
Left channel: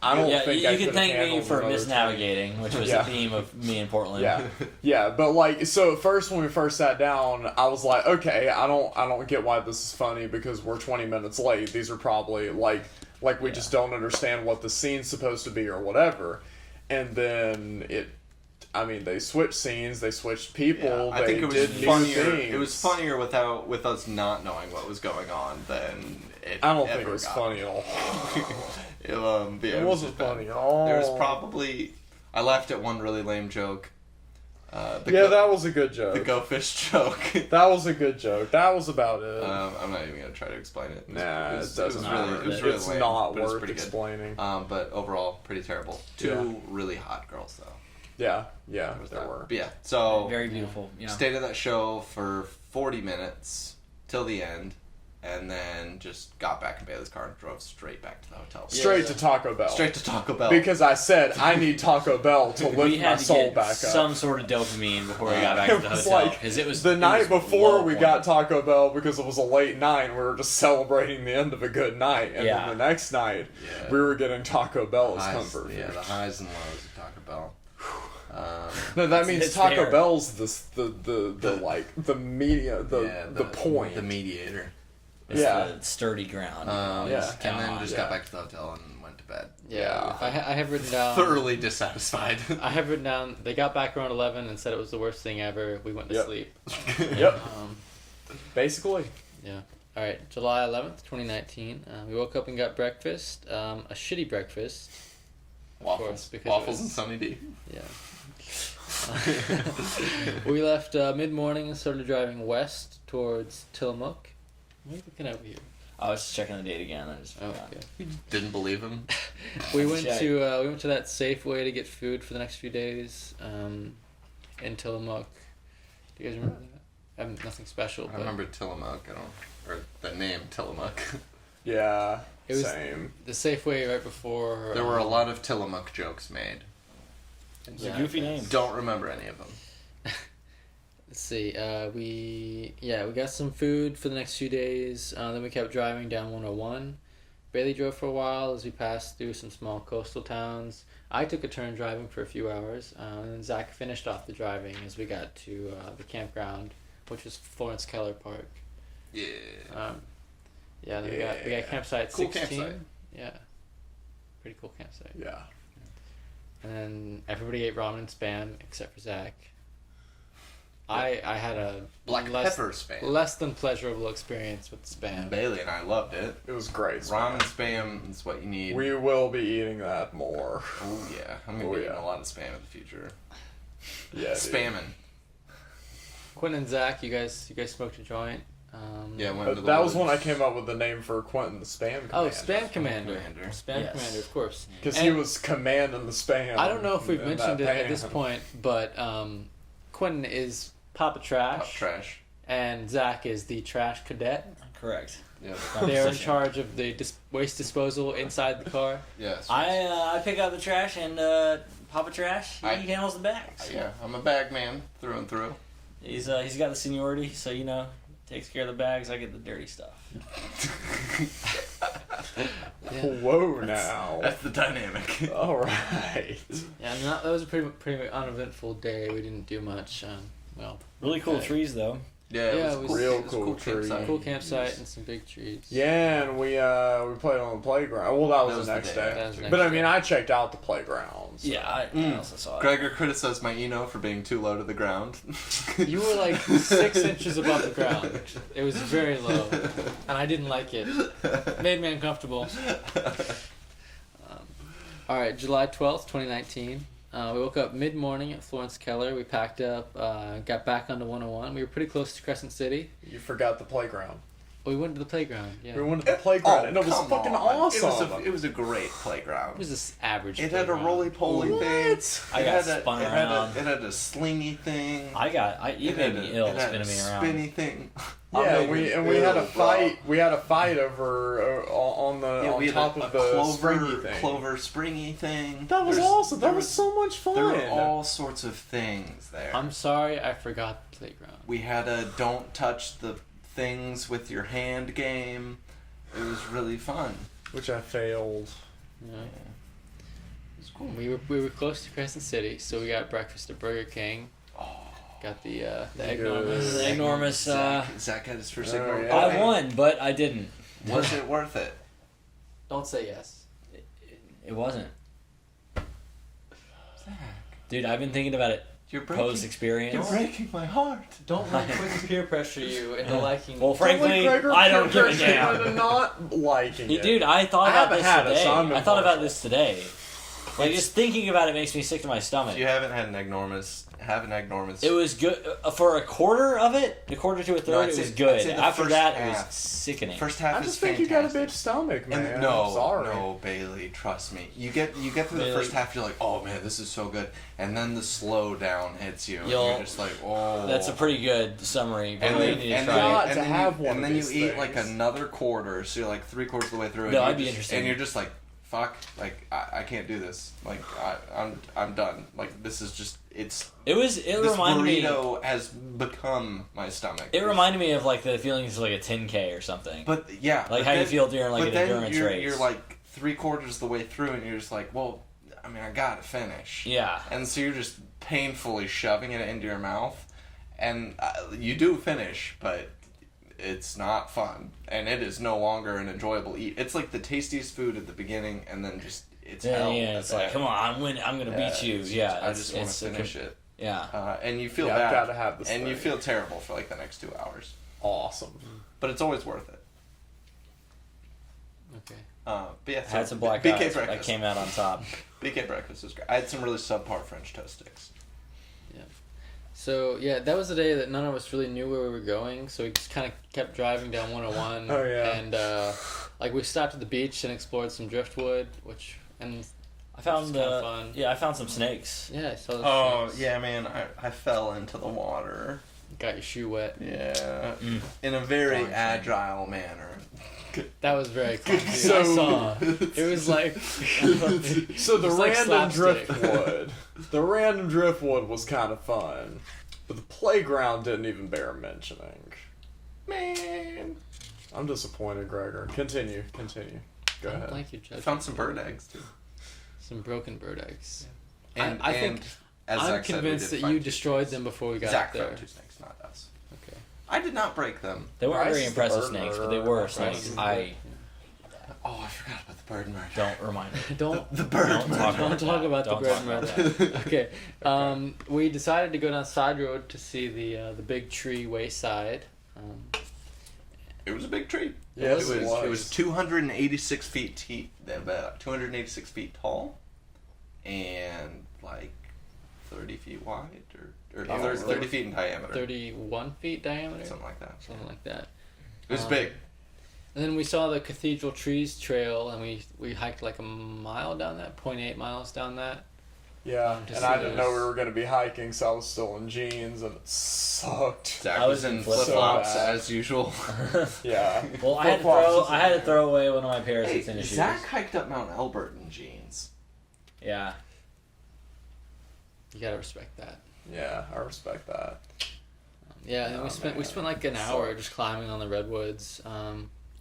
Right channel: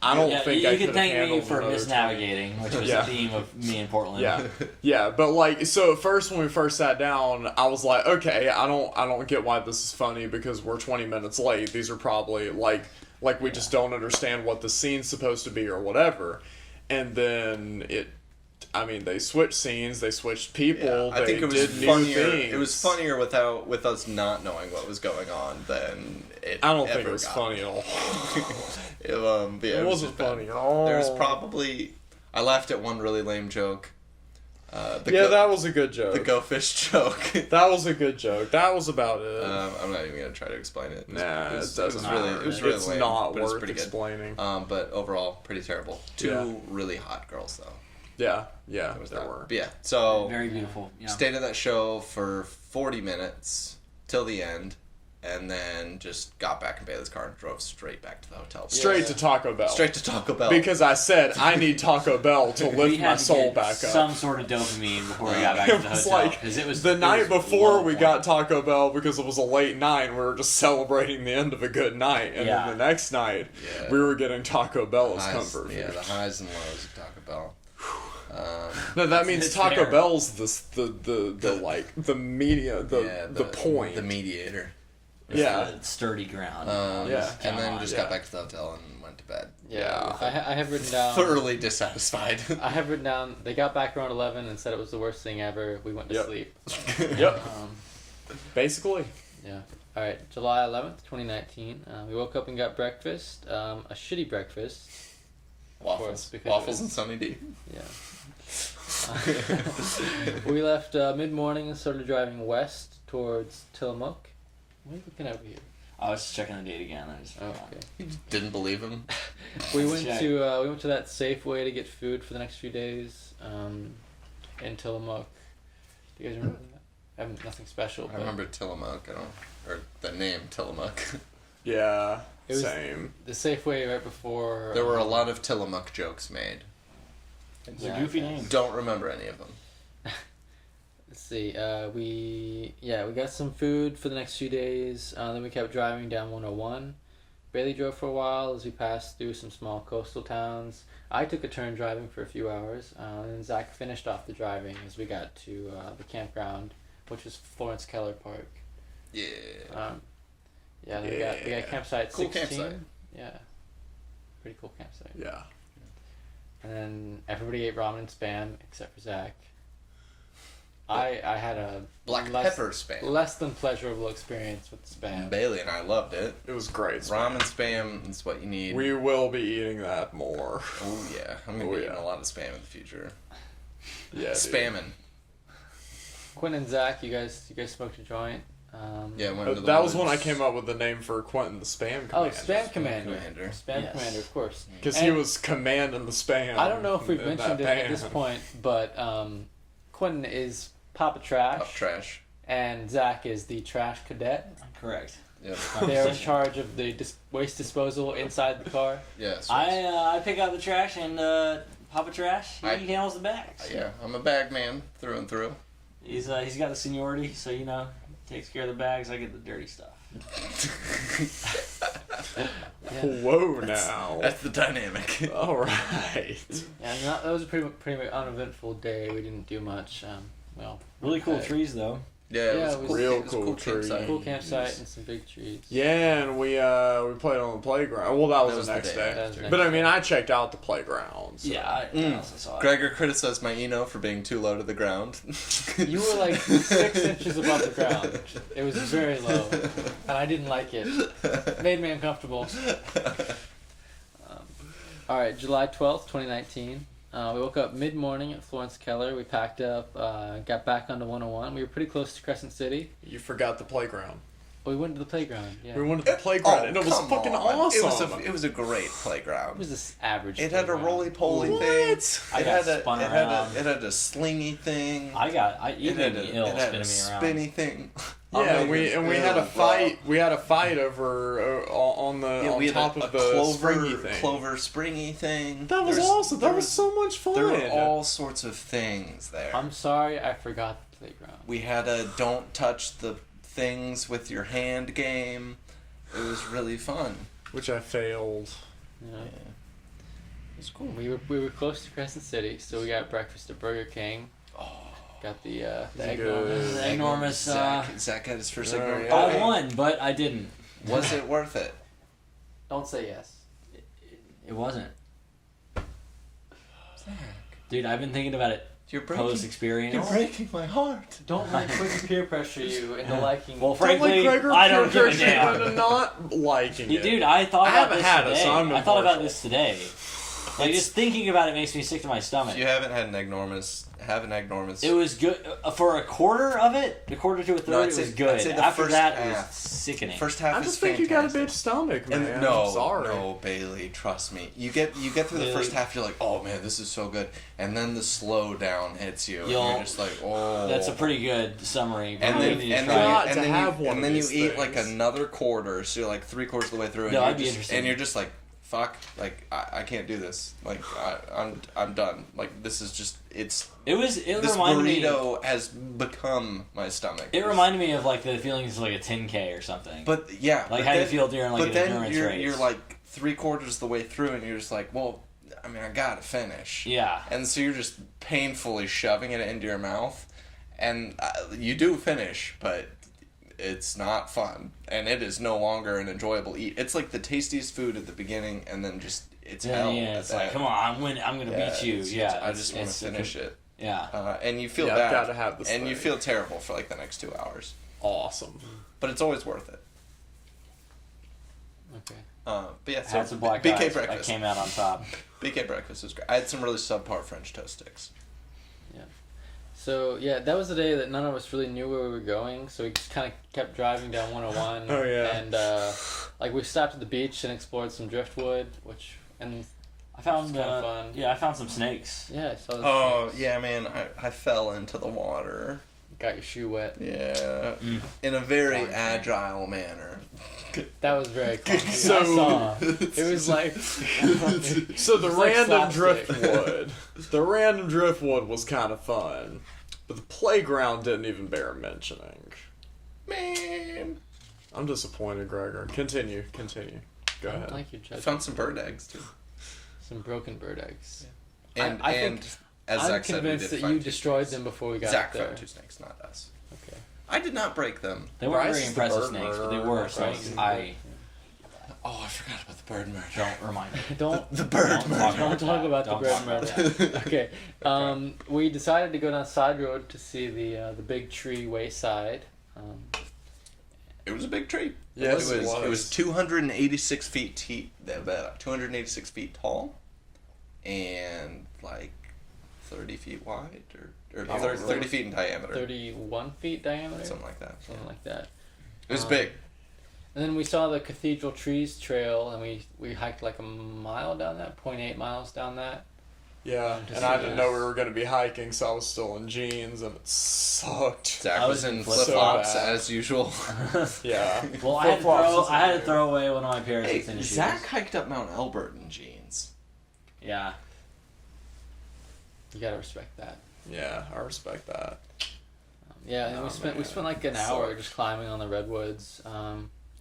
I don't Yeah, think you I can could thank me handled for another 20. misnavigating, which was Yeah. the theme of me in Portland. Yeah, yeah, but like, so at first when we first sat down, I was like, okay, I don't get why this is funny because we're 20 minutes late. These are probably like we just don't understand what the scene's supposed to be or whatever. And then they switched scenes, they switched people, I they think it was did new funnier. things. It was funnier with us not knowing what was going on than it. I don't think ever it was got. funny at all. But yeah, It was wasn't just bad. funny at all. There's probably I laughed at one really lame joke. That was a good joke. the go fish joke. That was a good joke. That was about it. I'm not even gonna try to explain it. Nah, it it doesn't really, matter. it was really It's lame, not but it's worth pretty good. explaining. But overall, pretty terrible. Two really hot girls though. Yeah, That was there that. were. But yeah, so Very beautiful. Yeah. stayed at that show for 40 minutes till the end, and then just got back in Bailey's car and drove straight back to the hotel. Straight to Taco Bell. Straight to Taco Bell. Because I said I need Taco Bell to we lift my had to soul get back up. some sort of dopamine before we got back to It the was hotel like because it was the it night was before low we point. got Taco Bell because it was a late night. We were just celebrating the end of a good night, and Yeah. then the next night Yeah. we were getting Taco Bell as highs, comfort yeah, food. the highs and lows of Taco Bell. No, that means It's Taco fair. Bell's the like the media the point. the mediator. It's Yeah. the sturdy ground. Yeah. And then just Yeah. got back to the hotel and went to bed. Yeah, Yeah. I have written down. Thoroughly dissatisfied. I have written down. They got back around 11 and said it was the worst thing ever. We went to Yep. sleep. Yep, Um, basically. yeah. All right. July 11th, 2019. We woke up and got breakfast. A shitty breakfast. course, Waffles. because Waffles it and Sunny D. Yeah. We left mid morning and started driving west towards Tillamook. What are you looking over here? I was just checking the date again. I just Oh, forgot. okay. You just didn't believe him. We went Check. to that Safeway to get food for the next few days in Tillamook. Do you guys remember that? Nothing special. I But remember Tillamook. Or the name Tillamook. Yeah, It was- same. the Safeway right before. There were a lot of Tillamook jokes made. It's a goofy name. Don't remember any of them. Let's see. We got some food for the next few days. Then we kept driving down 101. Bailey drove for a while as we passed through some small coastal towns. I took a turn driving for a few hours, and then Zach finished off the driving as we got to the campground, which was Florence Keller Park. Yeah. Yeah, then we got campsite Cool 16. campsite. Yeah, pretty cool campsite. Yeah. And then everybody ate ramen spam except for Zach. I had a Black less, pepper spam. less than pleasurable experience with spam. Bailey and I loved it. It was great. Ramen spam is what you need. We will be eating that more. Oh yeah, I'm gonna Oh, be eating yeah. a lot of spam in the future. Yeah, dude. Spamming. Quinn and Zach, you guys smoked a joint. Yeah, went to the That was when I woods. came up with the name for Quentin, the Spam Commander. Oh, Spam Commander. Commander. Spam Yes. Commander, of course. Because he And- was commanding the spam. I don't know if we've in mentioned it that at this pan. point, but Quentin is Papa Trash, Oh, trash. and Zach is the Trash Cadet. Correct. Yeah. They're in charge of the waste disposal inside the car. Yeah. I pick out the trash and Papa Trash, he I- handles the bags. Yeah, I'm a bag man through and through. He's got the seniority, so takes care of the bags. I get the dirty stuff. Yeah, Whoa, now. That's the dynamic. All right. yeah, and that was a pretty uneventful day. We didn't do much. Well, Really cool Uh, trees though. Yeah, Yeah, it was real it was a cool tree. campsite. cool campsite and some big trees. Yeah, and we played on the playground. Well, that was, That was the the next day day. after. That was the But I next mean, day. I checked out the playgrounds. Yeah, I also saw it. Gregor criticized my Eno for being too low to the ground. You were like 6 inches above the ground. It was very low, and I didn't like it. It made me uncomfortable. All right, July 12th, 2019. We woke up mid-morning at Florence Keller. We packed up, got back onto 101. We were pretty close to Crescent City. You forgot the playground. We went to the playground. Yeah, We went to the playground, and it was come fucking on. awesome. It was a great it playground. was this average. It had a playground. roly-poly thing. What? I It got had spun it around. Had a slingy thing. You made me ill it had spinning a me around. spinny thing. Yeah, Oh, we it had a was fight. We had a fight over on the Yeah, on we had top a of the springy clover, thing. clover springy thing. That was There's- awesome. there That was so much fun. There were all sorts of things there. I'm sorry, I forgot the playground. We had a don't touch the things with your hand game. It was really fun. Which I failed. You know? Yeah. It was cool. We were close to Crescent City, so we got breakfast at Burger King. Got the egg Good. rolls. Enormous. Zach had his first Oh, egg roll. yeah. I won, but I didn't. Was it worth it? Don't say yes. It wasn't. Dude, I've been thinking about it You're post breaking, experience. you're breaking my heart. Don't let Quinn peer pressure you into liking. Well, Don't let frankly, Gregor I don't give a pressure you into damn. not liking Yeah, it. dude, I thought I about haven't this had it, today. so I'm I thought about impartial. this today. Like, just thinking about it makes me sick to my stomach. If you haven't had an enormous, have an enormous. It was good for a quarter of it. A quarter to a third, No, I'd it was say- good. I'd say the After first that, it half. was sickening. First half I is just think you got a fantastic. bitch stomach, man. And no, I'm sorry. no, Bailey, trust me. You get through the Bailey. first half, you're like, oh man, this is so good, and then the slow down hits you, and You'll- you're just like, oh. That's a pretty good summary. And Really then, need to and try then, it. Got and to then, have you, one and of then you these eat like things. another quarter, so you're like 3/4 of the way through, and No, you're I'd be just, interested. and you're just like, fuck, like I can't do this, like I'm done, like this is just It It this reminded me. burrito has become my stomach. It reminded me of like the feelings of like a 10K or something. But yeah, like but how you then- feel during like but an then endurance you're, race. you're like 3/4 the way through, and you're just like, well, I mean, I gotta finish. Yeah. And so you're just painfully shoving it into your mouth, and you do finish, but it's not fun, and it is no longer an enjoyable eat. It's like the tastiest food at the beginning, and then just it's hell. Yeah, at it's the like, end. come on, I'm gonna beat you. it's Yeah, I just want to it's- finish it. Yeah. And you feel Yeah, I've bad, gotta have this and you thing. feel terrible for like the next 2 hours, Awesome. but it's always worth it. Okay. But yeah, so Had some black BK eyes. I breakfast. came out on top. BK breakfast was great. I had some really subpar French toast sticks. So yeah, that was the day that none of us really knew where we were going. So we just kind of kept driving down 101. Oh, yeah. And like we stopped at the beach and explored some driftwood, and I found It's kinda fun. yeah, I found some snakes. yeah, so Oh yeah, man! I fell into the water. got your shoe wet. Yeah, Mm. in a very agile manner. That was very fun. Dude. So- I saw. It was like So the It's like random slapstick. driftwood, the random driftwood was kind of fun, but the playground didn't even bear mentioning. Man, I'm disappointed, Gregor. Continue. Go I ahead. don't like your I judgment. found some bird eggs too. Some broken bird eggs. And I think as I'm Zach said, we convinced did that find you two destroyed snakes. them before we got Zach there. found two snakes, not us. Okay. I did not break them. They weren't Bryce very is the impressive bird snakes, but they murderer. were Bryce snakes. is the I Oh, I forgot about the bird murder. don't remind me. Don't The bird Don't murder. talk don't talk about the Don't bird talk about murder. Okay. We decided to go down side road to see the big tree wayside. It was a big tree. Yes, it was 286 feet about 286 feet tall, and like 30 feet wide, or Oh, 30, really? 30 feet in diameter, 31 feet diameter, something like that. something like that. It was Um, big. And then we saw the Cathedral Trees Trail, and we hiked like a mile down that, 0.8 miles down that. Yeah, To and see I didn't this. know we were going to be hiking, so I was still in jeans, and it sucked. Zach I was was in in flip flops so bad. as usual. Yeah. Well, I had to throw away one of my pairs Hey, of tennis Zach shoes. hiked up Mount Elbert in jeans. Yeah. You gotta respect that. Yeah, I respect that. Yeah, and then we Oh, spent man. like an hour Sucked. just climbing on the redwoods.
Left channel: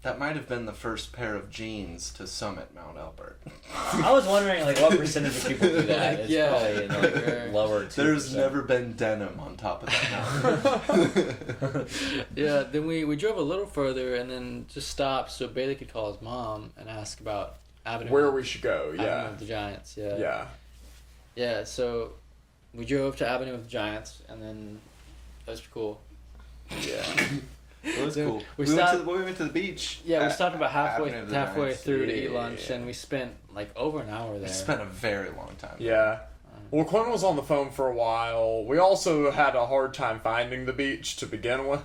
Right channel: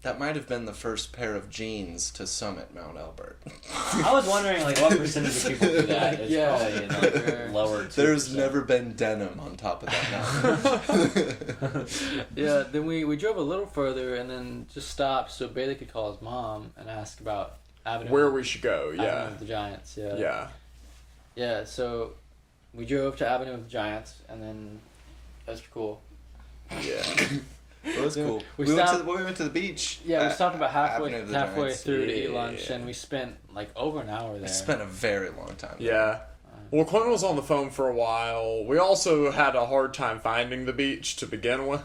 That might have been the first pair of jeans to summit Mount Elbert. I was wondering, like, what percentage of people do that? It's Yeah. probably in like Like, lower 2%. There's never been denim on top of that mountain. Yeah, then we drove a little further and then just stopped so Bailey could call his mom and ask about Avenue. Where we should go, Avenue yeah. of the Giants. Yeah. Yeah. Yeah. So we drove to Avenue of the Giants and then that was cool. Yeah. It was cool. We We stopped- went to the beach. Yeah, we at stopped about halfway Avenue of the Giants. through to eat Yeah. lunch and we spent like over an hour We there. spent a very long time. Yeah. Well, Quinn was on the phone for a while. We also had a hard time finding the beach to begin with.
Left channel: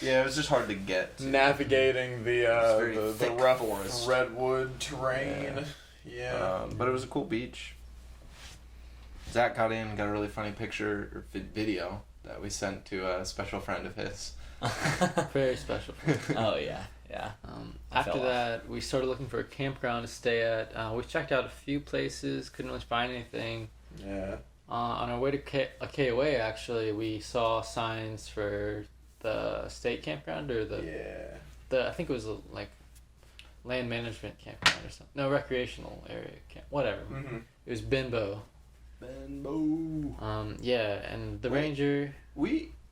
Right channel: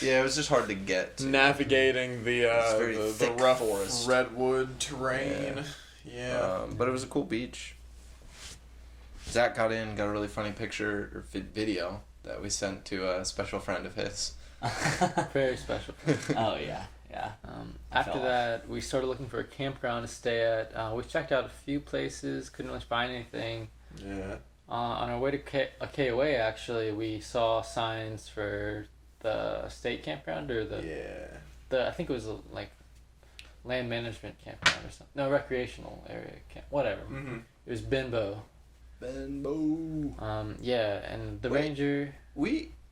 Yeah, it was just hard to get to. Navigating the very the thick rough forest. redwood terrain. Yeah. But it was a cool beach. Zach got a really funny picture or video that we sent to a special friend of his. Very special. Oh, yeah. Yeah. After fell off. that, we started looking for a campground to stay at. We checked out a few places, couldn't really find anything. Yeah. On our way to KOA, actually, we saw signs for the state campground or the I think it was like land management campground or something. No, recreational area camp, whatever. Mm-hmm. It was Benbow. Benbow. Yeah, and the Wait. ranger.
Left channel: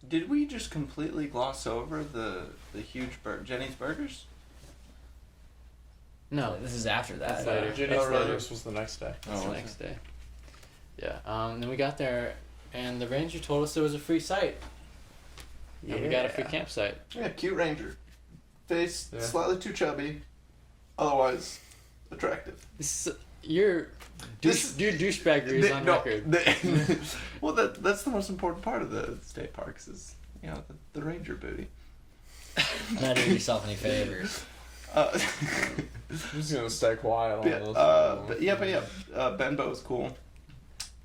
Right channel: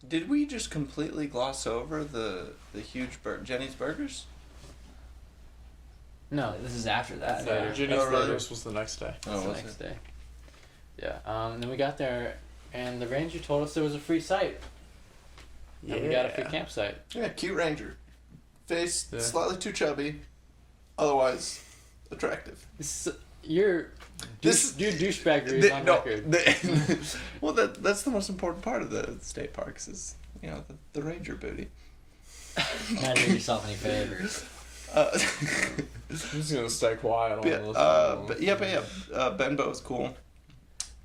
Did we just completely gloss over the huge Jenny's Burgers? No, This is after that. That's later. Jenny's Oh, really? Burgers was the next day. that's the was next it? day. Yeah. Then we got there, and the ranger told us there was a free site. And we got a free campsite. Yeah, cute ranger. Face Yeah. slightly too chubby, otherwise attractive. Your This- your douchebaggery is on record. Well, that's the most important part of the state parks is the ranger booty. Not do yourself any favors. Uh, I'm just gonna stay quiet on this. Benbow was cool.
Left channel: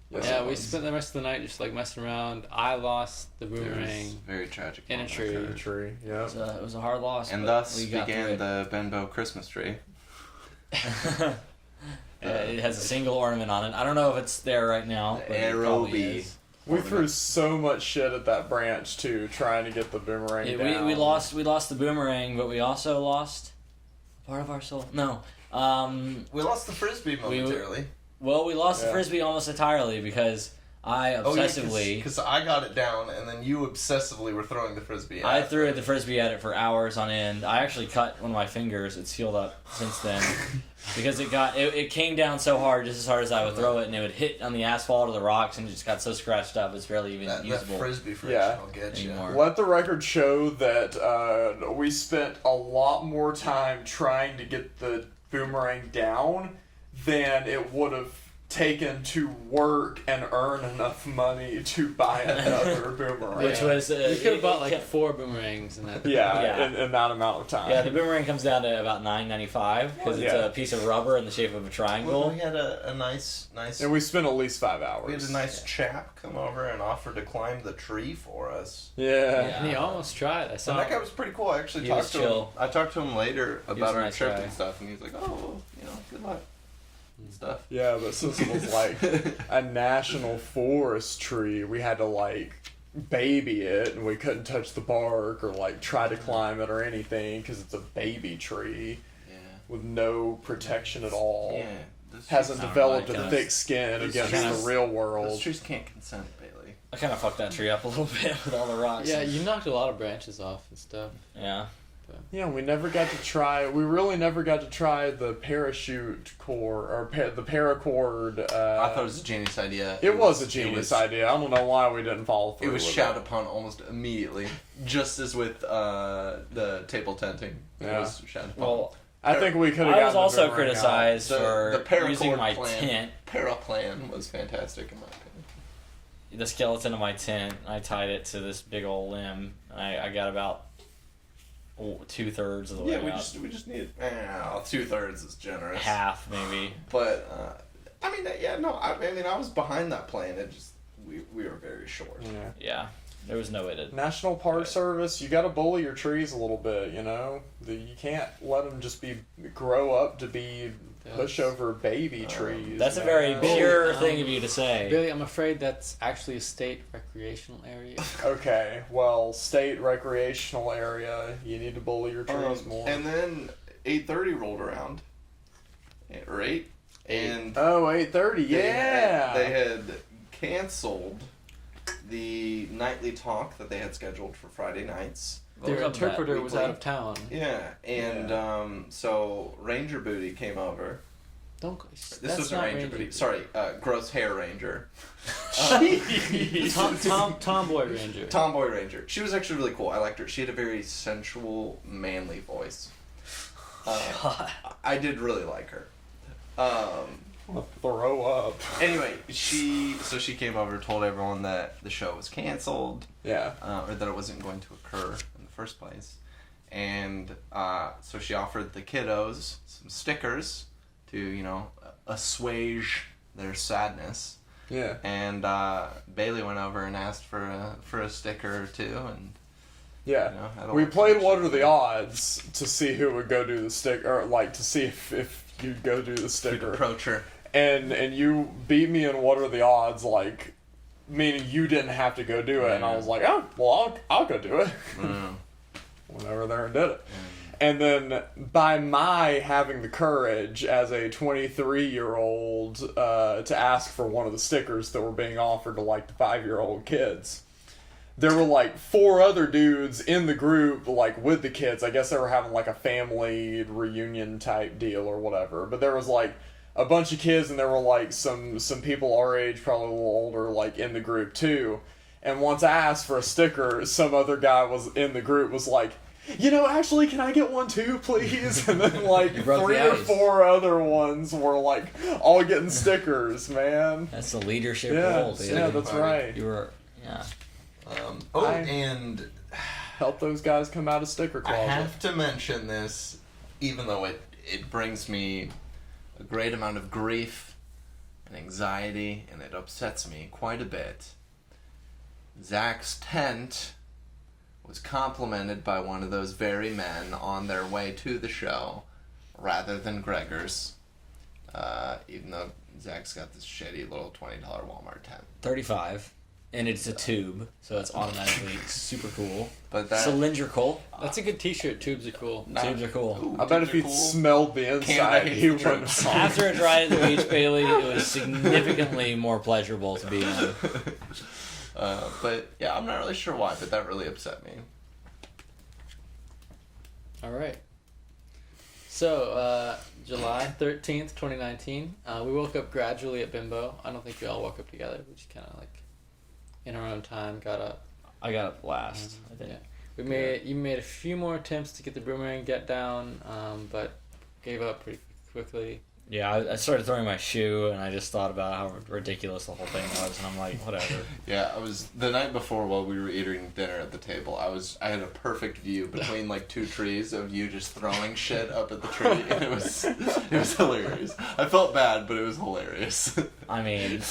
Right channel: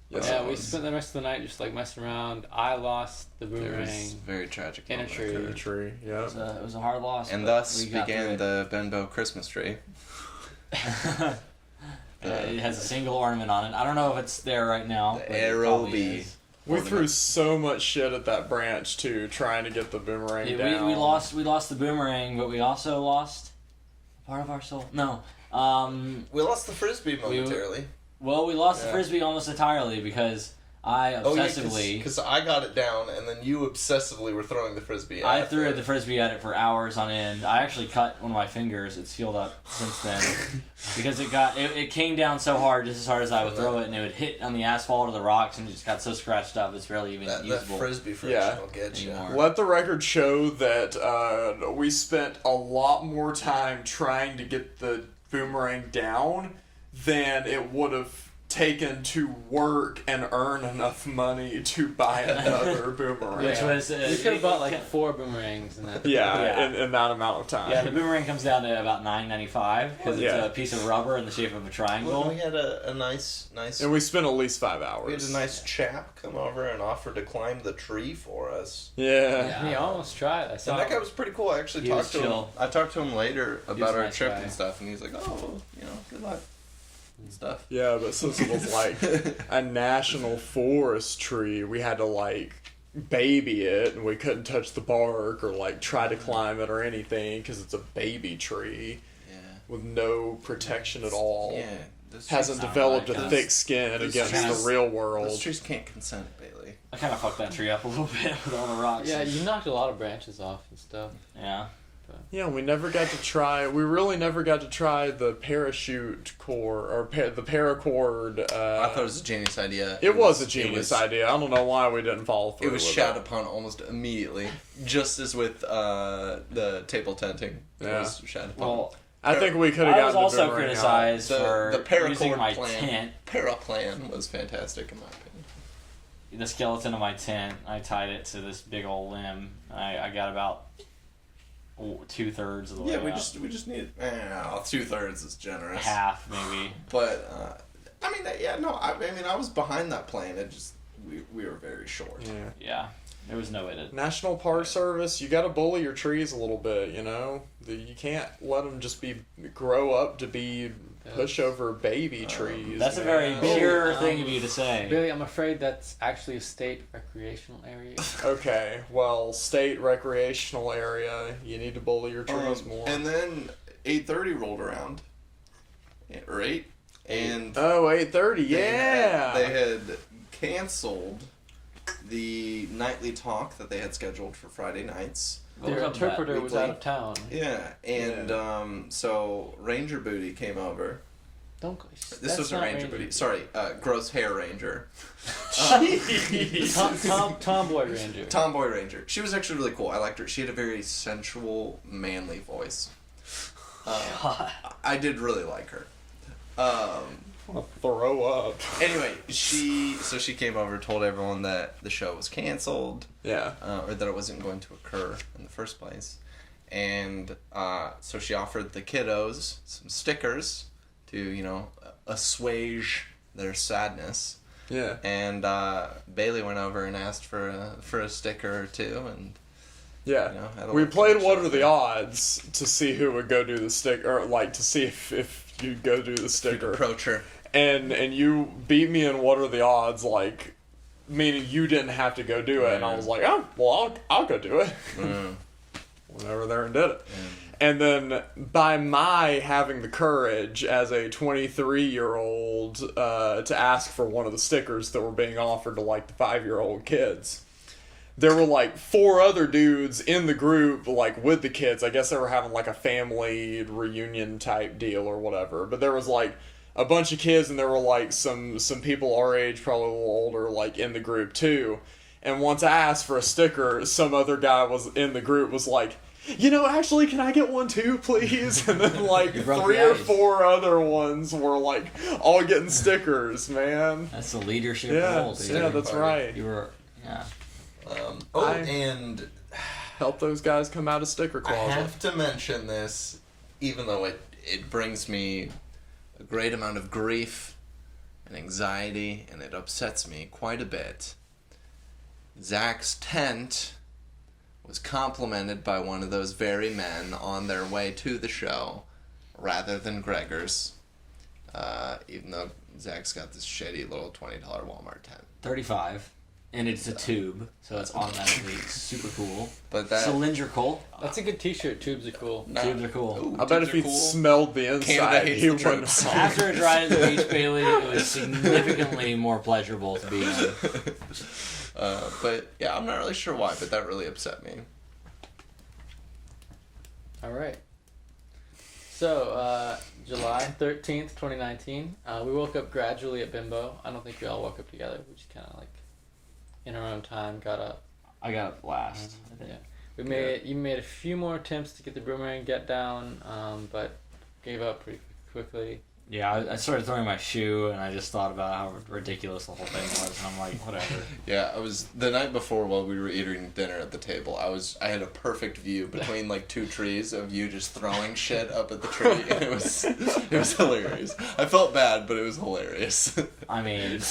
Yes, Yeah, it we was. spent the rest of the night just like messing around. I lost the It was boomerang. very tragic. In a moment tree. The occurred. tree. Yeah. It was a hard loss. And but thus we got through began it. the Benbow Christmas tree. It has a single ornament on it. I don't know if it's there right now. The But it probably Aerobee. is. We threw so much shit at that branch too, trying to get the boomerang Yeah, down. we lost the boomerang, but we also lost part of our soul. No. We lost the frisbee momentarily. Well, we lost the Yeah. frisbee almost entirely because I obsessively Because I got it down, and then you obsessively were throwing the frisbee. I threw the frisbee at it for hours on end. I actually cut one of my fingers. It's healed up since then because it came down so hard, just as hard as I would throw it, and it would hit on the asphalt or the rocks, and it just got so scratched up. It's barely even usable frisbee friction Yeah. will get anymore. Let the record show that we spent a lot more time trying to get the boomerang down than it would have taken to work and earn enough money to buy another boomerang. Which was We could have bought like yeah. 4 boomerangs and that. Yeah, Yeah. In that amount of time. Yeah, the boomerang comes down to about $9.95 because it's Yeah. a piece of rubber in the shape of a Well, triangle. we had a nice. And we spent at least 5 hours. We had a nice chap come over and offer to climb the tree for us. Yeah. He almost tried. I And saw that guy him. was pretty cool. I actually He talked was to chill. him. I talked to him later was about a our nice trip guy. and stuff, and he's like, "Oh, well, good luck." And stuff. Yeah, but since it was like a national forest tree, we had to like baby it, and we couldn't touch the bark or like try to climb it or anything because it's a baby tree Yeah. with no protection at all. Yeah. Those Hasn't Sounds developed like a us. thick skin Those against trees- the real Those world. trees can't consent, Bailey. I kind of fucked that tree up a little bit with all the rocks. Yeah, you knocked a lot of branches off and stuff. Yeah. Yeah, we never got to try. We really never got to try the parachute cord or the paracord. I thought it was a genius idea. It was a genius it was, idea. I don't know why we didn't follow through. It was with shat upon almost immediately, just as with the table tenting. It Yeah. was shat upon. Well, I think we could have. I was also criticized The for paracord using my plan. tent, Paraplan was fantastic in my opinion. the skeleton of my tent. I tied it to this big old limb. I got about 2/3 of the way Yeah, out. we just needed 2/3 is generous. Half maybe. But I mean, I was behind that plan. It just we were very short. Yeah. Yeah. There was no way to. National Park Service, you got to bully your trees a little bit. You know, you can't let them just grow up to be pushover baby trees. That's a very man. pure Um, thing of you to say. Billy, I'm afraid that's actually a state recreational area. Okay, well, state recreational area, you need to bully your trees more. And then 8:30 rolled around, or 8, and Oh, 8:30, yeah. they had canceled the nightly talk that they had scheduled for Friday nights. What Their was up with that interpreter was weekly? out of town. Yeah, and so Ranger Booty came over. Don't. This This wasn't Ranger Booty. Sorry, Gross Hair Ranger. Tomboy Ranger. Tomboy Ranger. She was actually really cool. I liked her. She had a very sensual, manly voice. I did really like her. Throw up. Anyway, she came over, told everyone that the show was canceled, Yeah. or that it wasn't going to occur in the first place, and so she offered the kiddos some stickers to assuage their sadness. Yeah. And Bailey went over and asked for a sticker or two, and Yeah. had a We little played connection What Are with the it. Odds to see who would go do the sticker, or like to see if you'd go do the You'd sticker. approach her. And you beat me in What Are the Odds, like, meaning you didn't have to go do it. And I was like, oh, well, I'll go do it. Went over there and did it. And then by my having the courage as a 23-year-old to ask for one of the stickers that were being offered to like the 5-year-old kids, there were like 4 other dudes in the group like with the kids. I guess they were having like a family reunion type deal or whatever. But there was like a bunch of kids, and there were like some people our age, probably a little older, like in the group too. And once I asked for a sticker, some other guy was in the group was like, actually, can I get one too, please? And then like You broke 3 the or ice. 4 other ones were like all getting stickers, man. That's the leadership Yeah, role, dude. yeah, that's party. right. You were, yeah. And Help those guys come out of sticker I closet. have to mention this, even though it brings me a great amount of grief and anxiety, and it upsets me quite a bit. Zach's tent was complimented by one of those very men on their way to the show, rather than Gregor's. Even though Zach's got this shitty little $20 Walmart tent. 35. And it's a tube, so it's automatically super cool. But that Cylindrical. That's a good T-shirt. Tubes are cool. Tubes are cool. I bet if he smelled the Canada inside, hates he the wouldn't. troops. After it dried at the beach, Bailey, it was significantly more pleasurable to be in. But yeah, I'm not really sure why, but that really upset me. All right. So, July 13th, 2019, we woke up gradually at Bimbo. I don't think we all woke up together. We just kind of like, in our own time, got up. I got up last, I think. Yeah. You made a few more attempts to get the boomerang get down, but gave up pretty quickly. Yeah, I started throwing my shoe, and I just thought about how ridiculous the whole thing was, and I'm like, whatever. Yeah, I was the night before while we were eating dinner at the table. I had a perfect view between like two trees of you just throwing shit up at the tree, and it was hilarious. I felt bad, but it was hilarious. I mean,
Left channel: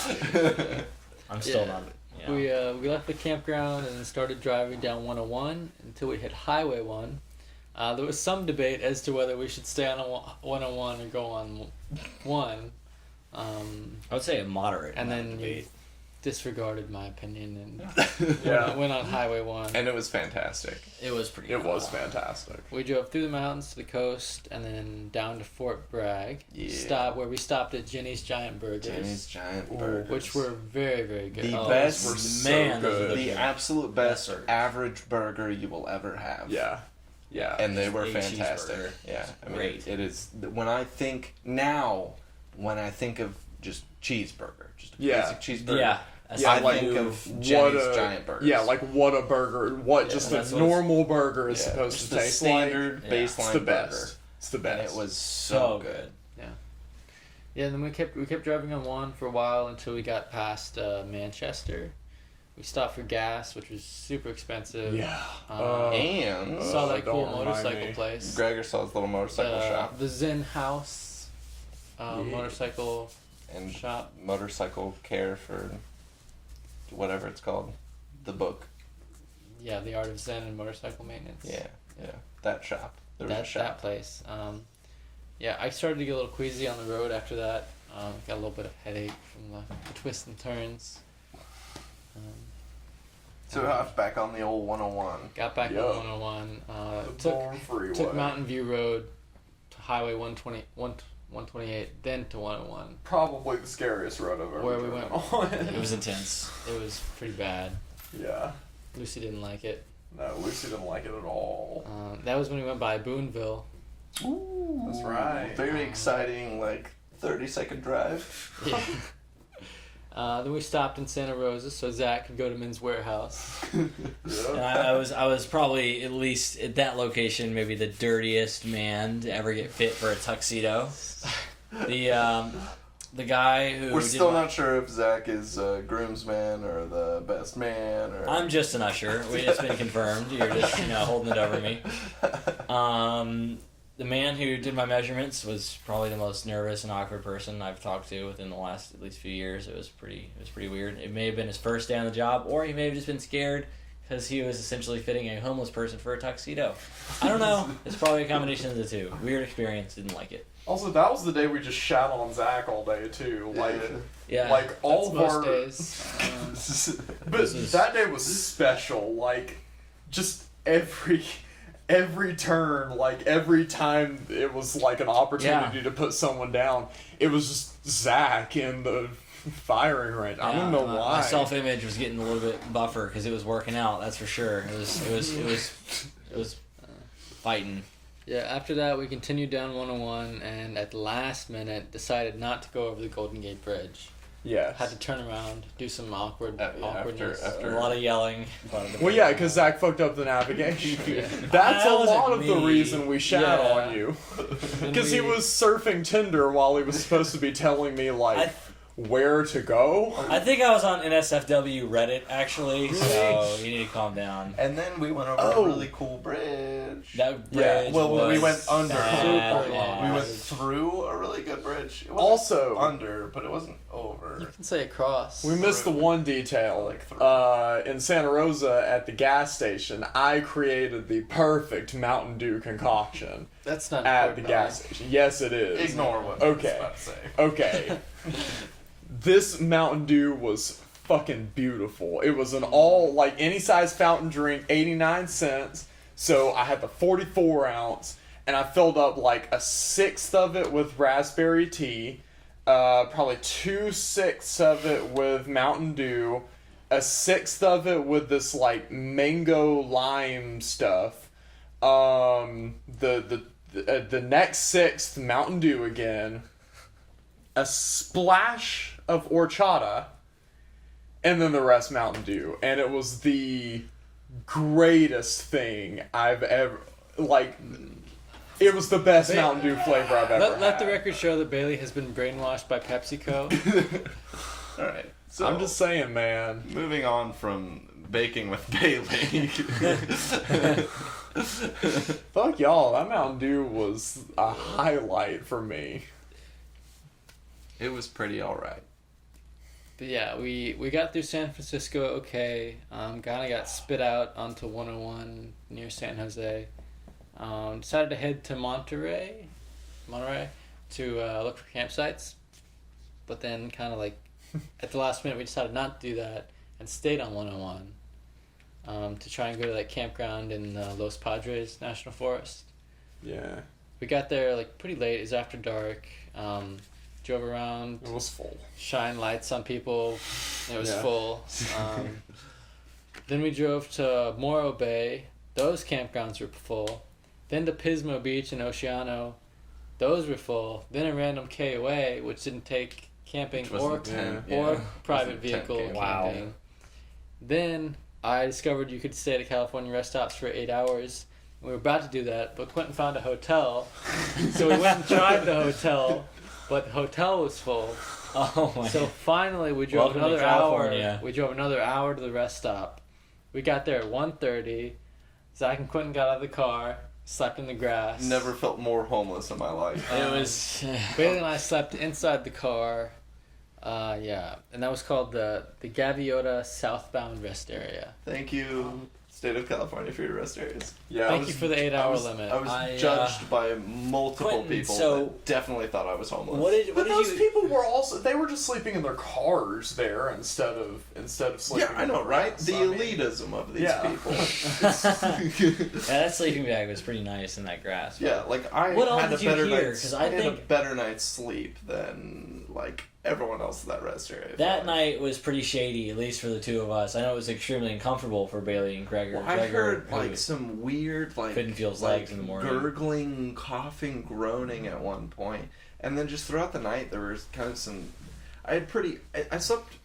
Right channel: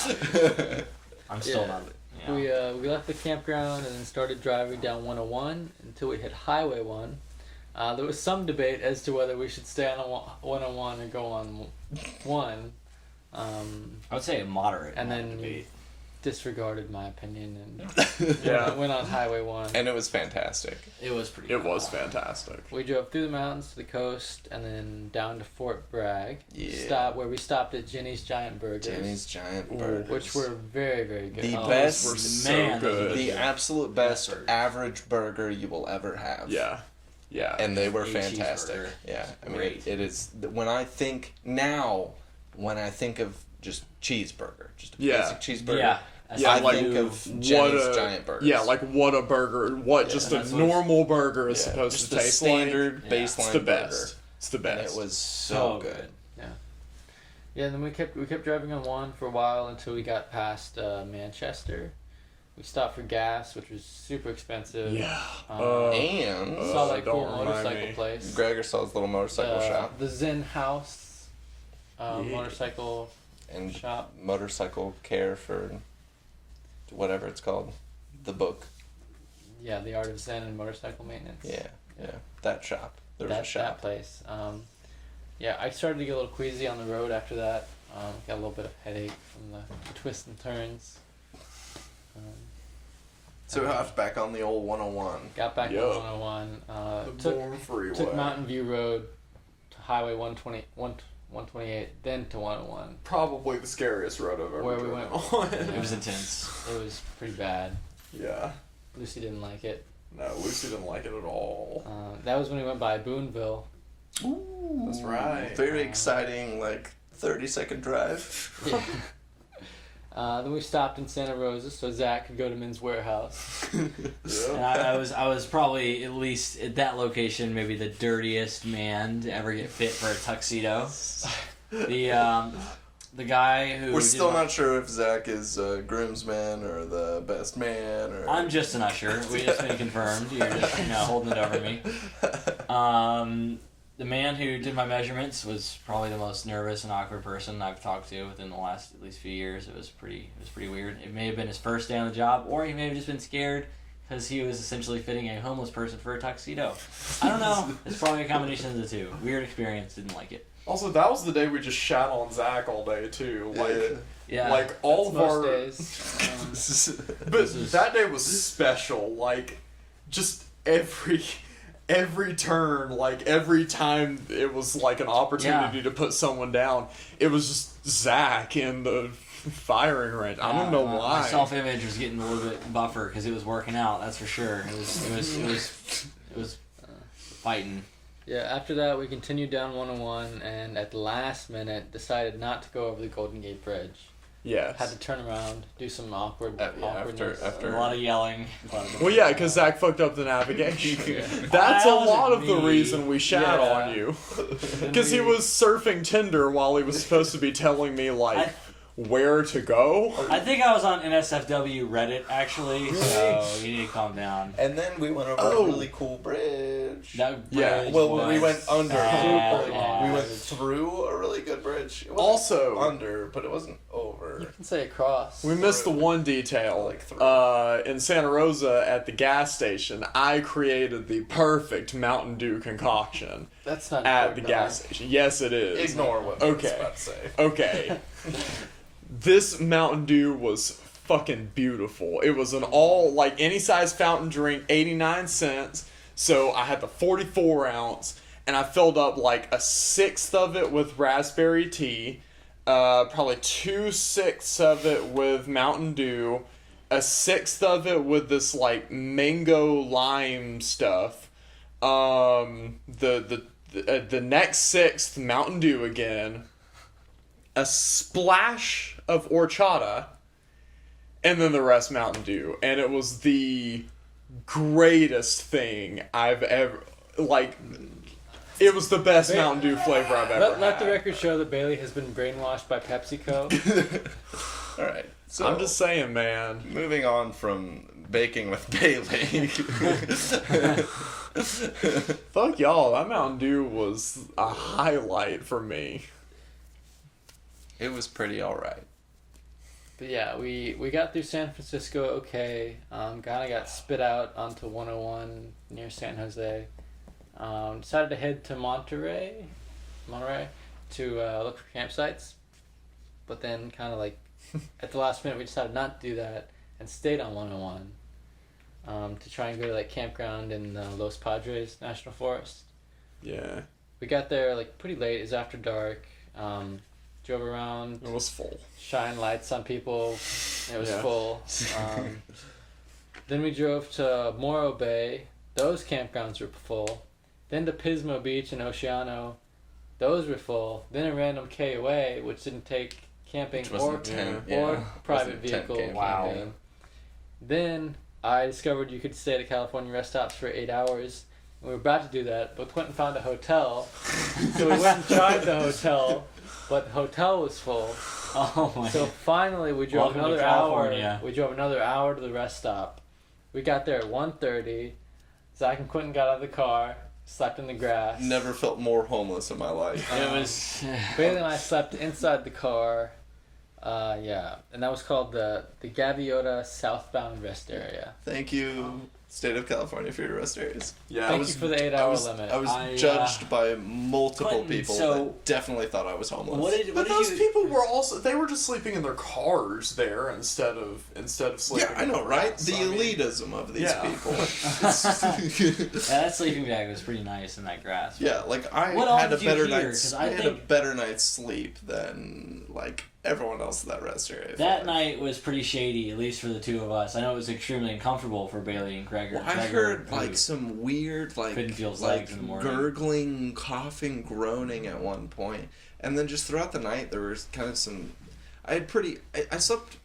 I'm still Yeah. not. You know. We left the campground and then started driving down 101 until we hit Highway 1. There was some debate as to whether we should stay on 101 or go on 1. I would say a moderate And amount of then debate. disregarded my opinion and Yeah. went on Highway 1. And it was fantastic. It was pretty. It was fantastic. We drove through the mountains to the coast and then down to Fort Bragg. Yeah. Where we stopped at Jenny's Giant Burgers, Jenny's Giant Ooh. Burgers. which were very, very good. The Oh, best, those were so man, those good. were the good. absolute best Burgers. average burger you will ever have. Yeah. Yeah. And they were A fantastic. cheeseburger. Yeah, I mean, Great. it is. When I think of just cheeseburger, just a Yeah. basic cheeseburger. Yeah. Yeah, I like think of what Jenny's a- Giant Burgers. Yeah, like what a burger, what Yeah, just a that's what it's- normal burger is Yeah, supposed just to the taste standard Yeah. like. baseline It's the burger. best. It's the And best. it was so so good. Yeah, and then we kept driving on 1 for a while until we got past Manchester. We stopped for gas, which was super expensive. Yeah. And Saw that don't cool remind motorcycle me. place. Gregor saw his little motorcycle shop The Zen House Yeah. motorcycle and shop. motorcycle care for whatever it's called, the book. Yeah, the Art of Zen and Motorcycle Maintenance. Yeah, that shop. There was a That shop. place. Yeah, I started to get a little queasy on the road after that. Got a little bit of headache from the twists and turns. So we hopped back on the old 101. Got back Yeah. on 101. The Bourne Freeway. Took Mountain View Road to Highway 128, then to 101. Probably the scariest road I've ever Where we driven went. on. It was intense. It was pretty bad. Yeah. Lucy didn't like it. No, Lucy didn't like it at all. That was when we went by Boonville. Ooh, That's right. Very exciting, like 30-second drive. Yeah. Then we stopped in Santa Rosa so Zach could go to Men's Warehouse. And Yeah. I was probably, at least at that location, maybe the dirtiest man to ever get fit for a tuxedo. The guy who We're did still my- not sure if Zach is groomsman or the best man or. I'm just an usher. It's been confirmed. You're just holding it over me. The man who did my measurements was probably the most nervous and awkward person I've talked to within the last at least few years. It was pretty weird. It may have been his first day on the job, or he may have just been scared because he was essentially fitting a homeless person for a tuxedo. I don't know. It's probably a combination of the two. Weird experience. Didn't like it. Also, that was the day we just shat on Zach all day too. Like, Yeah. like all That's of most our. days. But that day was special. Like, just every turn, like every time it was like an opportunity to put someone down, it was just Zach in the firing range. I don't know why. My self-image was getting a little bit buffer because it was working out. That's for sure. It was fighting. Yeah, after that we continued down 101 and at the last minute decided not to go over the Golden Gate Bridge. Yes. Had to turn around, do some awkwardness. A lot of yelling. Well, yeah, because Zach fucked up the navigation. Yeah. That's That a wasn't lot of the me. reason we shat Yeah. on you. Because he was surfing Tinder while he was supposed to be telling me, like, where to go. I think I was on NSFW Reddit actually, so you need to calm down. And then we went over Oh. a really cool bridge. That Yeah, bridge Well, was we went under. bad. Super We went through a really good bridge. It wasn't Also- under, but it wasn't over. You can say across. We missed the Through. one detail. Like through. In Santa Rosa at the gas station, I created the perfect Mountain Dew concoction That's not at the important, gas station. Yes, it is. Ignore what I was Okay. about to say. Okay. This Mountain Dew was fucking beautiful. It was an all, like, any size fountain drink, 89 cents. So I had the 44 ounce, and I filled up like a sixth of it with raspberry tea, probably 2/6 of it with Mountain Dew, a sixth of it with this like mango lime stuff. The next sixth Mountain Dew again, a splash of horchata, and then the rest Mountain Dew, and it was the greatest thing I've ever, like, It was the best Mountain Dew flavor I've ever Let the had. record show that Bailey has been brainwashed by PepsiCo. All right. So I'm just saying, man. moving on from baking with Bailey. Fuck y'all. That Mountain Dew was a highlight for me. It was pretty all right. But yeah, we got through San Francisco okay. Kind of got spit out onto 101 near San Jose. Decided to head to Monterey to look for campsites. But then kind of like at the last minute we decided not to do that and stayed on 101 to try and go to that campground in Los Padres National Forest. Yeah, We got there like pretty late. It was after dark. Drove around, it was full. shine lights on people. It was Yeah. full. Then we drove to Morro Bay. Those campgrounds were full. Then to Pismo Beach and Oceano. Those were full. Then a random K away, which didn't take camping Which or wasn't tent, or yeah. private Wasn't tent vehicle camping. Wow. camping. Then I discovered you could stay at a California rest stops for 8 hours. We were about to do that, but Quentin found a hotel. So we went and tried the hotel, but the hotel was full. Oh my. So finally, we drove Welcome to another California. hour. We drove another hour to the rest stop. We got there at 1:30. Zach and Quentin got out of the car, slept in the grass. Never felt more homeless in my life. It was. Bailey and I slept inside the car. Yeah, and that was called the Gaviota Southbound Rest Area. Thank you, State of California, for your rest areas. Yeah, Thank you for the 8 hour limit. I was I, judged by multiple Quentin, people so- that definitely thought I was homeless. What did But those you? people were also, they were just sleeping in their cars there instead of sleeping Yeah, I in know, the right? grass. The I mean, elitism of these yeah. people. Yeah, that sleeping bag was pretty nice in that grass. Yeah, like I What all had a did you better hear? night's 'Cause I I had a think- better night's sleep than like everyone else in that rest area. I feel That like. night was pretty shady, at least for the two of us. I know it was extremely uncomfortable for Bailey and Gregor. Well, I Gregor, heard who- like some weird like couldn't feel his like legs in the morning. gurgling, coughing, groaning at one point, and then just throughout the night there was kind of some. I slept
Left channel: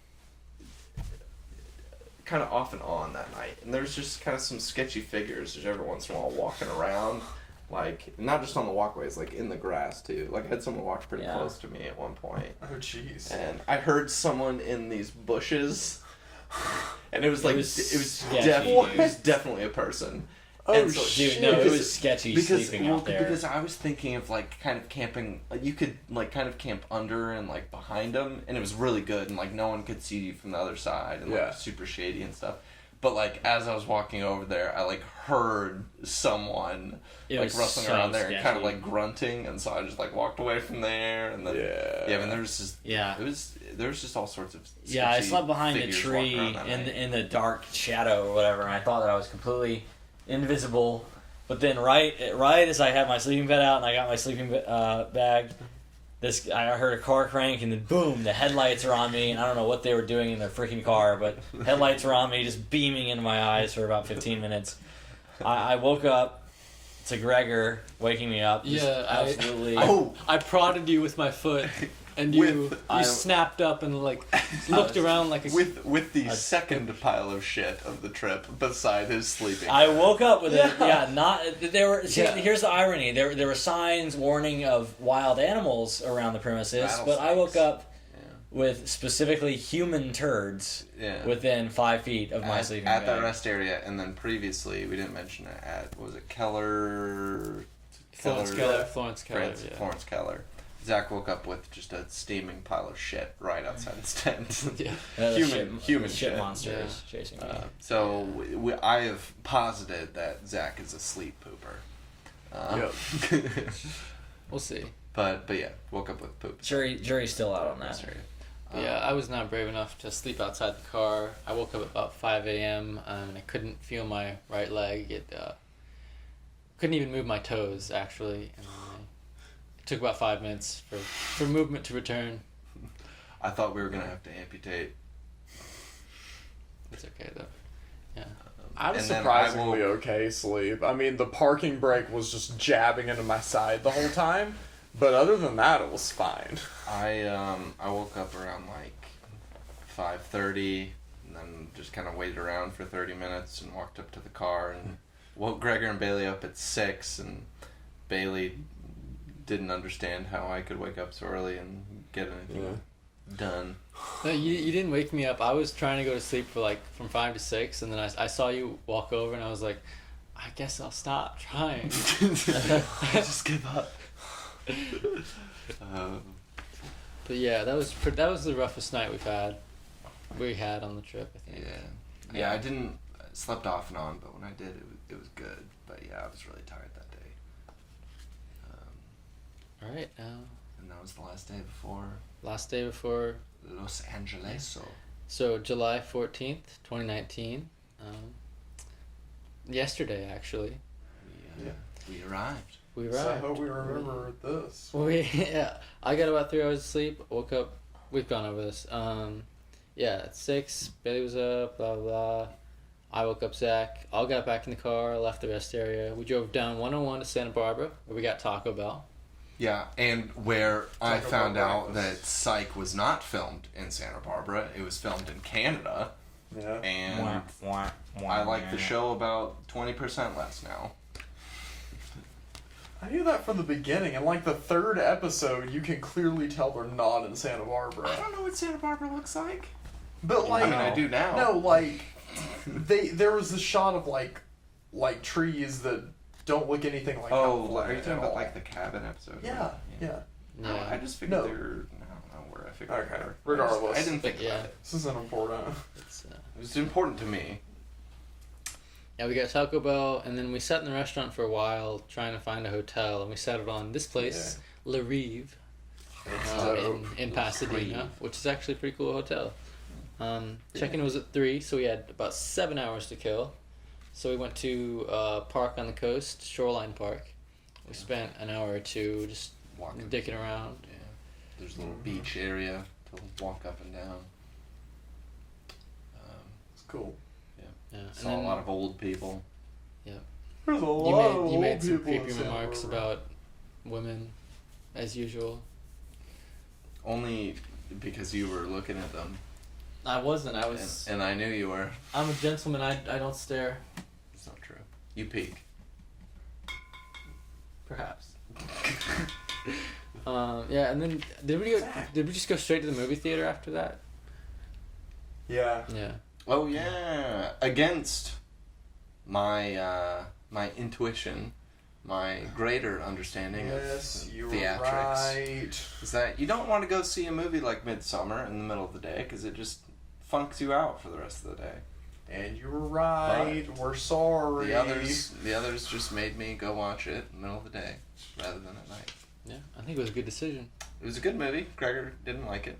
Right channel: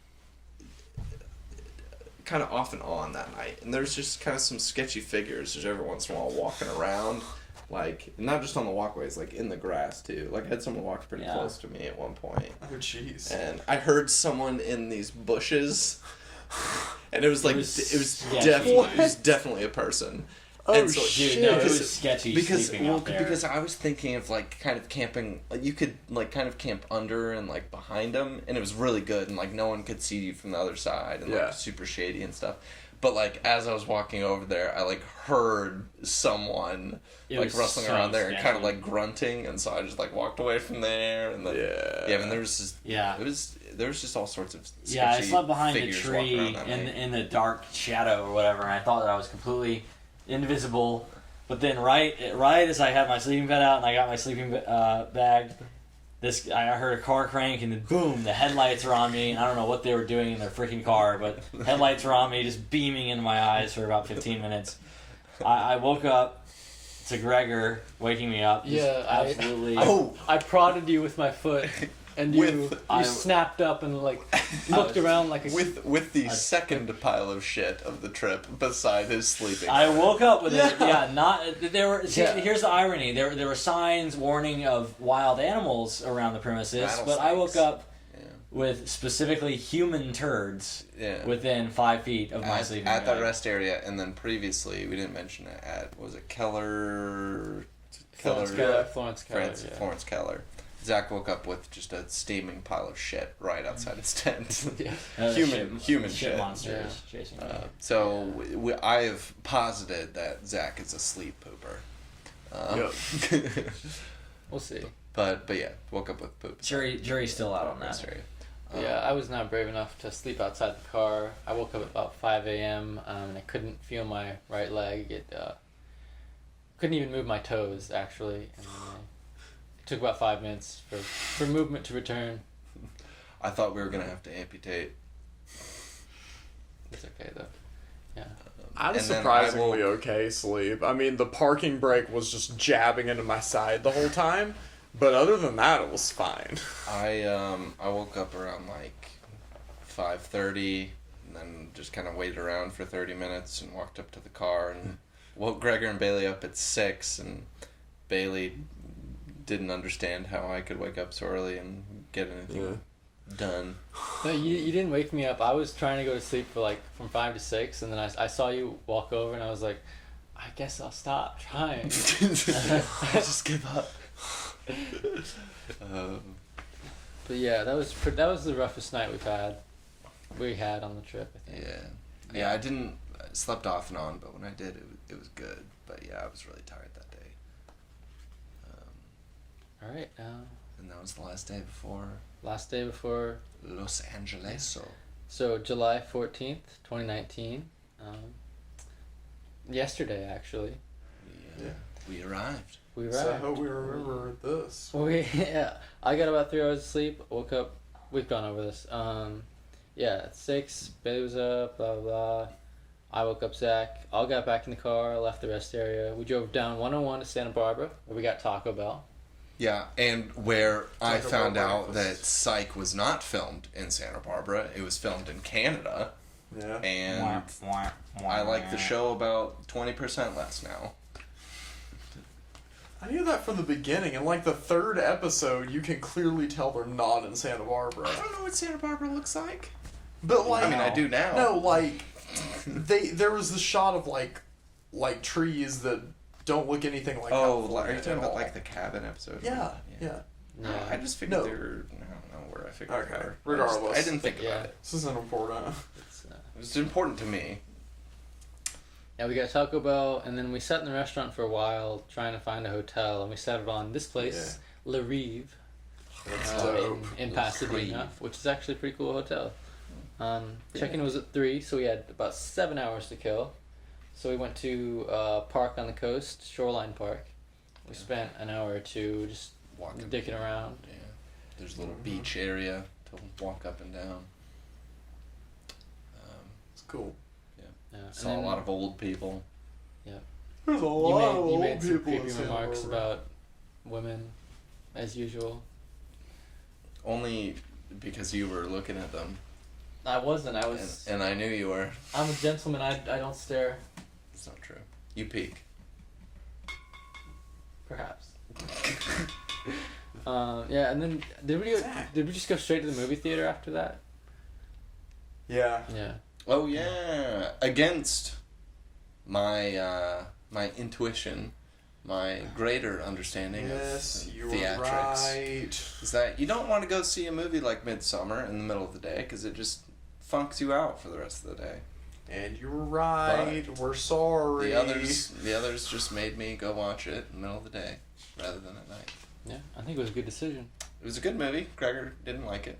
kind of off and on that night, and there's just kind of some sketchy figures just every once in a while walking around, like not just on the walkways, like in the grass too. Like I had someone walk pretty Yeah. close to me at one point, Oh, jeez. and I heard someone in these bushes. And it was like It was it was sketchy. definitely a person. Oh, And so, Dude, no, it because- was sketchy because sleeping well, out there. because I was thinking of like kind of camping, like you could like kind of camp under and like behind them, and it was really good, and like no one could see you from the other side, and Yeah. like super shady and stuff. But like as I was walking over there, I like heard someone It like was rustling so around there and kind of sketchy. like grunting, and so I just like walked away from there, and then Yeah. I mean there was just Yeah. there was just all sorts of Yeah, I sketchy slept behind a figures walking tree around that in night. in the dark shadow or whatever, and I thought that I was completely invisible. But then, right as I had my sleeping bed out and I got my sleeping bag, I heard a car crank and then boom, the headlights are on me. And I don't know what they were doing in their freaking car, but headlights were on me, just beaming into my eyes for about 15 minutes. I woke up to Gregor waking me up. Just Yeah, absolutely. I prodded you with my foot, and you I- snapped up and like looked around like a with the second pile of shit of the trip beside his sleeping. I woke up with it. Yeah, not there were. See, Yeah. Here's the irony: there were signs warning of wild animals around the premises, but I woke up Yeah. with specifically human turds Yeah. within 5 feet of my at, sleeping at that bag. rest area, and then previously we didn't mention it at was it Keller? Florence Keller. Florence Keller. Florence, Yeah. Florence Keller. Zach woke up with just a steaming pile of shit right outside his tent. Yeah. The human shit shit. monsters chasing me. So I have posited that Zach is a sleep pooper. We'll see. But yeah, woke up with poop. Jury's still out on that. Sorry. Yeah, I was not brave enough to sleep outside the car. I woke up at about 5 a.m. And I couldn't feel my right leg. It couldn't even move my toes, actually. And it took about 5 minutes for movement to return. I thought we were gonna have to amputate. It's okay, though. Yeah. I had a And then surprisingly I woke- okay sleep. I mean, the parking brake was just jabbing into my side the whole time, but other than that, it was fine. I woke up around like 5:30, and then just kind of waited around for 30 minutes and walked up to the car and woke Gregor and Bailey up at 6 and Bailey didn't understand how I could wake up so early and get anything done. No, you didn't wake me up. I was trying to go to sleep for like from 5 to 6, and then I saw you walk over, and I was like, I guess I'll stop trying. I just give up. But yeah, that was the roughest night we had on the trip, I think. Yeah, I didn't slept off and on, but when I did, it was good. But yeah, I was really tired that day. All right, now And that was the last day before last day before. Los Angeles. So July 14th, 2019. Yesterday, actually. We arrived. We So I arrived. hope we remember this. Yeah, I got about 3 hours of sleep. Woke up. We've gone over this. Yeah, at 6, Bailey was up. Blah blah blah. I woke up Zach. All got back in the car. Left the rest area. We drove down 101 to Santa Barbara, where we got Taco Bell. Yeah, and where I Taco found Bell out that breakfast. Psych was not filmed in Santa Barbara. It was filmed in Canada. Yeah. And I like the show about 20% less now. I knew that from the beginning. In like the 3rd episode, you can clearly tell they're not in Santa Barbara. I don't know what Santa Barbara looks like. But like, I mean, I do now. no, like there was the shot of like trees that don't look anything like. Oh, California are you talking at about all. like the cabin episode? Yeah, yeah. Yeah. I just figured No. they were. I don't know where I figured Okay, they were. regardless. I didn't think Yeah. about it. This isn't important. It's, It was important to me. yeah, we got Taco Bell, and then we sat in the restaurant for a while trying to find a hotel, and we settled on this place, Le Rive, in Pasadena, Rive. which is actually a pretty cool hotel. Check-in was at 3, so we had about 7 hours to kill. So we went to park on the coast, Shoreline Park. We spent an hour or two just Walking. dicking around. Yeah. There's a little beach area to walk up and down. It's cool. Yeah, and Saw a then lot of old people. There's a you lot of made old some people in creepy Santa remarks Barbara. about women, as usual. Only because you were looking at them. I wasn't. I And I knew you were. I'm a gentleman. I don't stare. It's not true. You peek. Perhaps. Yeah, and then did we just go straight to the movie theater after that? Yeah. Yeah. Oh yeah, against my my intuition, my greater understanding Yes, of you're theatrics right. is that you don't want to go see a movie like Midsummer in the middle of the day because it just funks you out for the rest of the day. And you were right. We're sorry. The others just made me go watch it in the middle of the day rather than at night. Yeah, I think it was a good decision. It was a good movie. Gregor didn't like it.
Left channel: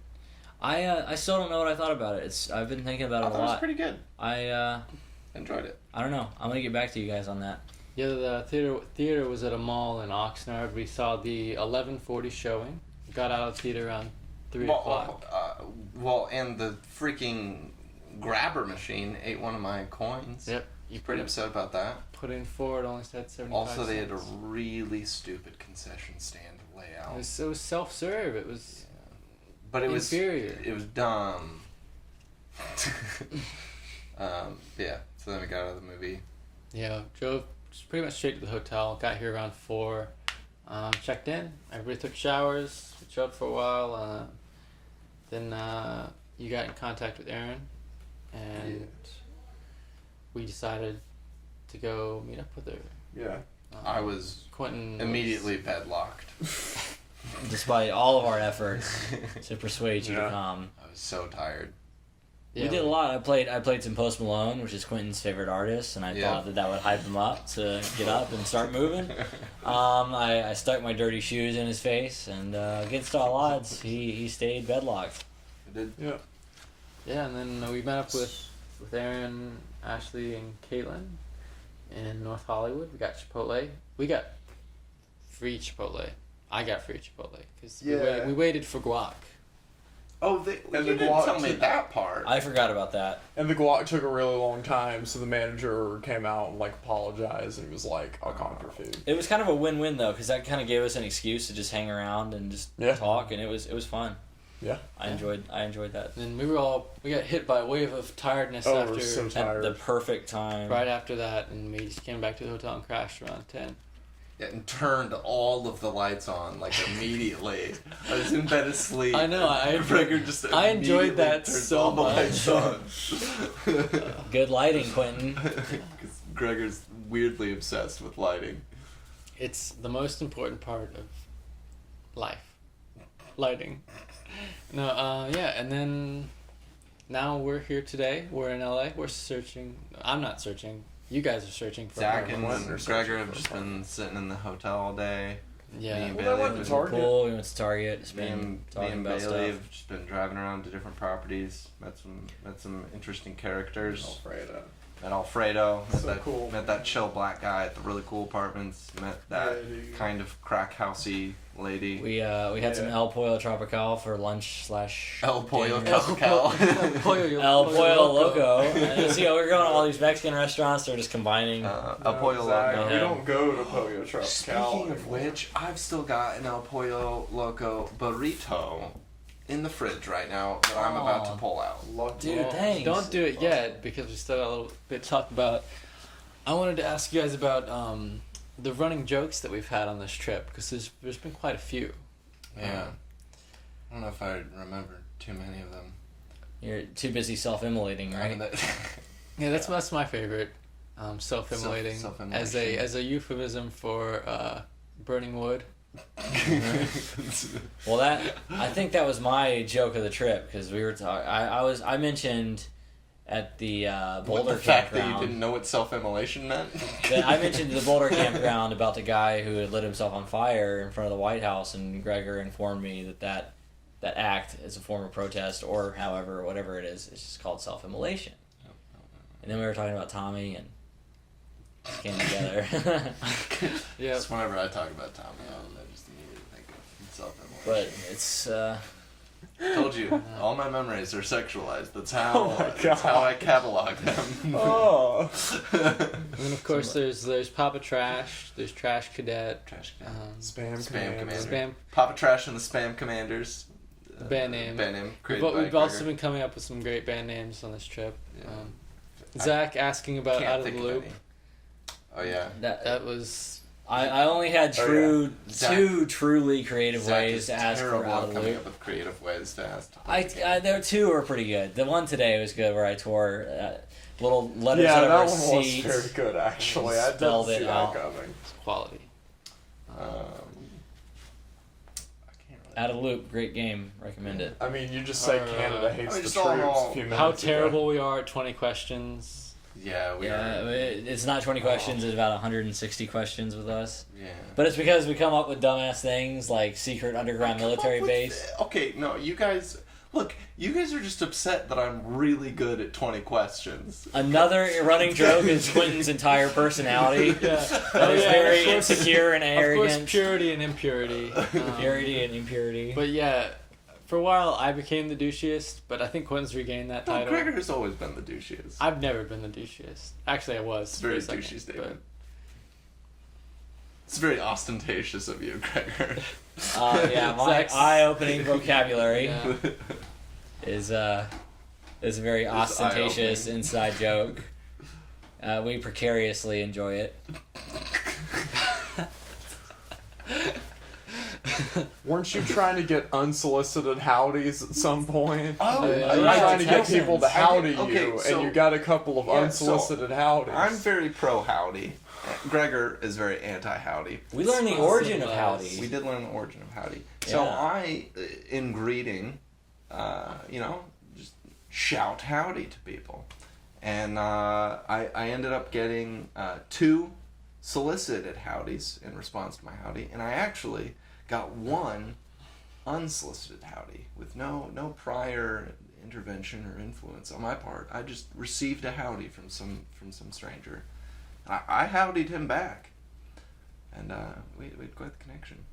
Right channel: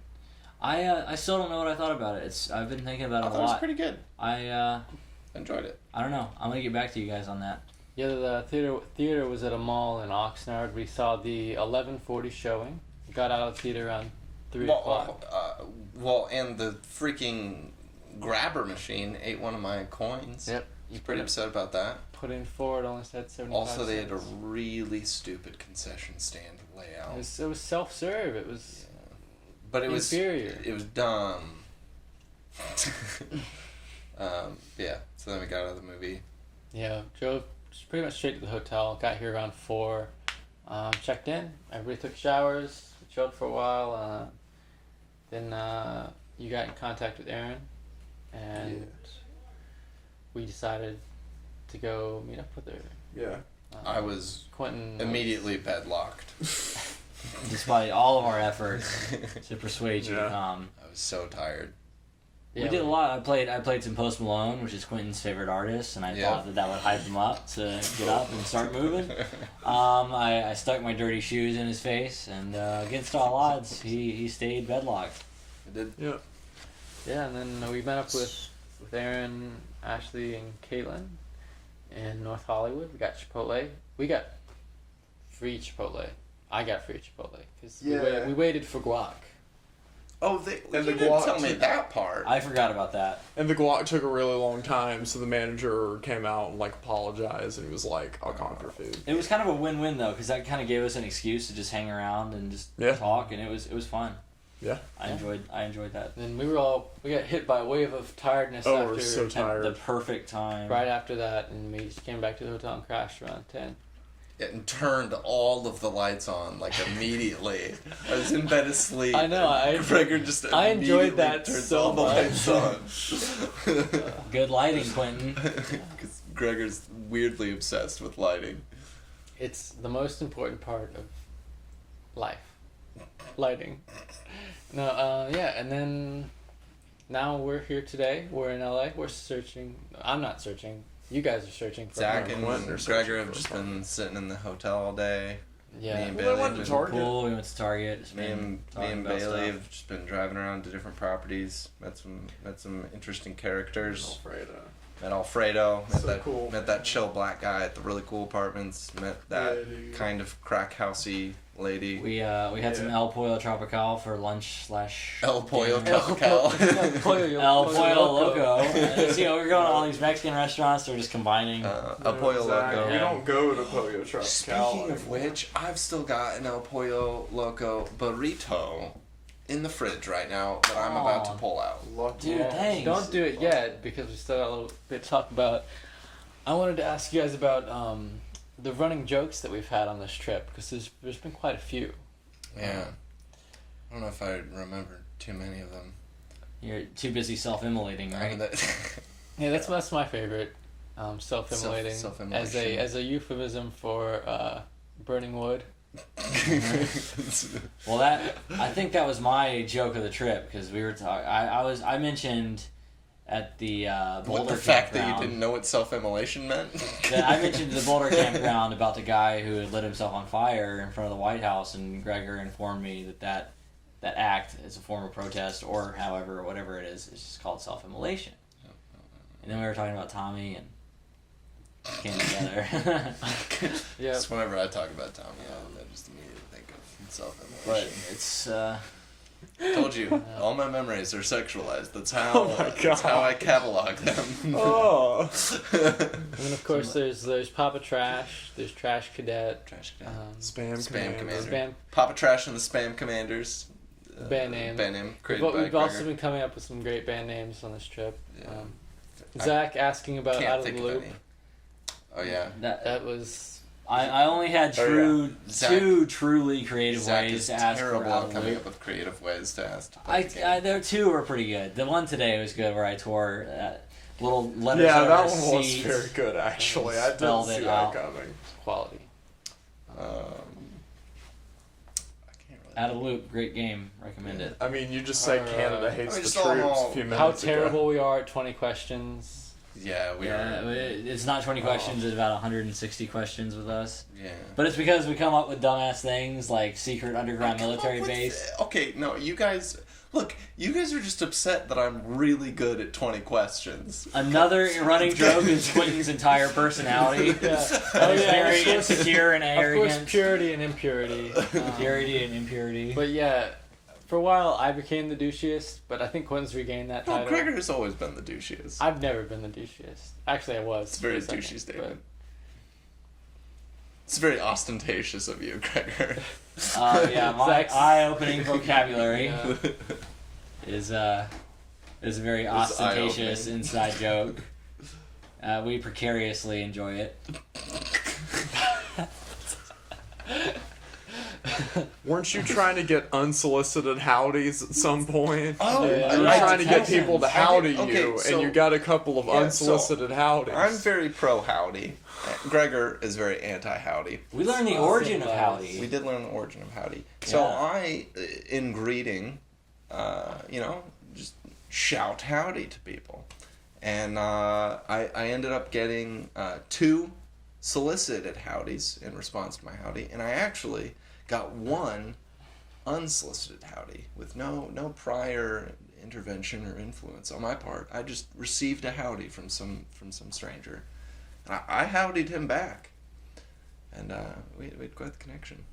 I still don't know what I thought about it. I've been thinking about I it thought a it was lot. pretty good. I Enjoyed it. don't know. I'm gonna get back to you guys on that. Yeah, the theater was at a mall in Oxnard. We saw the 11:40 showing. Got out of the theater around 3 o'clock. Well, and the freaking grabber machine ate one of my coins. Yep. You Pretty upset about that. put in 4. It only said 75 Also, they had a cents. really stupid concession stand layout. It was self-serve. It was But it was inferior. It was dumb. Yeah. So then we got out of the movie. Yeah, drove just pretty much straight to the hotel. Got here around 4. Checked in. Everybody took showers. We chilled for a while. Then you got in contact with Aaron, and we decided to go meet up with her. Yeah. I was Quentin was- immediately bedlocked. Despite all of our efforts to persuade you to Yeah. come, I was so tired. Yeah, we did a lot. I played some Post Malone, which is Quentin's favorite artist, and I Yeah. thought that would hype him up to get up and start moving. I stuck my dirty shoes in his face, and against all odds, he stayed bedlocked. I did. Yeah. Yeah, and then we met up with Aaron, Ashley, and Caitlin in North Hollywood. We got Chipotle. We got free Chipotle. I got free Chipotle because Yeah. we waited for guac. Oh, And you the didn't guac tell me took- that part. I forgot about that. And the guac took a really long time, so the manager came out and like apologized, and he was like, "I'll conquer food." It was kind of a win-win though, because that kind of gave us an excuse to just hang around and just Yeah. talk, and it was fun. Yeah. I enjoyed that. And we got hit by a wave of tiredness Oh, after we're so At tired. the perfect time. right after that, and we just came back to the hotel and crashed around 10. and turned all of the lights on like immediately. I was in bed asleep. I know, and Gregor just I enjoyed immediately that turns so all the lights on. Good lighting, Quentin. 'Cause Gregor's weirdly obsessed with lighting. It's the most important part of life. Lighting. No, yeah, and then now we're here today. We're in LA. We're searching. I'm not searching. You guys are searching for Zach her. and Quentin are Gregor have searching just for been sitting in the hotel all day. Yeah. Me and Well, they Bailey went have to been- Target. Pool. We went to Target. Just Me been and, me talking and about Bailey stuff. have just been driving around to different properties. Met some interesting characters. Alfredo. Met Alfredo. Met So that cool. Met that chill black guy at the really cool apartments. Met that Yeah, dude. kind of crack housey lady. We had some Yeah. El Pollo Tropical for lunch / El Pollo dinner. Tropical. El Pollo Loco. So, we're going to all these Mexican restaurants. They're just combining. El Pollo Zach, Loco. We don't go to Pollo Tropical. Speaking of which, I've still got an El Pollo Loco burrito in the fridge right now that I'm about to Aw. pull out. Dude, thanks. Don't do it yet because we still got a little bit to talk about. I wanted to ask you guys about the running jokes that we've had on this trip because there's been quite a few. Yeah. I don't know if I remember too many of them. You're too busy self-immolating, right? Yeah, that's my favorite. Self-immolating Self-immolation. as a euphemism for burning wood. Well, I think that was my joke of the trip because we were talking. I mentioned at the Boulder the fact that you campground. didn't know what self-immolation meant? that I mentioned the Boulder campground about the guy who had lit himself on fire in front of the White House, and Gregor informed me that act is a form of protest, or however, whatever it is, it's just called self-immolation. And then we were talking about Tommy, and it came together. Yeah. Just whenever I talk about Tommy Allen, I just immediately think of self-immolation. But it's Told you, all my memories are sexualized. That's how. Oh my That's how God. I catalog them. Oh. And then of course there's Papa Trash, there's Trash Cadet, Trash can. Spam Spam commander. commander. Spam. Papa Trash and the Spam Commanders. Band name. Band name. We've, Created by we've also Gregor. been coming up with some great band names on this trip. Yeah. Zach asking about Can't Out of think the of Loop. any. Oh yeah. That was I only had Oh, two truly creative Zach ways is to ask for terrible out at of the coming loop. up with creative ways to ask. There two were pretty good. The one today was good where I tore little letters Yeah, out of that our one was seats. very good actually. I didn't Spelled see it that out. coming. quality. I can't really. Out of the Loop, great game. Recommend it. I mean, you just said Alright. Canada hates I the just troops don't know a few minutes How ago. terrible we are at 20 questions. Yeah, we Yeah, are. it's not 20 questions. It's about 160 questions with us. Yeah. But it's because we come up with dumbass things like secret underground military base. Okay, no, you guys. Look, you guys are just upset that I'm really good at 20 questions. Another running joke is Quentin's entire personality. Yeah. That is very of course, insecure and of course, arrogant. purity and impurity. Purity and impurity. But yeah, for a while I became the douchiest, but I think Quinn's regained that No, title. Gregor has always been the douchiest. I've never been the douchiest. Actually, I was. It's a very for a douchey second, statement. It's very ostentatious of you, Gregor. Yeah, my Zach's- eye-opening vocabulary Yeah. is a very ostentatious eye-opening. inside joke. We precariously enjoy it. Weren't you trying to get unsolicited howdies at some point? Oh, yeah. You were Yeah, trying to get people to howdy Okay, you, so- and you got a couple of Yeah, unsolicited howdies. I'm very pro howdy. Gregor is very anti howdy. We learned the origin of howdy. We did learn the origin of howdy. So Yeah. I, in greeting, just shout howdy to people. And I ended up getting 2 solicited howdies in response to my howdy. And I actually got 1 unsolicited howdy with no prior intervention or influence on my part. I just received a howdy from some stranger. I howdied him back. And we had quite the connection.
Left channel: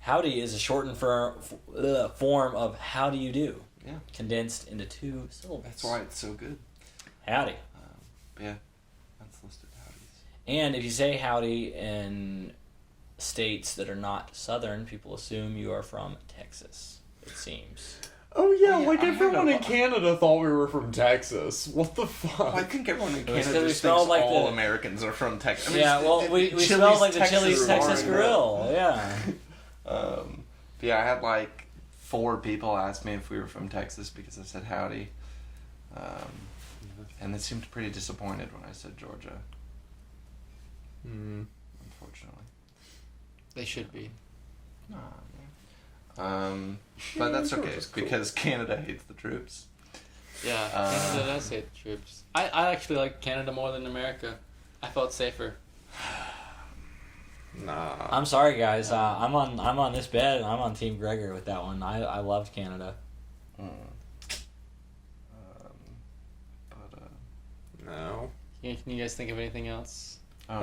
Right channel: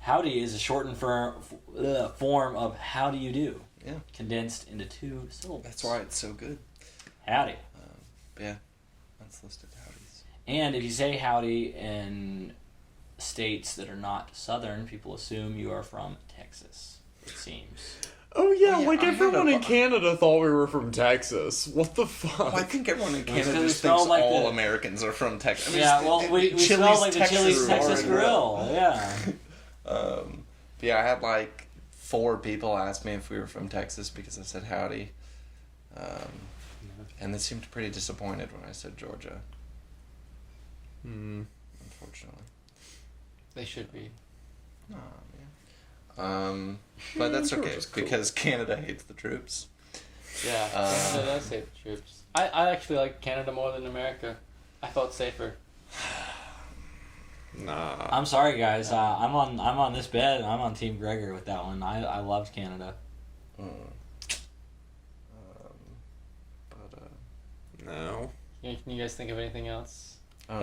Howdy is a shortened form of how do you do, Yeah. condensed into 2 syllables. That's why it's so good. Howdy. Yeah. Unsolicited howdies. And if you say howdy in states that are not southern, people assume you are from Texas, it seems. Oh yeah, Oh, yeah, like I had everyone a- in Canada thought we were from Texas. What the fuck? Well, I think everyone in It's Canada 'cause we just smell thinks like all the- Americans are from Texas. I mean, Yeah, well, we Chili's smell like the Chili's Texas Bar and Grill. Yeah. Yeah, I had like 4 people ask me if we were from Texas because I said howdy. And they seemed pretty disappointed when I said Georgia, Hmm. unfortunately. They should be. But that's okay Georgia's cool. because Canada hates the troops. Yeah, Canada does hate the troops. I actually like Canada more than America. I felt safer. Nah. I'm sorry, guys. I'm on this bed, and I'm on Team Gregor with that one. I loved Canada. No. Can you guys think of anything else? There's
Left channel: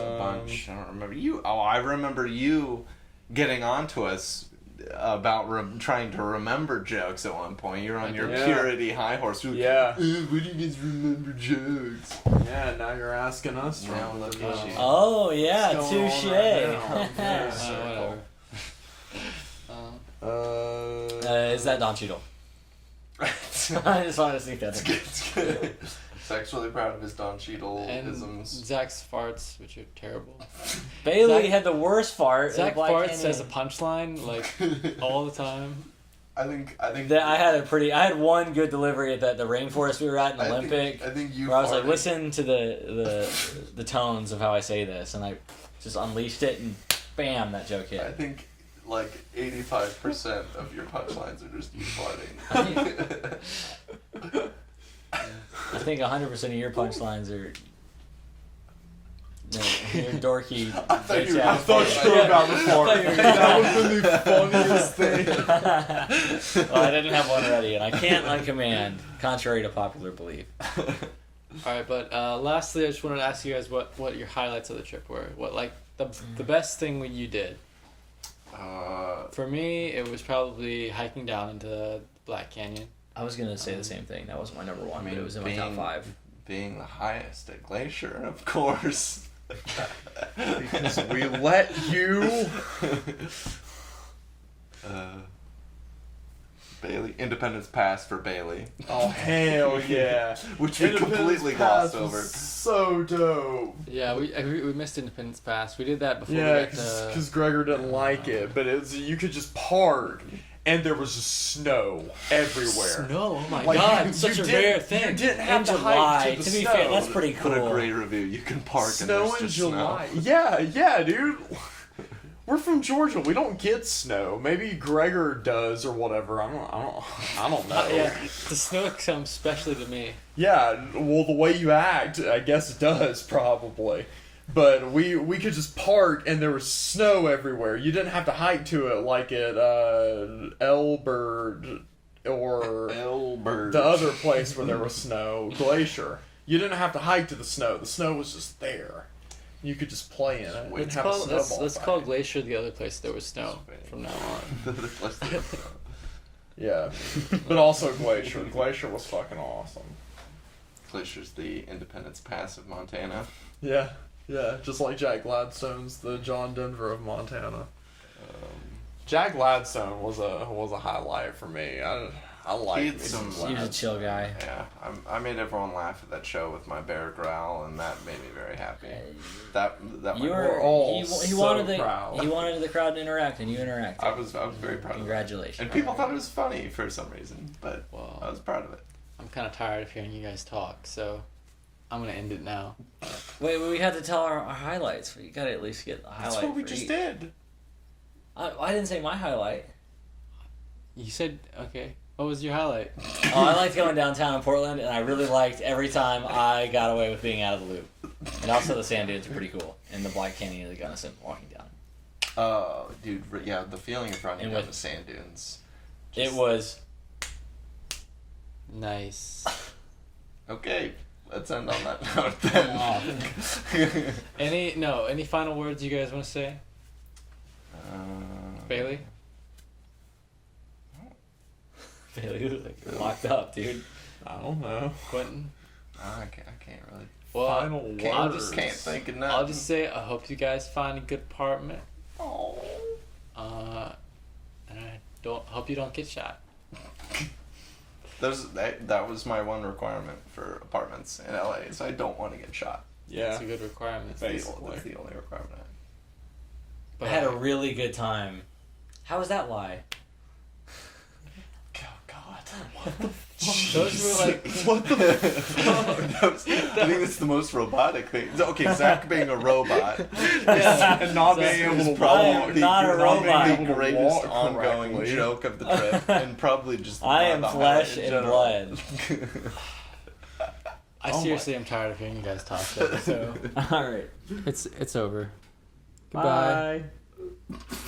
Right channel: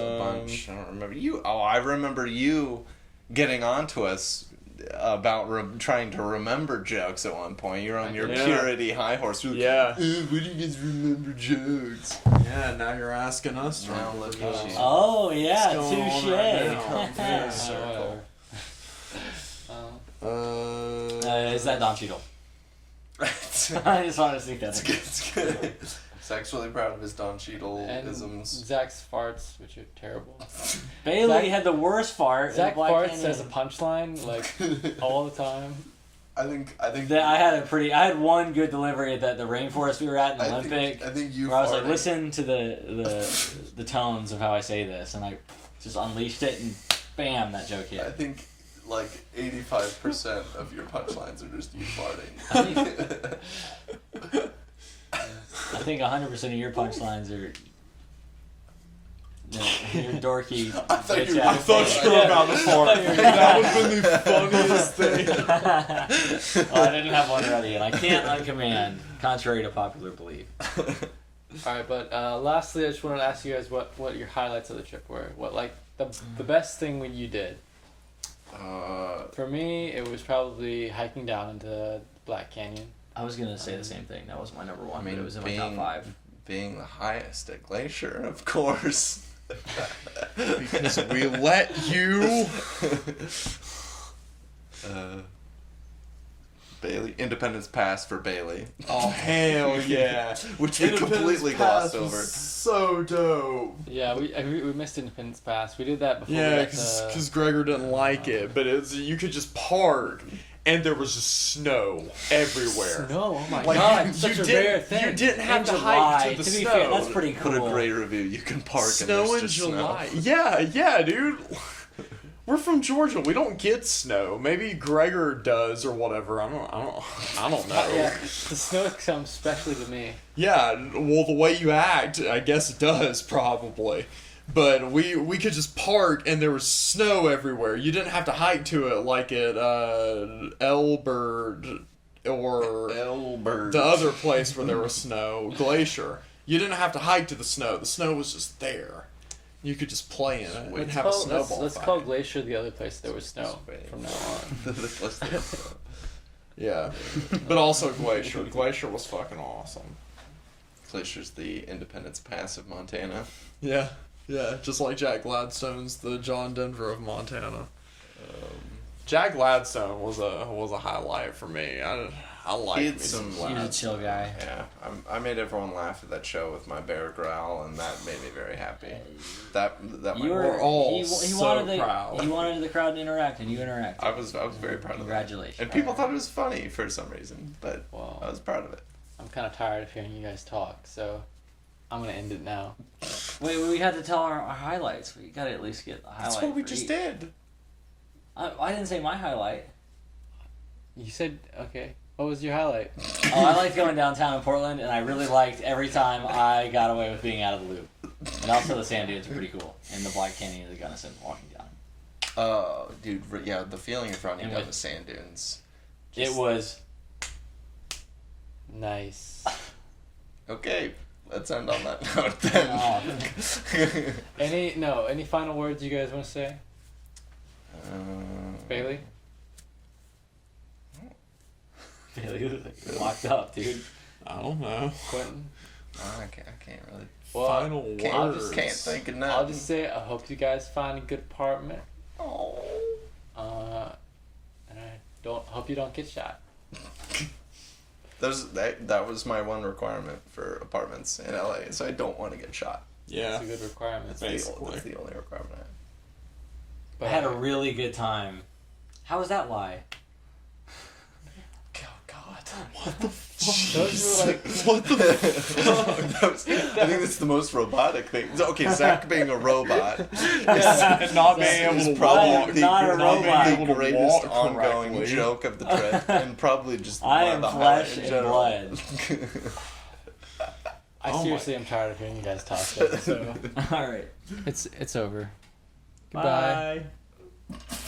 a bunch. I don't remember you. Oh, I remember you getting onto us about trying to remember jokes at one point. You're on your Yeah. purity high horse. Yeah. What do you guys remember jokes? Yeah, now you're asking us to Now remember look at jokes. you. Oh yeah, What's going on touche. right now? Yeah. Whatever. Is that Don Cheadle? I just wanted to sneak that in. It's good. Sexually proud of his Don Cheadle And isms. Zach's farts, which are terrible. Bailey Zach- had the worst fart. in Zach Black farts Canyon. as a punchline, like, all the time. I think That I had one good delivery at the rainforest we were at in the Olympic. I think you. where I was like, farted. listen to the tones of how I say this, and I just unleashed it, and bam, that joke I hit. think like 85% of your punchlines are just you I farting. I think 100% of your punchlines are your dorky. I thought bitch you were- ass I thought thing. you were about to I fart. thought you were- That would have been the funniest thing. Well, I didn't have one ready, and I can't uncommand, contrary to popular belief. Alright, but lastly, I just wanted to ask you guys what your highlights of the trip were. What, like, the best thing that you did? For me, it was probably hiking down into Black Canyon. I was gonna say the same thing. That was my number one. I mean, but it was in my top 5. Being the highest at Glacier, of course. Because we let you. Bailey, Independence Pass for Bailey. Oh hell yeah! Which we completely Pass glossed was over. So dope. Yeah, we missed Independence Pass. We did that before we Yeah, got to... because Gregor didn't like it, but it's you could just park, and there was just snow everywhere. Snow, oh my Like, god, you- such you a didn't- rare thing. You didn't have In to July, hike to the be snow. fair, that's pretty Put a cool. great review. You can park Snow and there's in just July. snow. Yeah, dude. We're from Georgia. We don't get snow. Maybe Gregor does or whatever. I don't know. Yeah, the snow comes especially to me. Yeah, well, the way you act, I guess it does probably. But we could just park and there was snow everywhere. You didn't have to hike to it like at Elbert or Elbert. the other place where there was snow, Glacier. You didn't have to hike to the snow. The snow was just there. You could just play in it and Let's have a call, snowball let's fight. call Glacier the other place there was snow from now on. Yeah, but also Glacier. Glacier was fucking awesome. Glacier's the Independence Pass of Montana. Yeah, just like Jack Gladstone's the John Denver of Montana. Jack Gladstone was a highlight for me. I like He me had some some- He was a Gladstone. chill guy. Yeah, I made everyone laugh at that show with my bear growl, and that made me very happy. That You might- were We're all he so wanted proud. he wanted the crowd to interact, and you interacted. I was very proud of that. Congratulations. And people thought it was funny for some reason, but Well, I was proud of it. I'm kind of tired of hearing you guys talk, so I'm gonna end it now. Wait, we have to tell our highlights. We gotta at least get a highlight. That's what we for just each. did. I didn't say my highlight. You said okay. What was your highlight? Oh, I liked going downtown in Portland, and I really liked every time I got away with being out of the loop. And also the sand dunes are pretty cool, and the Black Canyon of the Gunnison walking down. Oh, dude, yeah, the feeling of running And down with- the sand dunes. It was Nice. Okay, let's end on that note then. Any final words you guys want to say, Bailey? Bailey was like locked up, dude. I don't know. Quentin? I can't really. Well, Final Can't, words. can't think of nothing. I'll just say I hope you guys find a good apartment. Oh. And I hope you don't get shot. That was my one requirement for apartments in LA, so I don't want to get shot. Yeah. It's a good requirement. Basically. That's the only requirement I have. I had a really good time. How was that lie? Oh God. Those were like What the I think that's the most robotic thing. Okay, Zach being a robot and not being able to is probably I am walk. not a the robot. greatest walk ongoing correctly. joke of the trip, and probably just I one of am the flesh highlight in and general. blood. I Oh seriously am tired of hearing you guys talk though, so All right. it's over. Bye.